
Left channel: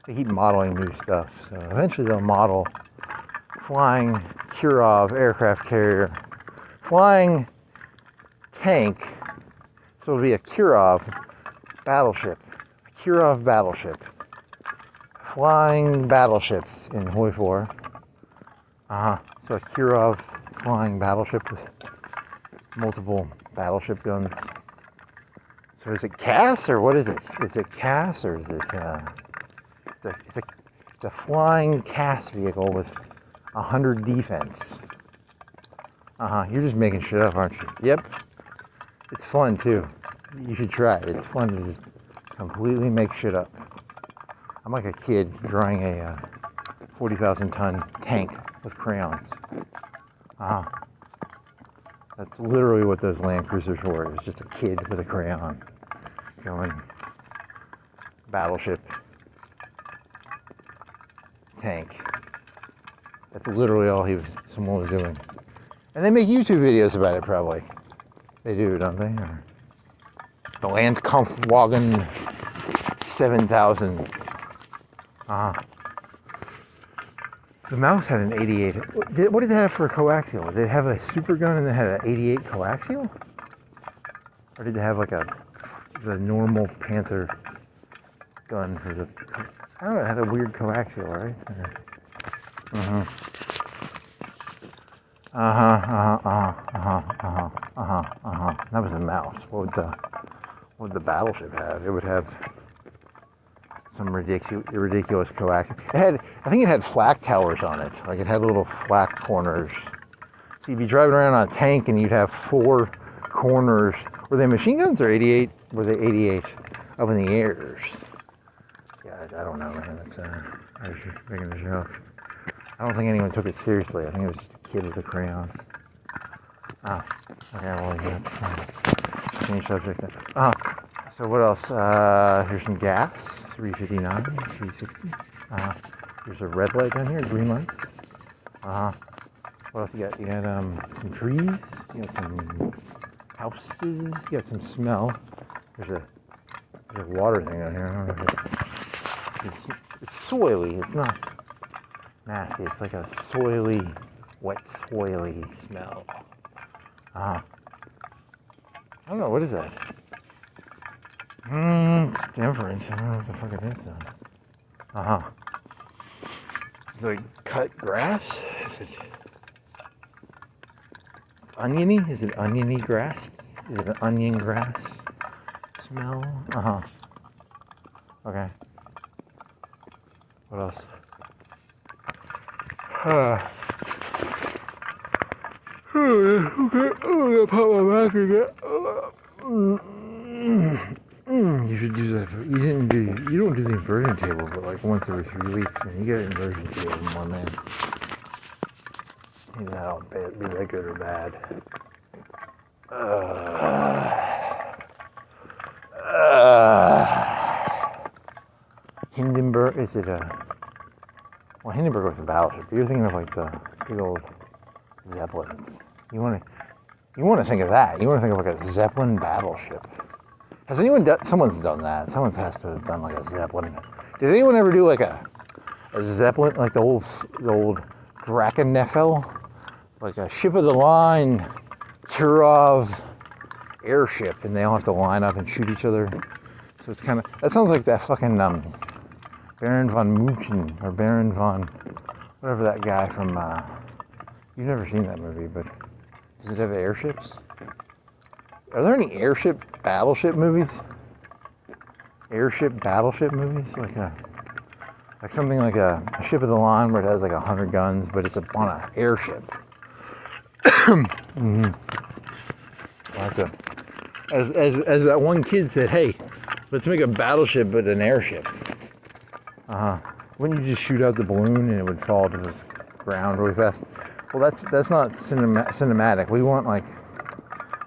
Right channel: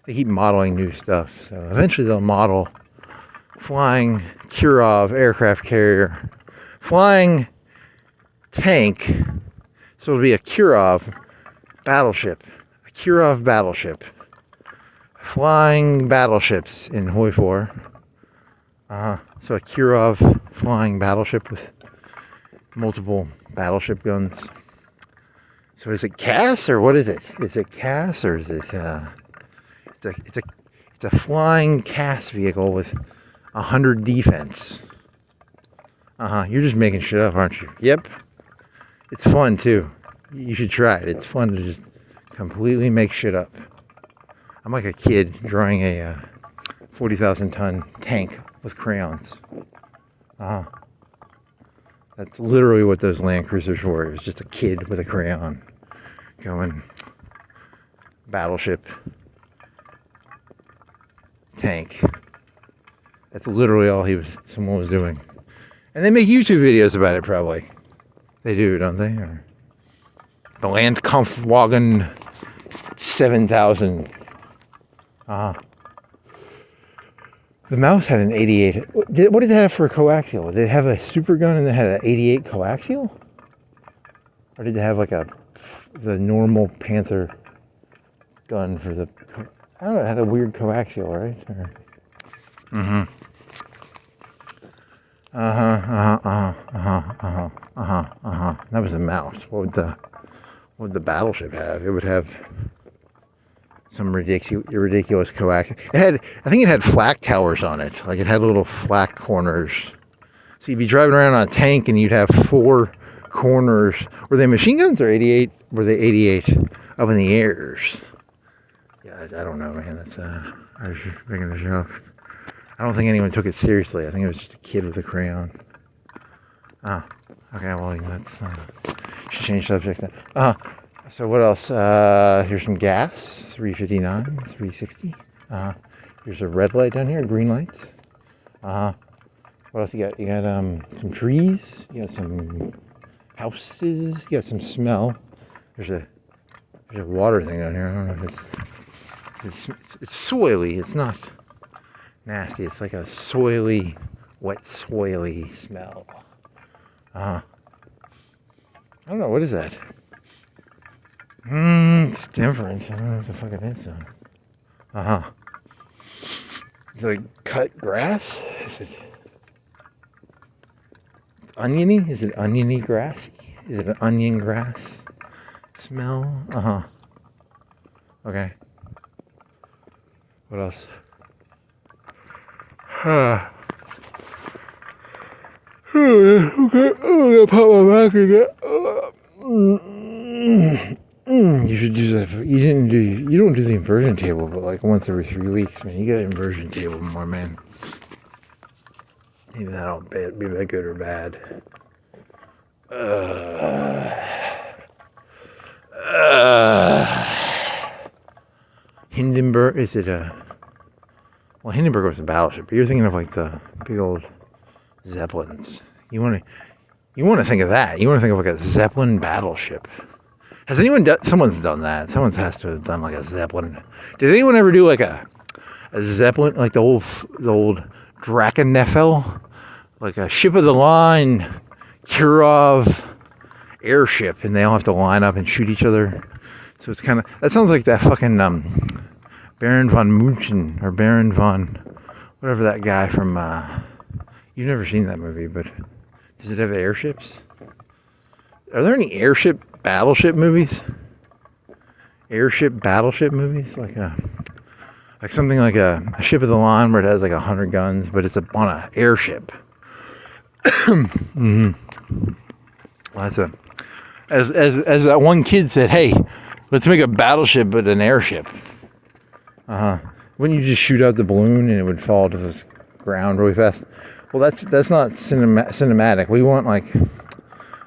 They keep modeling new stuff. So eventually they'll model flying Kirov aircraft carrier, flying tank. So it'll be a Kirov battleship. A Kirov battleship. Flying battleships in Hoi 4. So a Kirov flying battleship with multiple battleship guns. So is it CAS or what is it? Is it CAS or is it it's a flying CAS vehicle with 100 defense. You're just making shit up, aren't you? Yep. It's fun too. You should try it. It's fun to just completely make shit up. I'm like a kid drawing a 40,000 ton tank with crayons. That's literally what those Land Cruisers were. It was just a kid with a crayon going battleship tank. That's literally all someone was doing. And they make YouTube videos about it probably. They do, don't they? Or the Landkampfwagen 7000. The Mouse had an 88. What did it have for a coaxial? Did it have a super gun and it had an 88 coaxial? Or did it have like the normal Panther gun for the... I don't know, it had a weird coaxial, right? That was a Mouse. What would the battleship have? It would have some ridiculous coaxial. I think it had flak towers on it. Like it had little flak corners. So you'd be driving around on a tank and you'd have 4 corners. Were they machine guns or 88? Were they 88 up in the airs? Yeah, I don't know, man. I was just making a joke. I don't think anyone took it seriously. I think it was just a kid with a crayon. Okay, well, let's change subject then. So what else? Here's some gas, 359, 360. Here's a red light down here, green lights. What else you got? You got some trees, you got some houses, you got some smell. There's a water thing down here. I don't know if it's soily. It's not nasty. It's like a soily, wet, soily smell. I don't know, what is that? It's different. I don't know what the fuck it is though. It's like cut grass? Is it oniony? Is it oniony grass? Is it an onion grass smell? Okay. What else? Okay. I'm gonna pop my back again. You should use that. You don't do the inversion table, but like once every 3 weeks, man. You get an inversion table more, man. Even that'll be that good or bad. Hindenburg, is it well, Hindenburg was a battleship, but you're thinking of like the big old Zeppelins. You want to think of that. You want to think of like a Zeppelin battleship. Has anyone done? Someone's done that. Someone has to have done like a Zeppelin. Did anyone ever do like a Zeppelin, like the old Drakeneffel, like a ship of the line Kirov airship, and they all have to line up and shoot each other? So it's kind of, that sounds like that fucking Baron von Munchen or Baron von whatever that guy from. You've never seen that movie, but does it have airships? Are there any battleship movies? Airship battleship movies? Like something like a ship of the line where it has like 100 guns, but it's on an airship. Well, that's as that one kid said, hey, let's make a battleship but an airship. Wouldn't you just shoot out the balloon and it would fall to the ground really fast? Well, that's not cinematic. We want like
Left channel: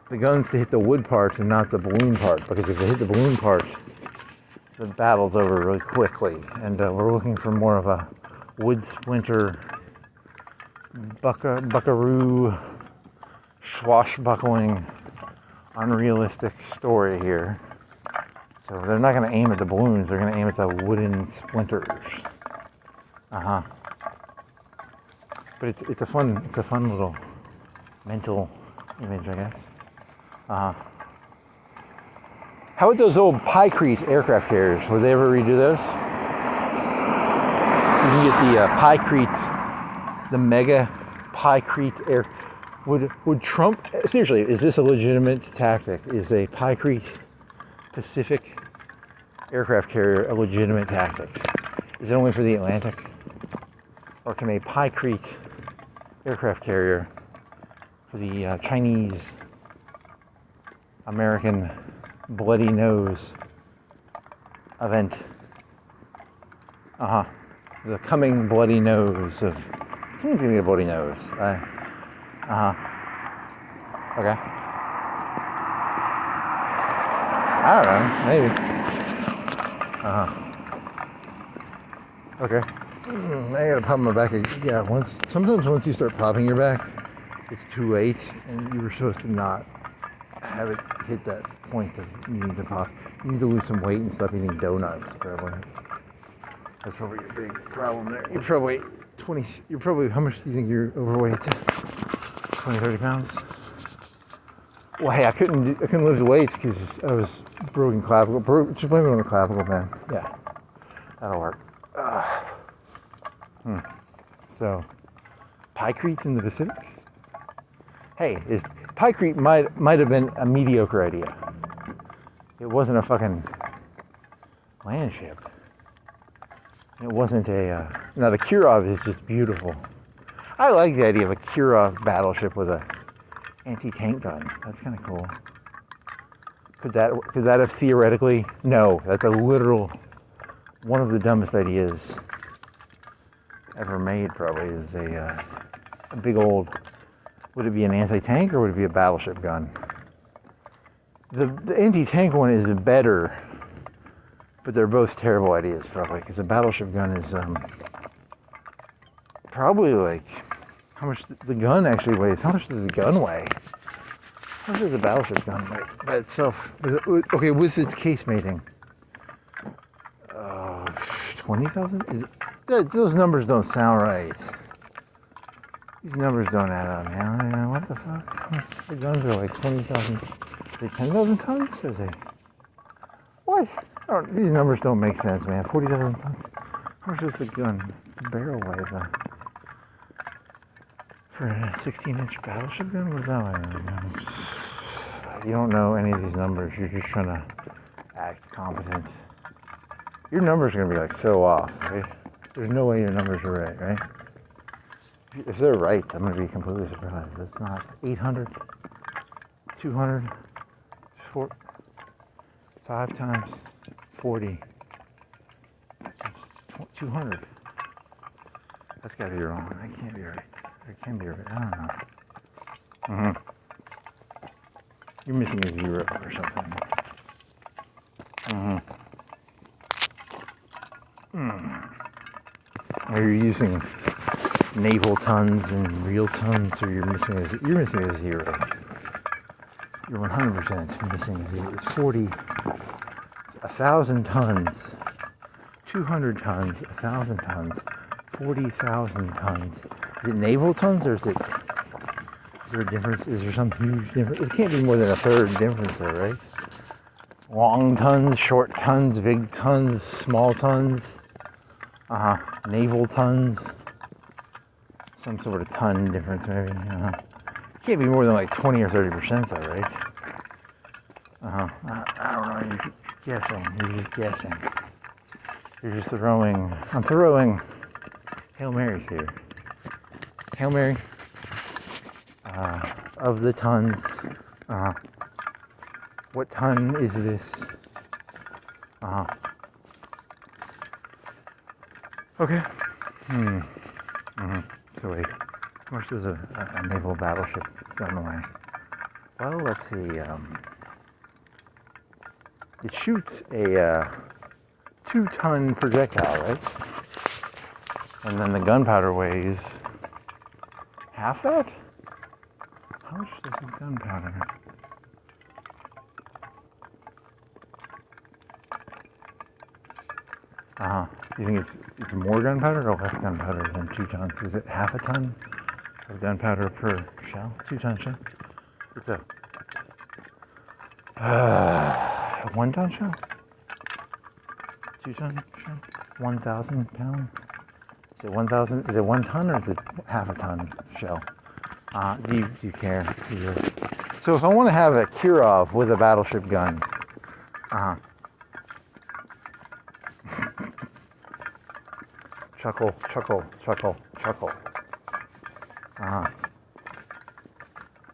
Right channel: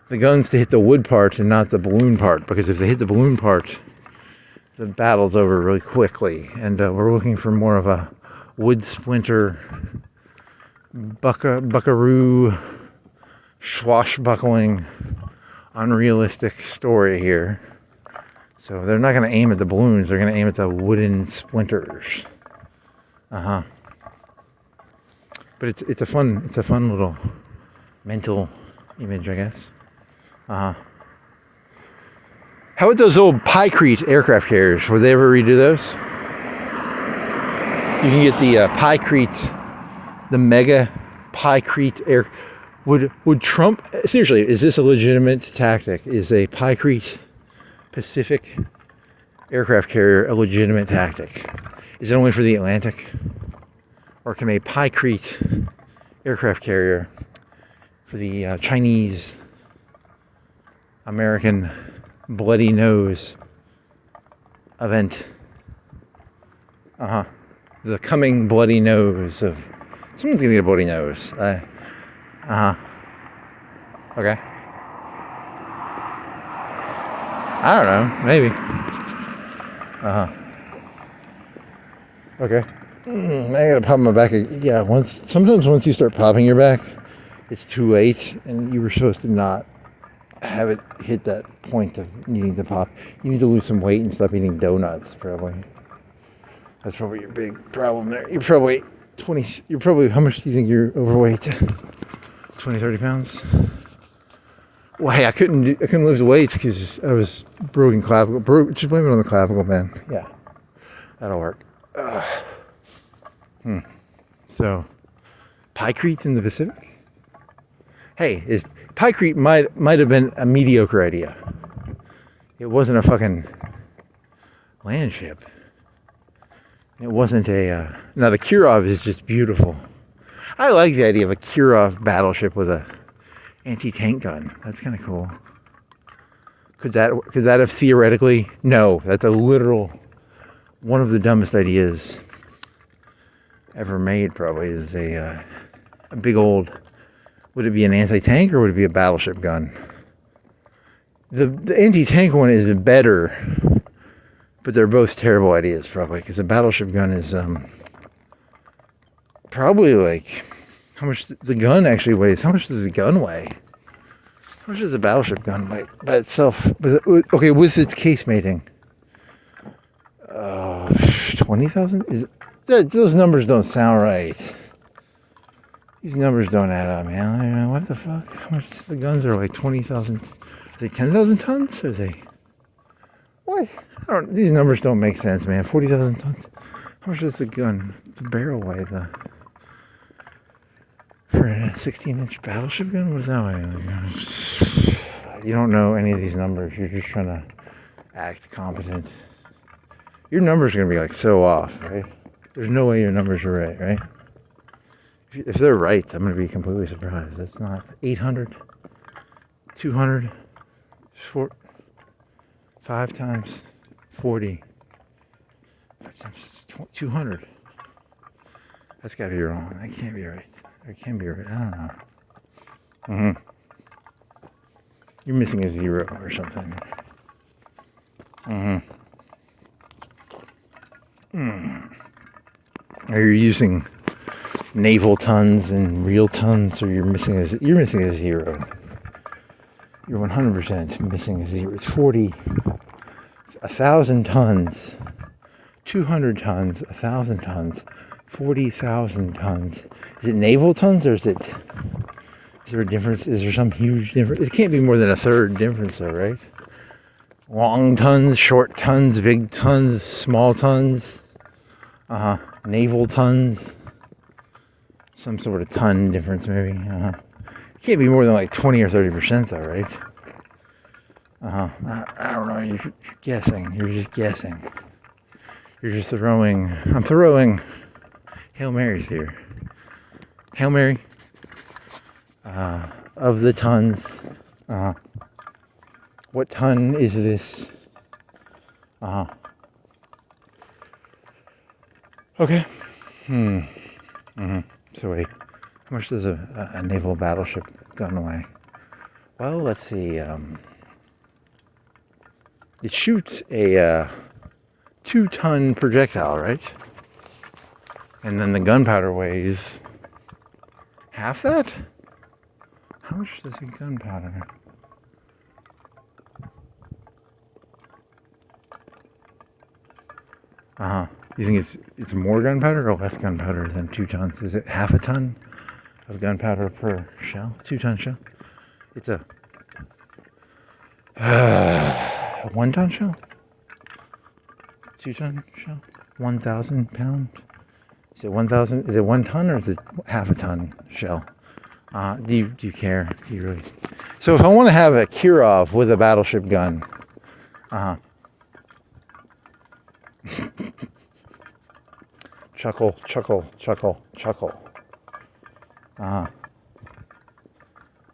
the guns to hit the wood part and not the balloon part, because if they hit the balloon part, the battle's over really quickly. And we're looking for more of a wood splinter, buckaroo, swashbuckling, unrealistic story here. So they're not going to aim at the balloons. They're going to aim at the wooden splinters. But it's a fun little mental image, I guess. How about those old Pykrete aircraft carriers? Would they ever redo those? You can get the Pykrete, the mega Pykrete Would Trump, seriously, is this a legitimate tactic? Is a Pykrete Pacific aircraft carrier a legitimate tactic? Is it only for the Atlantic? Or can a Pykrete aircraft carrier for the Chinese American bloody nose event? The coming bloody nose of someone's gonna get a bloody nose. Okay. I don't know. Maybe. Okay. I got a pop in my back. Yeah. Sometimes once you start popping your back, it's too late, and you were supposed to not have it hit that point of needing to pop. You need to lose some weight and stop eating donuts, probably. That's probably your big problem there. You're probably how much do you think you're overweight? 20, 30 pounds? Well, hey, I couldn't lose weight because I was broken clavicle. Just blame it on the clavicle, man. Yeah. That'll work. So, Pykrete in the Pacific? Hey, Pykrete might have been a mediocre idea. It wasn't a fucking land ship. It wasn't a... now, the Kirov is just beautiful. I like the idea of a Kirov battleship with a anti-tank gun. That's kind of cool. Could that have theoretically... No, that's a literal... One of the dumbest ideas ever made, probably, is a big old... Would it be an anti-tank or would it be a battleship gun? The anti-tank one is better... But they're both terrible ideas, probably, because a battleship gun is probably like how much the gun actually weighs. How much does the gun weigh? How much does a battleship gun weigh by itself? Okay, with its casemating, 20,000. Those numbers don't sound right. These numbers don't add up, man. What the fuck? How much the guns are like 20,000? Are they 10,000 tons? Or are they? What? These numbers don't make sense, man. 40,000 tons. How much does the barrel weigh, for a 16-inch battleship gun? What does that weigh? You don't know any of these numbers. You're just trying to act competent. Your numbers are going to be like so off, right? There's no way your numbers are right? If they're right, I'm going to be completely surprised. That's not 800, 200, 5 times 40, 5 times 200. That's got to be wrong. That can't be right. It can be right. I don't know. You're missing a 0 or something. Are you using naval tons and real tons, or you're missing a 0? You're 100% missing a 0. It's 40, 1,000 tons, 200 tons, 1,000 tons, 40,000 tons. Is it naval tons, or is there a difference? Is there some huge difference? It can't be more than a third difference, though, right? Long tons, short tons, big tons, small tons. Naval tons. Some sort of ton difference, maybe. It can't be more than like 20 or 30%, though, right? I don't know. You're guessing. You're just guessing. You're just throwing. I'm throwing Hail Marys here. Hail Mary. Of the tons. What ton is this? Okay. So wait, how much does a naval battleship gun weigh? Well, let's see. It shoots a 2-ton projectile, right? And then the gunpowder weighs half that? How much does a gunpowder? You think it's more gunpowder or less gunpowder than 2 tons? Is it half a ton of gunpowder per shell? 2-ton shell? It's a 1-ton shell? 2-ton shell? 1,000 pounds? Is it 1,000? Is it 1 ton or is it half a ton shell? Do you care? Do you really? So if I want to have a Kirov with a battleship gun, chuckle, chuckle, chuckle, chuckle.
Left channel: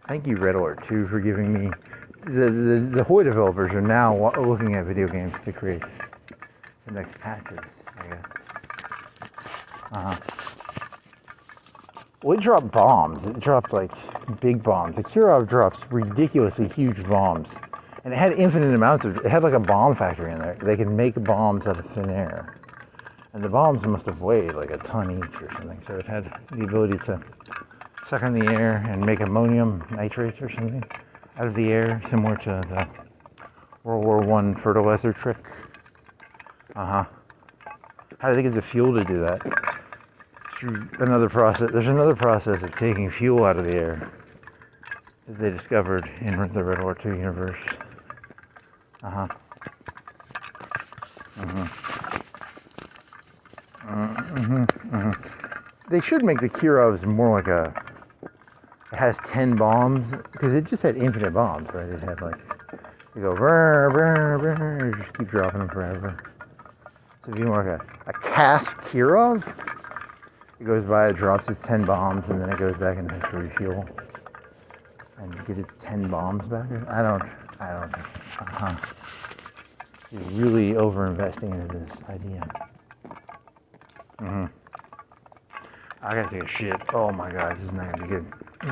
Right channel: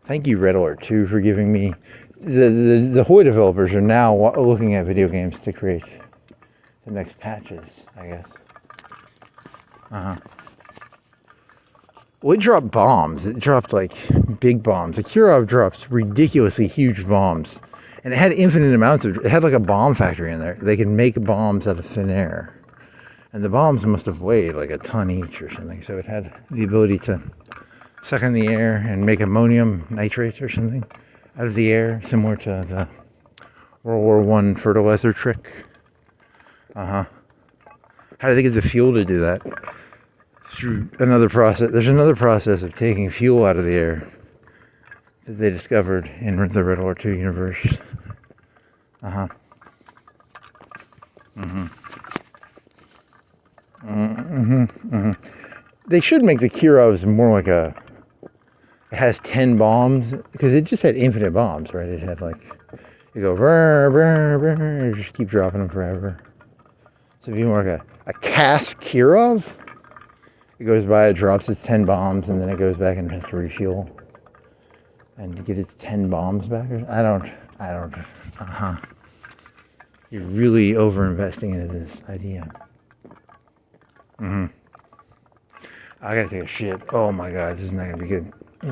Thank you, Red Alert 2, for giving me. The Hoy developers are now looking at video games to create the next patches, I guess. Well, it dropped bombs. It dropped like big bombs. The Kirov dropped ridiculously huge bombs, and it had infinite amounts of. It had like a bomb factory in there. They could make bombs out of thin air, and the bombs must have weighed like a ton each or something. So it had the ability to suck in the air and make ammonium nitrate or something out of the air, similar to the World War I fertilizer trick. How do they get the fuel to do that? Through another process. There's another process of taking fuel out of the air that they discovered in the Red War II universe. They should make the Kirovs more like a. It has 10 bombs because it just had infinite bombs, right? It had like you go brr, brr, brr, just keep dropping them forever. So if you want like a cast Kirov. It goes by, it drops its 10 bombs, and then it goes back and has to refuel and get its 10 bombs back. I don't. You're really over-investing into this idea. I gotta take a shit. Oh my god, this is not gonna be good. I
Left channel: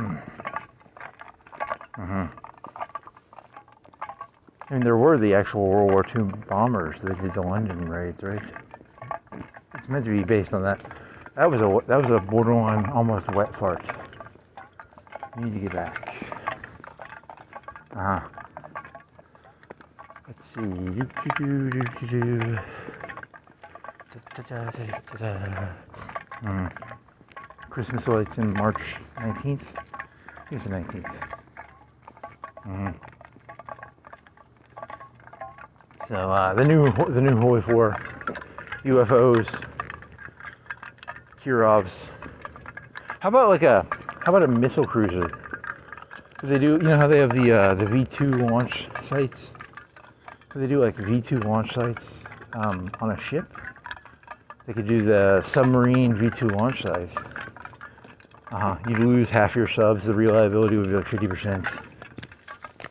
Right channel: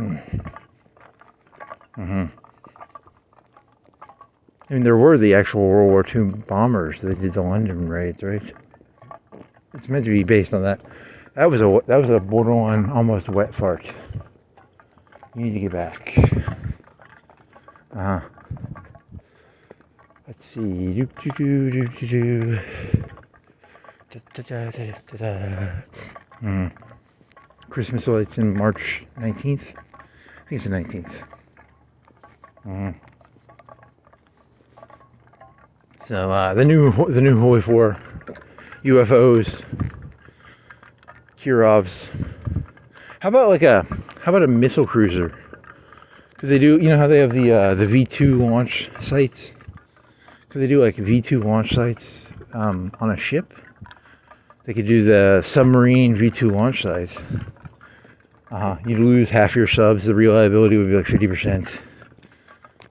mean, there were the actual World War II bombers that did the London raids, right? It's meant to be based on that. That was a borderline almost wet fart. You need to get back. Let's see. Christmas lights in March 19th. I think it's the 19th. So the new Hoy 4 UFOs. Kirovs. How about a missile cruiser? Could they do, you know how they have the V2 launch sites? Could they do like V2 launch sites on a ship? They could do the submarine V2 launch site. You'd lose half your subs. The reliability would be like 50%.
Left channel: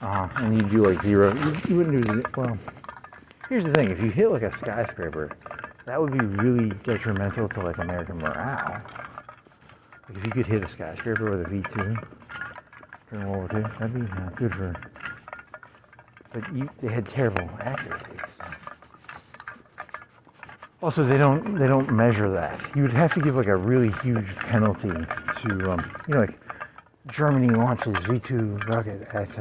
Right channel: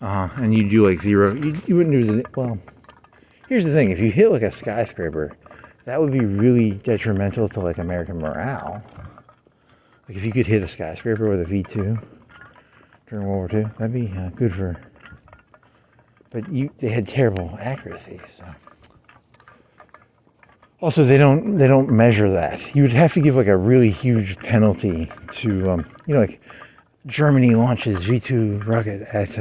And you'd do like zero. You wouldn't do it. Well, here's the thing: if you hit like a skyscraper, that would be really detrimental to like American morale. Like if you could hit a skyscraper with a V2 during World War II, that'd be good for. But they had terrible accuracy. So. Also, they don't measure that. You would have to give like a really huge penalty to like Germany launches V2 rocket at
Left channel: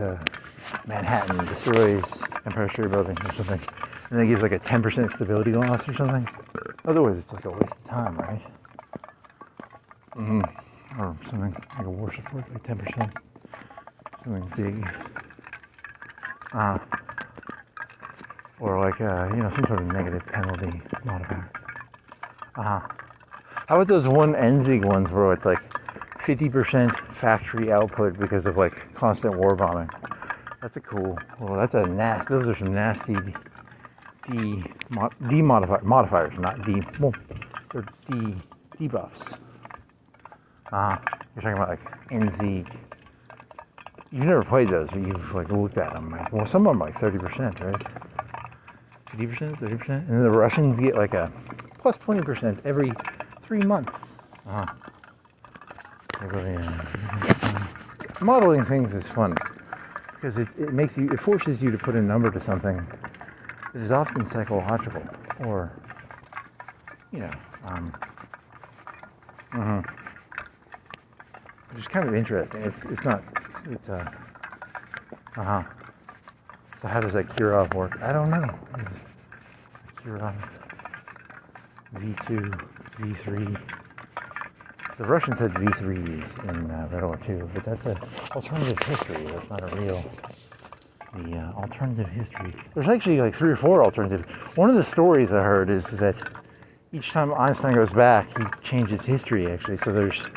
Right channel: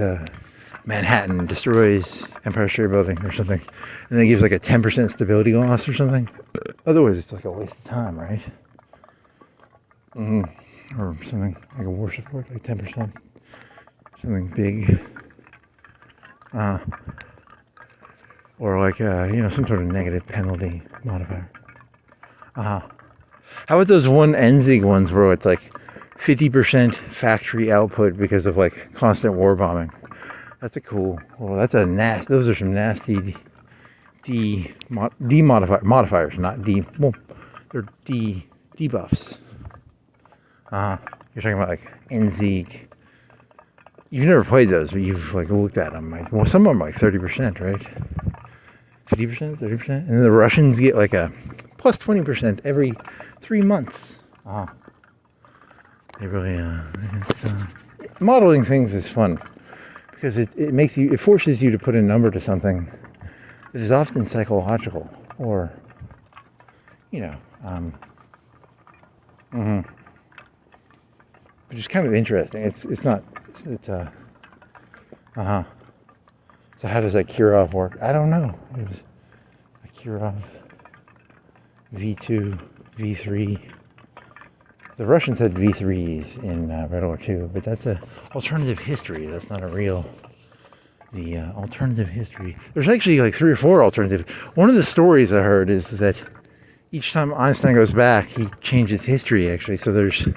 Manhattan, destroys Empire State Building or something. And then gives like a 10% stability loss or something. Otherwise, it's like a waste of time, right? Or something like a war support, like 10%. Something big. Or like, some sort of negative penalty modifier. How about those one NZIG ones where it's like 50% factory output because of like constant war bombing? That's those are some nasty modifiers, not they're debuffs. You're talking about like NZIG. You've never played those, but you've like looked at them. Like, well, some of them are like 30%, right? 50%, 30%, and then the Russians get like a plus 20% every 3 months. They really modeling things is fun because it forces you to put a number to something that is often psychological or which is kind of interesting. So how does that Kirov work? I don't know. There's a Kirov V2, V3. The Russians had V3s in Red War II, but that's an alternative history. That's not a real. The alternative history. There's actually like 3 or 4 alternatives. One of the stories I heard is that each time Einstein goes back, he changes history. Actually, so there's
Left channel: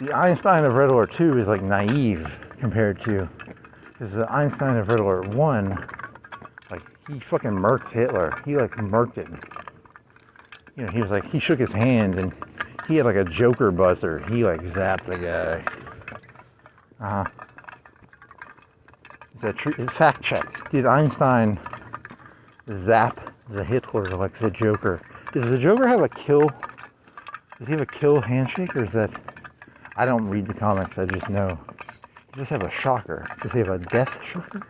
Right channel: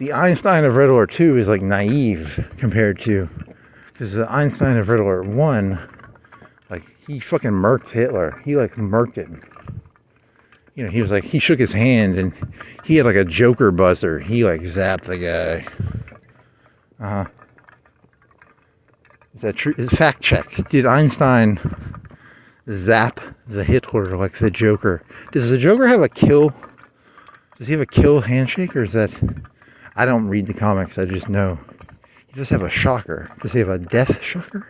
the Einstein of Red Alert 2 is like naive compared to, because the Einstein of Red Alert 1, like, he fucking murked Hitler. He like murked it. You know, he was like, he shook his hand and he had like a Joker buzzer. He like zapped the guy. Is that true? Fact check. Did Einstein zap the Hitler like the Joker? Does the Joker have a kill? Does he have a kill handshake, or is that? I don't read the comics. I just know he does have a shocker. Does he have a death shocker?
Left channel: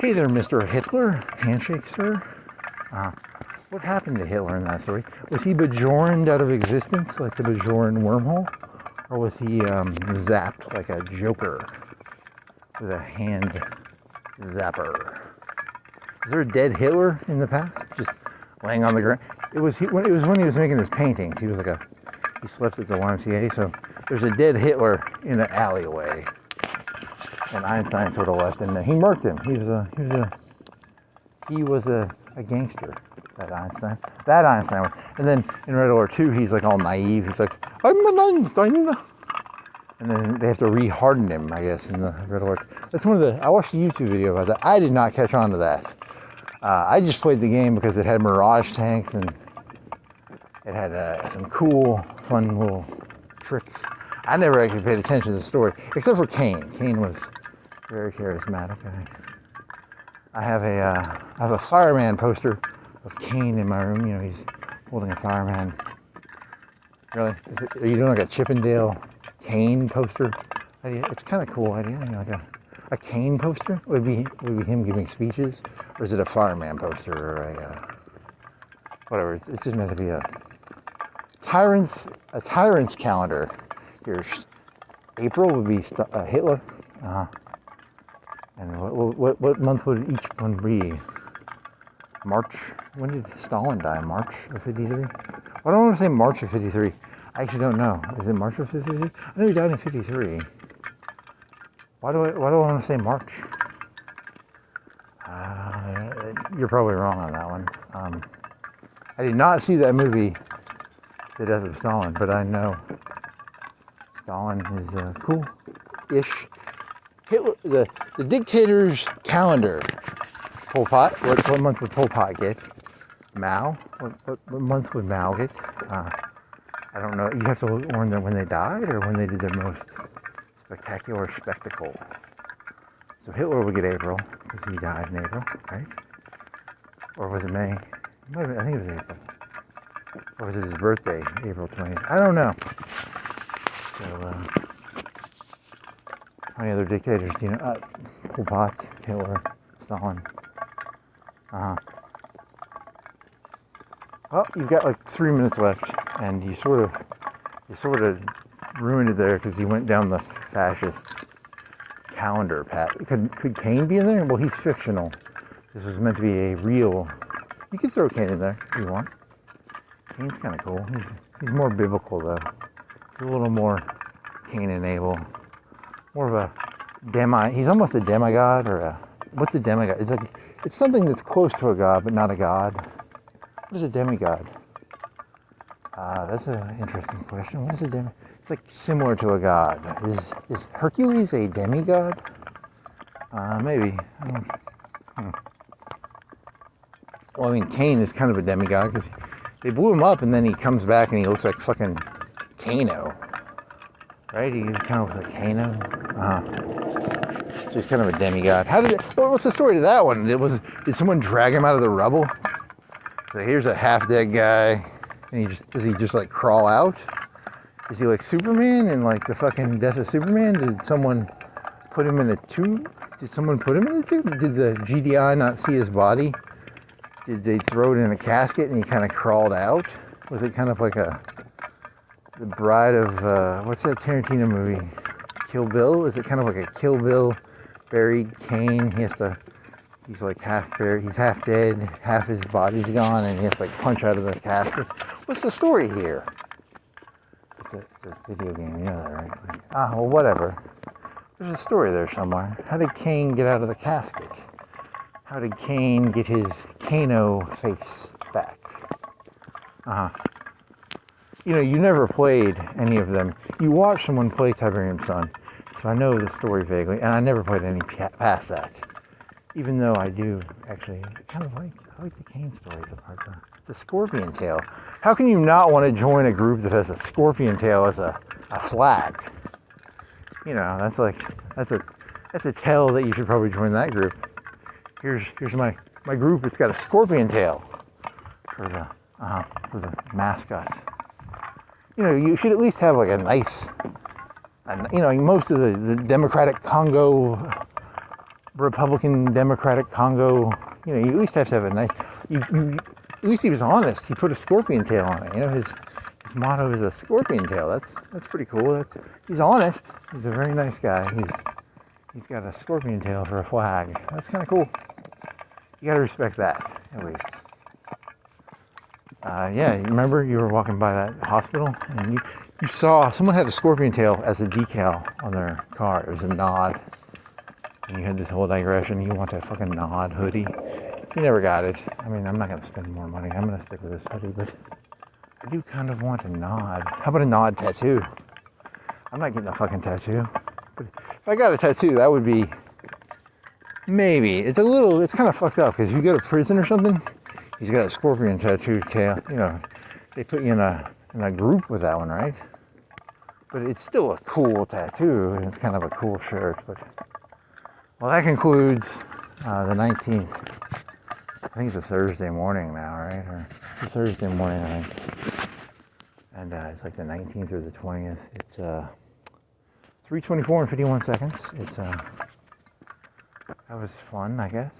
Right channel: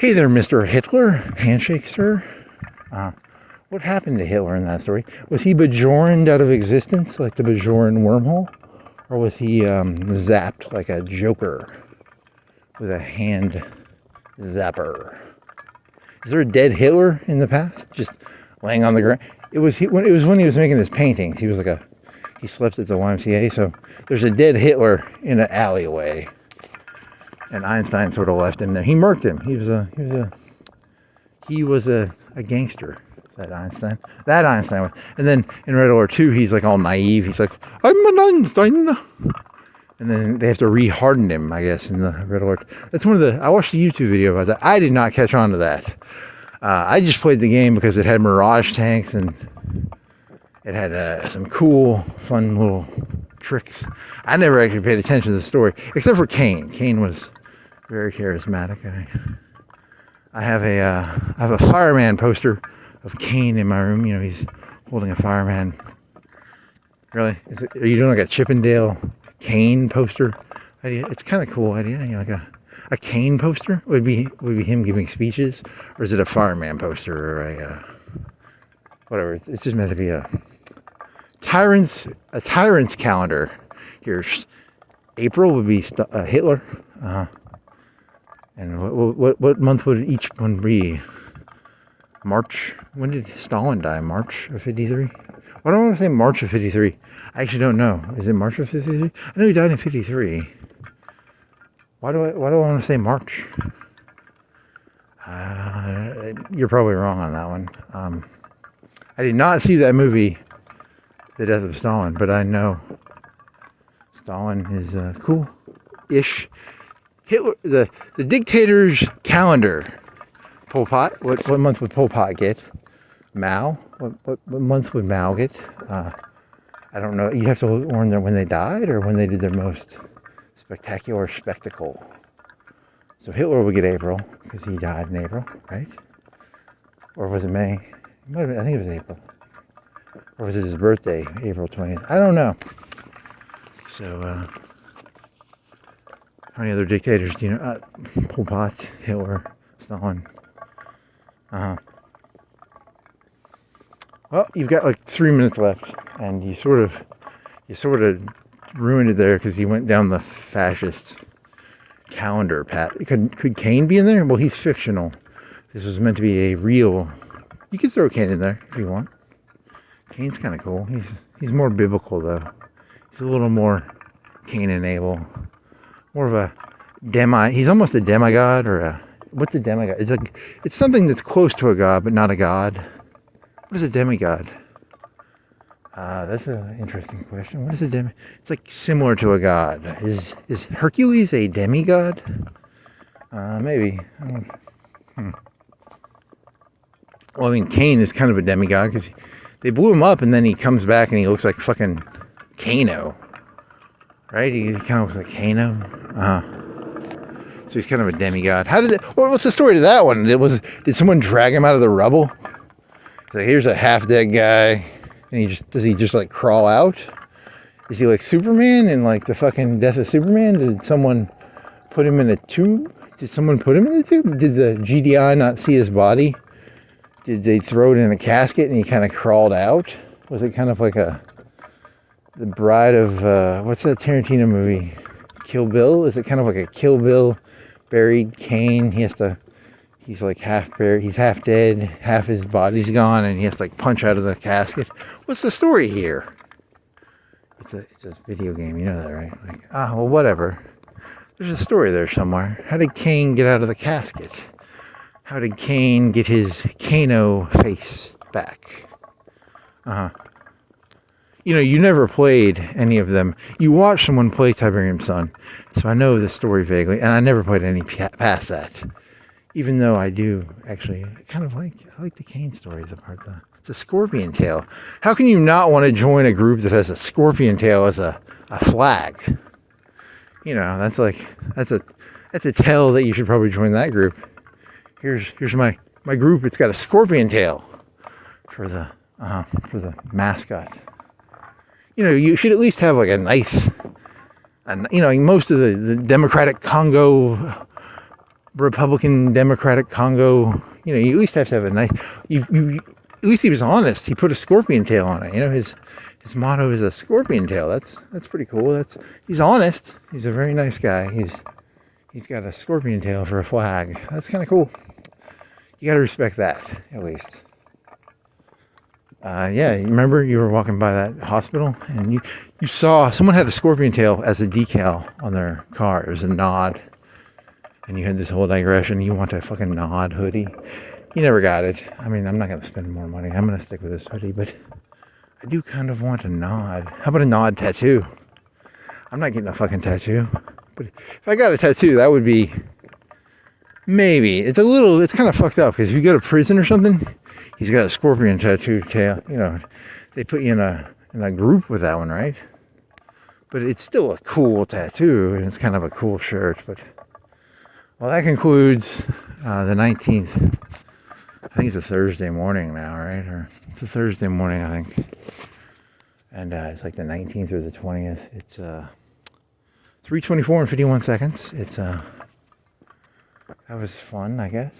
Hey there, Mr. Hitler. Handshake, sir. What happened to Hitler in that story? Was he bejorned out of existence like the Bajorn wormhole? Or was he zapped like a Joker with a hand zapper? Is there a dead Hitler in the past? Just laying on the ground? It was when he was making his paintings. He was like he slept at the YMCA. So there's a dead Hitler in an alleyway. And Einstein sort of left him there. He murked him. He was a gangster. That Einstein. And then in Red Alert 2, he's like all naive. He's like, I'm an Einstein. And then they have to re-harden him, I guess, in the Red Alert. That's I watched a YouTube video about that. I did not catch on to that. I just played the game because it had Mirage tanks and it had some cool, fun little tricks. I never actually paid attention to the story, except for Kane. Kane was very charismatic. I have a fireman poster of Kane in my room. You know, he's holding a fireman. Really? Are you doing like a Chippendale Kane poster idea? It's kind of cool idea. You know, like a Kane poster would be him giving speeches, or is it a fireman poster or a whatever? It's just meant to be a tyrant's calendar. Here's April would be Hitler, and what month would each one be? March. When did Stalin die? March of 53? Why don't I want to say March of 53? I actually don't know. Is it March of 53? I know he died in 53. Why do I want to say March? You're probably wrong on that one. I did not see that movie, The Death of Stalin, but I know Stalin is cool-ish. Hitler, the dictator's calendar. Pol Pot. What month would Pol Pot get? Mao. What month would Mao get? I don't know. You have to learn them when they died or when they did their most spectacular spectacle. So Hitler would get April because he died in April, right? Or was it May? It might have been, I think it was April. Or was it his birthday, April 20th? I don't know. So, how many other dictators do you know? Pol Pot, Hitler, Stalin. Well, you've got like 3 minutes left, and you sort of ruined it there because you went down the fascist calendar path. Could Kane be in there? Well, he's fictional. This was meant to be a real. You could throw Kane in there if you want. Kane's kind of cool. He's more biblical though. He's a little more Cain and Abel. More of a He's almost a demigod or a. What's a demigod? It's something that's close to a god, but not a god. What is a demigod? That's an interesting question. What is a demigod? It's like similar to a god. Is Hercules a demigod? Maybe. Well, I mean, Cain is kind of a demigod because they blew him up and then he comes back and he looks like fucking Kano. Right? He kind of looks like Kano. So he's kind of a demigod. What's the story to that one? Did someone drag him out of the rubble? So here's a half-dead guy, and does he just like crawl out? Is he like Superman in like the fucking Death of Superman? Did someone put him in a tube? Did someone put him in a tube? Did the GDI not see his body? Did they throw it in a casket and he kind of crawled out? Was it kind of like the bride of, what's that Tarantino movie? Kill Bill? Is it kind of like a Kill Bill buried Kane? He's like half buried, he's half dead, half his body's gone, and he has to like punch out of the casket. What's the story here? It's a video game, you know that, right? Like, well, whatever. There's a story there somewhere. How did Kane get out of the casket? How did Kane get his Kano face back? you know, you never played any of them. You watched someone play Tiberium Sun, so I know the story vaguely, and I never played any past that. Even though I do actually kind of I like the Kane stories about that. It's a scorpion tail. How can you not want to join a group that has a scorpion tail as a flag? You know, that's a tell that you should probably join that group. Here's my group. It's got a scorpion tail for the mascot. You know, you should at least have like a nice, you know, most of the Democratic Congo, Republican Democratic Congo, you know, you at least have to have a nice, at least he was honest. He put a scorpion tail on it. You know, his motto is a scorpion tail. That's pretty cool. He's honest. He's a very nice guy. He's got a scorpion tail for a flag. That's kind of cool. You got to respect that, at least. Yeah, you remember you were walking by that hospital and you saw someone had a scorpion tail as a decal on their car. It was a nod. And you had this whole digression. You want a fucking nod hoodie. You never got it. I mean, I'm not going to spend more money. I'm going to stick with this hoodie, but I do kind of want a nod. How about a nod tattoo? I'm not getting a fucking tattoo. But if I got a tattoo, that would be maybe. It's kind of fucked up because if you go to prison or something, he's got a scorpion tattoo tail. You know, they put you in a group with that one, right? But it's still a cool tattoo and it's kind of a cool shirt. But well, that concludes the 19th. I think it's a Thursday morning now, right? Or it's a Thursday morning, I think. And it's like the 19th or the 20th. It's 3:24 and 51 seconds. It's that was fun, I guess.